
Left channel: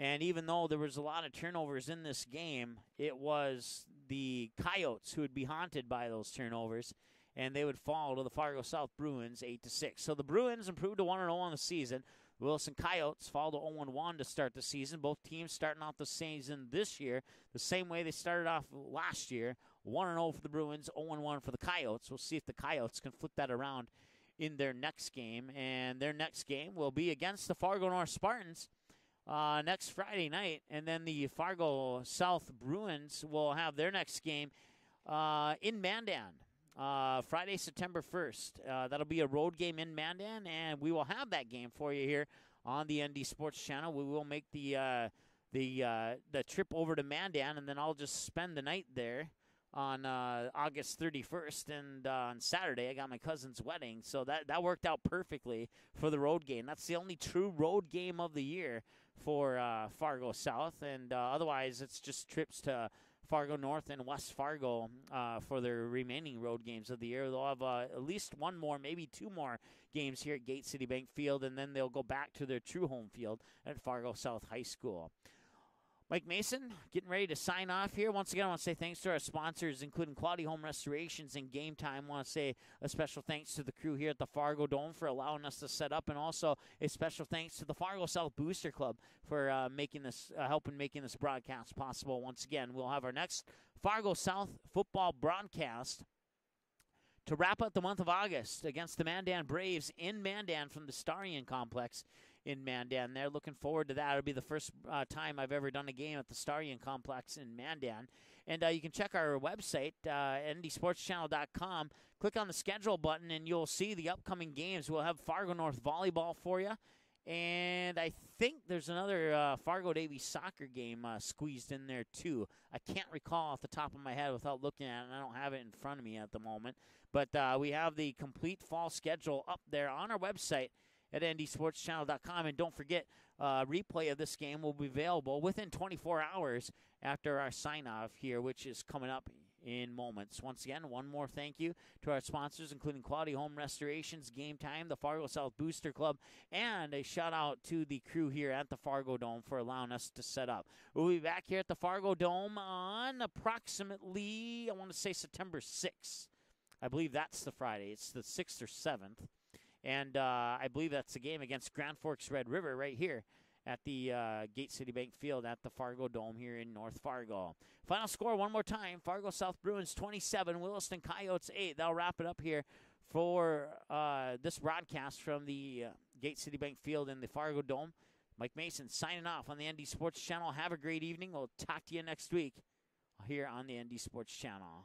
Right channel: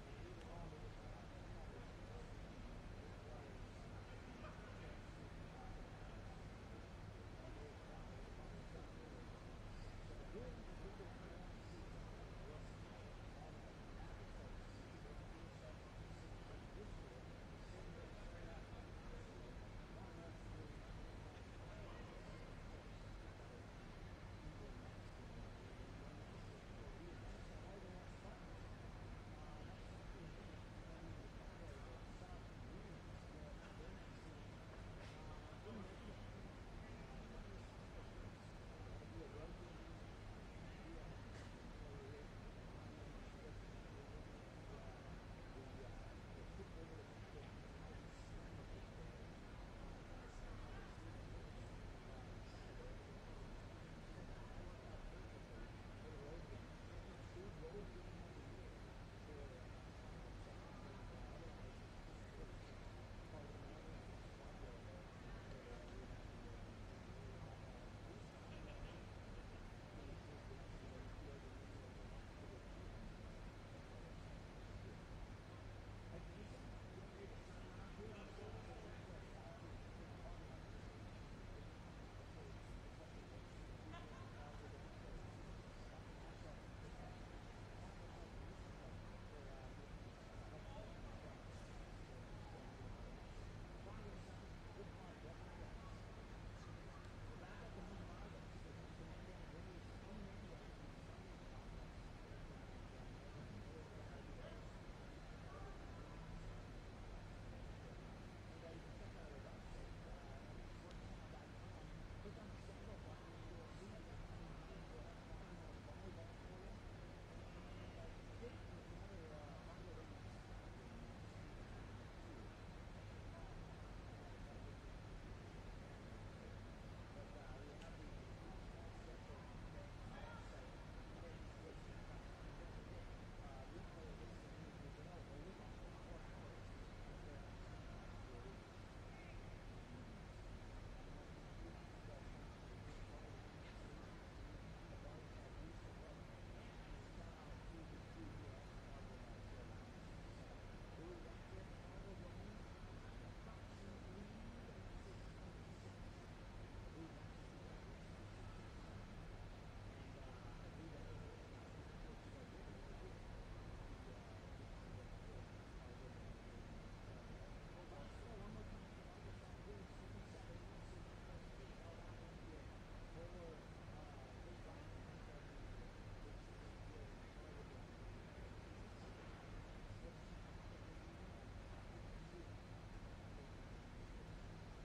And even though there was a lot of turnovers in this game, it was the Coyotes who would be haunted by those turnovers. And they would fall to the Fargo South Bruins 8-6. So the Bruins improved to 1-0 on the season. Williston Coyotes fall to 0-1 to start the season. Both teams starting off the season this year the same way they started off last year. 1-0 for the Bruins, 0-1 for the Coyotes. We'll see if the Coyotes can flip that around in their next game. And their next game will be against the Fargo North Spartans next Friday night, and then the Fargo South Bruins will have their next game in Mandan. Friday, September 1st. That'll be a road game in Mandan, and we will have that game for you here on the ND Sports Channel. We will make the trip over to Mandan, and then I'll just spend the night there on August 31st. And on Saturday, I got my cousin's wedding, so that worked out perfectly for the road game. That's the only true road game of the year for Fargo South, and otherwise it's just trips to Fargo North and West Fargo for their remaining road games of the year. They'll have at least one more, maybe two more games here at Gate City Bank Field, and then they'll go back to their true home field at Fargo South High School. Mike Mason getting ready to sign off here. Once again, I want to say thanks to our sponsors, including Quality Home Restorations and Game Time. I want to say a special thanks to the crew here at the Fargo Dome for allowing us to set up, and also a special thanks to the Fargo South Booster Club for helping making this broadcast possible. Once again, we'll have our next Fargo South football broadcast to wrap up the month of August against the Mandan Braves in Mandan from the Starion Complex in Mandan. They're looking forward to that. It'll be the first time I've ever done a game at the Starion Complex in Mandan. And you can check our website, ndsportschannel.com. Click on the schedule button, and you'll see the upcoming games. We'll have Fargo North volleyball for you. And I think there's another Fargo Davie soccer game squeezed in there, too. I can't recall off the top of my head without looking at it. I don't have it in front of me at the moment. But we have the complete fall schedule up there on our website at ndsportschannel.com. And don't forget, replay of this game will be available within 24 hours after our sign-off here, which is coming up in moments. Once again, one more thank you to our sponsors, including Quality Home Restorations, Game Time, the Fargo South Booster Club, and a shout-out to the crew here at the Fargo Dome for allowing us to set up. We'll be back here at the Fargo Dome on approximately, I want to say September 6th. I believe that's the Friday. It's the 6th or 7th. And I believe that's the game against Grand Forks Red River right here at the Gate City Bank Field at the Fargo Dome here in North Fargo. Final score one more time, Fargo South Bruins 27, Williston Coyotes 8. That'll wrap it up here for this broadcast from the Gate City Bank Field in the Fargo Dome. Mike Mason signing off on the ND Sports Channel. Have a great evening. We'll talk to you next week here on the ND Sports Channel.